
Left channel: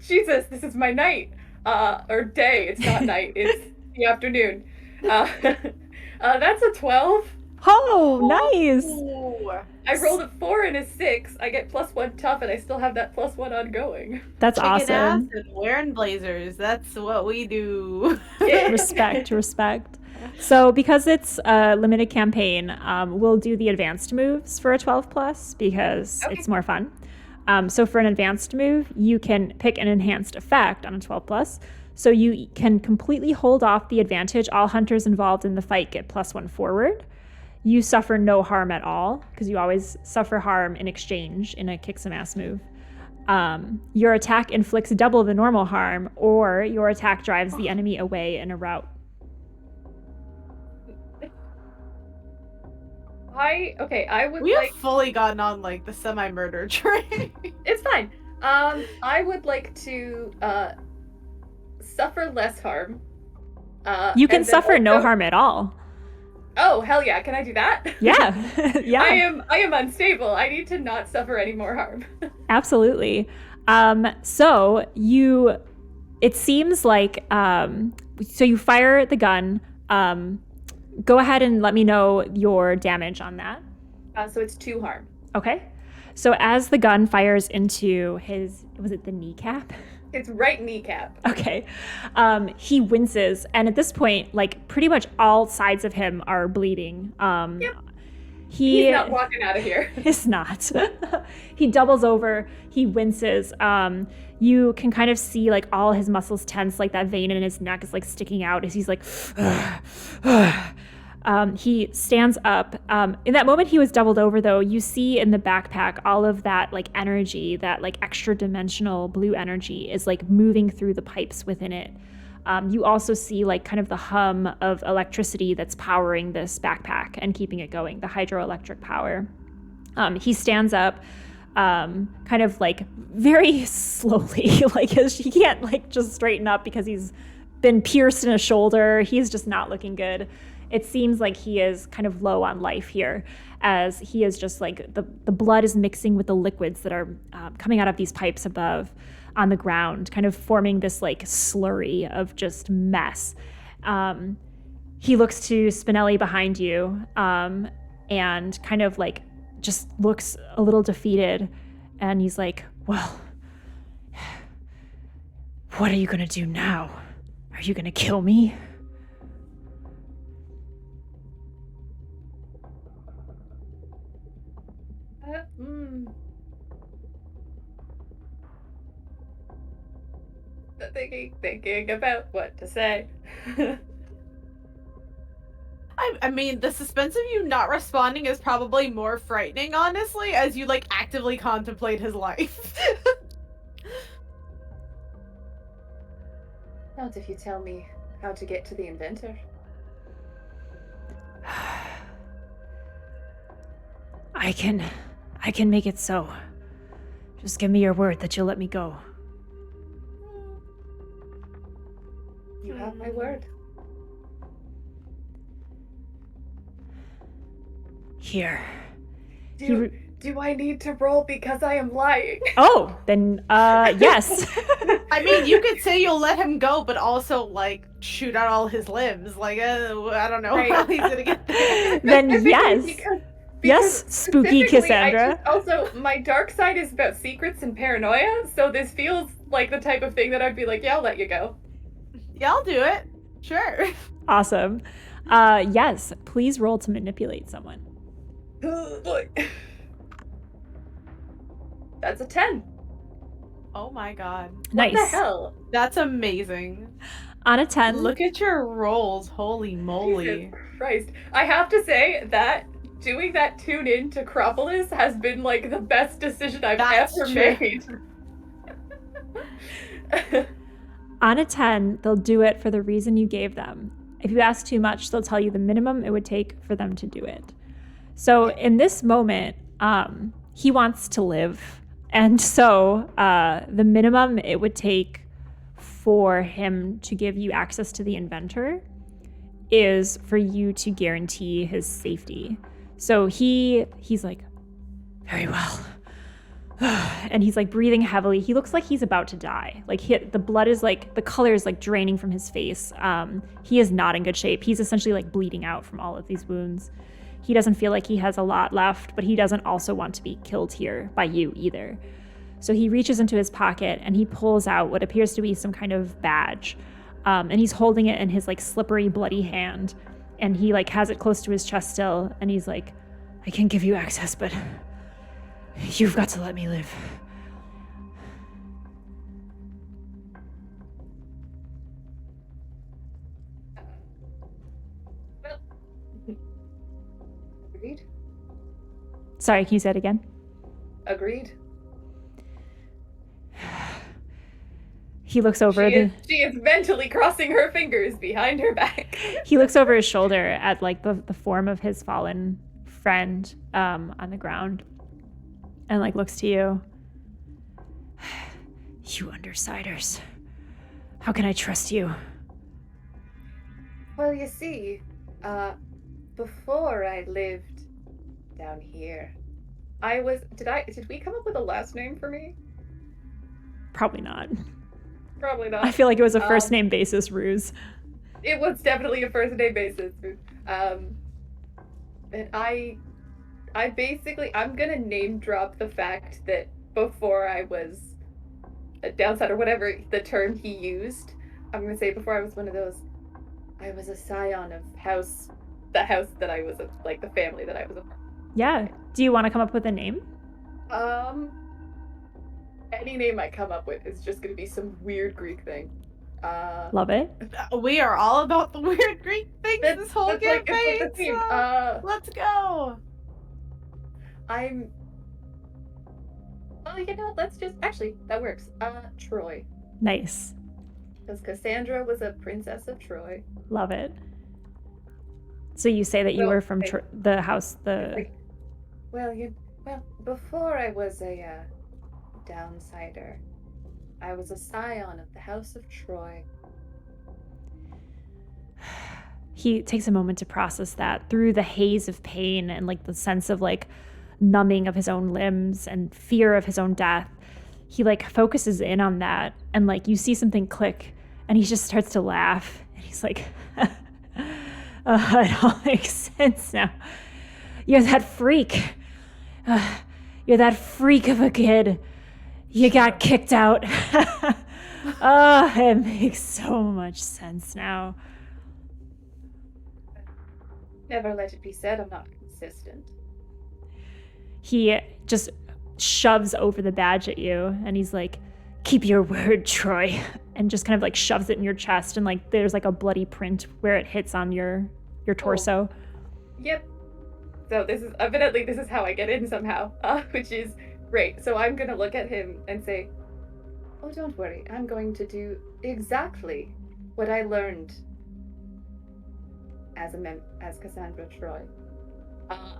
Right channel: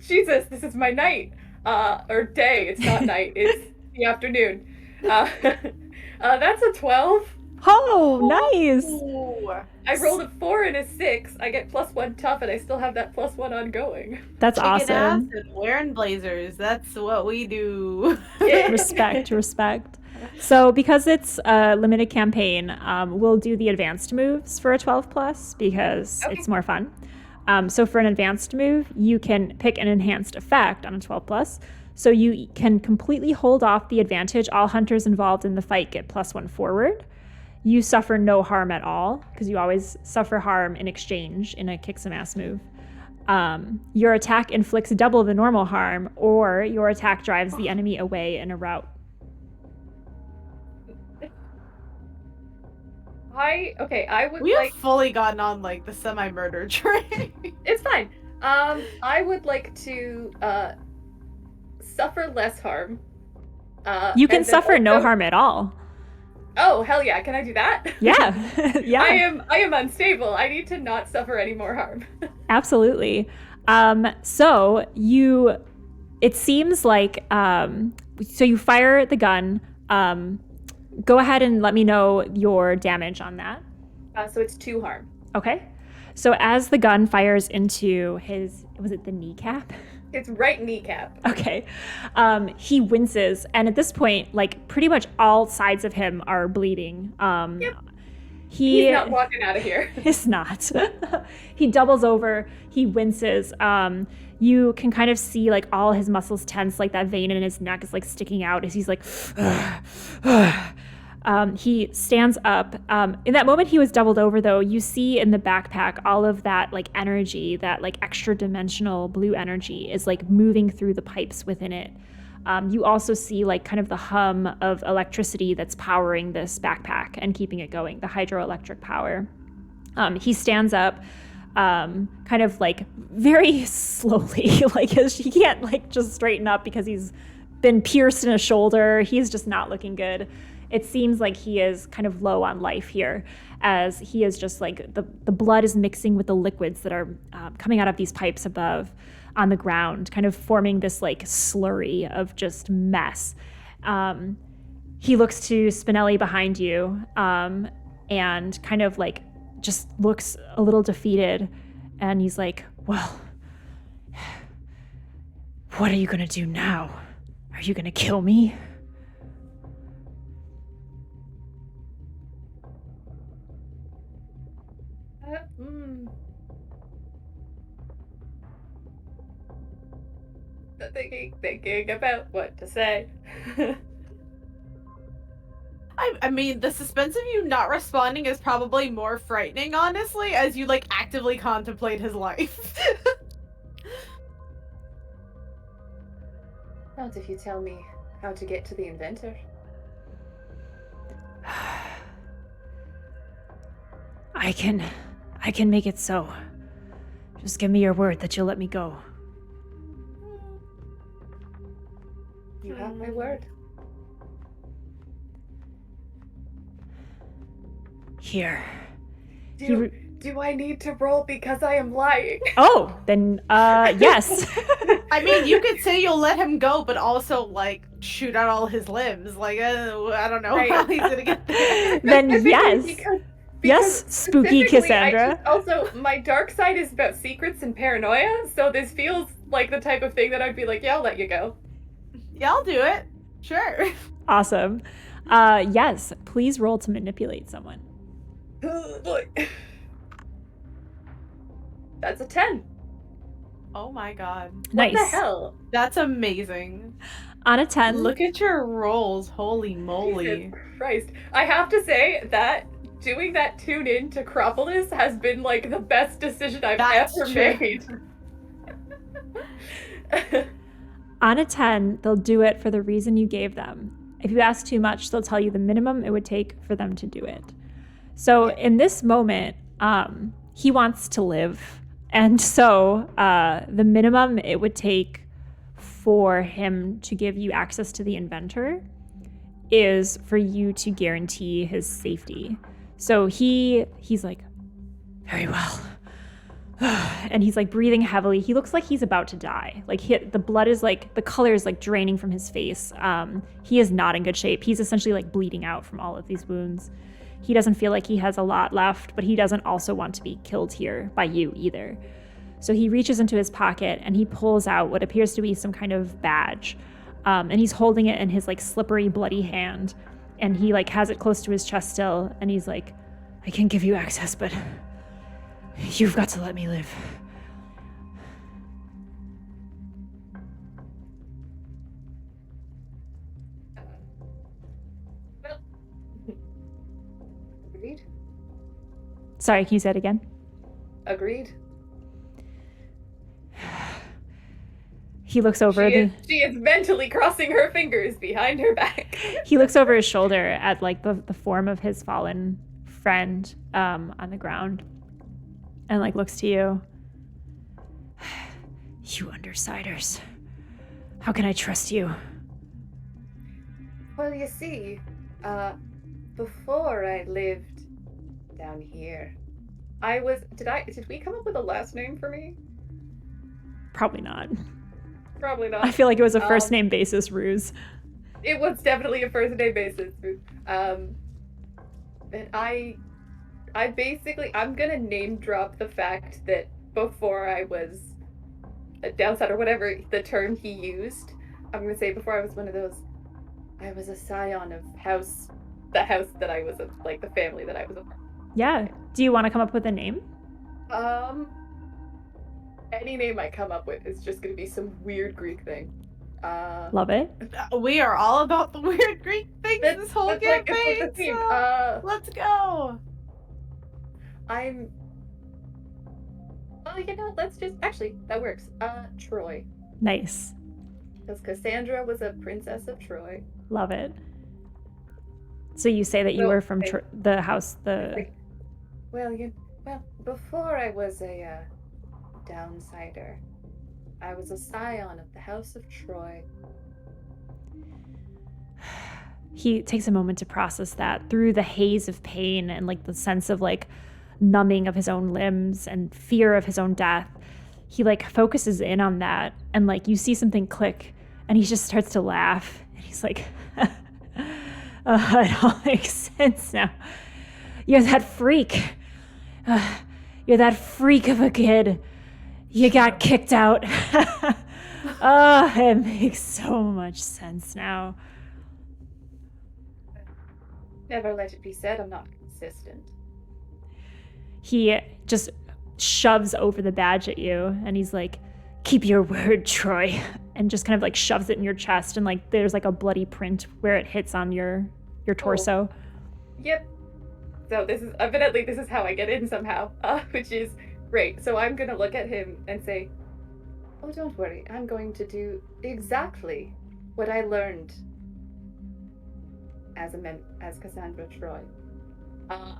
Jesus, this is my night. Or day. It's not night. It's the afternoon. That's a 12. Oh, nice. Ooh. I rolled a 4 and a 6. I get +1 tough, and I still have that +1 ongoing. That's Kicking awesome. ass and wearing blazers. That's what we do. Respect. So because it's a limited campaign, we'll do the advanced moves for a 12+ because it's more fun. So for an advanced move, you can pick an enhanced effect on a 12+. So you can completely hold off the advantage. All hunters involved in the fight get +1 forward. You suffer no harm at all, because you always suffer harm in exchange in a kick some ass move. Your attack inflicts double the normal harm, or your attack drives the enemy away in a route. I would We like... have fully gotten on, like, the semi-murder train. It's fine. I would like to suffer less harm. You can suffer no harm at all. Oh, hell yeah. Can I do that? Yeah. Yeah. I am unstable. I need to not suffer any more harm. Absolutely. So it seems like, so you fire the gun. Go ahead and let me know your damage on that. So it's 2 harm. Okay. So as the gun fires into his, was it the kneecap? It's right kneecap. Okay. He winces, and at this point, like pretty much all sides of him are bleeding. Yep. He's not walking out of here. He's not. He doubles over. He winces. You can kind of see like all his muscles tense, like that vein in his neck is like sticking out as he's like. He stands up. In that moment he was doubled over, though, you see in the backpack all of that like energy, that like extra dimensional blue energy is like moving through the pipes within it. You also see like kind of the hum of electricity that's powering this backpack and keeping it going, the hydroelectric power. He stands up, kind of like very slowly, like he can't like just straighten up because he's been pierced in a shoulder. He's just not looking good. It seems like he is kind of low on life here, as he is just like the blood is mixing with the liquids that are coming out of these pipes above on the ground, kind of forming this like slurry of just mess. He looks to Spinelli behind you and kind of like just looks a little defeated, and he's like, well, what are you gonna do now? Are you gonna kill me? Thinking about what to say. I mean, the suspense of you not responding is probably more frightening, honestly, as you like actively contemplate his life. Not if you tell me how to get to the Inventor. I can make it so. Just give me your word that you'll let me go. You have my word. Here. Do I need to roll because I am lying? Oh, then, yes. I mean, you could say you'll let him go, but also, like, shoot out all his limbs. Like, I don't know how he's gonna get there. Then yes. Yes, spooky Cassandra. Also, my dark side is about secrets and paranoia, so this feels like the type of thing that I'd be like, yeah, I'll let you go. Yeah, I'll do it. Sure. Awesome. Yes, please roll to manipulate someone. That's a 10. Oh my god. Nice. What the hell? That's amazing. On a 10. Look at your rolls. Holy moly. Jesus Christ. I have to say that doing that tune in to Acropolis has been like the best decision I've ever made. On a 10, they'll do it for the reason you gave them. If you ask too much, they'll tell you the minimum it would take for them to do it. So in this moment, he wants to live. And so the minimum it would take for him to give you access to the Inventor is for you to guarantee his safety. So he's like, very well. And he's like breathing heavily. He looks like he's about to die. Like the blood is like, the color is like draining from his face. He is not in good shape. He's essentially like bleeding out from all of these wounds. He doesn't feel like he has a lot left, but he doesn't also want to be killed here by you either. So he reaches into his pocket and he pulls out what appears to be some kind of badge. And he's holding it in his like slippery, bloody hand. And he like has it close to his chest still. And he's like, I can give you access, but you've got to let me live. Agreed. Sorry, can you say it again? Agreed. He looks over she is mentally crossing her fingers behind her back. He looks over his shoulder at like the form of his fallen friend on the ground and like looks to you. You undersiders. How can I trust you? Well, you see, before I lived down here, did we come up with a last name for me? Probably not. Probably not. I feel like it was a first name basis ruse. It was definitely a first name basis. And I basically, I'm gonna name drop the fact that before I was a downside or whatever the term he used, I'm gonna say before I was one of those, I was a scion of the house that I was, like the family that I was a part of. Yeah. Do you want to come up with a name? Any name I come up with is just gonna be some weird Greek thing. Love it. We are all about the weird Greek things this whole campaign. Like, so let's go. Well, you know, let's just actually that works. Troy. Nice. Because Cassandra was a princess of Troy. Love it. So you say that you were from the house, Well, before I was a downsider, I was a scion of the House of Troy. He takes a moment to process that through the haze of pain and like the sense of like numbing of his own limbs and fear of his own death. He like focuses in on that and like you see something click and he just starts to laugh and he's like, it all makes sense now. You're that freak. You're that freak of a kid. You got kicked out. It makes so much sense now. Never let it be said I'm not consistent. He just shoves over the badge at you and he's like, keep your word, Troy. And just kind of like shoves it in your chest and like there's like a bloody print where it hits on your torso. Yep. So this is how I get in somehow, which is great. So I'm gonna look at him and say, oh, don't worry, I'm going to do exactly what I learned as Cassandra Troy,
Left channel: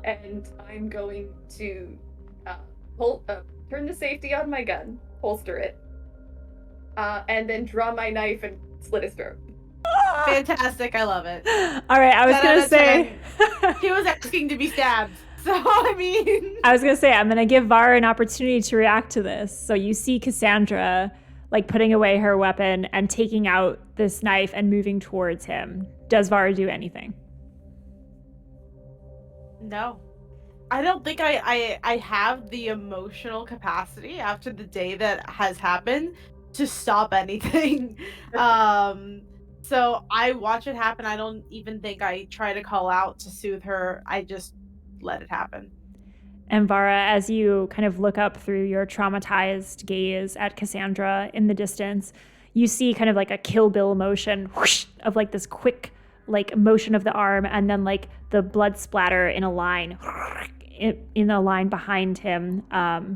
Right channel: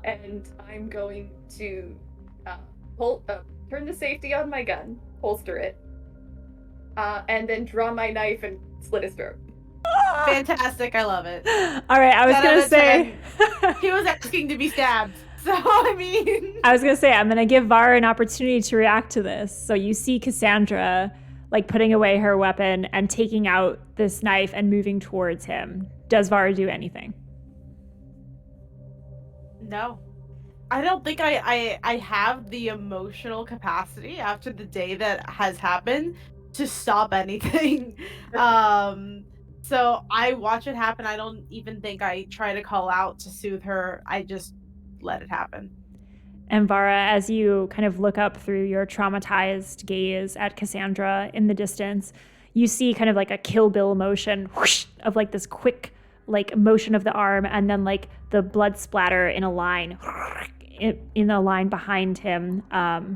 and I'm going to turn the safety on my gun, holster it, and then draw my knife and slit his throat. Fantastic, I love it. All right, I was going to say... He was asking to be stabbed, so I mean... I was going to say, I'm going to give Vara an opportunity to react to this. So you see Cassandra, like, putting away her weapon and taking out this knife and moving towards him. Does Vara do anything? No. I don't think I have the emotional capacity after the day that has happened to stop anything. So I watch it happen. I don't even think I try to call out to soothe her. I just let it happen. And Vara, as you kind of look up through your traumatized gaze at Cassandra in the distance, you see kind of like a Kill Bill motion whoosh, of like this quick like motion of the arm, and then like the blood splatter in a line behind him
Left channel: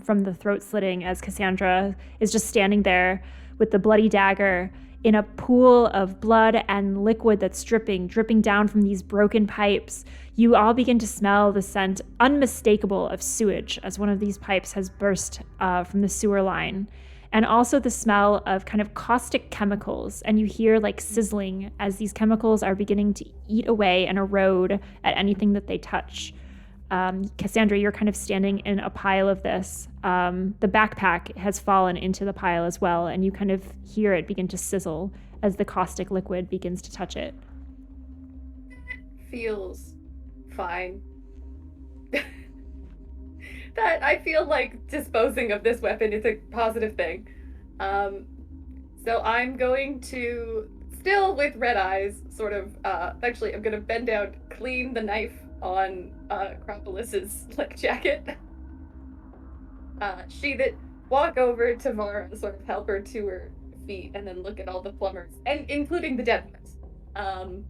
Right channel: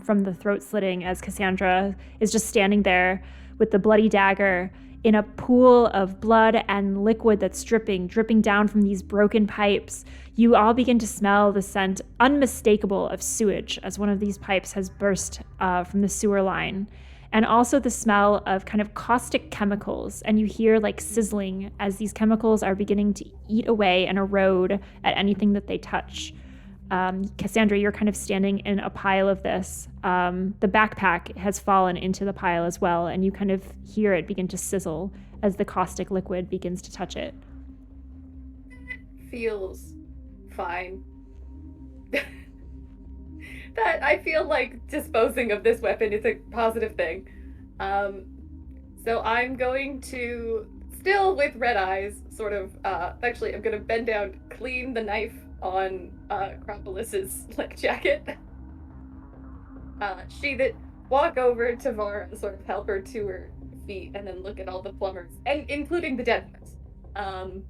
from the throat slitting, as Cassandra is just standing there with the bloody dagger in a pool of blood and liquid that's dripping down from these broken pipes. You all begin to smell the scent, unmistakable, of sewage, as one of these pipes has burst from the sewer line. And also the smell of kind of caustic chemicals. And you hear like sizzling as these chemicals are beginning to eat away and erode at anything that they touch. Cassandra, you're kind of standing in a pile of this. The backpack has fallen into the pile as well, and you kind of hear it begin to sizzle as the caustic liquid begins to touch it. Feels fine. That I feel like disposing of this weapon is a positive thing. So I'm going to, still with red eyes, sort of, actually I'm gonna bend down, clean the knife on Acropolis's like jacket. Sheath it, walk over to Vara, sort of help her to her feet, and then look at all the plumbers, and including the dead ones.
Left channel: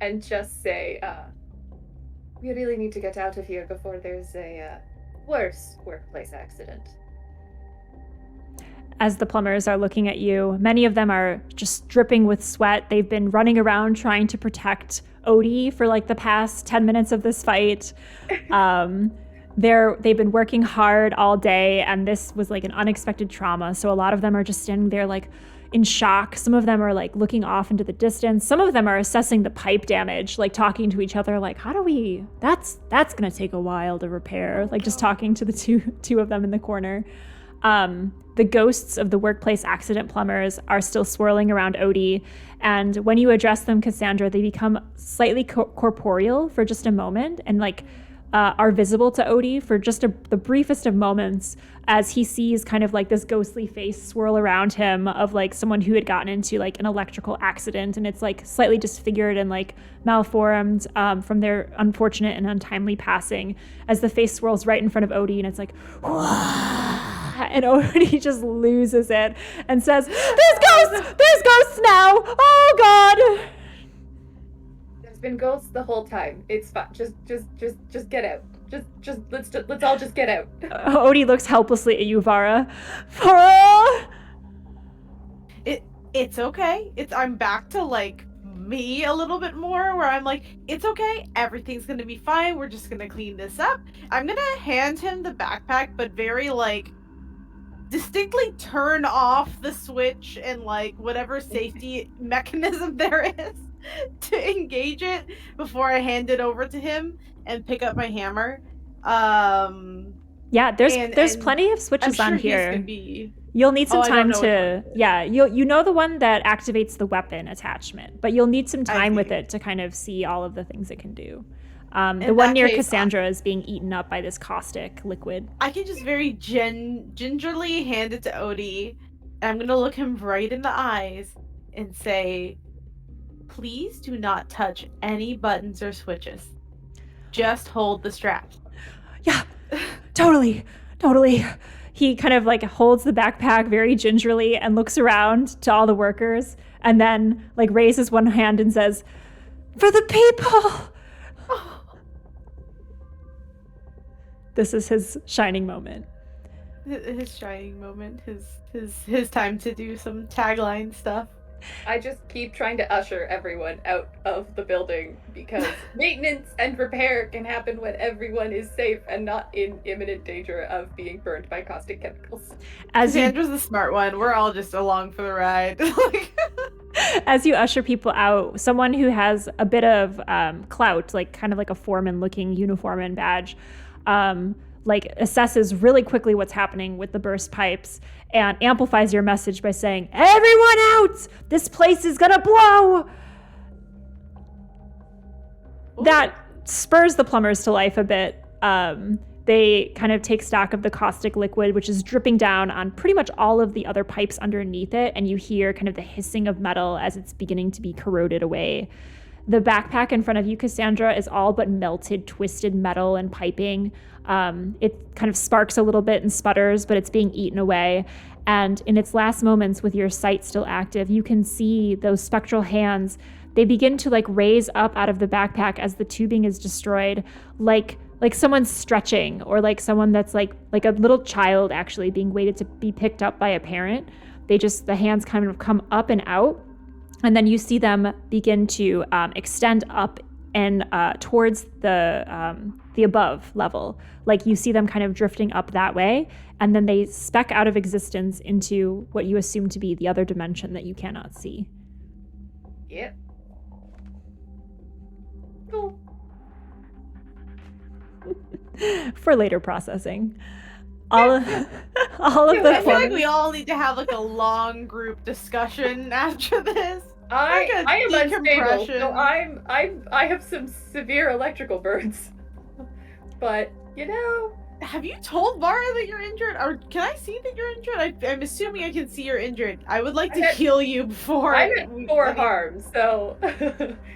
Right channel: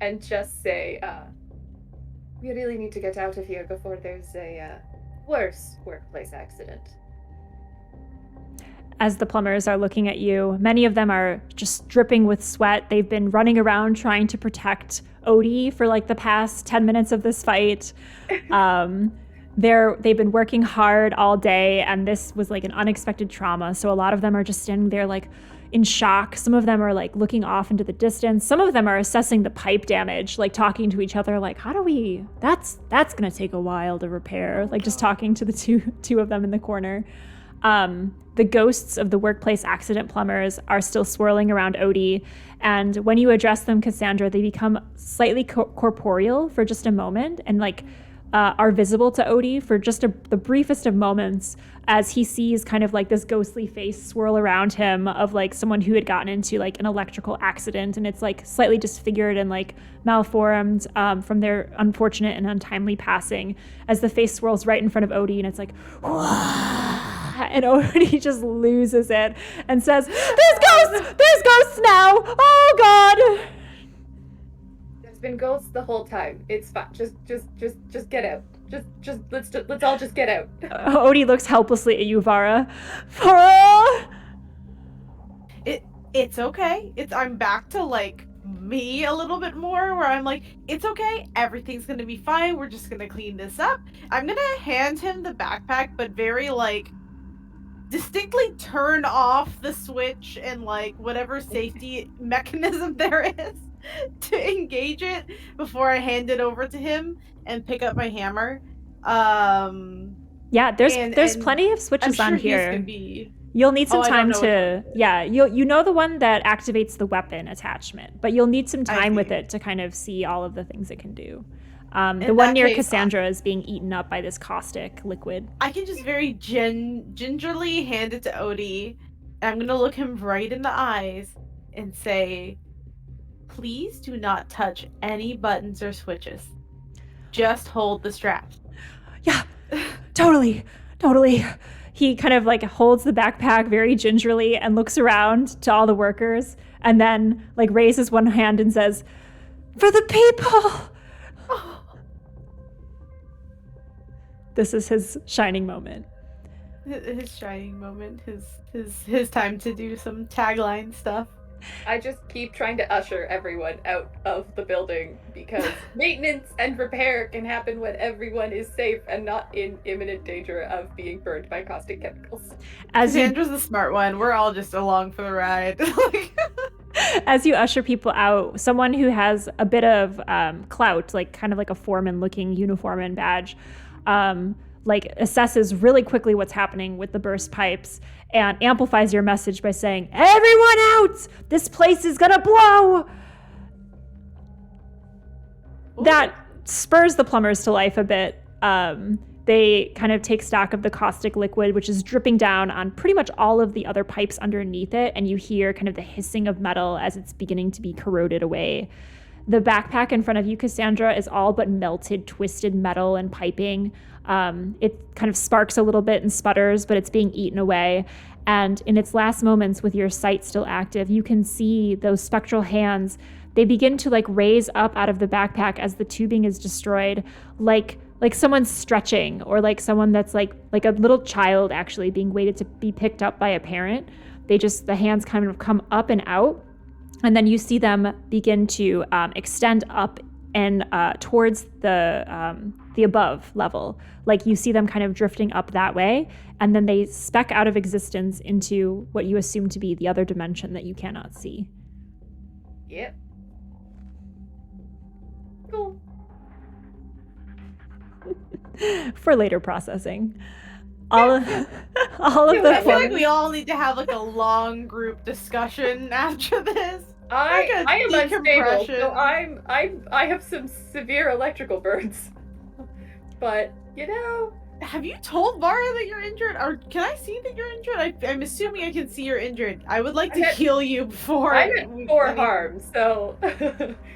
And just say, we really need to get out of here before there's a worse workplace accident. As the plumbers are looking at you, many of them are just dripping with sweat. They've been running around trying to protect Odie for like the past 10 minutes of this fight. They've been working hard all day, and this was like an unexpected trauma. So a lot of them are just standing there like in shock. Some of them are like looking off into the distance. Some of them are assessing the pipe damage, like talking to each other like, how do we, that's gonna take a while to repair. Like just talking to the two of them in the corner. The ghosts of the workplace accident plumbers are still swirling around Odie, and when you address them, Cassandra, they become slightly corporeal for just a moment, and like are visible to Odie for just the briefest of moments, as he sees kind of like this ghostly face swirl around him of like someone who had gotten into like an electrical accident, and it's like slightly disfigured and like malformed from their unfortunate and untimely passing, as the face swirls right in front of Odie, and it's like, and Odie just loses it and says, there's ghosts now, oh God. There's been ghosts the whole time. It's fine. Just get out. Let's all just get out. Odie looks helplessly at you, Vara. Vara! It's okay. I'm back to like me a little bit more, where I'm like, it's okay, everything's gonna be fine, we're just gonna clean this up. I'm gonna hand him the backpack, but very like distinctly turn off the switch and like whatever safety mechanism there is to engage it before I hand it over to him and pick up my hammer. Yeah, there's plenty of switches on here. You'll need some time to, you know the one that activates the weapon attachment, but you'll need some time with it to kind of see all of the things it can do. The one near Cassandra is being eaten up by this caustic liquid. I can just very gingerly hand it to Odie, and I'm going to look him right in the eyes and say, please do not touch any buttons or switches. Just hold the strap. Yeah, totally. He kind of like holds the backpack very gingerly and looks around to all the workers, and then like raises one hand and says, for the people. This is his shining moment. His shining moment. His time to do some tagline stuff. I just keep trying to usher everyone out of the building because maintenance and repair can happen when everyone is safe and not in imminent danger of being burned by caustic chemicals. Cassandra's the smart one. We're all just along for the ride. As you usher people out, someone who has a bit of clout, like kind of like a foreman-looking uniform and badge, like assesses really quickly what's happening with the burst pipes and amplifies your message by saying, "Everyone out! This place is gonna blow!" Ooh. That spurs the plumbers to life a bit. They kind of take stock of the caustic liquid, which is dripping down on pretty much all of the other pipes underneath it, and you hear kind of the hissing of metal as it's beginning to be corroded away. The backpack in front of you, Cassandra, is all but melted, twisted metal and piping. It kind of sparks a little bit and sputters, but it's being eaten away. And in its last moments, with your sight still active, you can see those spectral hands. They begin to like raise up out of the backpack as the tubing is destroyed, like someone's stretching, or like someone that's like a little child actually being waited to be picked up by a parent. The hands kind of come up and out. And then you see them begin to extend up and towards the above level. Like you see them kind of drifting up that way, and then they speck out of existence into what you assume to be the other dimension that you cannot see. Yep. Cool. For later processing. All of the I feel like we all need to have like a long group discussion after this. I am unstable, so I have some severe electrical burns. But have you told Vara that you're injured, or can I see that you're injured? I'm assuming I can see you're injured. I would like to heal you before. I'm at 4 harms, so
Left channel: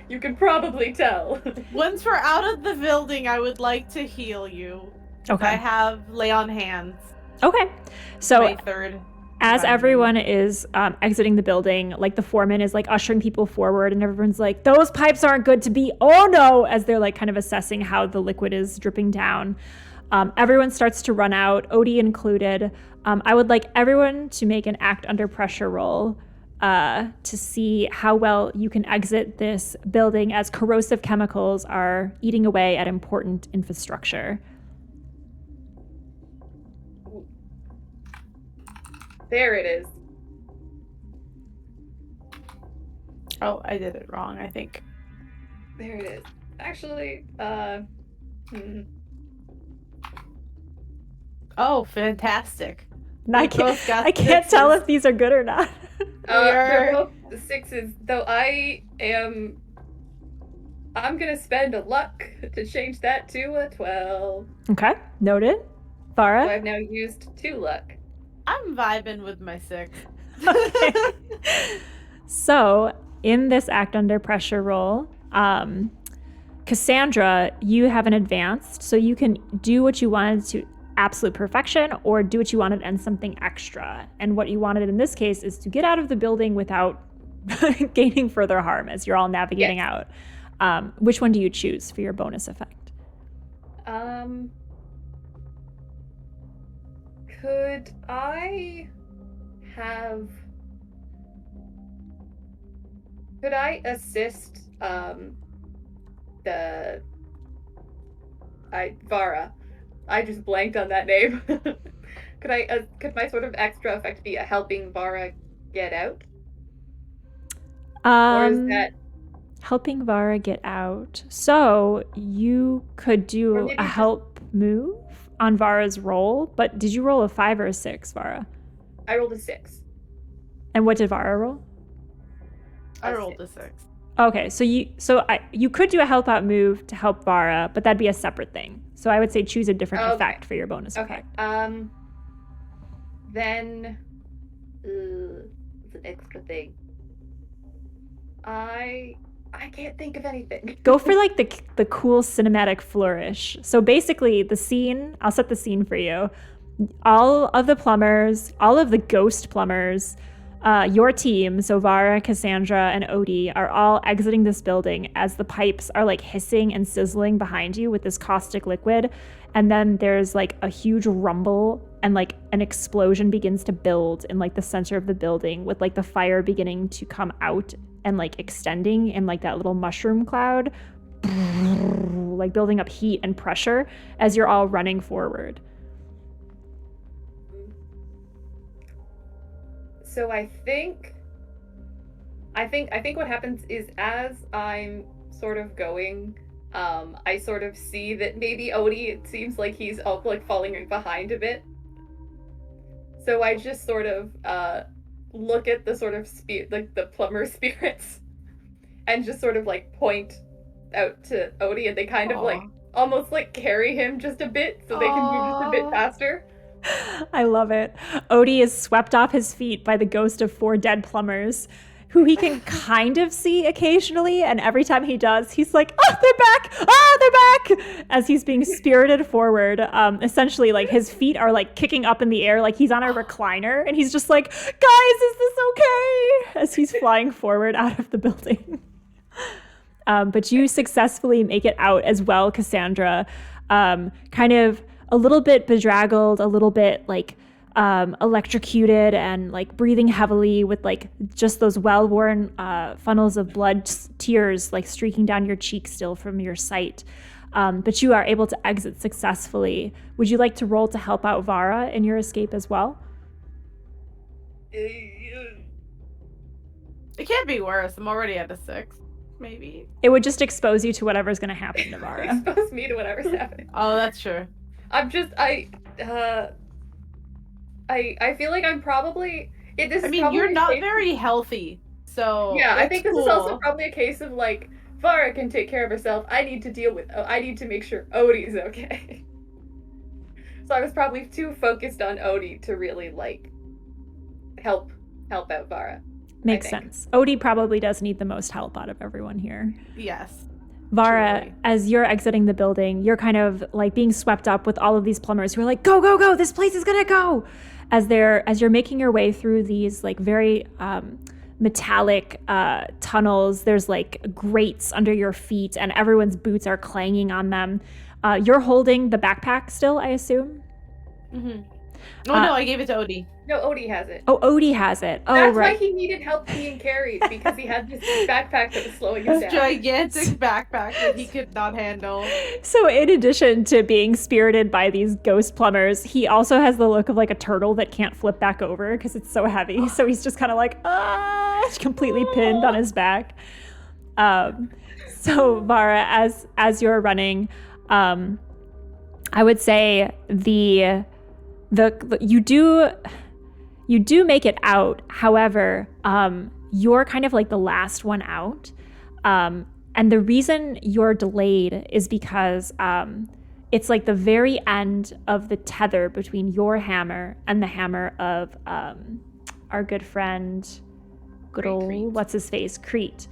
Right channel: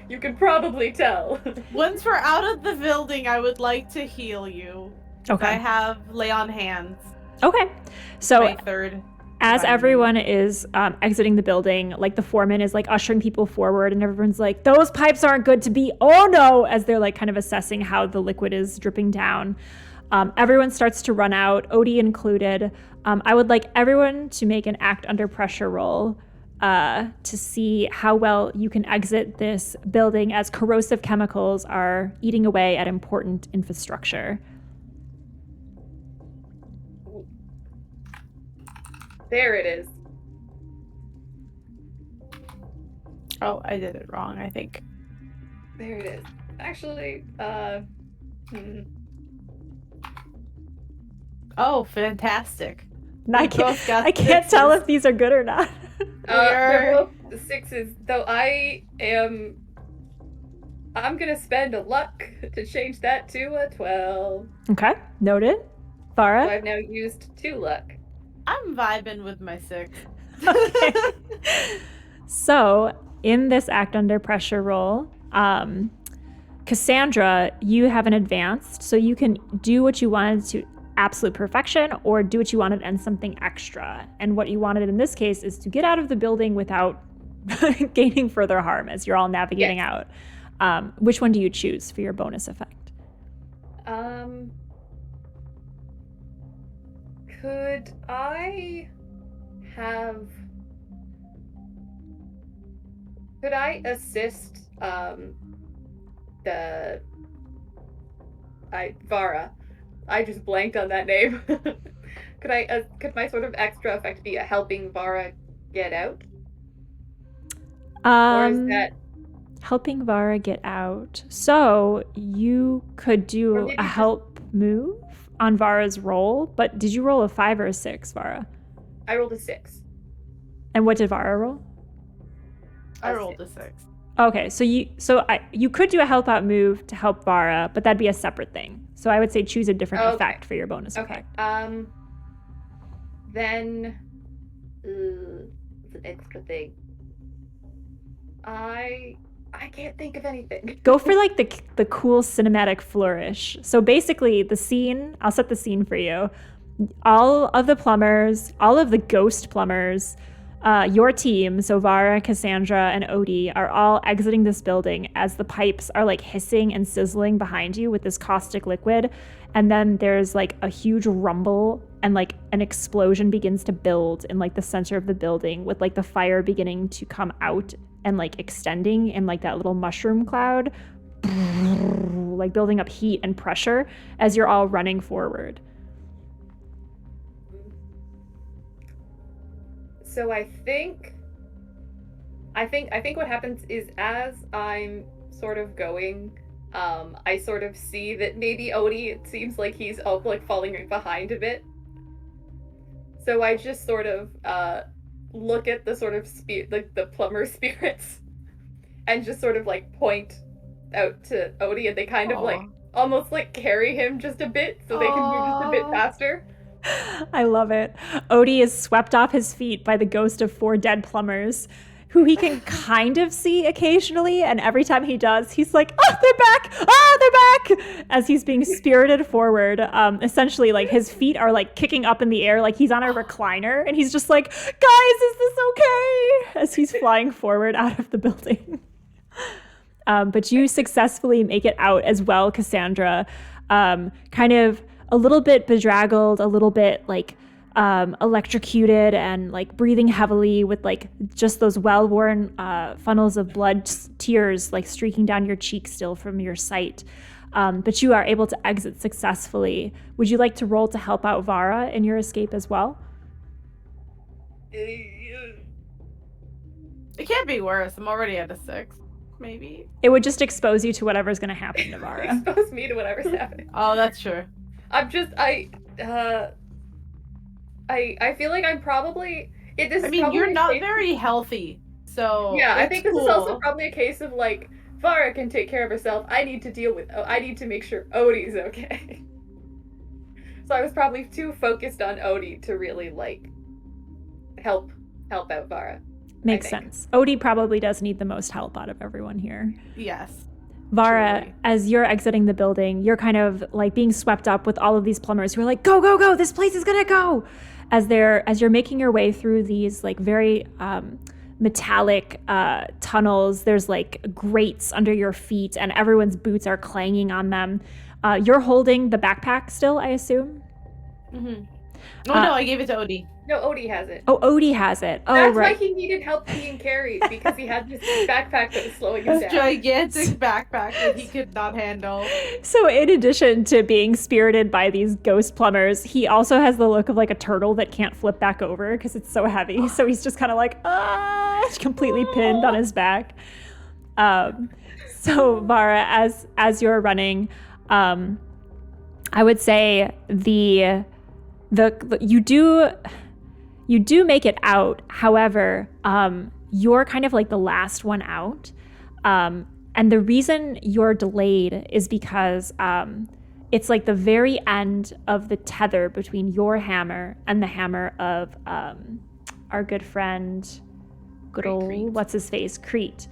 you can probably tell. Once we're out of the building, I would like to heal you. Okay. I have lay on hands. Okay. So my third. As everyone is exiting the building, like the foreman is like ushering people forward, and everyone's like, "Those pipes aren't good to be. Oh no!" As they're like kind of assessing how the liquid is dripping down. Everyone starts to run out, Odie included. I would like everyone to make an act under pressure roll to see how well you can exit this building as corrosive chemicals are eating away at important infrastructure. There it is. Oh, I did it wrong, I think. There it is. Actually, Oh, fantastic. I can't tell if these are good or not. They're both the 6s, though I'm gonna spend a luck to change that to a 12. Okay, noted. Vara? So I've now used 2 luck. I'm vibing with my 6. Okay. So, in this act under pressure roll, Cassandra, you have an advanced, so you can do what you wanted to absolute perfection or do what you wanted and something extra. And what you wanted in this case is to get out of the building without gaining further harm as you're all navigating out. Which one do you choose for your bonus effect? Could I assist Vara? I just blanked on that name. Could my sort of extra effect be a helping Vara get out? Or is that helping Vara get out? So you could do a help move on Vara's roll, but did you roll a 5 or a 6, Vara? I rolled a 6. And what did Vara roll? I rolled a 6. Okay, so you could do a help out move to help Vara, but that'd be a separate thing. So I would say choose a different effect for your bonus effect. Then it's an extra thing. I can't think of anything. Go for like the cool cinematic flourish. So basically the scene, I'll set the scene for you. All of the plumbers, all of the ghost plumbers, your team, so Vara, Cassandra, and Odie, are all exiting this building as the pipes are like hissing and sizzling behind you with this caustic liquid. And then there's like a huge rumble and like an explosion begins to build in like the center of the building with like the fire beginning to come out and like extending in like that little mushroom cloud, like building up heat and pressure as you're all running forward. So I think what happens is as I'm sort of going, I sort of see that maybe Odie, it seems like he's like falling behind a bit. So I just sort of look at the sort of like the plumber spirits and just sort of like point out to Odie, and they kind of like almost like carry him just a bit so they can move just a bit faster. I love it. Odie is swept off his feet by the ghost of 4 dead plumbers, who he can kind of see occasionally. And every time he does, he's like, oh, they're back! Oh, they're back! As he's being spirited forward. Essentially, like, his feet are, like, kicking up in the air like he's on a recliner. And he's just like, guys, is this okay? As he's flying forward out of the building. But you successfully make it out as well, Cassandra. Kind of a little bit bedraggled, a little bit like electrocuted and like breathing heavily with like just those well-worn funnels of blood tears like streaking down your cheek still from your sight. But you are able to exit successfully. Would you like to roll to help out Vara in your escape as well? It can't be worse. I'm already at a 6. Maybe. It would just expose you to whatever's going to happen to Vara. Expose me to whatever's happening. Oh, that's true. I feel like I'm probably. You're not very healthy, so yeah. I think this is also probably a case of like Vara can take care of herself. I need to make sure Odie's okay. So I was probably too focused on Odie to really like help out Vara. Makes sense. Odie probably does need the most help out of everyone here. Yes. Vara, truly. As you're exiting the building, you're kind of like being swept up with all of these plumbers who are like, go, go, go, this place is gonna go. As you're making your way through these like very metallic tunnels, there's like grates under your feet and everyone's boots are clanging on them. You're holding the backpack still, I assume? Mm-hmm. Oh, no, I gave it to Odie. No, Odie has it. Oh, Odie has it. Oh, That's right. why he needed help being carried, because he had this backpack that was slowing him down. Gigantic backpack that he could not handle. So in addition to being spirited by these ghost plumbers, he also has the look of like a turtle that can't flip back over because it's so heavy. So he's just kind of like, completely pinned on his back. So Vara, as you're running, I would say you do make it out. However, you're kind of like the last one out. And the reason you're delayed is because it's like the very end of the tether between your hammer and the hammer of our good friend, good old, what's his face, Crete.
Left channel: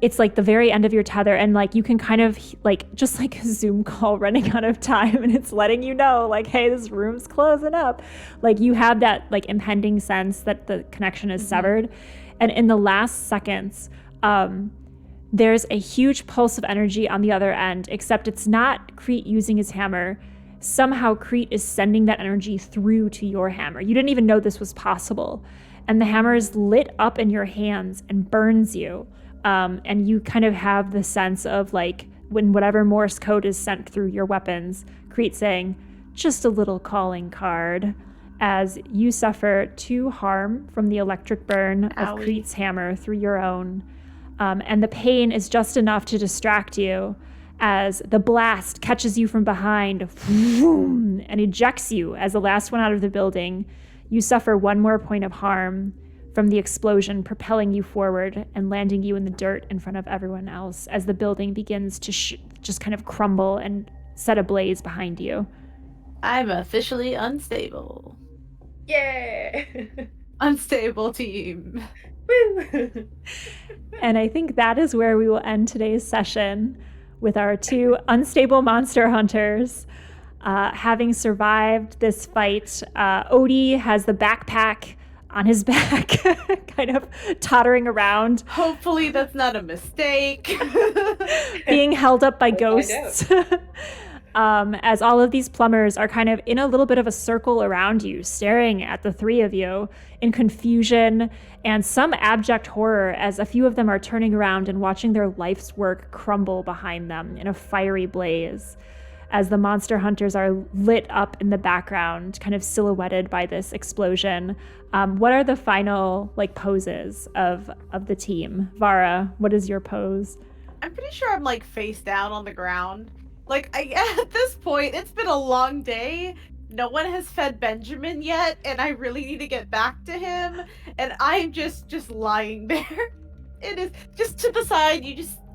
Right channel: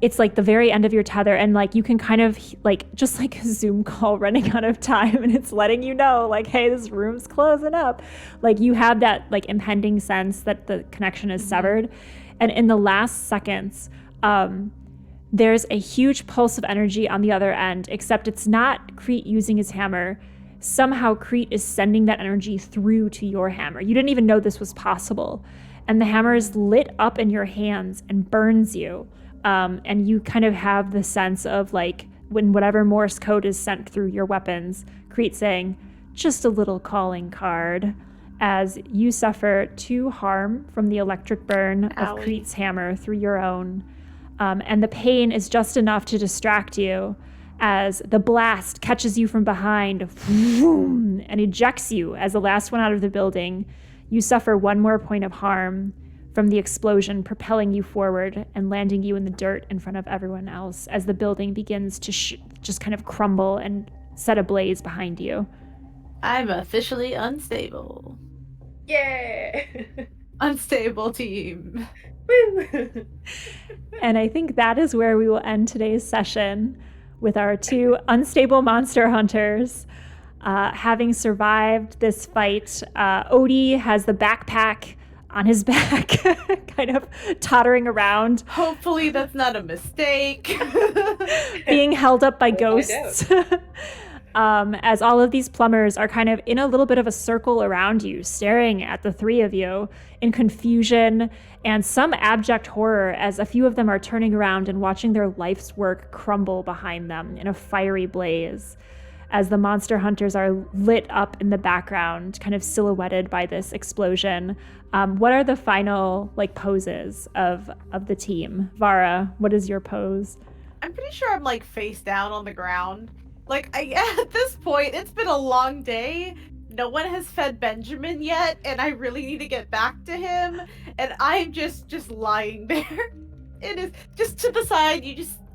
It's like the very end of your tether, and like you can kind of like just like a Zoom call running out of time, and it's letting you know like, hey, this room's closing up. Like you have that like impending sense that the connection is severed. And in the last seconds, there's a huge pulse of energy on the other end, except it's not Crete using his hammer. Somehow Crete is sending that energy through to your hammer. You didn't even know this was possible. And the hammer is lit up in your hands and burns you. And you kind of have the sense of like when whatever Morse code is sent through your weapons, Crete saying, just a little calling card, as you suffer 2 harm from the electric burn of Crete's hammer through your own. And the pain is just enough to distract you as the blast catches you from behind and ejects you as the last one out of the building. You suffer 1 more point of harm from the explosion, propelling you forward and landing you in the dirt in front of everyone else as the building begins to just kind of crumble and set ablaze behind you. I'm officially unstable. Yeah! Unstable team. And I think that is where we will end today's session with our 2 unstable monster hunters. Having survived this fight, Odie has the backpack on his back, kind of tottering around. Hopefully that's not a mistake. Being held up by ghosts. As all of these plumbers are kind of in a little bit of a circle around you, staring at the three of you in confusion and some abject horror, as a few of them are turning around and watching their life's work crumble behind them in a fiery blaze, as the monster hunters are lit up in the background, kind of silhouetted by this explosion. What are the final poses of the team? Vara, what is your pose? I'm pretty sure I'm face down on the ground. At this point, it's been a long day. No one has fed Benjamin yet, and I really need to get back to him. And I'm just lying there. It is just to the side.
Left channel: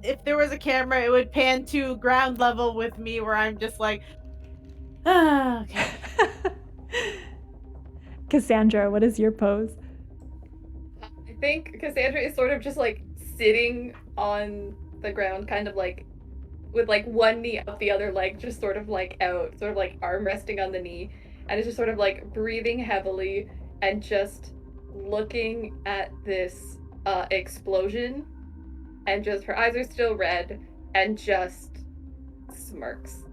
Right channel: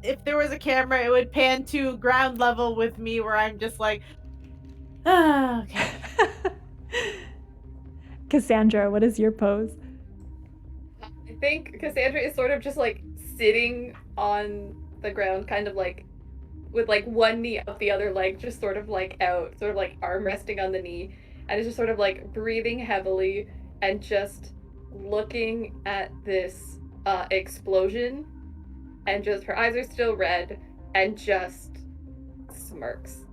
If there was a camera, it would pan to ground level with me, where I'm just okay. Cassandra, what is your pose? I think Cassandra is sort of just sitting on the ground, kind of with one knee up the other leg, just sort of out, sort of arm resting on the knee, and it's just sort of breathing heavily and just looking at this explosion, and just her eyes are still red and just smirks.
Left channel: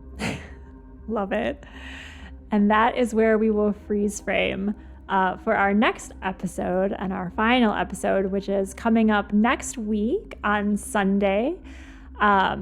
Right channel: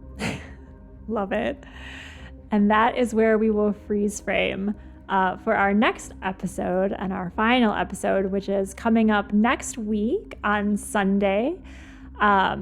Love it. And that is where we will freeze frame for our next episode and our final episode, which is coming up next week on Sunday.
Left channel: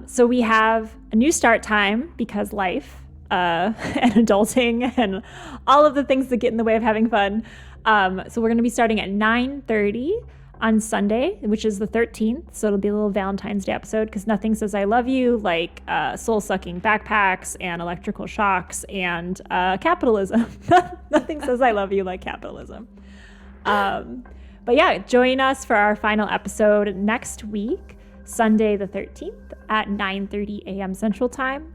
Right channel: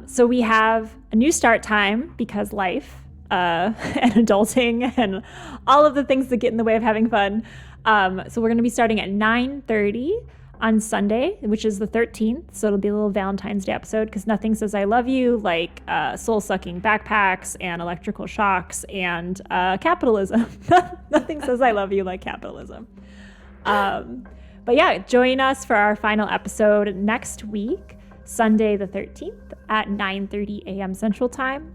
So we have a new start time because life and adulting and all of the things that get in the way of having fun. So we're going to be starting at 9:30 on Sunday, which is the 13th. So it'll be a little Valentine's Day episode, because nothing says I love you like soul-sucking backpacks and electrical shocks and capitalism. Nothing says I love you like capitalism. But yeah, join us for our final episode next week, Sunday the 13th at 9:30 a.m. Central Time.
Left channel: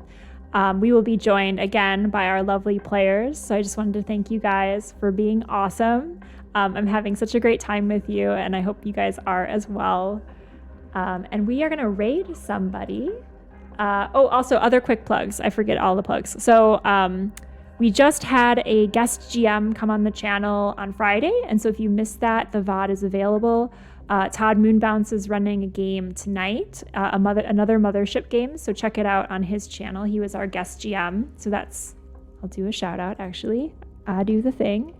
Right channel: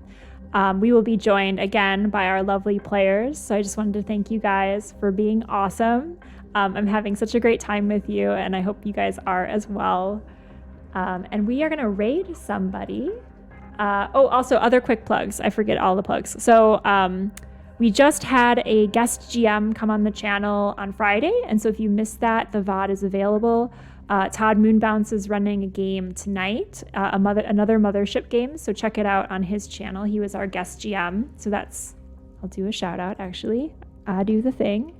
We will be joined again by our lovely players. So I just wanted to thank you guys for being awesome. I'm having such a great time with you, and I hope you guys are as well. And we are going to raid somebody. Also other quick plugs. I forget all the plugs. So we just had a guest GM come on the channel on Friday. And so if you missed that, the VOD is available. Todd Moonbounce is running a game tonight, another Mothership game. So check it out on his channel. He was our guest GM. So I'll do a shout out actually. I do the thing.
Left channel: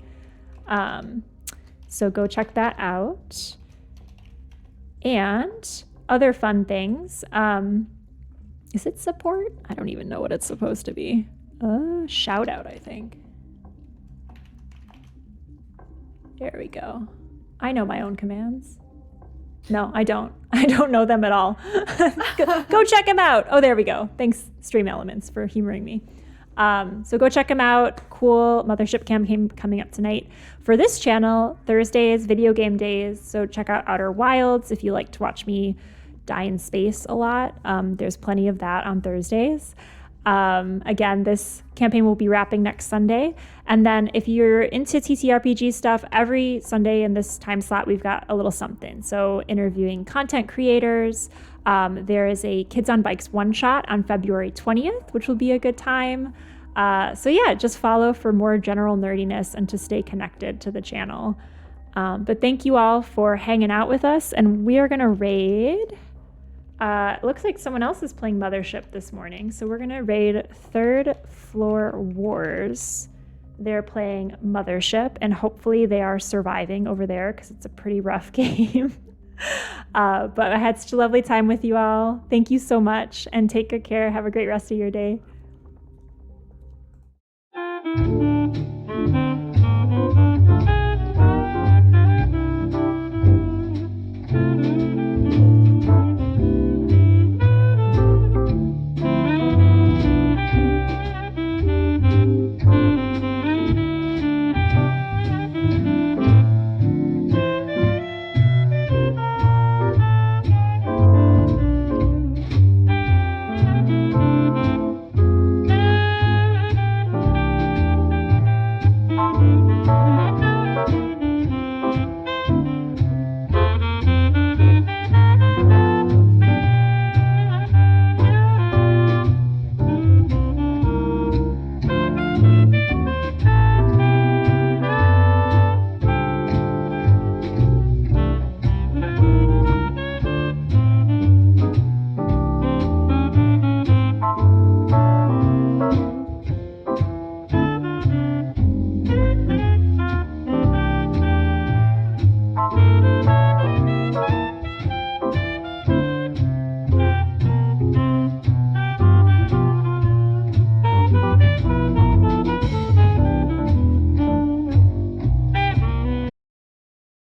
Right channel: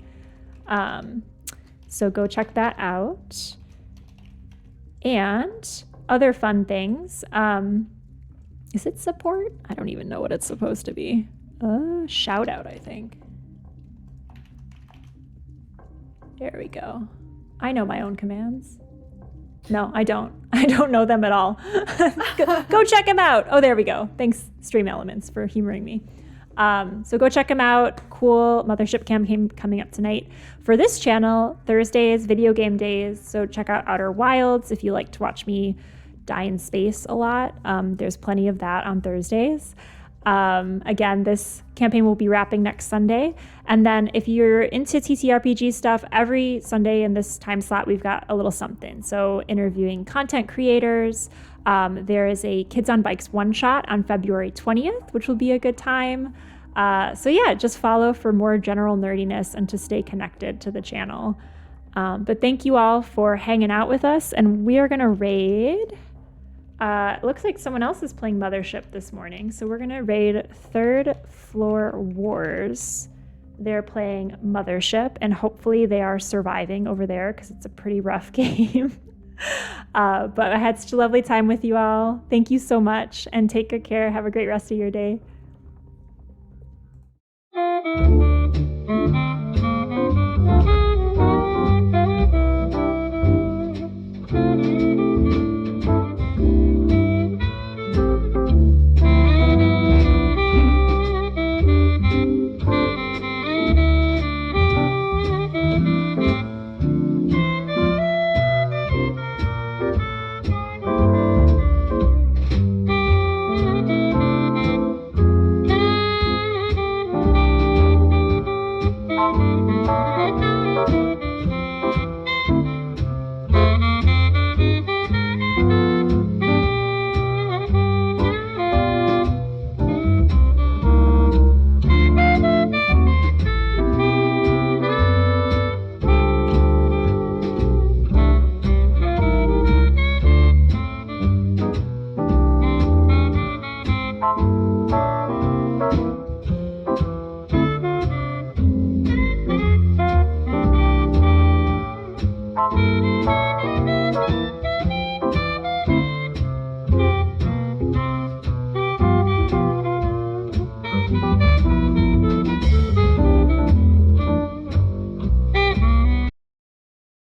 So go check that out. And other fun things. Is it support? I don't even know what it's supposed to be. Shout out, I think. There we go. I know my own commands. No, I don't. I don't know them at all. Go check them out. Oh, there we go. Thanks, Stream Elements, for humoring me. So go check them out. Cool Mothership campaign coming up tonight. For this channel, Thursdays, video game days. So check out Outer Wilds if you like to watch me die in space a lot. There's plenty of that on Thursdays. Again, this campaign will be wrapping next Sunday. And then if you're into TTRPG stuff, every Sunday in this time slot, we've got a little something. So interviewing content creators. There is a Kids on Bikes one-shot on February 20th, which will be a good time. So yeah, just follow for more general nerdiness and to stay connected to the channel. But thank you all for hanging out with us. And we are going to raid... it looks like someone else is playing Mothership this morning. So we're going to raid Third Floor Wars. They're playing Mothership, and hopefully they are surviving over there because it's a pretty rough game. But I had such a lovely time with you all. Thank you so much, and take good care. Have a great rest of your day.